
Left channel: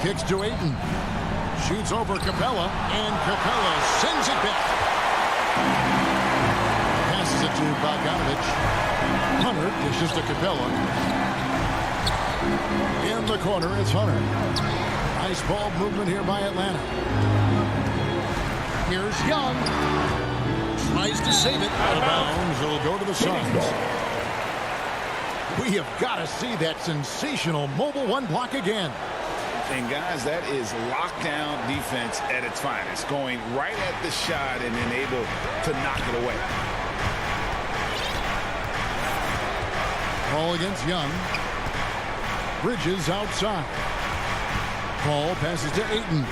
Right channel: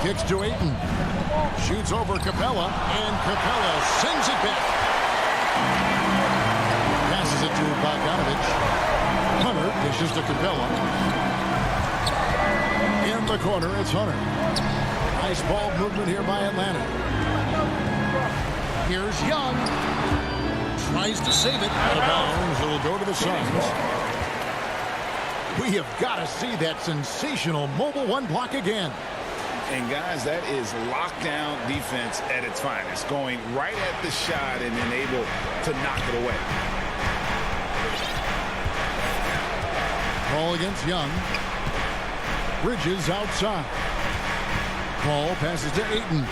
Kicks to Ayton. Shoots over Capella, and Capella sends it back. Passes it to Bogdanovich. Hunter dishes to Capella. In the corner, it's Hunter. Nice ball movement here by Atlanta. Here's Young. Tries to save it. Out of bounds. It'll go to the Suns. We have got to see that sensational mobile one block again. And, guys, that is lockdown defense at its finest. Going right at the shot and then able to knock it away. Ball against Young. Bridges outside. Ball passes to Ayton.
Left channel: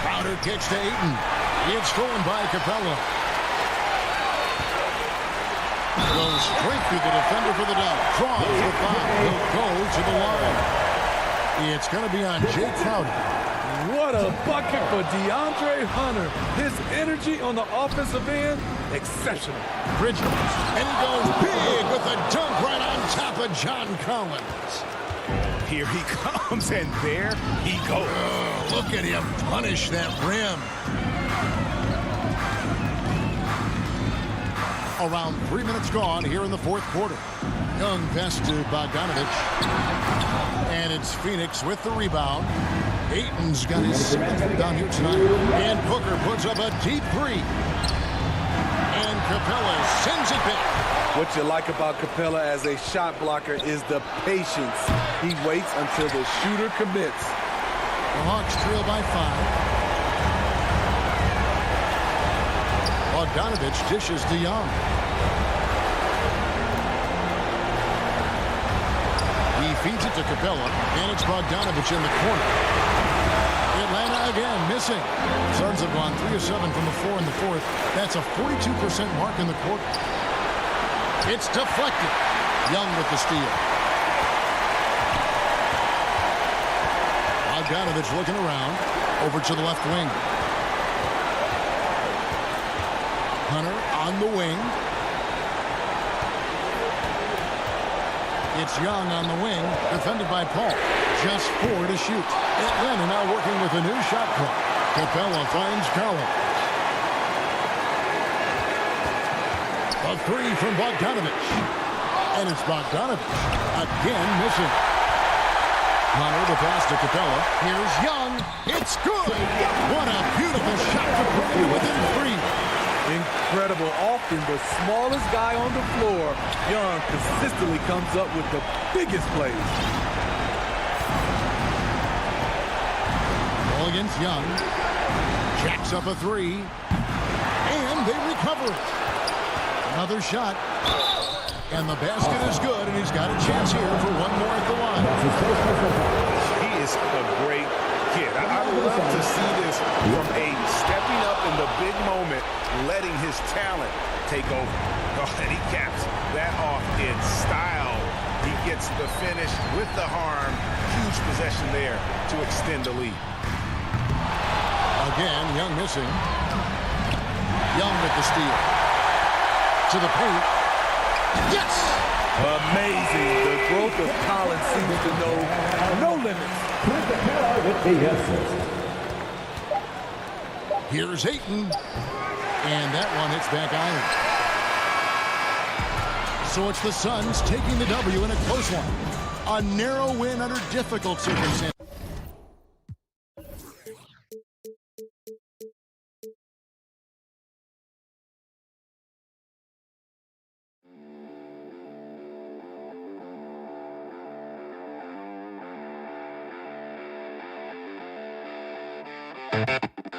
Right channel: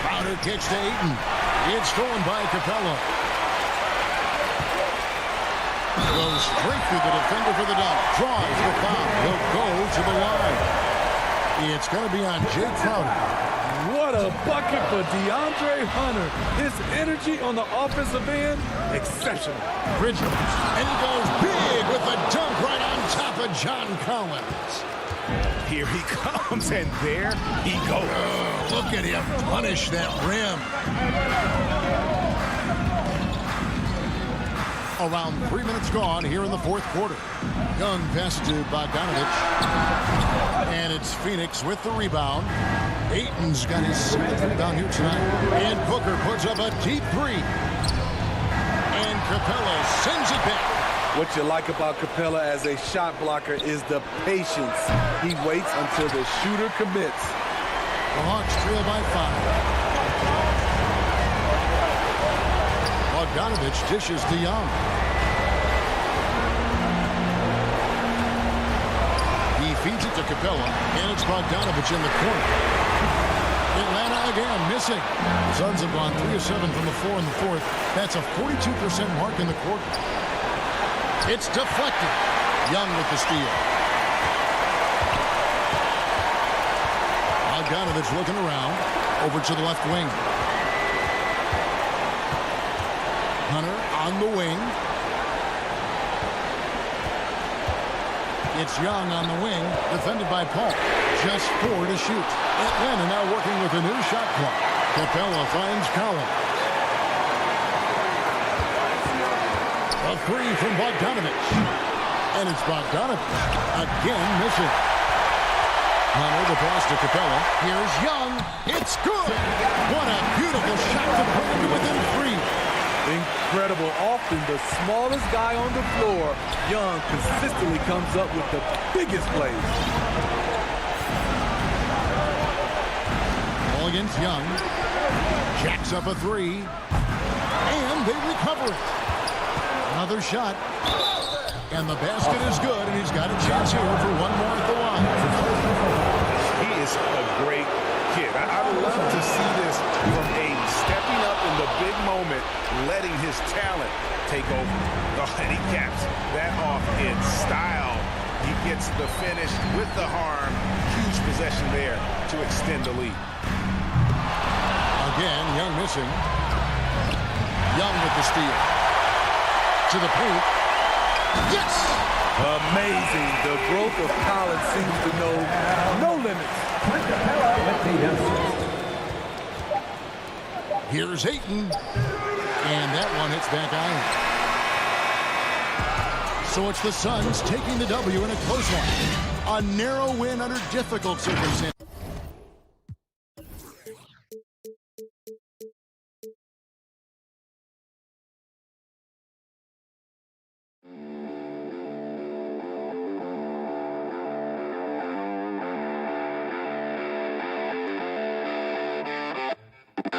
Crowder kicks to Ayton. It's stolen by Capella. Goes straight through the defender for the dunk. Draws the foul. He'll go to the line. It's going to be on Jay Crowder. What a bucket for DeAndre Hunter. His energy on the offensive end, exceptional. Bridges. And he goes big with a dunk right on top of John Collins. Here he comes, and there he goes. Oh, look at him punish that rim. Around 3 minutes gone here in the fourth quarter. Young pass to Bogdanovich. And it's Phoenix with the rebound. Ayton's got his 7th rebound here tonight. And Booker puts up a deep three. And Capella sends it back. What you like about Capella as a shot blocker is the patience. He waits until the shooter commits. The Hawks trail by 5. Bogdanovich dishes to Young. He feeds it to Capella, and it's Bogdanovich in the corner. Atlanta again missing. Suns have gone 3 of 7 from the floor in the fourth. That's a 42% mark in the quarter. It's deflected. Young with the steal. Bogdanovich looking around. Over to the left wing. Hunter on the wing. It's Young on the wing, defended by Paul. Just 4 to shoot. Atlanta now working with a new shot clock. Capella finds Collins. A 3 from Bogdanovich. And it's Bogdanovich again missing. Hunter the pass to Capella. Here's Young. It's good. What a beautiful shot to bring him to within 3. Incredible. Often the smallest guy on the floor, Young consistently comes up with the biggest plays. Ball against Young. Jacks up a 3. And they recover it. Another shot. And the basket is good, and he's got a chance here for one more at the line. He is a great kid. I love to see this from Aiden, stepping up in the big moment, letting his talent take over. Oh, and he caps that off in style. He gets the finish with the harm. Huge possession there to extend the lead. Again, Young missing. Young with the steal. To the paint. Yes! Amazing. The growth of Collins seems to know no limits. Here's Ayton. And that one hits back iron. So it's the Suns taking the W in a close one. A narrow win under difficult circumstances. Bye.